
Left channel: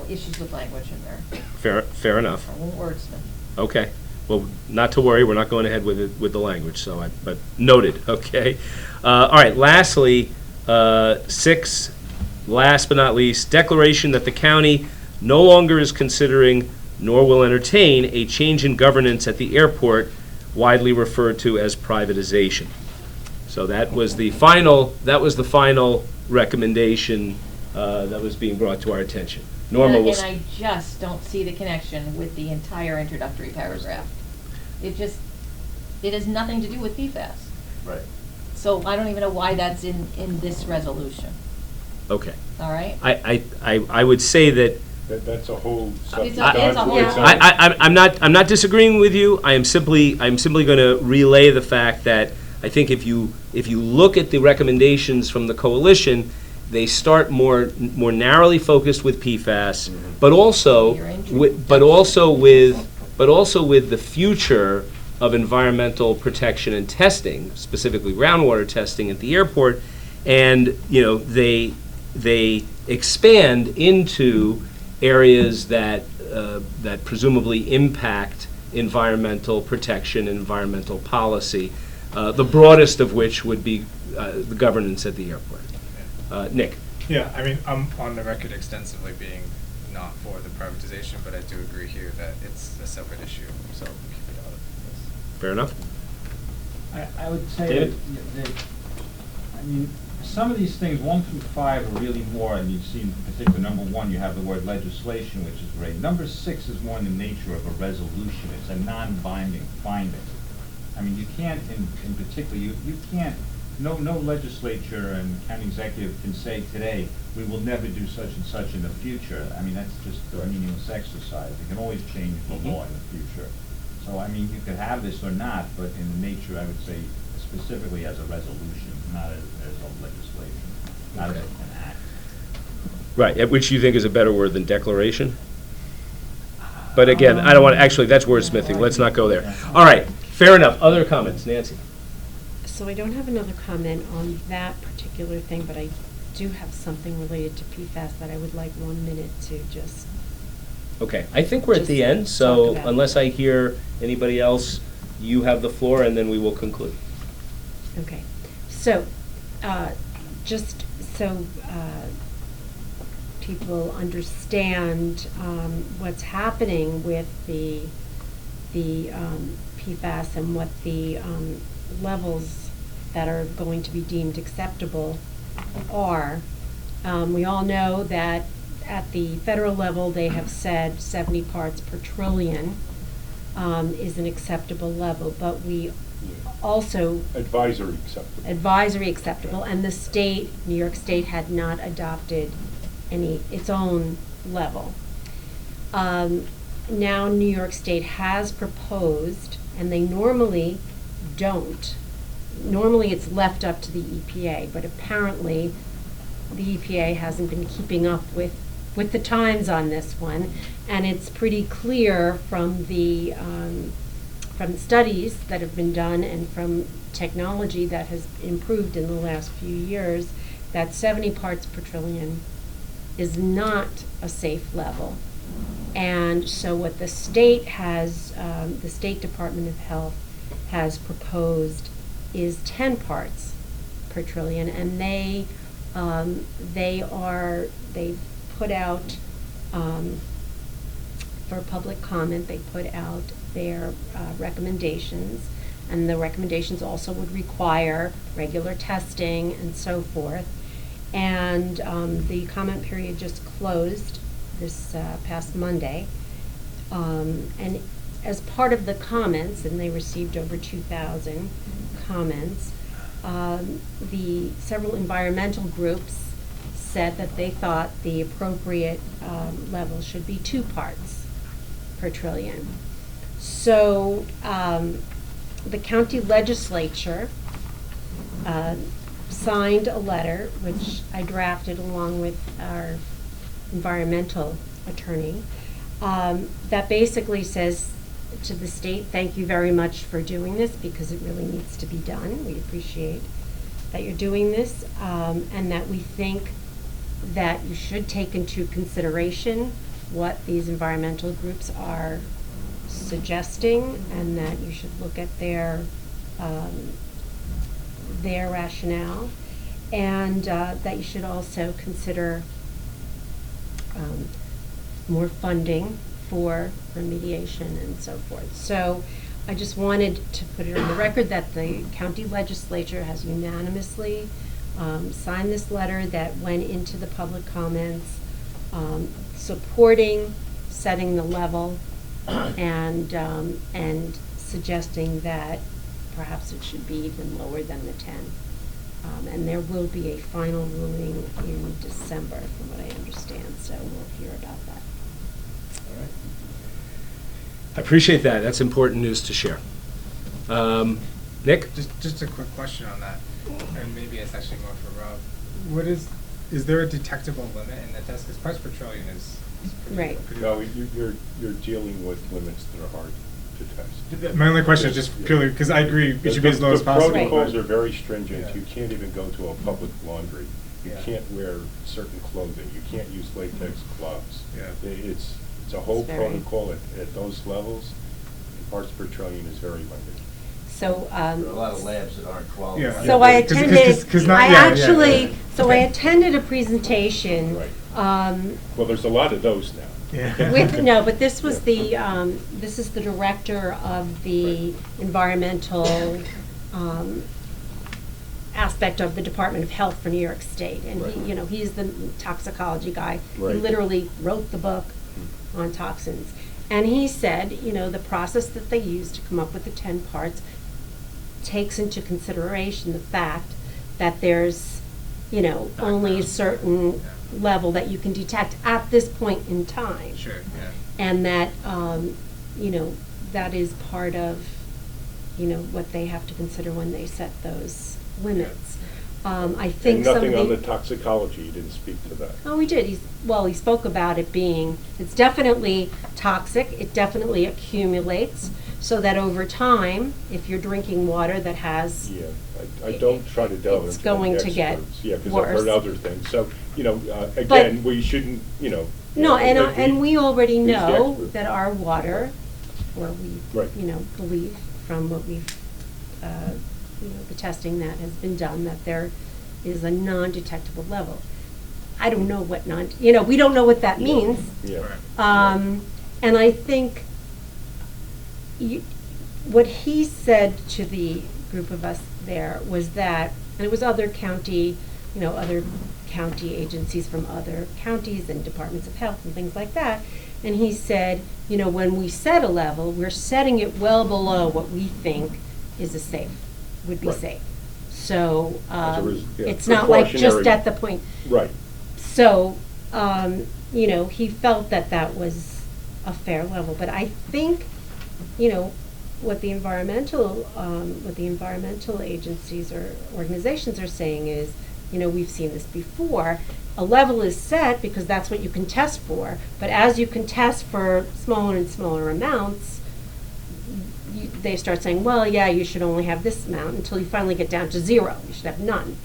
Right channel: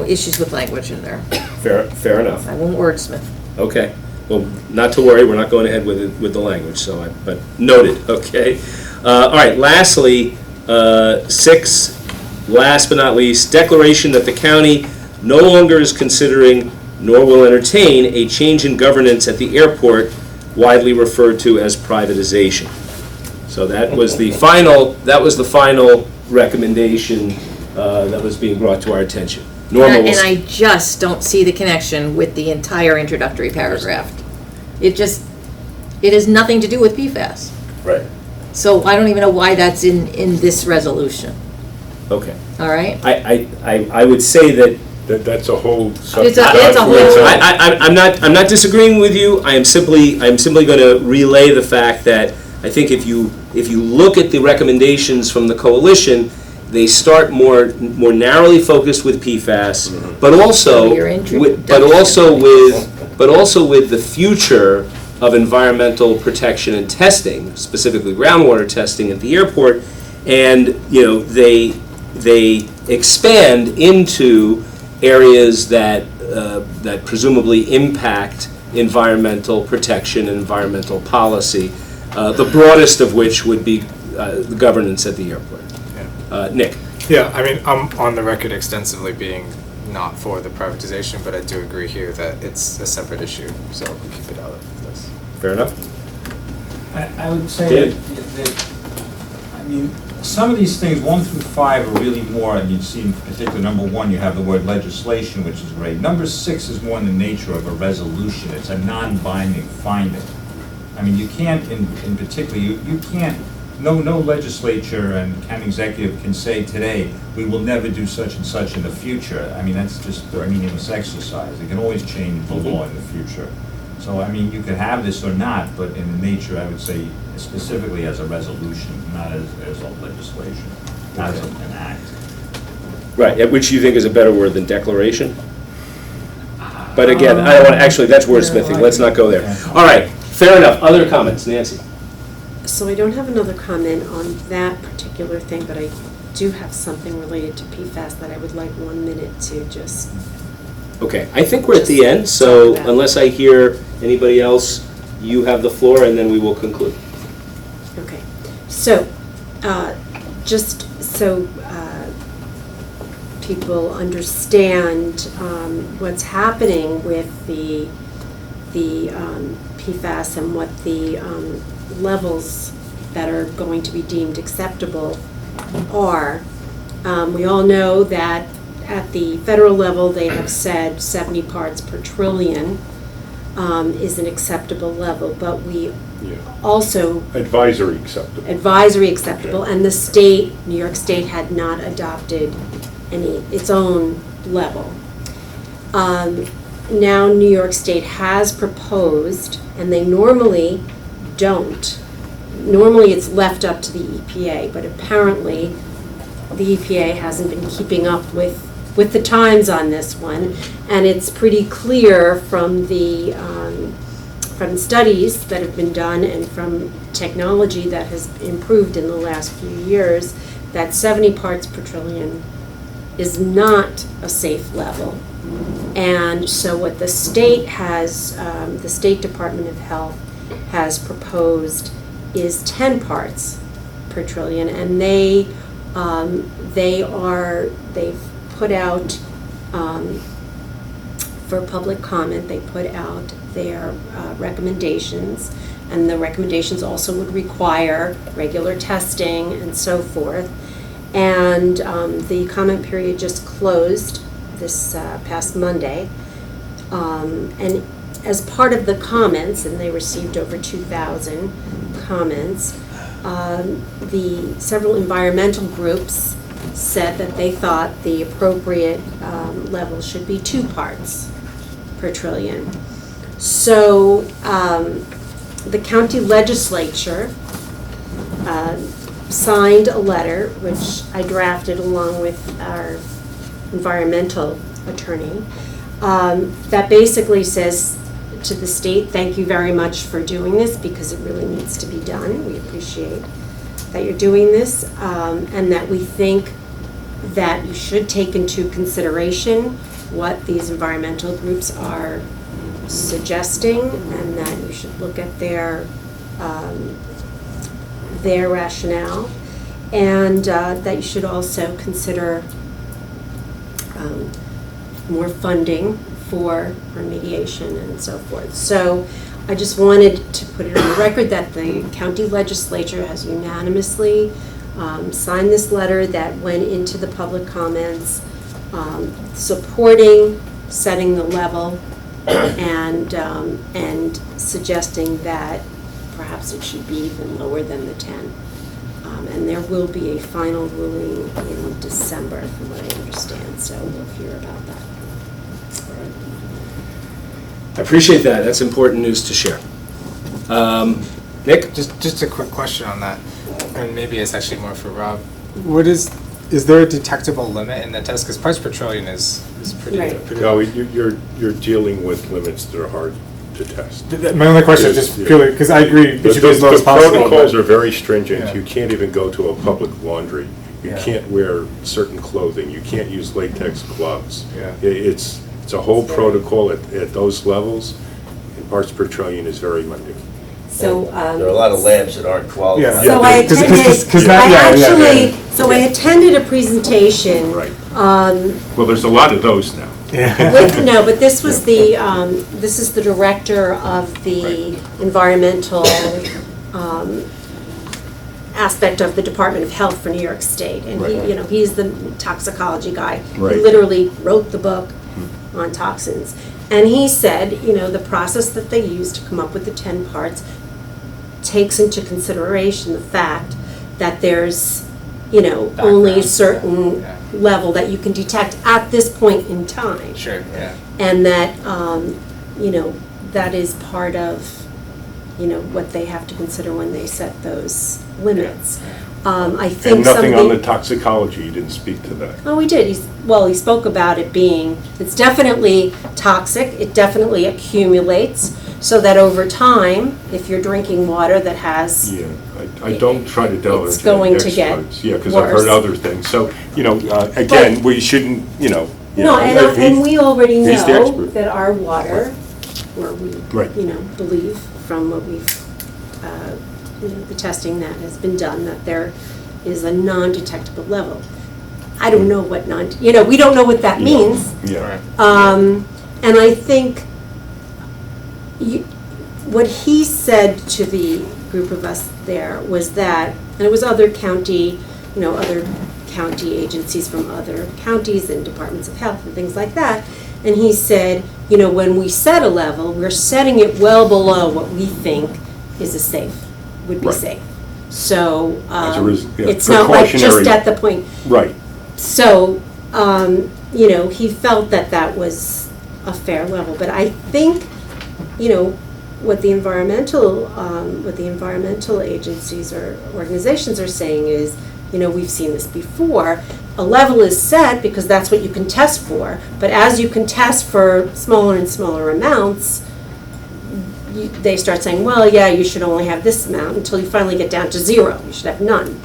issues with language in there. Fair enough. I won't wordsmith. Okay. Well, not to worry, we're not going ahead with it, with the language, but noted, okay? All right, lastly, 6, last but not least, declaration that the county no longer is considering nor will entertain a change in governance at the airport, widely referred to as privatization. So that was the final recommendation that was being brought to our attention. Norma will And I just don't see the connection with the entire introductory paragraph. It has nothing to do with PFAS. Right. So I don't even know why that's in this resolution, Okay. all right? I would say that That's a whole subject. It's a whole- I'm not disagreeing with you. I am simply going to relay the fact that I think if you look at the recommendations from the coalition, they start more narrowly focused with PFAS, but also Your with, introduction. but also with the future of environmental protection and testing, specifically groundwater testing at the airport, and they expand into areas that presumably impact environmental protection and environmental policy, the broadest of which would be the governance at the airport. Nick? Yeah, I mean, I'm on the record extensively being not for the privatization, but I do agree here that it's a separate issue, so we keep it out of this. Fair enough? I would say David? that, I mean, some of these things, 1 through 5, are really more, and you see in particular, number 1, you have the word legislation, which is great. Number 6 is more in the nature of a resolution. It's a non-binding finding. I mean, you can't, in particular, you can't, no legislature and county executive can say today, we will never do such and such in the future. I mean, that's just a meaningless exercise. They can always change the law in the future. So, I mean, you could have this or not, but in the nature, I would say, specifically as a resolution, not as a legislation, not as an act. Right, which you think is a better word than declaration? But again, I don't want to, actually, that's wordsmithing, let's not go there. All right, fair enough. Other comments, Nancy? So I don't have another comment on that particular thing, but I do have something related to PFAS that I would like 1 minute to just. Okay, I think we're at the end, so Talk about. unless I hear anybody else, you have the floor, and then we will conclude. Okay, so, just so people understand what's happening with the PFAS and what the levels that are going to be deemed acceptable are. We all know that at the federal level, they have said 70 parts per trillion is an acceptable level, but we also Advisory acceptable. advisory acceptable, and the state, New York State, had not adopted its own level. Now New York State has proposed, and they normally don't. Normally it's left up to the EPA, but apparently the EPA hasn't been keeping up with the times on this one, and it's pretty clear from the studies that have been done and from technology that has improved in the last few years that 70 parts per trillion is not a safe level. And so what the state has, the State Department of Health has proposed is 10 parts per trillion, and they've put out, for public comment, they put out their recommendations, and the recommendations also would require regular testing and so forth. And the comment period just closed this past Monday. And as part of the comments, and they received over 2,000 comments, the several environmental groups said that they thought the appropriate level should be 2 parts per trillion. So the county legislature signed a letter, which I drafted along with our environmental attorney, that basically says to the state, thank you very much for doing this because it really needs to be done. We appreciate that you're doing this, and that we think that you should take into consideration what these environmental groups are suggesting, and that you should look at their rationale, and that you should also consider more funding for remediation and so forth. So I just wanted to put it on the record that the county legislature has unanimously signed this letter that went into the public comments, supporting setting the level and suggesting that perhaps it should be even lower than the 10. And there will be a final ruling in December, from what I understand, so we'll hear about that. I appreciate that. That's important news to share. Nick? Just a quick question on that, and maybe it's actually more for Rob. Is there a detectable limit in the test? Because parts per trillion is pretty. Right. pretty No, you're dealing with limits that are hard to test. My only question is just purely, because I agree, it should be as low as possible. The protocols but- are very stringent. Yeah. You can't even go to a public laundry. You Yeah. can't wear certain clothing. You can't use latex gloves. Yeah. It's a whole protocol at those levels, and parts per trillion is very limiting. So, There are a lot of labs that aren't qualified. so I Because- attended, because not- I yeah, yeah, actually, yeah. so I attended a presentation. Right. Um, Well, there's a lot of those now. No, but this was this is the director of the environmental aspect of the Department of Health for New York State. And Right. he's the toxicology guy. Right. He literally wrote the book on toxins. And he said, the process that they use to come up with the 10 parts takes into consideration the fact that there's, only a Background, certain yeah. level that you can detect at this point in time. Sure, yeah. And that, that is part of, what they have to consider when they set those limits. I think And nothing on the somebody- toxicology, you didn't speak to that. Oh, we did. He spoke about it being, it's definitely toxic. It definitely accumulates, so that over time, if you're drinking water that has, Yeah, I don't try to delve It's into going the to get experts. Yeah, because I've heard worse. other things. So, again, we shouldn't, no, and we already he's the know expert. that our water, or we, Right. believe from what we've, the testing that has been done, that there is a non-detectable level. I don't know what we don't know what that means. Yeah. And I think what he said to the group of us there was that, and it was other county agencies from other counties and departments of health and things like that, and he said, when we set a level, we're setting it well below what we think would be Right. safe. So, it's not like just precautionary. at the point. Right. So, he felt that that was a fair level, but I think, what the environmental agencies or organizations are saying is, we've seen this before, a level is set because that's what you can test for, but as you can test for smaller and smaller amounts, they start saying, well, yeah, you should only have this amount until you finally get down to 0. You should have none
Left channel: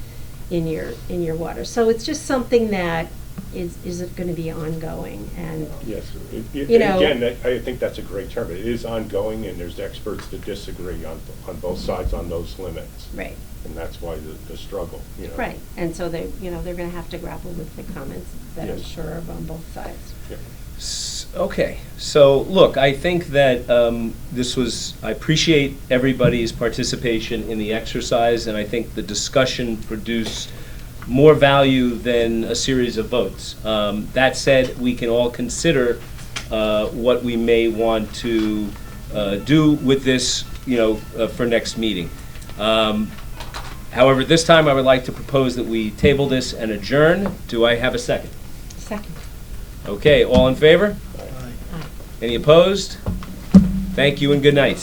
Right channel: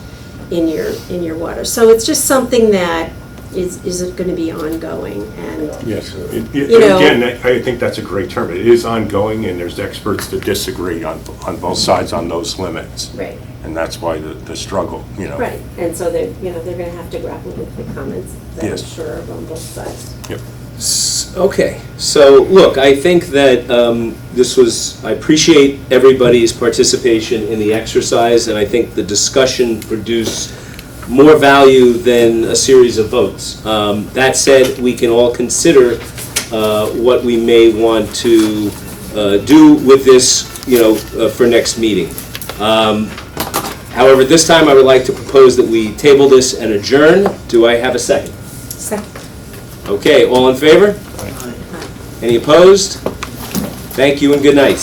in your water. So it's just something that is going to be ongoing, and Yes. You know- Again, I think that's a great term. It is ongoing, and there's experts that disagree on both sides on those limits. right, And that's why the struggle, right. And so they're going to have to grapple with the comments that I'm Yes. sure are on both sides. Yep. Okay, so look, I think that I appreciate everybody's participation in the exercise, and I think the discussion produced more value than a series of votes. That said, we can all consider what we may want to do with this, for next meeting. However, this time I would like to propose that we table this and adjourn. Do I have a second? Second. Okay, all in favor? Any opposed? Thank you and good night.